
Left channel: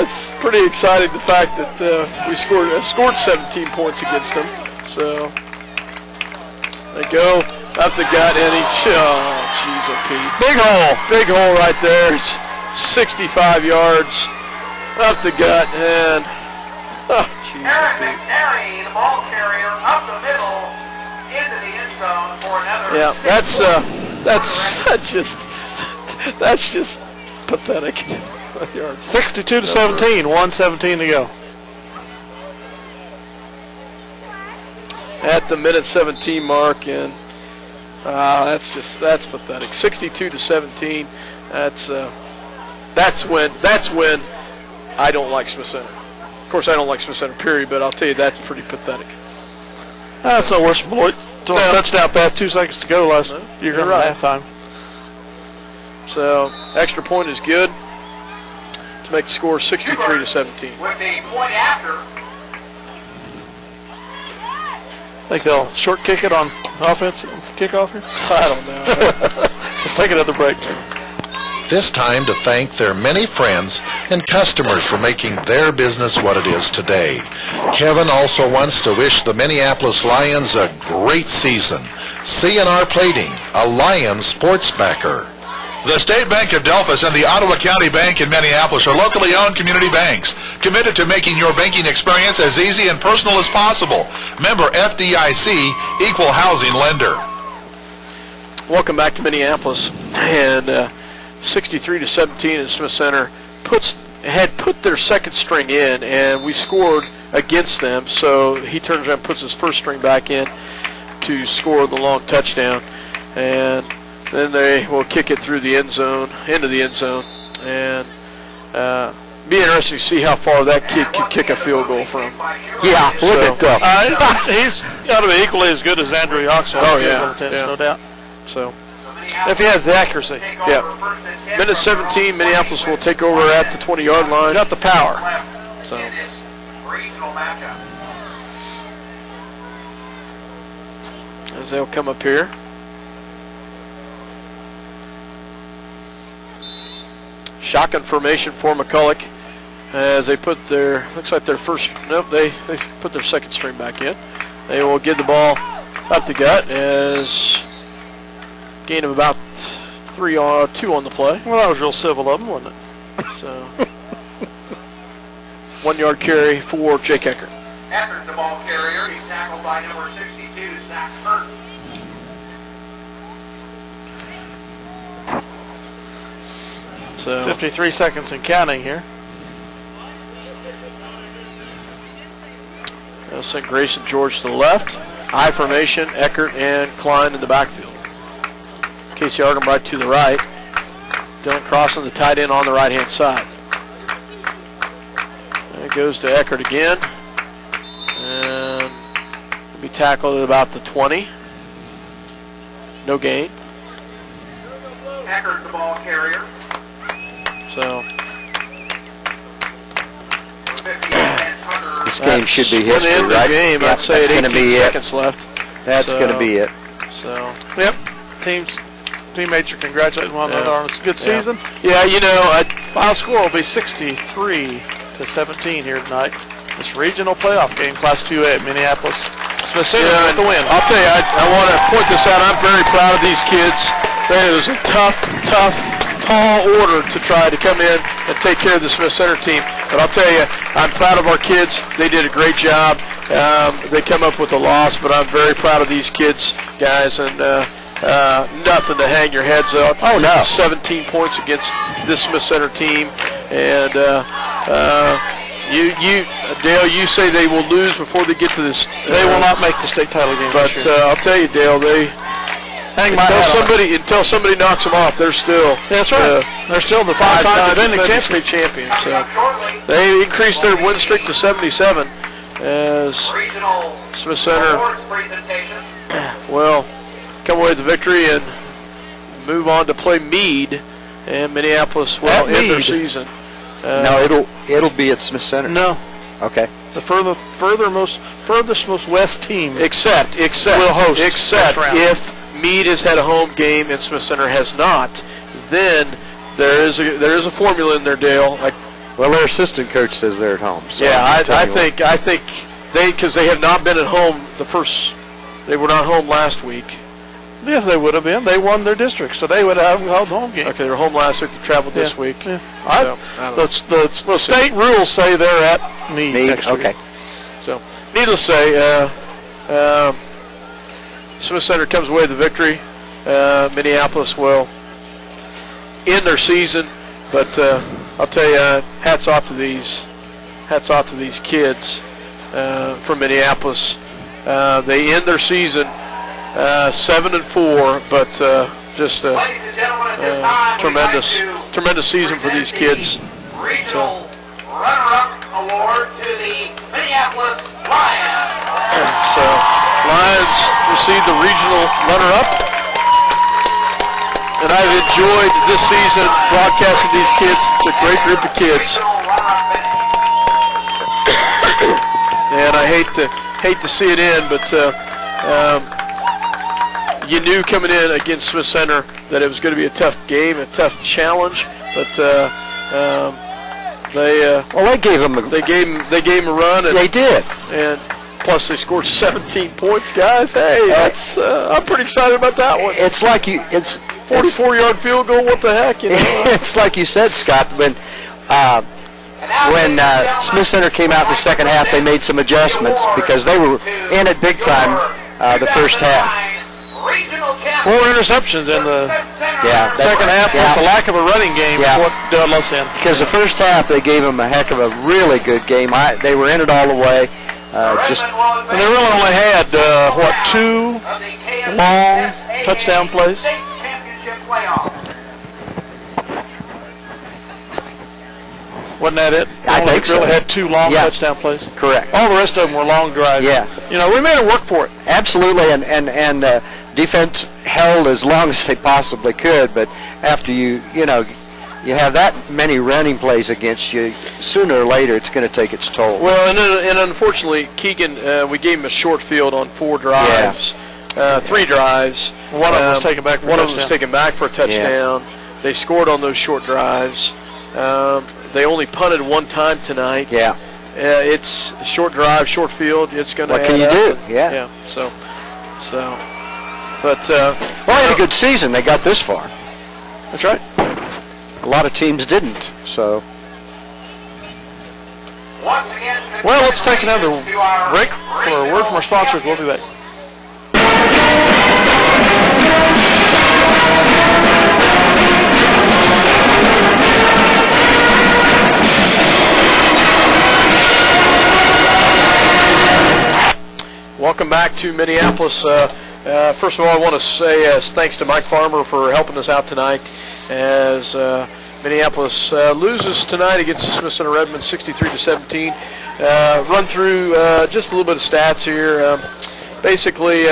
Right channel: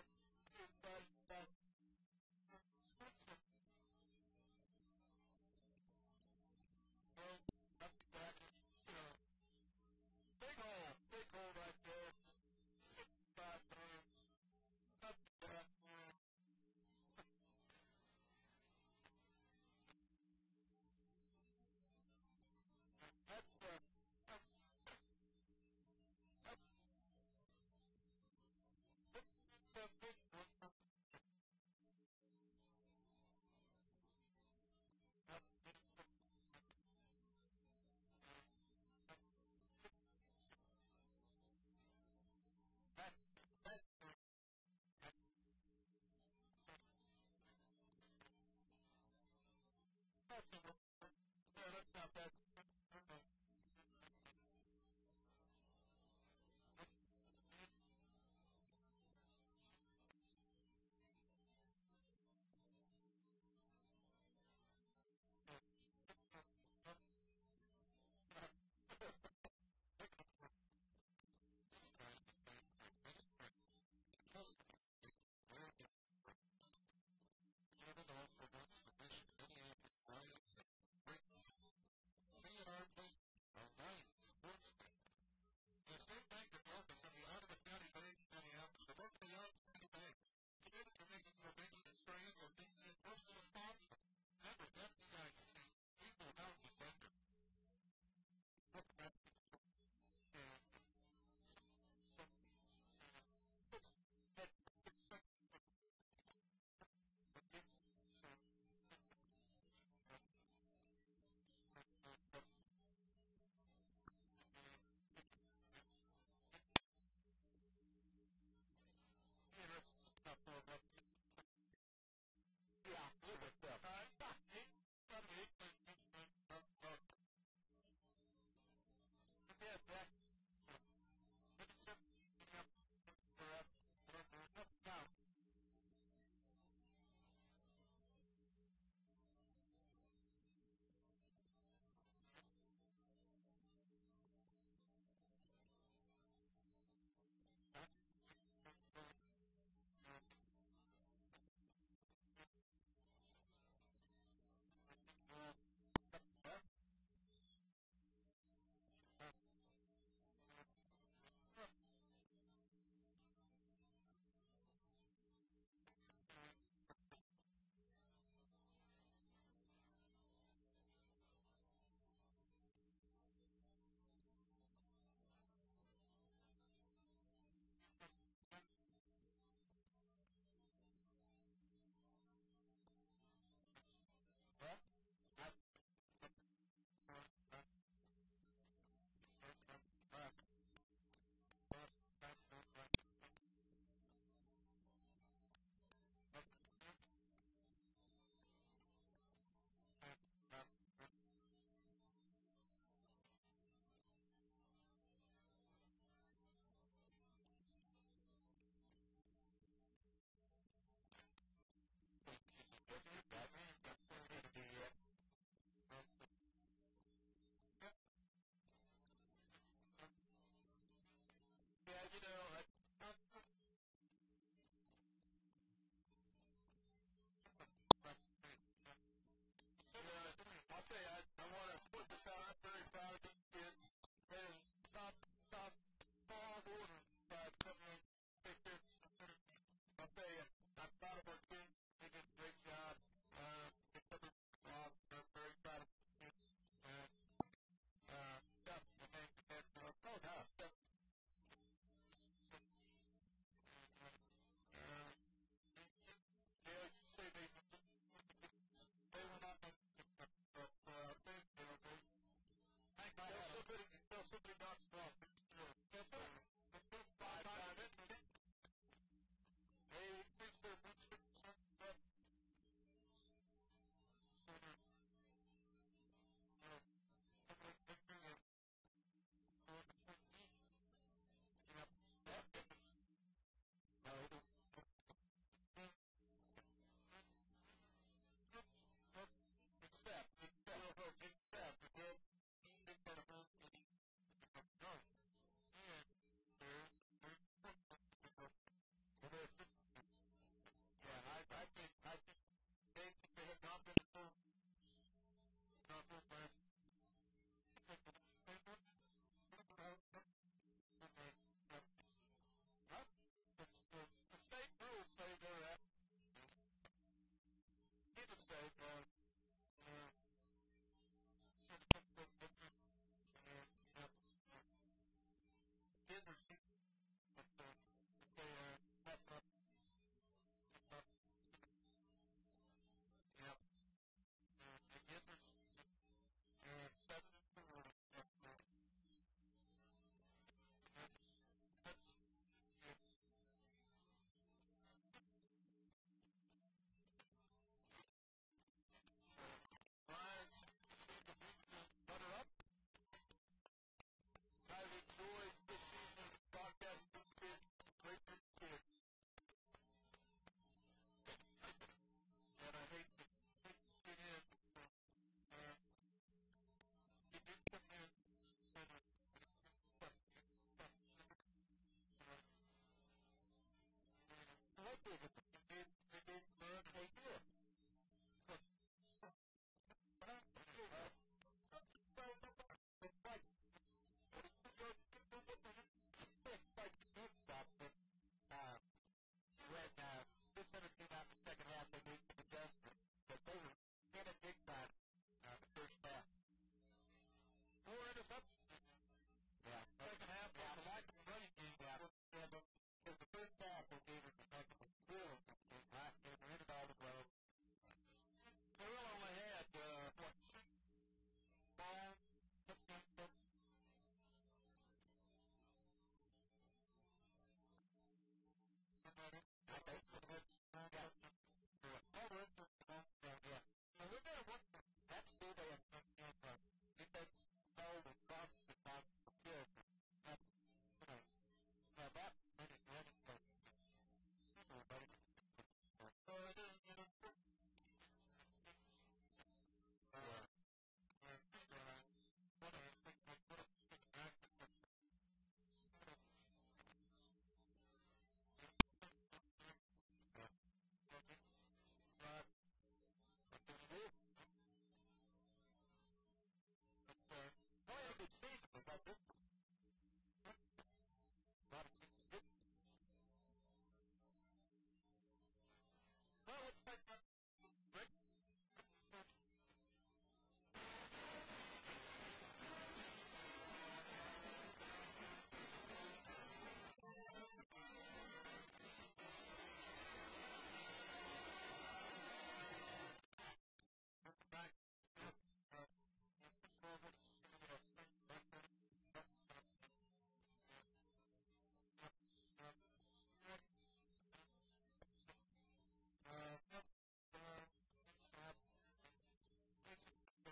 It's pretty exciting the fact that we scored 17 points against them. So they go up the gut, and jeez, Pete. Big hole right there. It's 65 yards. Up the gut, and Aaron McNary, the ball carrier, up the middle into the end zone for another. Yeah, that's just pathetic. 62-17, 1:17 to go. At the minute 17 mark, and that's pathetic. 62-17. That's when I don't like Smith Center. Of course, I don't like Smith Center, period, but I'll tell you, that's pretty pathetic. That's no worse than Beloit. Touchdown pass, 2 seconds to go last year at halftime. So, extra point is good to make the score 63-17. With the point after. I think they'll short kick it on offense kickoff here. I don't know. Let's take another break. This time to thank their many friends and customers for making their business what it is today. Kevin also wants to wish the Minneapolis Lions a great season. C&R Plating, a Lions sports backer. The State Bank of Delphus and the Ottawa County Bank in Minneapolis are locally owned community banks, committed to making your banking experience as easy and personal as possible. Member FDIC, equal housing lender. Welcome back to Minneapolis, and 63-17 in Smith Center had put their second string in, and we scored against them. So he turns around and puts his first string back in to score the long touchdown, and then they will kick it through the end zone, into the end zone, and Be interesting to see how far that kid can kick a field goal from. Yeah, look at that. He's got to be equally as good as Andrew Yoxall. Oh, yeah. No doubt. So, if he has the accuracy. yeah. Minute 17, Minneapolis will take over at the 20-yard line. He's got the power. So, as they'll come up here. Shotgun formation for McCulloch as they put their, looks like their first, nope, they put their second string back in. They will get the ball up the gut as gain of about 2 on the play. Well, that was real civil of them, wasn't it? So, 1 yard carry for Jake Eckert. Eckert, the ball carrier, he's tackled by number 62, Zach Hurt. So 53 seconds and counting here. they'll send Grayson George to the left. I formation, Eckert and Klein in the backfield. Casey Argenbright to the right. Dylan Crossan, the tight end, on the right-hand side. And it goes to Eckert again. And will be tackled at about the 20. No gain. Eckert, the ball carrier. So this game should be the history, end of the right? game. Yep, I'd say at that's gonna 18 be seconds left. That's So- going to be it. So Teammates are congratulating one another on a good season. yeah, you know, Final score will be 63-17 here tonight. This regional playoff game, Class 2A, Minneapolis. Smith Center with the win. I'll tell you, I want to point this out. I'm very proud of these kids. It was a tough, tall order to try to come in and take care of the Smith Center team. But I'll tell you, I'm proud of our kids. They did a great job. They come up with a loss, but I'm very proud of these kids, guys, and nothing to hang your heads up. Oh, no. 17 points against this Smith Center team, and Dale, you say they will lose before they get to this. They will not make the state title game. But I'll tell you, Dale, they until somebody knocks them off, they're still. That's right. They're still the five-time defending state champion. So they increased their win streak to 77 as Smith Center will come away with the victory and move on to play Meade, and Minneapolis will end their season. No, it'll be at Smith Center. No. Okay. It's the furthest most west team. Except will host if Meade has had a home game and Smith Center has not, then there is a formula in there, Dale. Well, their assistant coach says they're at home. So yeah, I think because they have not been at home they were not home last week. If they would have been, they won their district, so they would have held home game. Okay, they were home last week. They traveled this week. Yeah. So, the state rules say they're at Meade next week. Okay. So, needless to say, Smith Center comes away with the victory. Minneapolis will end their season, but I'll tell you, hats off to these kids from Minneapolis. They end their season 7-4, but just a tremendous season for these kids. Regional runner-up award to the Minneapolis Lions. So Lions received the regional runner-up, and I've enjoyed this season broadcasting these kids. It's a great group of kids, and I hate to see it end, but you knew coming in against Smith Center that it was going to be a tough game, a tough challenge, but they gave him a run. And, they did, and plus they scored 17 points, guys. Hey, that's I'm pretty excited about that one. It's like 44-yard field goal. What the heck? You know? It's like you said, Scott. When Smith Center came out in the second half, they made some adjustments because they were in it big time the first half. 4 interceptions in the second half, plus a lack of a running game. Because the first half they gave them a heck of a really good game. They were in it all the way. And they really only had 2 long touchdown plays. Wasn't that it? I think so. Really had 2 long Yeah. touchdown plays. Correct. All the rest of them were long drives. Yeah. You know, we made it work for it. Absolutely, and defense held as long as they possibly could. But after you have that many running plays against you, sooner or later it's going to take its toll. Well, and unfortunately, Keegan, we gave him a short field on 4 drives, 3 drives. One of them was taken back for a One of touchdown. them was taken back for a touchdown. They scored on those short drives. They only punted 1 time tonight. Yeah. It's a short drive, short field. It's going to What can you do? Yeah. Yeah. So, but well, they had a good season. They got this far. that's right. A lot of teams didn't. So. Once again, Well, let's take another break for a word from our sponsors. We'll be back. Welcome back to Minneapolis. First of all, I want to say thanks to Mike Farmer for helping us out tonight as Minneapolis loses tonight against the Smith Center Redmen 63-17. Run through just a little bit of stats here. Basically,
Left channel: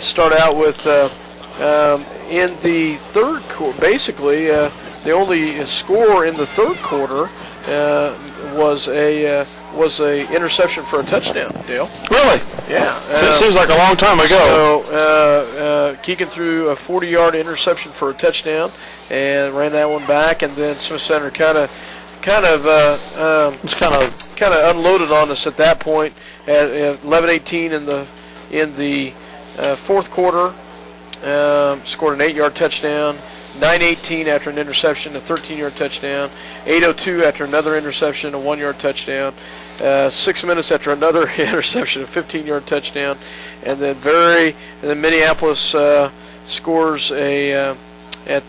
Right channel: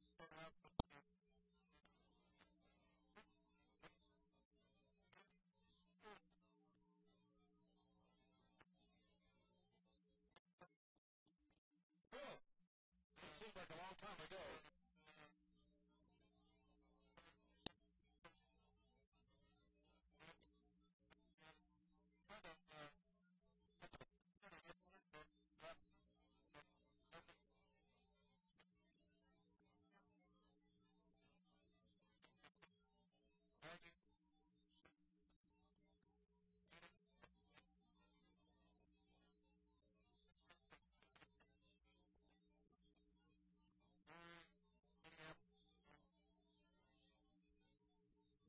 start out with in the third quarter. Basically, the only score in the third quarter was a interception for a touchdown. Dale. Really? Yeah. So it seems like a long time ago. So Keegan threw a 40-yard interception for a touchdown and ran that one back, and then Smith Center kind of unloaded on us at that point at 11:18 in the fourth quarter. Scored an 8-yard touchdown. 9:18 after an interception, a 13-yard touchdown. 8:02 after another interception, a 1-yard touchdown. 6 minutes after another interception, a 15-yard touchdown. And then Minneapolis scores at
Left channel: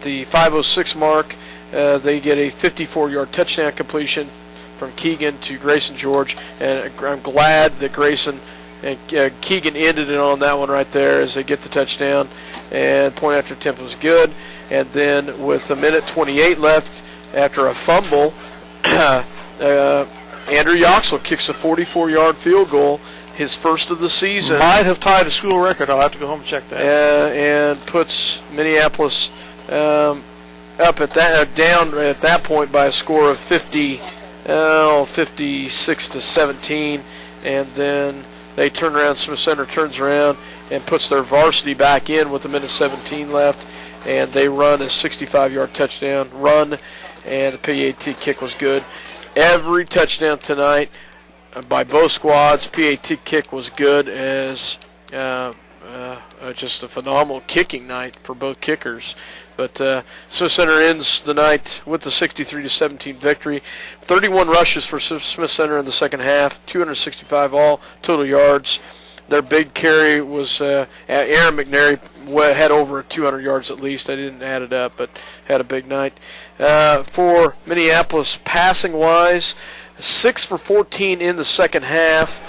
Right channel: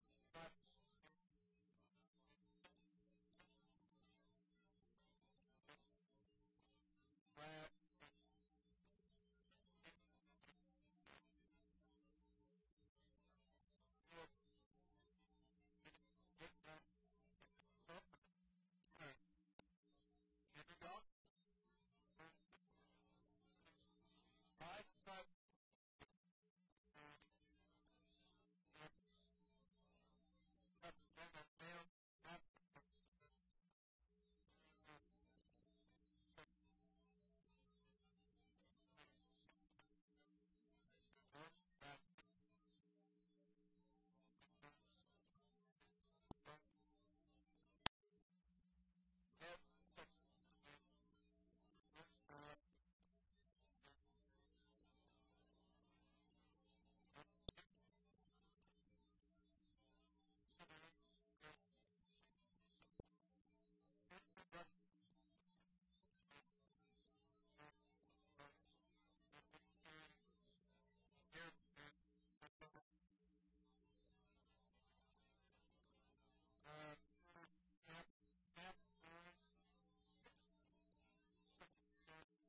the 5:06 mark. They get a 54-yard touchdown completion from Keegan to Grayson George, and I'm glad that Grayson and Keegan ended it on that one right there as they get the touchdown. And point after attempt was good. And then with 1:28 left after a fumble, Andrew Yoxel kicks a 44-yard field goal, his first of the season. Might have tied a school record. I'll have to go home and check that. And puts Minneapolis down at that point by a score of 56-17. And then they turn around. Smith Center turns around and puts their varsity back in with 1:17 left. And they run a 65-yard touchdown run, and the PAT kick was good. Every touchdown tonight by both squads, PAT kick was good as just a phenomenal kicking night for both kickers. But Smith Center ends the night with the 63-17 victory. 31 rushes for Smith Center in the second half, 265 all total yards. Their big carry was Aaron McNary had over 200 yards at least. I didn't add it up, but had a big night. For Minneapolis, passing-wise, 6 for 14 in the second half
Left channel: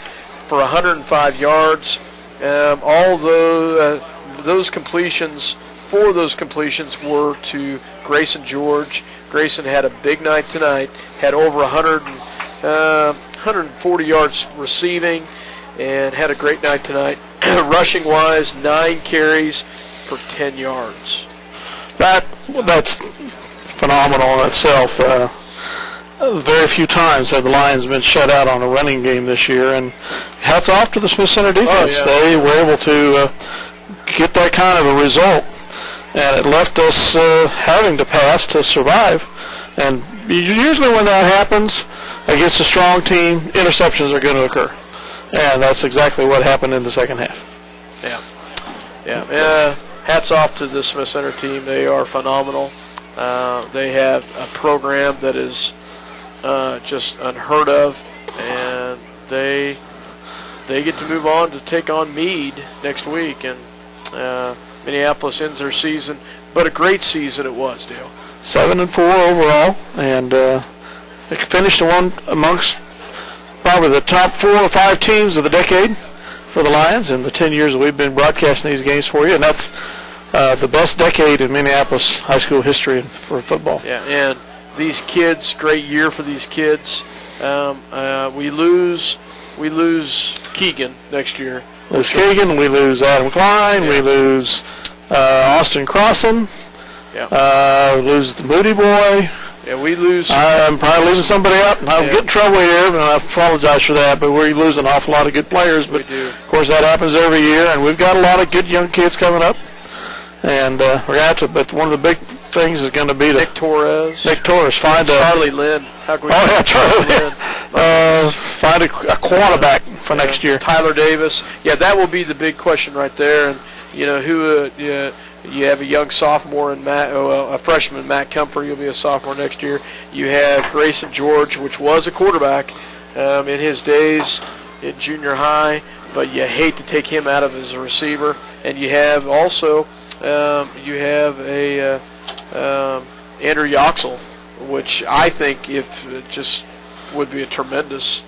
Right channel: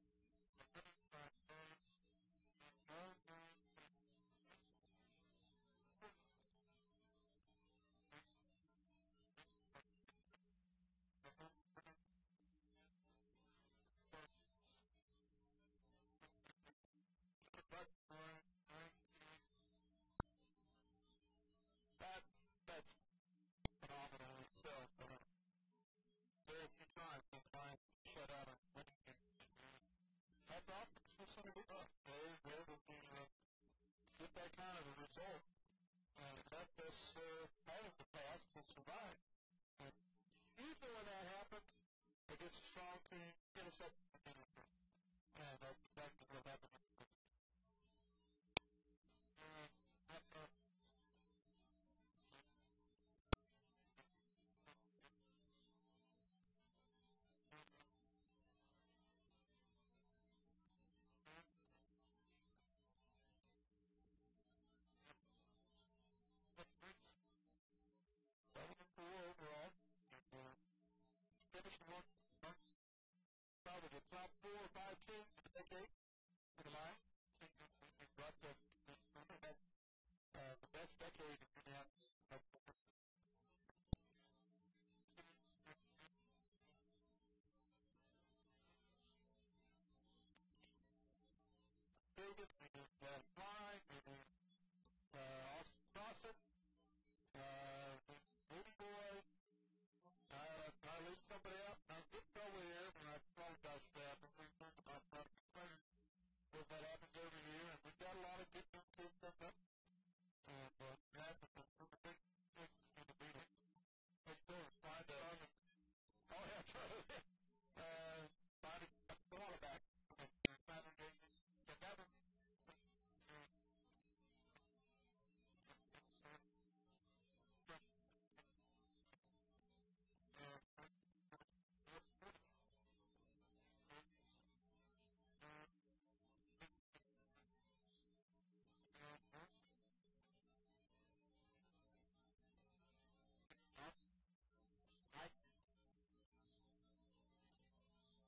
for 105 yards. All those completions, 4 of those completions were to Grayson George. Grayson had a big night tonight, had over 140 yards receiving, and had a great night tonight. Rushing-wise, 9 carries for 10 yards. That's phenomenal in itself. Very few times have the Lions been shut out on a running game this year, and hats off to the Smith Center defense. Oh, yeah. They were able to get that kind of a result, and it left us having to pass to survive. And usually when that happens against a strong team, interceptions are going to occur. And that's exactly what happened in the second half. Yeah. Hats off to the Smith Center team. They are phenomenal. They have a program that is just unheard of, and they get to move on to take on Meade next week. And Minneapolis ends their season, but a great season it was, Dale. 7-4 overall, and they finished one amongst probably the top 4 or 5 teams of the decade for the Lions in the 10 years that we've been broadcasting these games for you, and that's the best decade in Minneapolis high school history for football. Yeah, and these kids, great year for these kids. We lose Keegan next year. Lose Keegan, we lose Adam Klein, we lose Austin Crossan, we lose the Moody boy. Yeah, we lose. I'm probably leaving somebody out, and I'll get in trouble here, and I apologize for that, but we're losing an awful lot of good players. But, of course, that happens every year, and we've got a lot of good young kids coming up. And we're going to have to, but one of the big things is going to be Nick Torres. Find Charlie Lynn. Charlie Lynn. Find a quarterback for next year. Tyler Davis. Yeah, that will be the big question right there. And, you have a young sophomore in a freshman, Matt Comfort. He'll be a sophomore next year. You have Grayson George, which was a quarterback in his days in junior high, but you hate to take him out of as a receiver. And you have also Andrew Yoxel, which I think just would be a tremendous.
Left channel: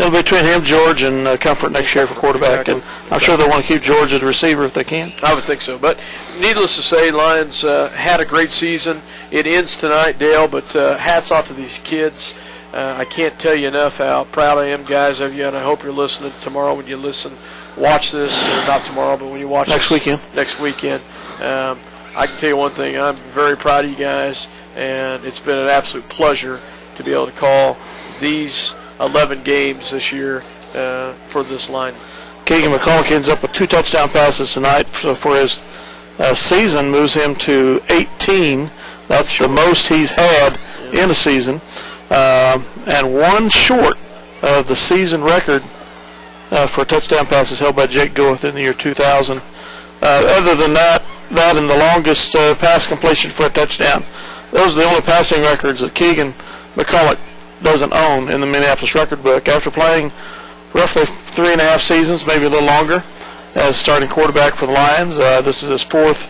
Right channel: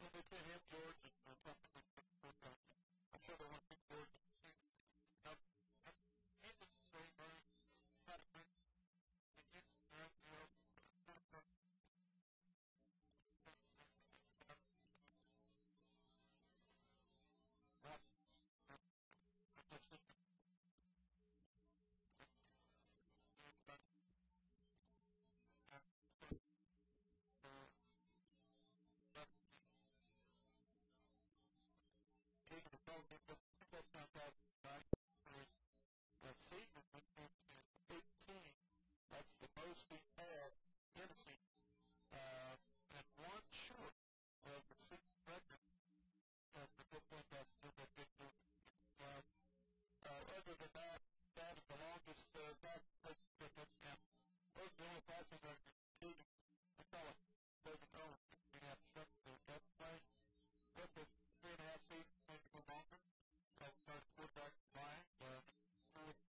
It'll be between him, George, and Comfort next year for quarterback, and I'm sure they'll want to keep George as a receiver if they can. I would think so. But needless to say, Lions had a great season. It ends tonight, Dale, but hats off to these kids. I can't tell you enough how proud I am, guys, of you, and I hope you're listening tomorrow when you watch this, or not tomorrow, but when you watch next weekend. I can tell you one thing. I'm very proud of you guys, and it's been an absolute pleasure to be able to call these 11 games this year for this line. Keegan McCulloch ends up with 2 touchdown passes tonight for his season, moves him to 18. That's the most he's had in a season, and one short of the season record for touchdown passes held by Jake Goeth in the year 2000. Other than that and the longest pass completion for a touchdown, those are the only passing records that Keegan McCulloch doesn't own in the Minneapolis record book. After playing roughly 3.5 seasons, maybe a little longer, as starting quarterback for the Lions, this is his 4th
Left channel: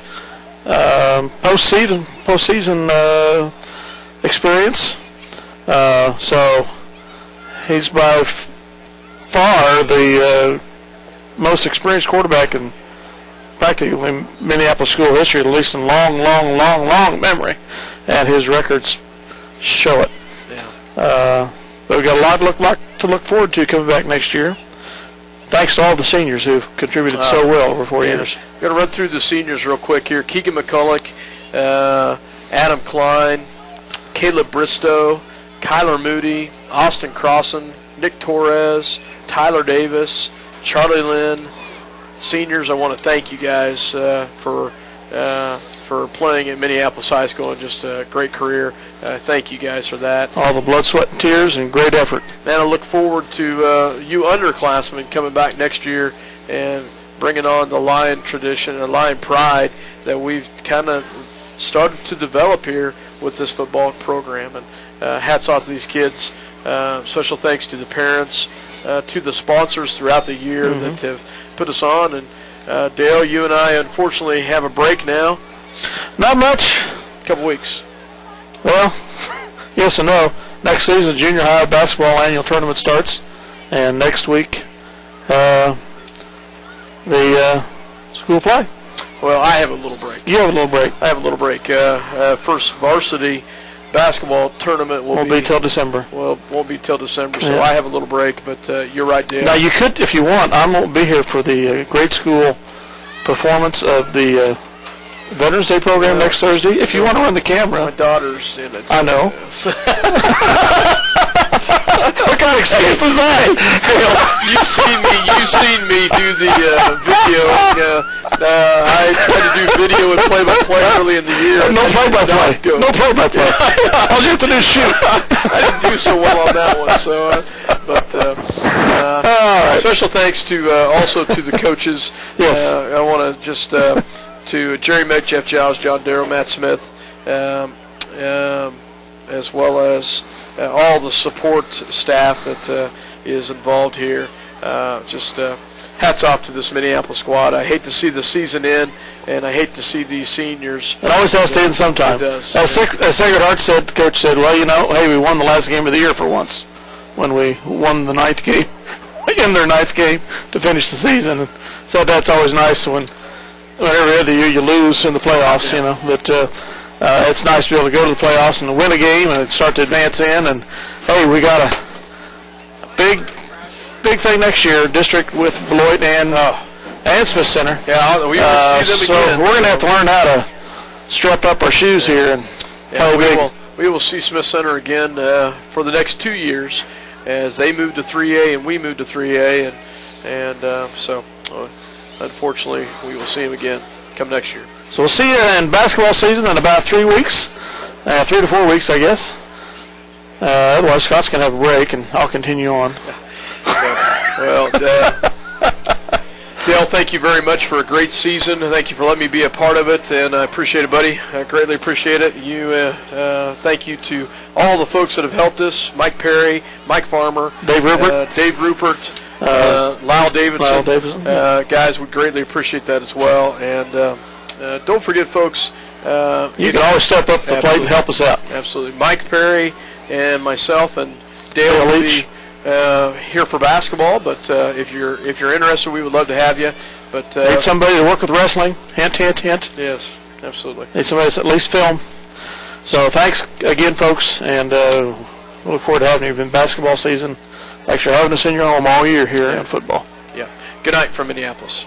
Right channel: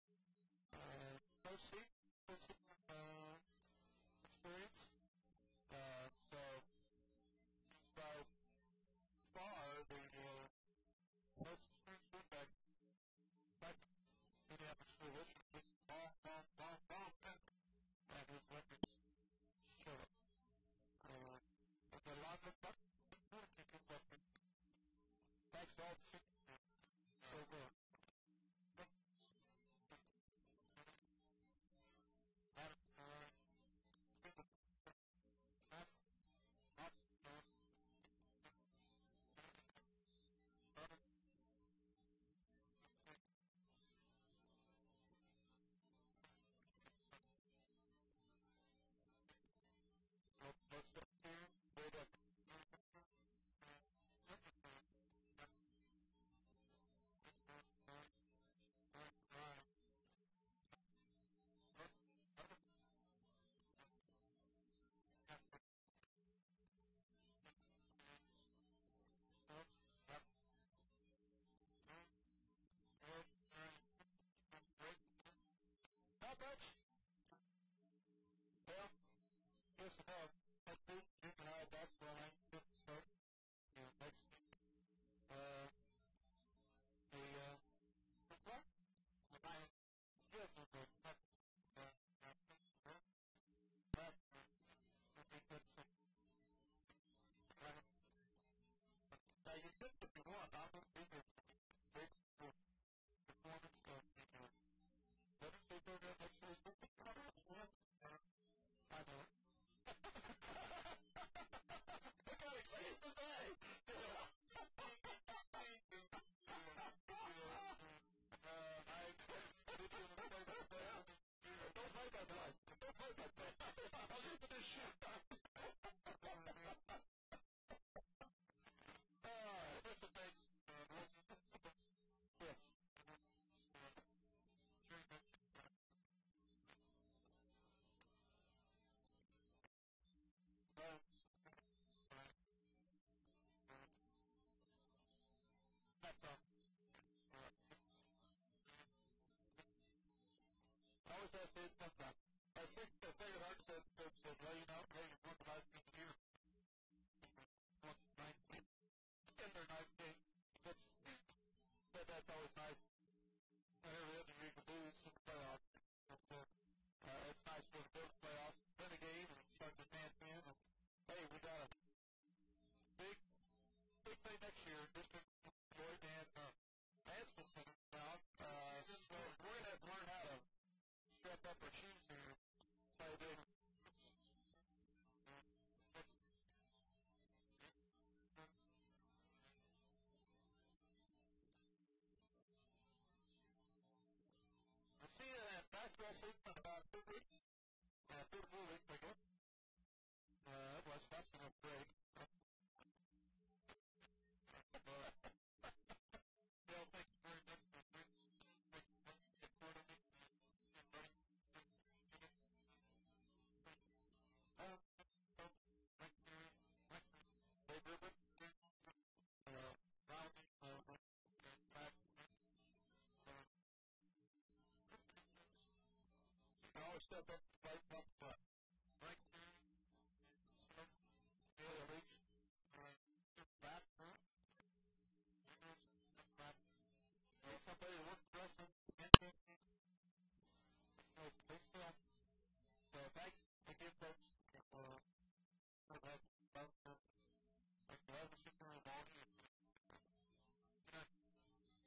postseason experience. So he's by far the most experienced quarterback in practically Minneapolis school history, at least in long memory, and his records show it. But we've got a lot to look forward to coming back next year. Thanks to all the seniors who've contributed so well over 4 years. I'm going to run through the seniors real quick here. Keegan McCulloch, Adam Klein, Caleb Bristow, Kyler Moody, Austin Crossan, Nick Torres, Tyler Davis, Charlie Lynn. Seniors, I want to thank you guys for playing at Minneapolis High School and just a great career. Thank you guys for that. All the blood, sweat, and tears and great effort. And I look forward to you underclassmen coming back next year and bringing on the Lion tradition and Lion pride that we've kind of started to develop here with this football program. And hats off to these kids. Special thanks to the parents, to the sponsors throughout the year that have put us on. And Dale, you and I unfortunately have a break now. Not much. A couple weeks. Well, yes and no. Next season, junior high basketball annual tournament starts, and next week the school play. Well, I have a little break. You have a little break. I have a little break. First varsity basketball tournament won't be till December. Well, won't be till December, so I have a little break. But you're right, Dale. Now you could, if you want. I won't be here for the grade school performance of the Veterans Day program next Thursday. If you want to run the camera. My daughter's in it. I know. What kind of excuse is that? You've seen me do the video. I tried to do video and play-by-play early in the year. No play-by-play. No play-by-play. All you have to do is shoot. I didn't do so well on that one. So, special thanks to also to the coaches. Yes. I want to just to Jerry Meck, Jeff Giles, John Darrow, Matt Smith, as well as all the support staff that is involved here. Hats off to this Minneapolis squad. I hate to see the season end, and I hate to see these seniors. It always has to end sometime. It does. As Sacred Heart said, the coach said, well, hey, we won the last game of the year for once when we won the 9th game, in their 9th game to finish the season. And so that's always nice when every other year you lose in the playoffs, But it's nice to be able to go to the playoffs and win a game and start to advance in. And hey, we got a big thing next year, district with Beloit and Smith Center. Yeah, we will see them so again. we're going to have to learn how to strap up our shoes here and play big. We will see Smith Center again for the next 2 years as they move to 3A and we move to 3A, and so unfortunately we will see them again come next year. So we'll see you in basketball season in about 3 weeks, 3 to 4 weeks, I guess. Otherwise, Scott's going to have a break, and I'll continue on. Well, Dale, thank you very much for a great season. Thank you for letting me be a part of it, and I appreciate it, buddy. I greatly appreciate it. Thank you to all the folks that have helped us: Mike Perry, Mike Farmer, Dave Rupert, Lyle Davidson. Guys, we greatly appreciate that as well. And don't forget, folks, you can always step up to the plate and help us out. Absolutely. Mike Perry and myself and Dale will be here for basketball, but if you're interested, we would love to have you. But need somebody to work with wrestling. Hint, hint, hint. Yes, absolutely. Need somebody to at least film. So thanks again, folks, and we look forward to having you in basketball season. Thanks for having us in your home all year here in football. Yeah. Good night from Minneapolis.